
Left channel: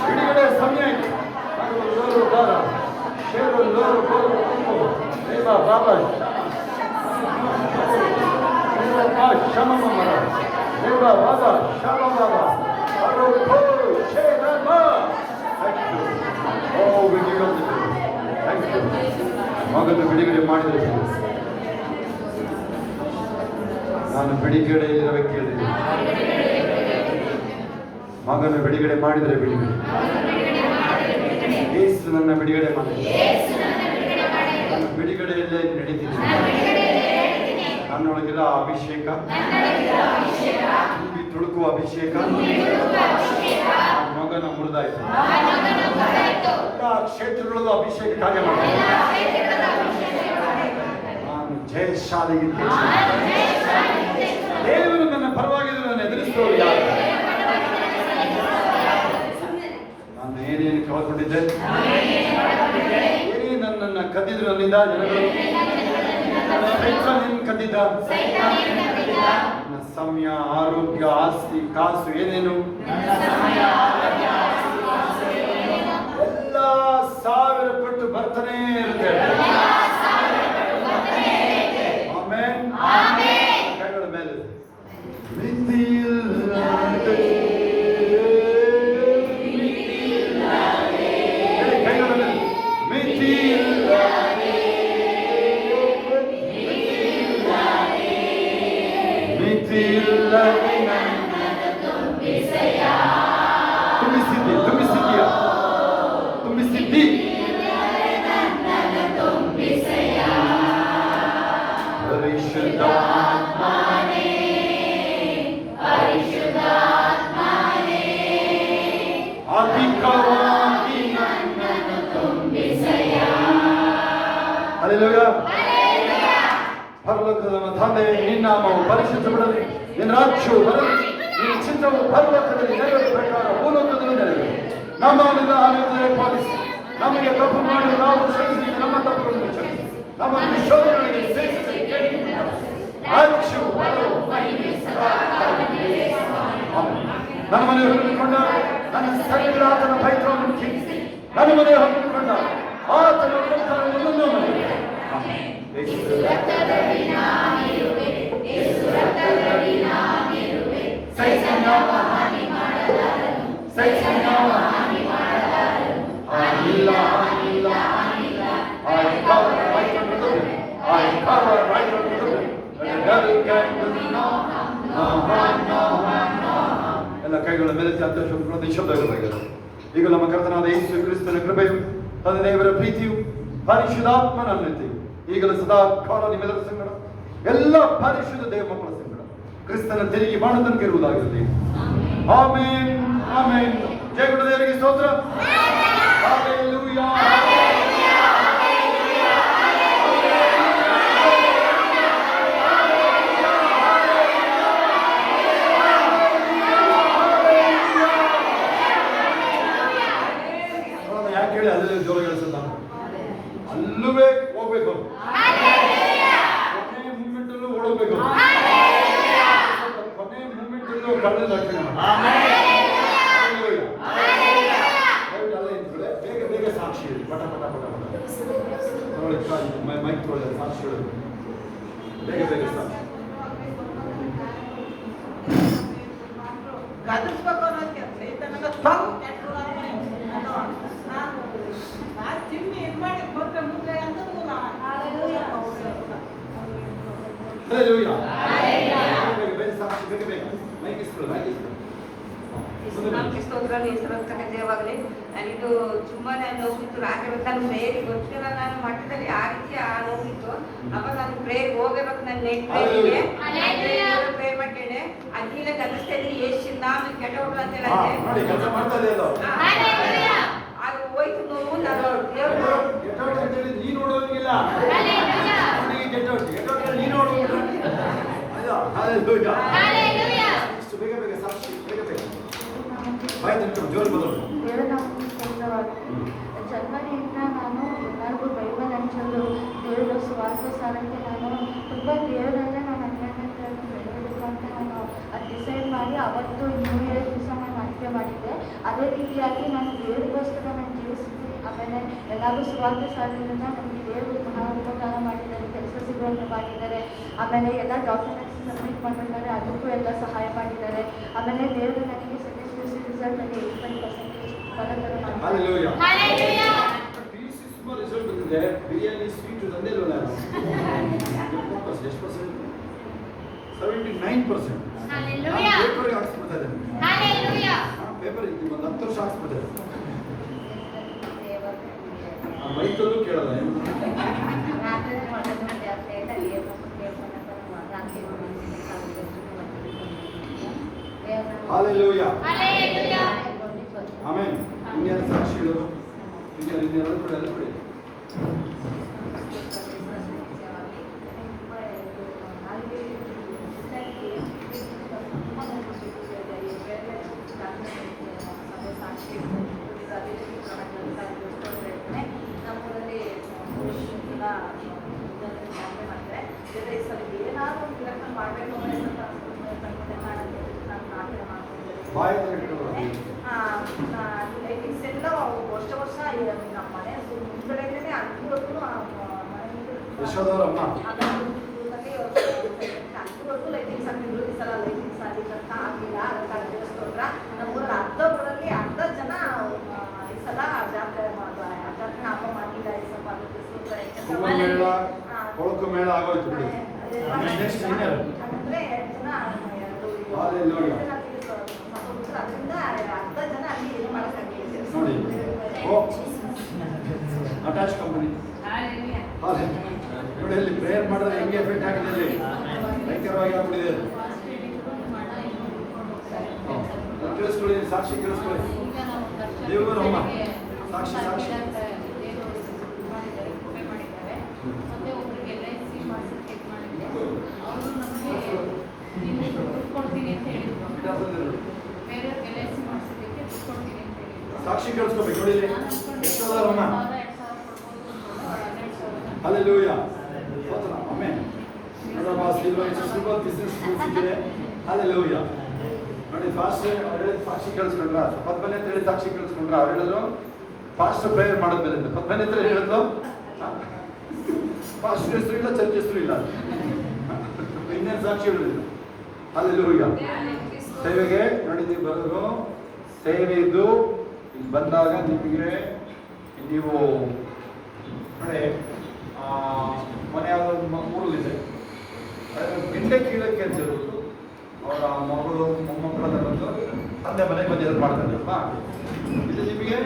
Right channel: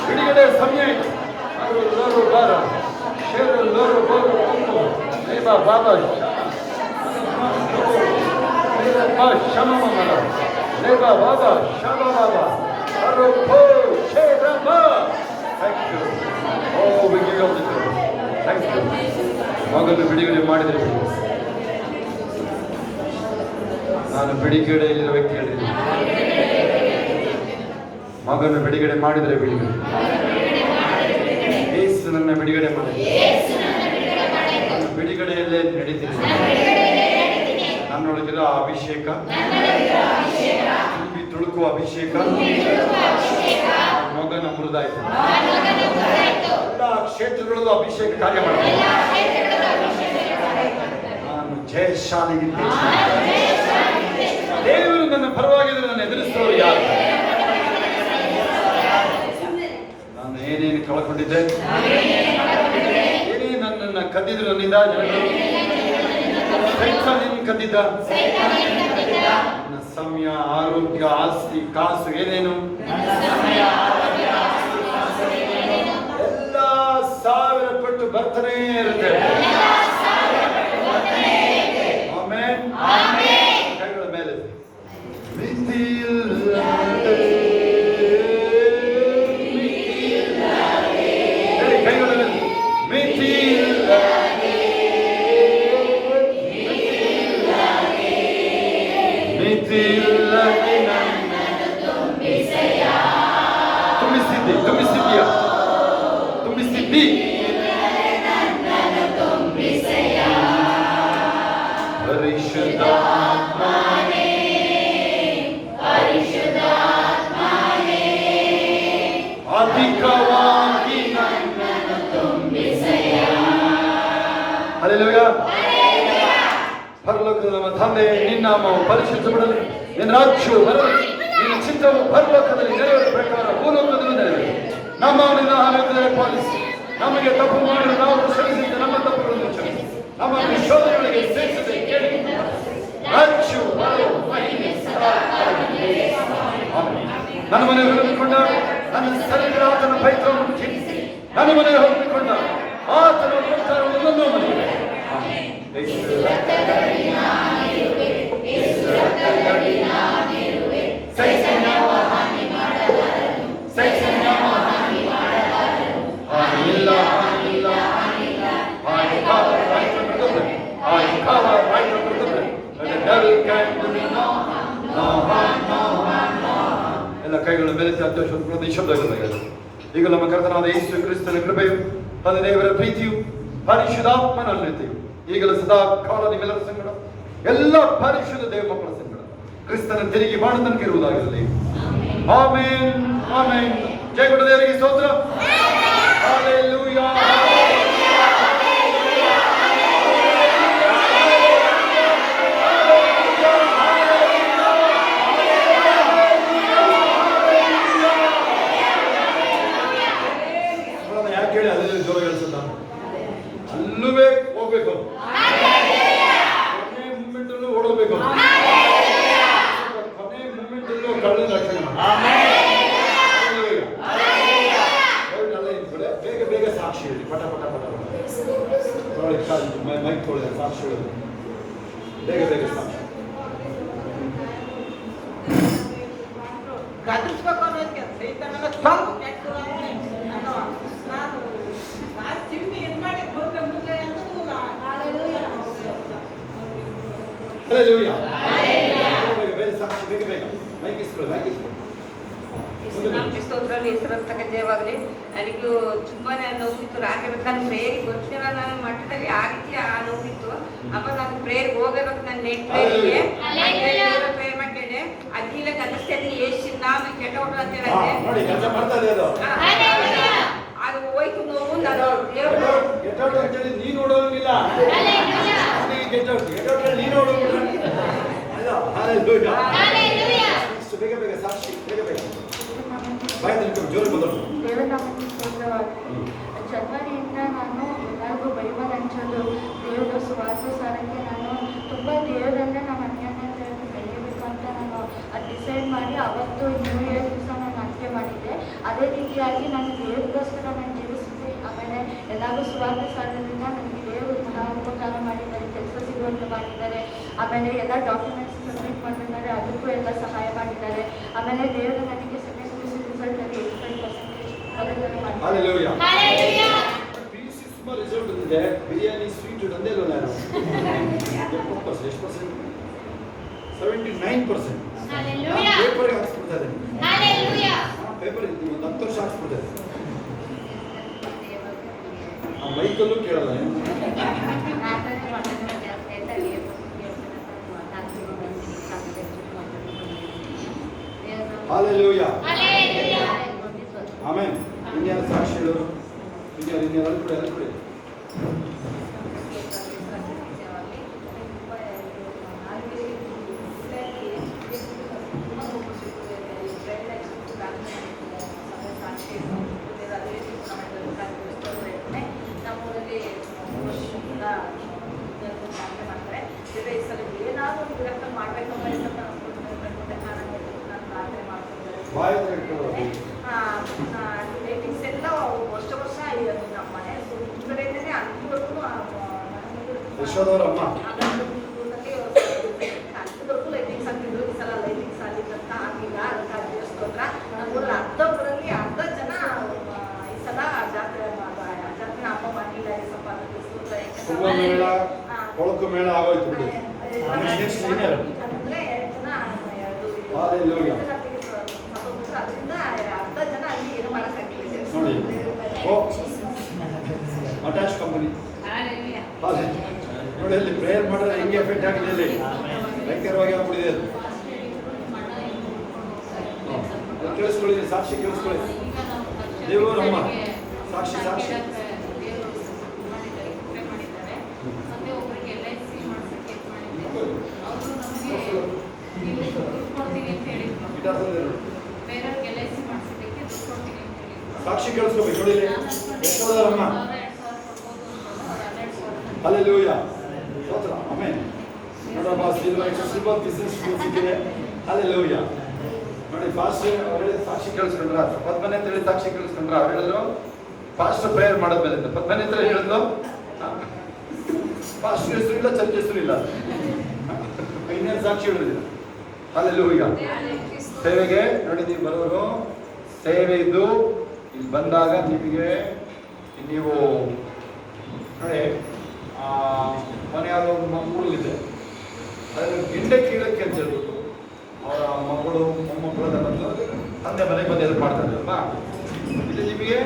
ಬಿಡುಗಡೆ ಸಮಯ ಇದು. ಬಾರ ಶೇರು ಬಾಬಾ ಶಮ ದೇವ ಬಾಬಾ ಶಮ ಬಾಬಾ. ಮಗನ್ನು ಬಿಡುಗಡೆ ಮಾಡಿದರೆ, ನಾನು ಬಿಡುಗಡೆಯಲ್ಲಿರೋ ವ್ಯಕ್ತಿ ಹೇಳಿದ್ದೀನಿ. ಮಗನ್ನು ಬಿಡುಗಡೆ ಮಾಡಿದರೆ ಬಿಡುಗಡೆ. ಯೇಸು ನನ್ನ ಬಿಡುಗಡೆ ಮಾಡಿದ. ಬಿಡುಗಡೆಯಲ್ಲೇ ನಡೀತೀನಿ. ನನ್ನೊಳಗಿರೋ ಅಭಿಷೇಕ, ತುಂಬಿ ತುಳುಕುವ ಅಭಿಷೇಕ ಮಗನ ಮುರಿದಾಯ್ತು. ಎಲ್ಲ ಕ್ಷೇತ್ರಗಳಲ್ಲೂ ಅಭಿಷೇಕ ಕಾರ್ಯ ಮಾಡ್ತೀನಿ. ನಾನು ಜಯಶಾಲಿಗಿದ್ದೇನೆ. ದೇವರು ನನ್ನ ಪರವಾಗಿದ್ದು ನನ್ನ ಎದುರಿಸುವವರು ಯಾರು? ನಾನು ಏನೇನು ಕಳ್ಕೊಂಡಿದ್ದೆ, ಏನೇ ನನ್ನನ್ನು ಕದ್ದಿದ್ರು ನನ್ನಿಂದ ಜನಗಳು, ಸೈತಾನನು ಕದ್ದಿದ್ದ ನನ್ನ ಸಮಯ, ಆರೋಗ್ಯ, ಆಸ್ತಿ, ಕಾಸು, ಏನೇನು ಎಲ್ಲ 1000 ಪಟ್ಟು ಬರ್ತಾನೇ ಇರುತ್ತೆ. ಆಮೆನ್. ಕೈಗಳ ಮೇಲೆ ಮಿತಿಯಿಲ್ಲದೆ, ಕೈಗಳ ಮೇಲೆ ಮಿತಿಯಿಲ್ಲದೆ, ಮಿತಿಯಿಲ್ಲದೆ ನನ್ನನ್ನು ತುಂಬಿಸಯ್ಯ. ತುಂಬಿಸಿದ್ದೀಯ, ತುಂಬಿಸಿದ್ದಿ. ಪರಿಶುದ್ಧಾತ್ಮನೇ, ಪರಿಶುದ್ಧಾತ್ಮನೇ, ಅಧಿಕವಾಗಿ ನನ್ನನ್ನು ತುಂಬಿಸಯ್ಯ. ಹಲ್ಲೆಲೂಯಾ. ಪರಲೋಕದ ನಮ್ಮ ತಂದೆ, ನಿನ್ನ ನಾಮವು ಪರಿಶುದ್ಧಪಡಲಿ, ನಿನ್ನ ರಾಜ್ಯವು ಬರಲಿ, ನಿನ್ನ ಚಿತ್ತವು ಪರಲೋಕದಲ್ಲಿ ನೆರವೇರುವ ಪ್ರಕಾರ ಭೂಲೋಕದಲ್ಲಿ ನೆರವೇರಲಿ. ನಮ್ಮನ್ನು ಆರಾಧನೆ ಪಾಲಿಸಿ, ನಮಗೆ ತಪ್ಪು ಮಾಡಿದ ನಾವು ಕ್ಷಮಿಸಿದ ನಮ್ಮ ತಪ್ಪುಗಳನ್ನು ಕ್ಷಮಿಸಿ, ನಮ್ಮನ್ನು ಶೋಧನೆಗಳಿಗೆ ಸೇರಿಸದೆ ಕೇಳಿ ರಾಜ್ಯವು ನನ್ನ ಮನೆ ಹೊರತುಕೊಂಡ ನನ್ನ ಸರಳ ಆತನ ಪೈತ್ರವನ್ನು ಚಿಂತಿಸಿ, ನನ್ನ ಮನೆ ಹೊರತುಕೊಂಡ ಆತನ ಪೈತ್ರವನ್ನು ಮನೆ ಎಲ್ಲ ಕೈಗಳ ಮೇಲೆ ಈಗ ನಮ್ಮ ಕರ್ತನಾದ ಯೇಸು ಕ್ರಿಸ್ತನ ಕೃಪೆಯು, ತಂದೆ ದೇವರ ಪ್ರೀತಿಯು, ಪರಿಶುದ್ಧಾತ್ಮನ ಅನ್ವಯತೆಯು ಈಗಲೂ ಸದಾ ಕಾಲ ನಿಮ್ಮೆಲ್ಲರ ಸಂಗಡ, ಎಲ್ಲ ಪರಿಶುದ್ಧ ದೇವ ಮಕ್ಕಳ ಸಂಗಡ ಕ್ರಿಸ್ತನ ತಿರುಗಿ ಬಾಣ ತನಕ ಇರುವುದಾಗಿರಲಿ. Amen, amen. ಜಯ ಗುರುದೇವರಿಗೆ ಸ್ತೋತ್ರ. ಹಲ್ಲೆಲೂಯಾ. ಯಾಕೆ ಹೇಳಿ ಅಲ್ಲೇ ಜೋರ ಹೇಳಿಸುತ್ತ ಅಲ್ಲುವೇ ಹೋಗ್ಬೇಕು, ಕೊನೆ ಮೂಮೆಂಟಲ್ಲೂ ಓಡೋಗ್ಬೇಕು, ಕೊನೆ ಮೂಮೆಂಟಲ್ಲೂ ಕಳ್ಳನ ರಕ್ಷಣೆ ಬೇಗ ಬೇಗ ಸಾಕ್ಷಿ ಹೇಳಿ, ಪಟ ಪಟ ಪಟ ಪಟ ಮೈಕ್ ತೊಳೆದ ಸಾಕ್ಷಿ ಹೇಳೋದು, ಬೇಗ ಬೇಗ ಸಾಕ್ಷಿ. Hallelujah. ಬೇಗ ಸಾಕ್ಷಿ, ಬೇಗ ಬೇಗ ಮೈಕ್ ಇಸ್ಕೊಳ್ಳಿ, ಮೈಕ್ ಇಸ್ಕೊಳ್ಳಿ. ದೇವಾಗಲಿ ನನಗೂ ತುಂಬಾನೇ ನೋವಿತ್ತು. ರಾತ್ರಿ ನಾನು ಪ್ರೇಯರ್ಗೆ ಗೊತ್ತಿಲ್ಲ, ನಾನು ಮಟ್ಟದಲ್ಲಿ ಆ ರೀತಿ ಆ ನೋವಿತ್ತು. ಅಪ್ಪ ನಾನು ಪ್ರೇಯರ್ ಹೋಗಬೇಕು, ನನ್ನ ನೆಟ್ ಪ್ರೇಯರ್ಗೆ ಪ್ರೇಯರ್ ಮಾಡಿದೆ. ಅದಿಲ್ಲ ಕನಸಲ್ಲಿ ಏಸು ನಾನು ಕೆಟ್ಟ ಹೋಗ್ಲ ಅಂತ ನೋಡಿ ಕೆಲಸ ಮಾಡ್ತಾ ಇದೆ ಅದು. ಅದು ಹೋಯ್ತು ನೋವು. ನಾನು ಗೆಟೌಟ್ ಅಂತೇಳಿ ನೀನು ನೋಡೋಂಗಿಲ್ಲ, ಗೆಟೌಟ್ ನೀನು ನೋಡೋಂಗಿಲ್ಲ. ಬೇಗ ಬೇಗ ಸಾಕ್ಷಿ, ಬೇಗ ಬೇಗ ಬಾಯ್ ತನಕ ಜೋರು ಮೊದಲು. ಜನ್ಮನೆಯಿಂದ ನಾನು ಎಲ್ಲರಿಗೂ ಬೈಬಲ್ ಹಂಚೋದು, ದೇವರು ಸುವಾಸ ಸಾರಕ್ಕೆ ನಾನು ತುಂಬ ದೇವರಲ್ಲೇ ನಾನು ಅನ್ಯಾಯತೆಯನ್ನು ಬೆಳೆಯಬೇಕು ಅಂತ ನಾನು ಡಿಸೈಡ್ ಮಾಡಿ ಅವತ್ತು ನ್ಯೂ ಇಯರ್ ದಿವಸ ನಾನು ಆಯ್ಕೆ ಮಾಡಿದ್ದೆ. ಅದೇ ರೀತಿಯಾಗಿ ನಾನು ದೇವರಿಗೋಸ್ಕರ ನಾನು ಜೀವಿಸಿದ್ದೆ. ಆಮೇಲೆ ಎಲ್ಲರೂ ಸುವಾಸ ಸಾರೋದ್ರಿಂದ ನನಗೆ ದೇವರು ಪುನರುಪಕಾರ ಮಾಡಿದ್ದಾರೆ, ಕೆಲಸ ಸಿಗುವಂತೆ ಮಾಡಿದ್ದಾರೆ. ಆಮೇಲೆ ಎಲ್ಲ ಡಾಕ್ಯುಮೆಂಟ್ಸ್ ಸಬ್ಮಿಟ್ ಮಾಡಿದ್ದಾರೆ, ಅದಕ್ಕೂ ಎಲ್ಲ ಸಹಾಯ ಮಾಡಿದ್ದಾರೆ. ಆಮೇಲೆ ದೇವರು ನನಗೆ ಸೆಕೆಂಡ್ PUC ರಿಸಲ್ಟಲ್ಲಿ 85% Hallelujah. PUC ಸುಮಾರು ರಿಸಲ್ಟ್ ಬಂದಿದೆ. ಬಿರಿಯಾನಿ ಸ್ವೀಟ್ ತಂದೇ ಇಲ್ಲ ನಾನು. 70%, ಎಷ್ಟು ಪರ್ಸೆಂಟ್? 79%. ನಾನು ಪೇಪರ್ಗೆ ಹಾಕ್ಸ್ಬಿಡ್ತಾ ಇದ್ದೇನೆ. ಪೇಪರ್ ಇದ್ದೀನಿ, ಒಂದು 10 ವರ್ಷ ಹಾಕ್ಸ್ಬಿಡ್ತಾ ಇದ್ದೀನಿ. ಮೈಕಲ್ಲೂ ಕೇಳಲ್ಲ ಏನು ಪ್ರಾರ್ಥನೆ ಮಾಡೋದನ್ನ ಜಾಸ್ತಿ ಆಯ್ತಾ ಹಾಲೆಲೂಯಾ ಆಮೇನ್. ಇನ್ಯಾರು ಸಾಕ್ಷಿ ಹೇಳೋರು? ಇನ್ಯಾರು ಎಲ್ಲ ಕೊಡಿ. ಬಾಯಿ ಹತ್ರ ಇಟ್ಕೊಳ್ಳೋರು. ಯಶೋದವ್ರ ಅಮ್ಮ ಕುಂಭಮೇಳ ಕೊಳಕು ಮೇಳ ಆಗೋಯ್ತು ಬಿಡಿ. ನೆಕ್ಸ್ಟ್ ಇನ್ಯಾರು? ಹಾಲೆಲೂಯಾ. ನೋಡಿ ಅಟ್ಯಾಚ್ ಕಂಪನಿ ನೋಡಿ ಅಲ್ಲಿ ಪ್ರೇಯರ್ ಮಾಡಿದ್ರೆ ಹೆಂಗೆ ಎಫೆಕ್ಟ್ ಆಗಿದೆ ಅಲ್ಲಿ ಭಯಂಕರವಾಗಿ ಆಗ್ಬಿಟ್ಟಿದೆ ಅದು. ಅದು ಕೇಳಿಸ್ಕೊಳ್ಳಿ, ಸಾಕ್ಷಿ ಕೇಳಿಸ್ಕೊಳ್ಳಿ. ದೇವರಮ್ಮ ಸಾಕ್ಷಿ ಸಾಕ್ಷಿ ಸಾಕ್ಷಿ ಕೇಳಿಸ್ಕೋಬೇಕು. ನೋಡಿ ಯಶೋದರಮ್ಮ ಹಾಲೆಲೂಯಾ. ಸ್ತೋತ್ರ ಆಮೆನ್. ನೋಡಮ್ಮ ಸಿಲ್ವರ್ ಬಿಸ್ನೆಸ್ ಸಿಕ್ಕಿದೆ. ಹಾಲೆಲೂಯಾ. ನೋಡಿ ಫಾಸ್ಟ್ ಅವರೇ ಸಾಕ್ಷಿ ಕೇಳಿಸ್ಕೊಂಡ್ರ ಪದ್ಮನೆ ಅಂತ ಹೇಳಿ ಸಾಕ್ಷಿ ಕೇಳಿಸ್ಕೊಂಡ್ರ ಅವ್ರು ಹೇಳಿದ್ರು ಫಾಸ್ಟ್ ಪ್ರೇಯರ್ ಮಾಡೋದ್ಮೇಲೆ ಪದ್ಮನೆ ಅಂತ ಹೇಳಿದ್ರು ಫಾಸ್ಟ್ ಹೆಸರು ಇಲ್ಲ, ಚರ್ಚ್ ಹೆಸರು ಇಲ್ಲ. ಇನ್ನೇನು ಸಾಕ್ಷಿ ಹೇಳಿದ್ರು. ಹಾಲೆಲೂಯಾ. ಸೇವೆಗೆ ನೋಡಿ ನೀವು ಬರೋರು ಸೇವೆ ಇದ್ದು ಇಲ್ಲಿ ಬಂದಾಗ ನಿಮಗೆ ನೀವು ಮನೆ ಯಾವುದೋ ಊರಲ್ಲಿದೆ ಅದನ್ನು ಗೆಂಡೆ ಕೀಳಕ್ಕೆ ಅಂತ ಹೇಳ್ಬಿಟ್ಟು ಅವರ ಮಗಳು ಮೊಮ್ಮಕ್ಕಳ ತಂದೆ ಮನೆಗೆ ಬಂದು ಎದುರು ಮಾಡ್ತಾರೆ ಅಲ್ವಾ. ಇದು ನಿಮಗೆ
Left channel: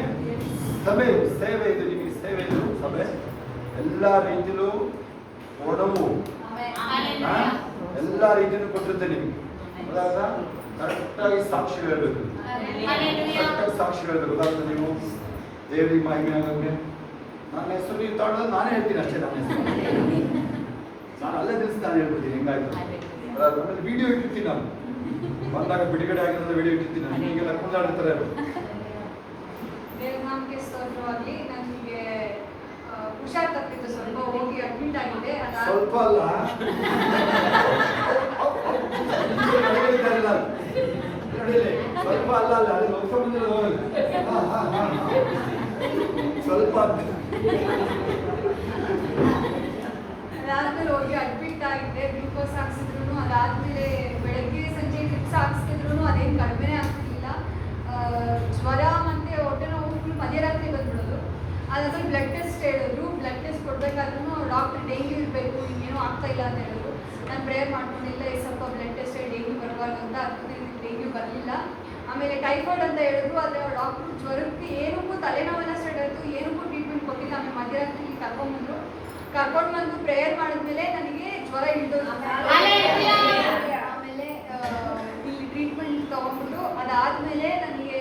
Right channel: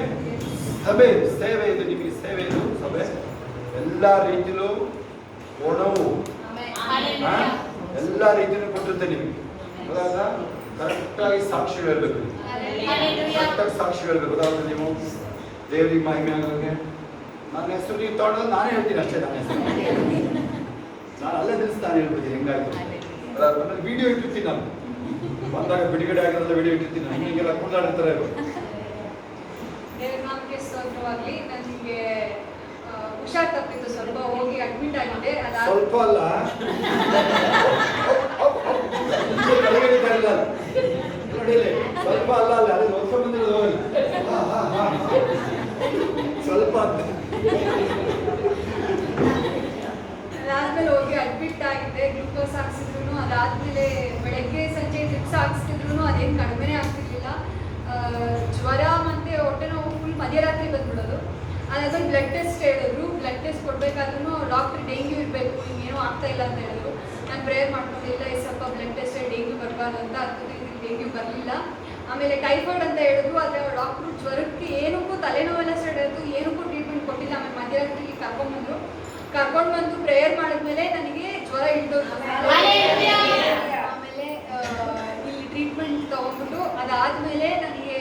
ಸಭೆ ಸೇವೆ ಇದು, ನಿಮಗೆ ಸೇವೆ ಇದು ಸಭೆ ಎಲ್ಲ ರೀತಿಲೂ ಒಡವು ಎಲ್ಲ ರೀತಿಯೂ ಕೊಟ್ಟಿರುತ್ತೆ ನಿಮಗೆ. ಕರೆಕ್ಟಾಗಿ ಸಾಕ್ಷಿ ಹೇಳಬೇಕು, ಕರೆಕ್ಟಾಗಿ ಸಾಕ್ಷಿ ಹೇಳಬೇಕು. ಉದಾಹರಣೆ ನೀವು ದೇವರಿಗೆ ಮಹಿಮೆ ಆಗೋಕ್ಕೆ ನನ್ನ ಹೆಸರು ನೀವು ತಗೊಂಡು ನಾನೇ ಹೇಳ್ತೀನಿ ಅಷ್ಟೇ. ನನ್ನ ಹೆಸರು ನಾನು ಅಲ್ಲೇ ನಿಲ್ಲಿಸಿ ನಾನು ಹೇಳ್ಬಿಡ್ತೀನಿ ಹೆಂಗಾಯ್ತು. ಆಮೇಲೆ ವಿಡಿಯೋ ಇಟ್ಟಿರ್ತೀನಿ ನಾನು ಬಂದಾಗ ಬಿಡುಗಡೆ ಆಗಿರೋದು ವಿಡಿಯೋ ಇಟ್ಟಿರ್ತೀನಿ. ನಿಮಗೆಲ್ಲ ಕುಳ್ಳಾಡಿರ್ತಾರೆ ಅವರು. ದೇವ್ರ ನಾಮಕ್ಕೆ ಸ್ತೋತ್ರವಾಗಲಿ. ನನಗೆ ಹುಷಾರ್ ತಪ್ಪಿತ್ತು, ಸ್ವಲ್ಪ ಹೋಗಿ ಅಡ್ಮಿಟ್ ಆಗಿದೆ. ಸ್ವಲ್ಪ ಅಲ್ಲ ಸ್ವಲ್ಪ ಅಲ್ಲ ಅಲ್ಲ ಅದು ಹೊಸ ಬಂದಿರೋದು ಸ್ವಲ್ಪ ಅದಾದ್ಮೇಲೆ ಹೋಗಿ ಅಡ್ಮಿಟ್ ಆಗಿದೆ. ಗ್ಲೂಕೋಸ್ ಹಾಕ್ಸಿದ್ರು, ಅದಾದ್ಮೇಲೆ ಬೆಳಗ್ಗೆ ಸಂಜೆ ಡ್ರಿಪ್ಸ್ ಹಾಕ್ಸ್ತಿದ್ರು, ಅದೇನು ಕಡಿಮೆನೇ ಆಗ್ತಿರ್ಲಿಲ್ಲ. ಜ್ವರ ಮತ್ತೆ ಹೊಟ್ಟೆ ನೋವು ಫುಲ್ ಮಧ್ಯರಾತ್ರಿ ಬಂದ್ಬಿಡೋದು. ಅದಾದ್ಮೇಲೆ ಬ್ಲಡ್ ಟೆಸ್ಟ್ ಹೇಳಿದ್ರು. ಬ್ಲಡ್ ಟೆಸ್ಟ್ ಕೊಡ್ಬೇಕಾದ್ರೂ ಡಾಕ್ಟರ್ ಡೆಂಗ್ಯೂ ಇರಬೇಕು, ನಿಮ್ಗೇನು ಆಗ್ತಾ ಇಲ್ಲ ಅಂತ ಹೇಳಿದ್ರು. ನಾನು ಪ್ರೇಯರ್ ಮಾಡ್ಕೊಂಡಿಲ್ಲ, ಈ ಸ್ವಲ್ಪ ಬ್ಲಡ್ ಟೆಸ್ಟ್ ಡೆಂಗ್ಯೂ ಬರಬಾರ್ದು ಅಂತ. ಅದಕ್ಕೆ ಡೆಂಗ್ಯೂ ಬರಲಿಲ್ಲ. ಆಮೇಲೆ ಟೈಫಾಯ್ಡ್ ಅಂತ ಹೇಳಿದ್ರು. ಆದರೆ ಡಾಕ್ಟ್ರು ಜ್ವರಕ್ಕೆ ಏನಕ್ಕೂ ತಲೆನೋವೆಲ್ಲ ಸ್ಟಾರ್ಟ್ ಆಯಿತು, ಏನಕ್ಕೂ ಟ್ರೀಟ್ಮೆಂಟ್ ಕೊಟ್ಟಿಲ್ಲ. ಆಮೇಲೆ ಮಧ್ಯರಾತ್ರಿ ಕರ್ಕೊಂಡು ಬಂದು ಪ್ರೇಯರ್ ಮಾಡಿದ್ಮೇಲೆ ನನಗೆ ಜ್ವರ ಹಿಡಿದೋದು. ಆಮೇಲೆ ಇಲ್ಲಿ ಟ್ರೀಟ್ಮೆಂಟ್ ತೊಗೊಂಡ್ಬಿಟ್ಟು ಅದಾದಮೇಲೆ ನನಗೆ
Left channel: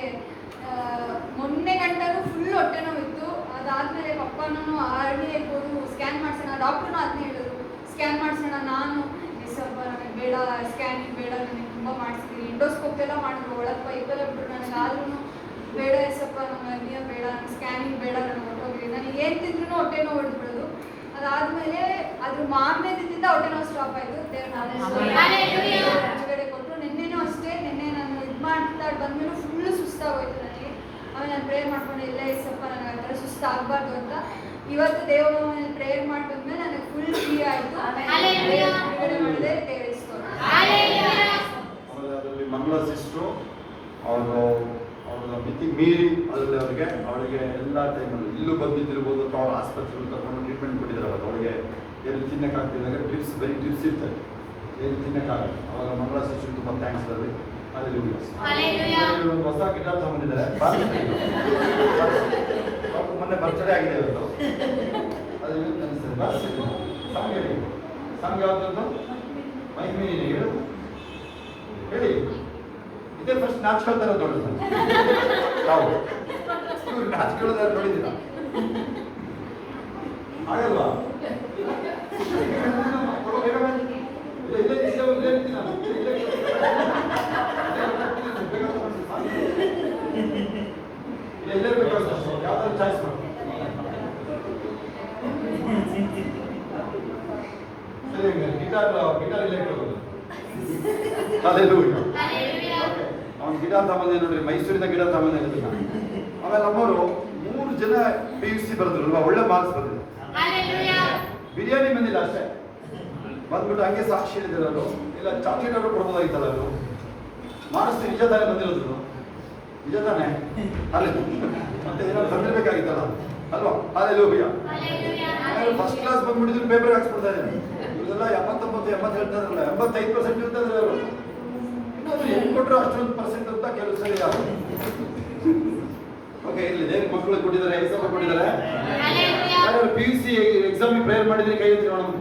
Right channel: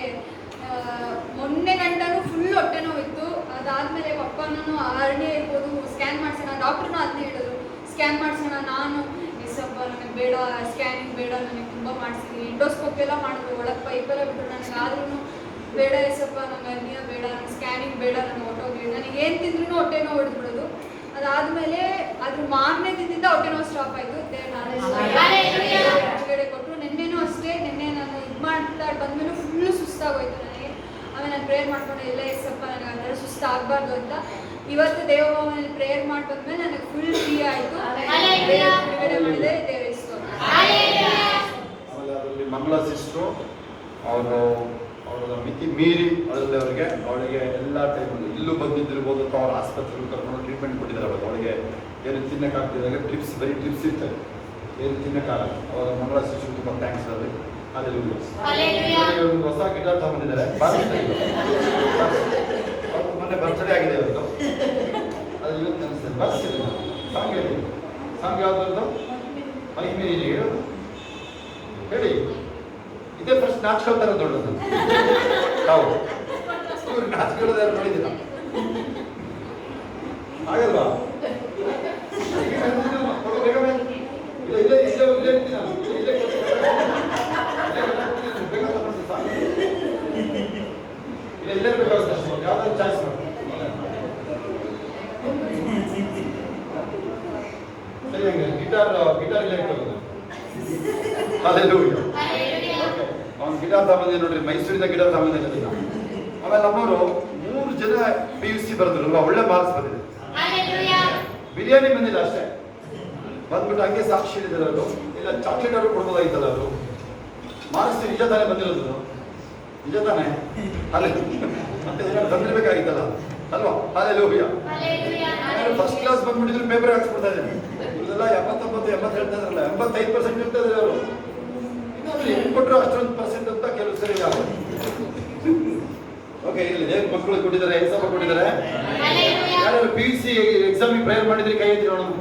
ಮೊನ್ನೆ ಗಂಟನೂ ಫುಲ್ ಹೊಟ್ಟೆ ನೋವಿತ್ತು. ಅದಾದಮೇಲೆ ಪಪ್ಪನೂ ಆರನೇ ಇರ್ಬೋದು ಸ್ಕ್ಯಾನ್ ಮಾಡಿಸೋಣ, ಡಾಕ್ಟ್ರೂ ಅದನ್ನೇ ಹೇಳಿದ್ರು ಸ್ಕ್ಯಾನ್ ಮಾಡಿಸೋಣ. ನಾನು ಸ್ವಲ್ಪ ನನಗೆ ಬೇಡ ಸ್ಕ್ಯಾನಿಂಗ್ ಬೇಡ, ನನಗೆ ತುಂಬ ಮಾಡಿಸಿದ್ದೀನಿ. ಎಂಡೋಸ್ಕೋಪ್ ಎಲ್ಲ ಮಾಡಿದ್ರು, ಒಳಗೆ ಪೈಪೆಲ್ಲ ಬಿಟ್ಟು ನನಗಾದ್ರೂ ಬೇಡ ಸ್ವಲ್ಪ ನಮಗೆ ಬೇಡ, ನನಗೆ ಸ್ಕ್ಯಾನಿಂಗ್ ಬೇಡ, ನನಗೆ ಹೊಟ್ಟೋಗಿ ನನಗೆ ಏನು ತಿಂದ್ರೂ ಹೊಟ್ಟೆ ನೋವು ಹಿಡಿದ್ಬಿಡೋದು. ಅದಾದಮೇಲೆ ಅದ್ರ ಮಾರನೇ ದಿನದಿಂದ ಹೊಟ್ಟೆ ನೋವು ಸ್ಟಾಪ್ ಆಯಿತು. ಹೊರಗಡೆ ಕೊಟ್ಟರು. ನಿನ್ನೆನೂ ಅಷ್ಟೇ, ನಿನ್ನೆ ನಾನು ಇದು ಮಾಡ್ತಾ ಬಂದ್ಮೇಲೆ ಫುಲ್ಲು ಸುಸ್ತಾಗೋಯ್ತು ನನಗೆ. ಆಮೇಲೆ ನಾನು ಪ್ರೇಯರ್ ಮಾಡ್ಕೊಂಡು ಎಲ್ಲ ಸ್ವಲ್ಪ ನನಗೆ ಆ ಥರ ಸುಸ್ತು ಆಗಬಾರ್ದು ಅಂತ ಇವತ್ತು ದೇವರಲ್ಲಿ ಪ್ರೇಯರ್ ಮಾಡಿ ಬಂದ್ಮೇಲೆ ನನಗೆ ಫುಲ್ ಫ್ರೀ ಆಯಿತು. ಬಿಡುಗಡೆ ಮಾಡಿದೆ. ದೇವರ ಆಮೇಲೆ ಅದರಲ್ಲಿ ಮಂಗಳ ಸಿಸ್ಟರು ಅವರು ಅವರ ಮಿತಿ ಮೀರಿ ಅದರಲ್ಲಿ ಅವಳಿಗೆ ಎಲ್ಲ ಟೈಮಲ್ಲಿ ಇಲ್ಲೂ ಬಂದಿದ್ದಿರ್ಬೋದು ಅಥವಾ ಅವ್ರ ಆಸ್ಪತ್ರೆಗಳು ಕರ್ಕೊಂಡು ಟ್ರೀಟ್ಮೆಂಟ್ ಕೊಟ್ಟಿದ್ದಾರೆ. ಅವಳಿಗೆ ಏನು ತಿನ್ನಕ್ಕಾಗ್ತಿದ್ದಾಗ ಟ್ರಿಪ್ಸ್ ಬರೀ ಟ್ರಿಪ್ಸ್ ಇರ್ತಾರೆ, ಏನು ತಿನ್ನಕ್ಕಾಗಲ್ಲ. ಅವಾಗ ಮಂಗಳ ಸಿಸ್ಟರ್ ತುಂಬ ಥ್ಯಾಂಕ್ಸ್ ಅಲ್ಲಿ. ಅಲ್ಲಿ ಹೊಸ ಗಿಟಾರ್ ತಗೊಂಡಿದ್ದಾರೆ. ಮೊನ್ನೆ ಬರ್ತ್ಡೇ ಆಗಿದೆ ಇವತ್ತು. ಅದು ಇವತ್ತು ಬರ್ಸಿದೆ ಸಾಂಗ್ ಹೇಳಿ. ಸಾಂಗ್ ಯಾವ್ದು? ಮೈಮೇರಿ ಹೇಳಿ. ಇದೇ ಫಸ್ಟ್ ನಾಚ್ಕೊಳ್ತಾರೆ ದೊಡ್ಡದು. ನಾವು ಇವ್ರು ನಾಚ್ಕೊಳ್ಳೋದಾದ್ರು ನೋಡಿದ್ದೀರಾ? ಆಗಲ್ವಾ? ಯಾವ್ದಾದ್ರು ಚಾಯ್ಸ್ ಮಾಡಿ. ಗಿಟಾರ್ ಇಲ್ಲೇ ಹೋಗೋದು. ಅವ್ನು ಗಿಟಾರ್ ತಗೊಂಡೆ ನೋಡ್ರಿ, ಮೈಸೂರಿನ ಗಿಟಾರ್ ತಗೊಂಡೆ. ಆಮೇಲೆ ನಮ್ಮವರು 3 ಜನ PUC ಬರೆದ್ರಲ್ವಾ, ಒಳ್ಳೆ ಮಾರ್ಕ್ಸ್ ಬಂದಿದೆ. ಬಿರಿಯಾನಿ ಬಂದಿಲ್ಲ ಅಷ್ಟೇ, ಬಂದ್ಬಿಟ್ಟು ಹಂಗೆ ಸಾಕ್ಷಿ ಹೇಳಿದ್ದಾರೆ ಅವರು. ಇಲ್ಲ ಚಾಕ್ಲೇಟ್ ಅವರು ಕೊಡ್ಬೋದಾಗಿತ್ತಲ್ಲ ಅವರು. ಮಾರ್ಕ್ಸ್ ನಿಜ ತಾನೇ ಬಂದಿರೋದು, ನಿಜ ತಾನೇ? ಅಲ್ಲಿ ಮತ್ತೆ ಏನಾದ್ರು ಬಂದಿರಬೇಕಾಗಿತ್ತಲ್ಲ ಅಲ್ವಾ? ಹಾಲೆಲೂಯ. ಫಸ್ಟ್ ಕ್ಲಾಸ್ ಬಂದ್ಬಿಟ್ಟಿದ್ರು ಪೇಪರ್ ಹಾಕ್ಸ್ಬಿಡ್ತಾ ಇದ್ದಾರೆ. ಇವರೆಲ್ಲ 79 80 ಹೇಳ್ತಾ ಇದ್ರಲ್ಲ, 85% ಹೇಳ್ತಾ ಇದ್ದಾರೆ ಅವರು. ಇನ್ನೊಂದು ಹೆಂಗ್ ಕೊಟ್ಟರು ಅಷ್ಟೊಂದು ಪರ್ಸೆಂಟ್ ಅಂತ ಕೆಲವು ಸರಿ ಆಗುತ್ತೆ. ಓಕೆ, ಇಲ್ಲಿ ದೇವ್ರ ಮಕ್ಕಳು ಕೊಟ್ಟಿದ್ದಾರೆ, ಎಕ್ಸಾಮ್ ಕೊಟ್ಟಿದ್ದಾರೆ. ಯಾರು PUC ಎಕ್ಸಾಮಿಗೆ ಪ್ರೇಯರ್ ಮಾಡಿದ್ರೆ ಕೈ ಎತ್ತಿ ನೋಡೋಣ.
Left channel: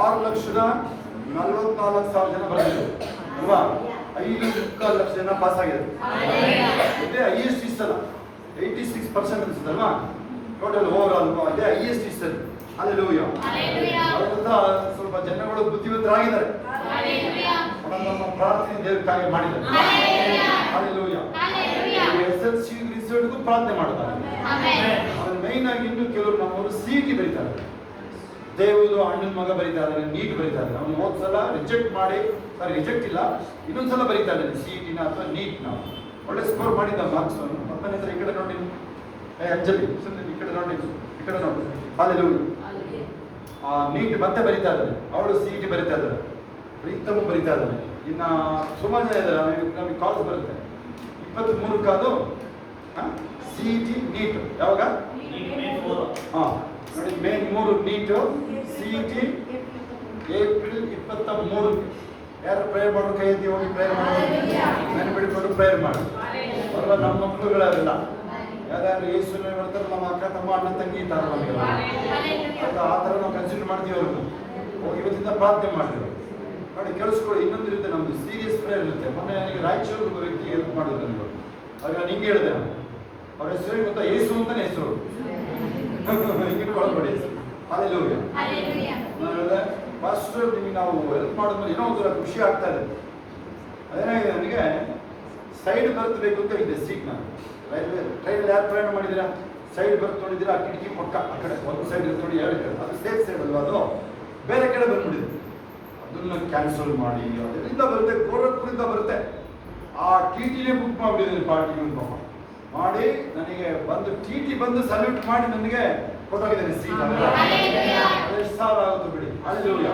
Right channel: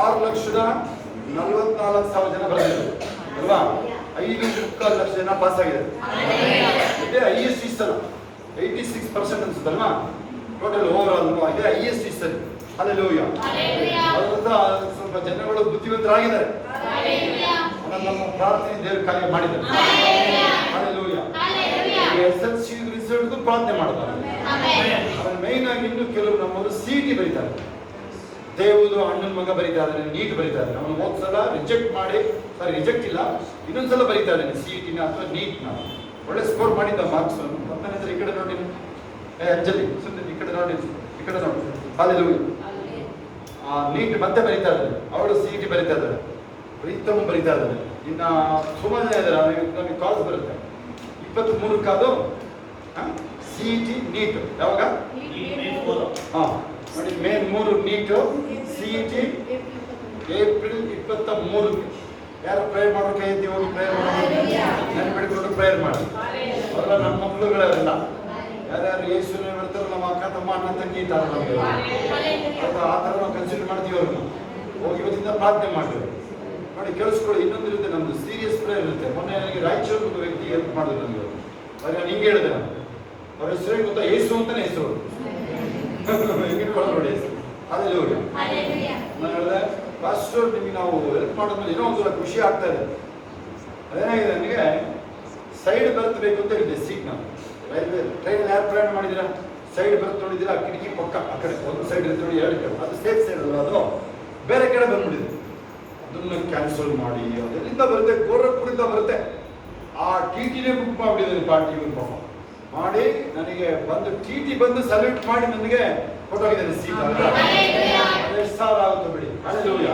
6,44,000 ಜನ ಬರೆದಿದ್ರು ಅಲ್ವಾ? 5,15,00,000 ಜನ ಪಾಸ್ ಆಗಿದ್ದಾರೆ. ಇದೇ ಹೈಯೆಸ್ಟ್ ಇಷ್ಟಲ್ಲ, 86% ಅನ್ಸುತ್ತಲ್ವಾ ಟೋಟಲ್ ಓವರ್ ಆಲ್. ಇದೇ ಹೈಯೆಸ್ಟ್ ಇಷ್ಟಲ್ಲಿ. ಹಾಲೆಲೂಯ. ಅದರಿಂದ ಸ್ವಲ್ಪ ಜನಗಳು ಬುದ್ಧಿವಂತರಾಗಿದ್ದಾರೆ. ನಮ್ಮ ಪ್ರಾರ್ಥನೆ ದೇವ್ರ ಕಾರ್ಯ ಮಾಡಿದ್ದಾರೆ. ಹಾಲೆಲೂಯ. SSLC ರಿಸಲ್ಟ್ಗೂ ಪ್ರಾರ್ಥನೆ ಮಾಡ್ತಾರೆ. ಆಮೇಲೆ ಮೈನ್ ಆಗಿ ಇನ್ನು ಕೆಲವರು ನಮ್ಮವರು CET ಬರೀತಾರೆ. ದೇವುದು ಅಣ್ಣನ ಮಗ ಬರೀತಾ ಇದ್ದಾರೆ, ನೀಟ್ ಬರೀತಾ ಇದ್ದಾರೆ. ಅವನು ಹೋದ್ಸಲ ರಿಜೆಕ್ಟ್ ಮಾಡಿ, ರಿಜೆಕ್ಟ್ ಇಲ್ಲ, ಇನ್ನೊಂದ್ಸಲ ಬರೀತಾ ಇದ್ದಾನೆ CET-ನ ಅಥವಾ ನೀಟ್ನ. ಒಳ್ಳೆ ಸ್ಕೋರ್ ಮಾಡಿದ್ದ ಮಾರ್ಕ್ಸ್. ಪಕ್ಕನ ಹತ್ರ ಈ ಕಡೆ ನೋಡಿ, ಅಂಜಲಿ ಸುಮ್ಮನೆ ಈ ಕಡೆ ನೋಡಿ, ಈ ಕಡೆ ನೋಡಿ. ಹಾಲೆಲೂಯ. ನೀಟ್ ಮತ್ತೆ ಬರೀತಾ ಇದ್ದಾರೆ, ಅವಳು CET ಬರೀತಾ ಇದ್ದಾರೆ, ಪ್ರೀತಮ್ ಬರೀತಾ ಇದ್ದಾರೆ. ಇನ್ನ ಸುಮಾರು ಜನ ಇದ್ದಾರೆ. ನಮಗೆ ಕಾಲ್ಸ್ ಬರುತ್ತೆ 23 CET ನೀಟ್. ಯಾವಾಗ? ನೋಡಿ, ಮೇ 3 ನೀಟ್, CET ಏಪ್ರಿಲ್ 23. ಯಾರು ಪ್ರೇಯರ್ ಮಾಡೋ ಕೈ ಎತ್ತಿ ಹೋಗಿ ಪ್ರೇಯರ್ ಮಾಡೋದು, ನೆನಪಿಟ್ಕೊಂಡು ಪ್ರೇಯರ್ ಮಾಡಿ. ಅವರೆಲ್ಲ ನಮ್ಮ ಮಕ್ಕಳುಗಳೆಲ್ಲ ಯಾರ್ಯಾರು ಯೇಸುನೇ ಬರ್ತಾರೆ, ನಮ್ಮ ಅಕ್ಕ ತಮ್ಮ ಅಣ್ಣ ತಂಗಿ ಈ ಥರ ನಮಗೆ ಆ ಥರ ನಾವು ಕನ್ಸಿಡರ್ ಮಾಡ್ತೀವಿ. ಅವ್ರನ್ನ ಹೋಗಿ ಇವತ್ತಿಂದ ಪ್ರಾರ್ಥನೆ ಮಾಡ್ತೀವಿ. ನೋಡಿ ಕೇಳಿಸ್ಕೊಳ್ಳಿ. ಇನ್ನೊಂದು ರೀತಿ ನಮ್ದು ಸೀರಿಯಸ್ ಪ್ರೇಯರ್ ಇರುತ್ತೆ. ಮೊನ್ನೆ ನನಗೆ ರಾಯಚೂರು ಒಬ್ಬ ವ್ಯಕ್ತಿ ಹೆಲ್ಪ್ ಮಾಡಿದ್ರು ನನಗೆ. ಅವ್ರಿಗೆ ನಾನು ಹಿಂಗೆ ಹೇಳಿದೆ, ಅವ್ರ ಹೆಸರು ಗೊತ್ತಾ? ಯೇಸು ಅಂತಾನೆ ಹೆಸರು. ನೋಡಿ, ಹಾಲೆಲೂಯ. ನಾನು ಹೇಳಿದೆ, ಪಾಸ್ಟರ್ ನಿಮಗೆ ನಾವು ಹೆಲ್ಪ್ ಮಾಡಿದ್ಮೇಲೆ ಏನೋ ಒಂದು ಖುಷಿ ಆಗ್ತಾ ಇದೆ. ಅದೇನಾಗಿದೆ, ನನಗೆ ಸೈಡ್ ಬರ್ತ್ ಬೇಕು ಅಂತ ಹೇಳಿದೆ. ಸೀಟ್ ನಾವು ರೈಲ್ವೆ ಟ್ರೈನಲ್ಲಿ ಯಾರು ಪ್ರಯಾಣ ಮಾಡಿದ್ದೀರಾ? ಸೈಡ್ ಬರ್ತ್ ನೋಡಿದ್ದೀರಾ? ಆ ಕಿಟಕಿ ಪಕ್ಕ ಆ ಕಡೆ ಒಂದು ಸೈಡ್ ನೋಡಿ, 2 ಕಡೆ, ಅದು ಸೇಫ್ ಸೈಡ್ ಅಲ್ವಾ? ಅದು ಬೇರೆ ಕಡೆ ಬಂದ್ಬಿಟ್ಟಿದೆ. ಅದನ್ನು ಕ್ಯಾನ್ಸಲ್ ಮಾಡಿ, ಅದರಿಂದ ಬರುತ್ತೆ, ಗೋರಖ್ಪುರಿಂದ ಬರುತ್ತೆ. ಆ TTನೇ ಬುಕ್ ಮಾಡಿಬಿಟ್ಟಿದ್ದೀನಿ, ಪಾರ್ಟಿ ಪಾಪ ಮಾಡಿ ನನಗೆ ಬಂದು TT ಬಂದು ಸಲ್ಯೂಟ್ ಮಾಡಿ ನನಗೆ ಕೊಟ್ಟೋಗಿದ್ದೇನೆ ಸೀಟ್. ಎಷ್ಟು ಸಾವಿರ ಆಗುತ್ತೆ ಬಿಡಿ. ಹಾಲೆಲೂಯ.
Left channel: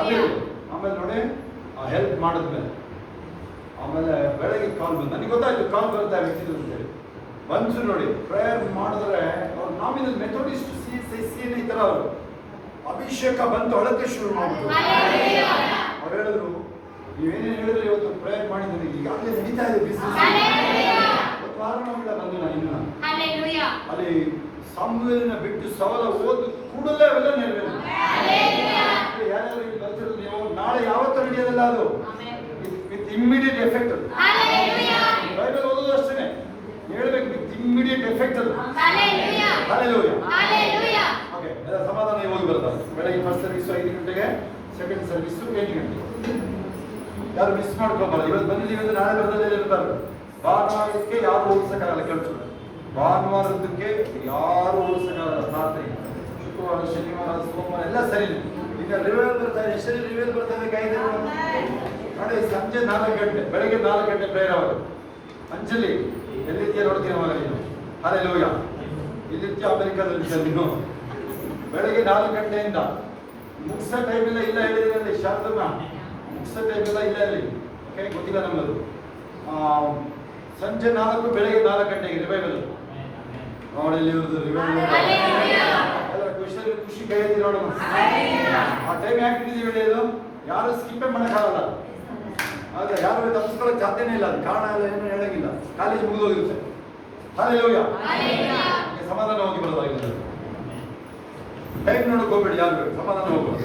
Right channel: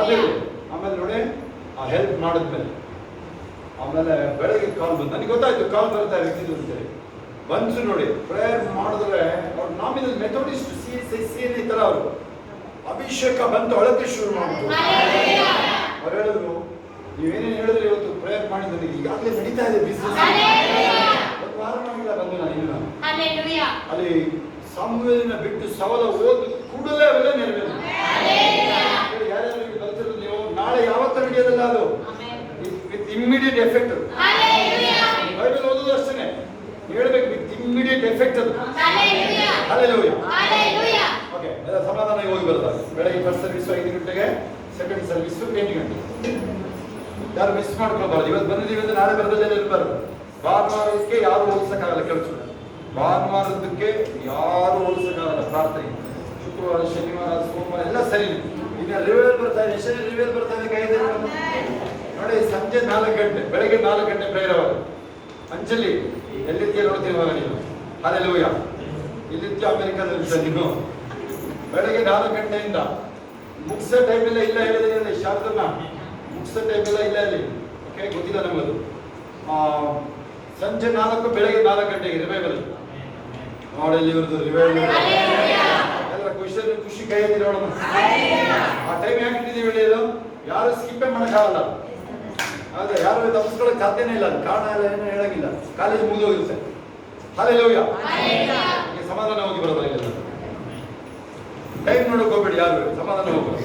ಅದೇ ಆಮೇಲೆ ನೋಡಿ, ಆ ಹೆಲ್ಪ್ ಮಾಡಿದ್ಮೇಲೆ ಆಮೇಲೆ ಬೆಳಗ್ಗೆ ಕಾಲ್ ಬಂದು ನನಗೆ ಗೊತ್ತಾಯ್ತು ಕಾಲ್ ಬರ್ತಾ ವ್ಯಕ್ತಿ ಅಂತೇಳಿ ಬಂದು ನೋಡಿ ಪ್ರೇಯರ್ ಮಾಡಿದ್ರೆ ಅವ್ರು ನಾಮಿನಲ್ ಮೆಥೋಡಿಸ್ಟ್ CSI ಈ ಥರ ಅವರು ಅಭಿಷೇಕ ಬಂದು ಒಳಕ್ಕೆ ಶುರು ಮಾಡಿಬಿಟ್ಟು ಅವ್ರು ಹೇಳಿದ್ರು, ನೀವೇನೇನು ಹೇಳಿದ್ರೆ ಇವತ್ತು ಪ್ರೇಯರ್ ಮಾಡಿ ನನಗೆ ಈಗಾಗಲೇ ನಡೀತಾ ಇದೆ ಬಿಸ್ನೆಸ್. ಒಂದು ವಾರ ನಾವಿಲ್ಲ ಬಂದಿಲ್ಲ ಇನ್ನು. ಅಲ್ಲಿ ಸಾಮುವೇಲನ ಬಿಟ್ಟು ಸೌಲ ಓದಿ ಕೂಡಲೇ ಅವೆಲ್ಲ ನೆರವೇರಿದೆ. ಯಾರ್ಯಾರು ಈಗ ಬರ್ತಿರೋದು ನೀವು, ನಾಳೆ ಯಾವತ್ತೂ ನಡೆಯೋದಲ್ಲ ಅದು, ವಿತ್ ಇಮ್ಮಿಡಿಯೇಟ್ ಎಫೆಕ್ಟ್. ಅದು ಬೈಬಲ್ ಓದೋದು ಅಷ್ಟೇ, ಹೇಳ್ಬೇಕು, ವಿತ್ ಇಮ್ಮಿಡಿಯೇಟ್ ಎಫೆಕ್ಟ್ ಅದು. ಹಾಲೆಲೂಯ. ಓಕೆ, ಸಮಾಧಾನ ಹೋಗಿ ಬರ್ತಾರೆ. ಬೆಳಗ್ಗೆ ಫಸ್ಟ್ ಸರ್ವಿಸ್ 5 ಗಂಟೆಗೆ, ಸೆಕೆಂಡ್ ಸರ್ವಿಸ್ 8 ಗಂಟೆಗೆ. ಯಾರು ಮಿಸ್ ಮಾಡ್ಕೋಬಾರ್ದು. ಇವತ್ತು ಬಂದಿದ್ದೀವಿ ಅಂದ್ರೆ ನಾಳೆ ಬರೋದೇ ಇರ್ಬಾರ್ದು. ಭಾನುವಾರಕ್ಕೆ ಯಾರು ಹೋಲಿಸಕ್ಕಾಗಲ್ಲ ಕೆಲಸ. ಭಾನುವಾರದಕ್ಕೆ ಯಾರು ಹೋಲಿಸಕ್ಕಾಗಲ್ಲ ಪ್ರಾರ್ಥನೆ. ಶುಕ್ರವಾರ, ಶನಿವಾರ, ಸೋಮವಾರ ಎಲ್ಲ ಸರಿ. ಈಗ ರಿವೇಲ್ ಬರ್ತಾರೆ, ಎಷ್ಟು ರಿವೇಲ್ ಬರ್ತಾರೆ ಕೈದೆ ನೋಡಿ. ಸಂಜೆ 4 ಗಂಟೆ, ಬೆಳಗ್ಗೆ 4 ಗಂಟೆ ಪ್ರೇಯರ್ ಅವರು. ಅಂಜಲಿ ಎಲ್ಲಿದ್ದೀಯ ನೋಡ್ತೀವಿ ನೀನು? ಹಾಲೆಲೂಯ. ಇಲ್ಲಿದ್ದ ಅಮೆರಿಕಾದಲ್ಲಿ ನೀನು ಬೆಳಗ್ಗೆ 4 ಗಂಟೆಯಿಂದ ಮುಗಿಸೋ ಟೈಮೆಲ್ಲ ಇಲ್ಲ ಹೇಳಿದ್ರೆ ಶಾರದನ್ನ ಮುಗಿಸೋ ಟೈಮೆಲ್ಲ ಇಲ್ಲ ಹೇಳಿ. ಓಕೆ, ಗೊತ್ತಿಲ್ಲ ನಮ್ಮದು. ಸಂಜೆ 4 ಬೆಳಗ್ಗೆ 4 ಗಂಟೆಗೆ ರಿವೈವಲ್ ನೋಡಿ. ಇವ್ರದ್ದು ರಿವೈವಲ್ ಎಲ್ಲ ಖುಷಿ ಕೈ ಎತ್ತಿ ನೋಡೋಣ. ಆ ಟೈಮ್ ಯಾಕಿಟ್ಟಿದ್ದೀವಿ ಹೇಳಿ, ಅದು ಯಾರು ಸ್ಕಿಪ್ಪೇ ಮಾಡೋಕ್ಕಾಗಲ್ಲ. ಆದರೆ ಯಾರು ತಪ್ಪಿಸ್ಕೊಳ್ಳೋಕೆ ಸಾಧ್ಯನೇ ಇಲ್ಲ. ಅದು ಕಾರಣ ಎಲ್ಲ ಏನು ಹೇಳಂಗಿಲ್ಲ. ಕಾಲೇಜ್ ಮುಗಿದೋಗಿರುತ್ತೆ. ಹಾಲೆಲೂಯ. ಈಗ ಸಮಾಧಾನ ಹೋಗಿ ಬರೋದಾಗಿಲ್ಲ. ಟೈಮ್ ನೋಡೋಕೆ ಹೋಗ್ಬೇಡಿ ಯಾರು, ಸಮಾಧಾನ ಹೋಗ್ಬೇಕು.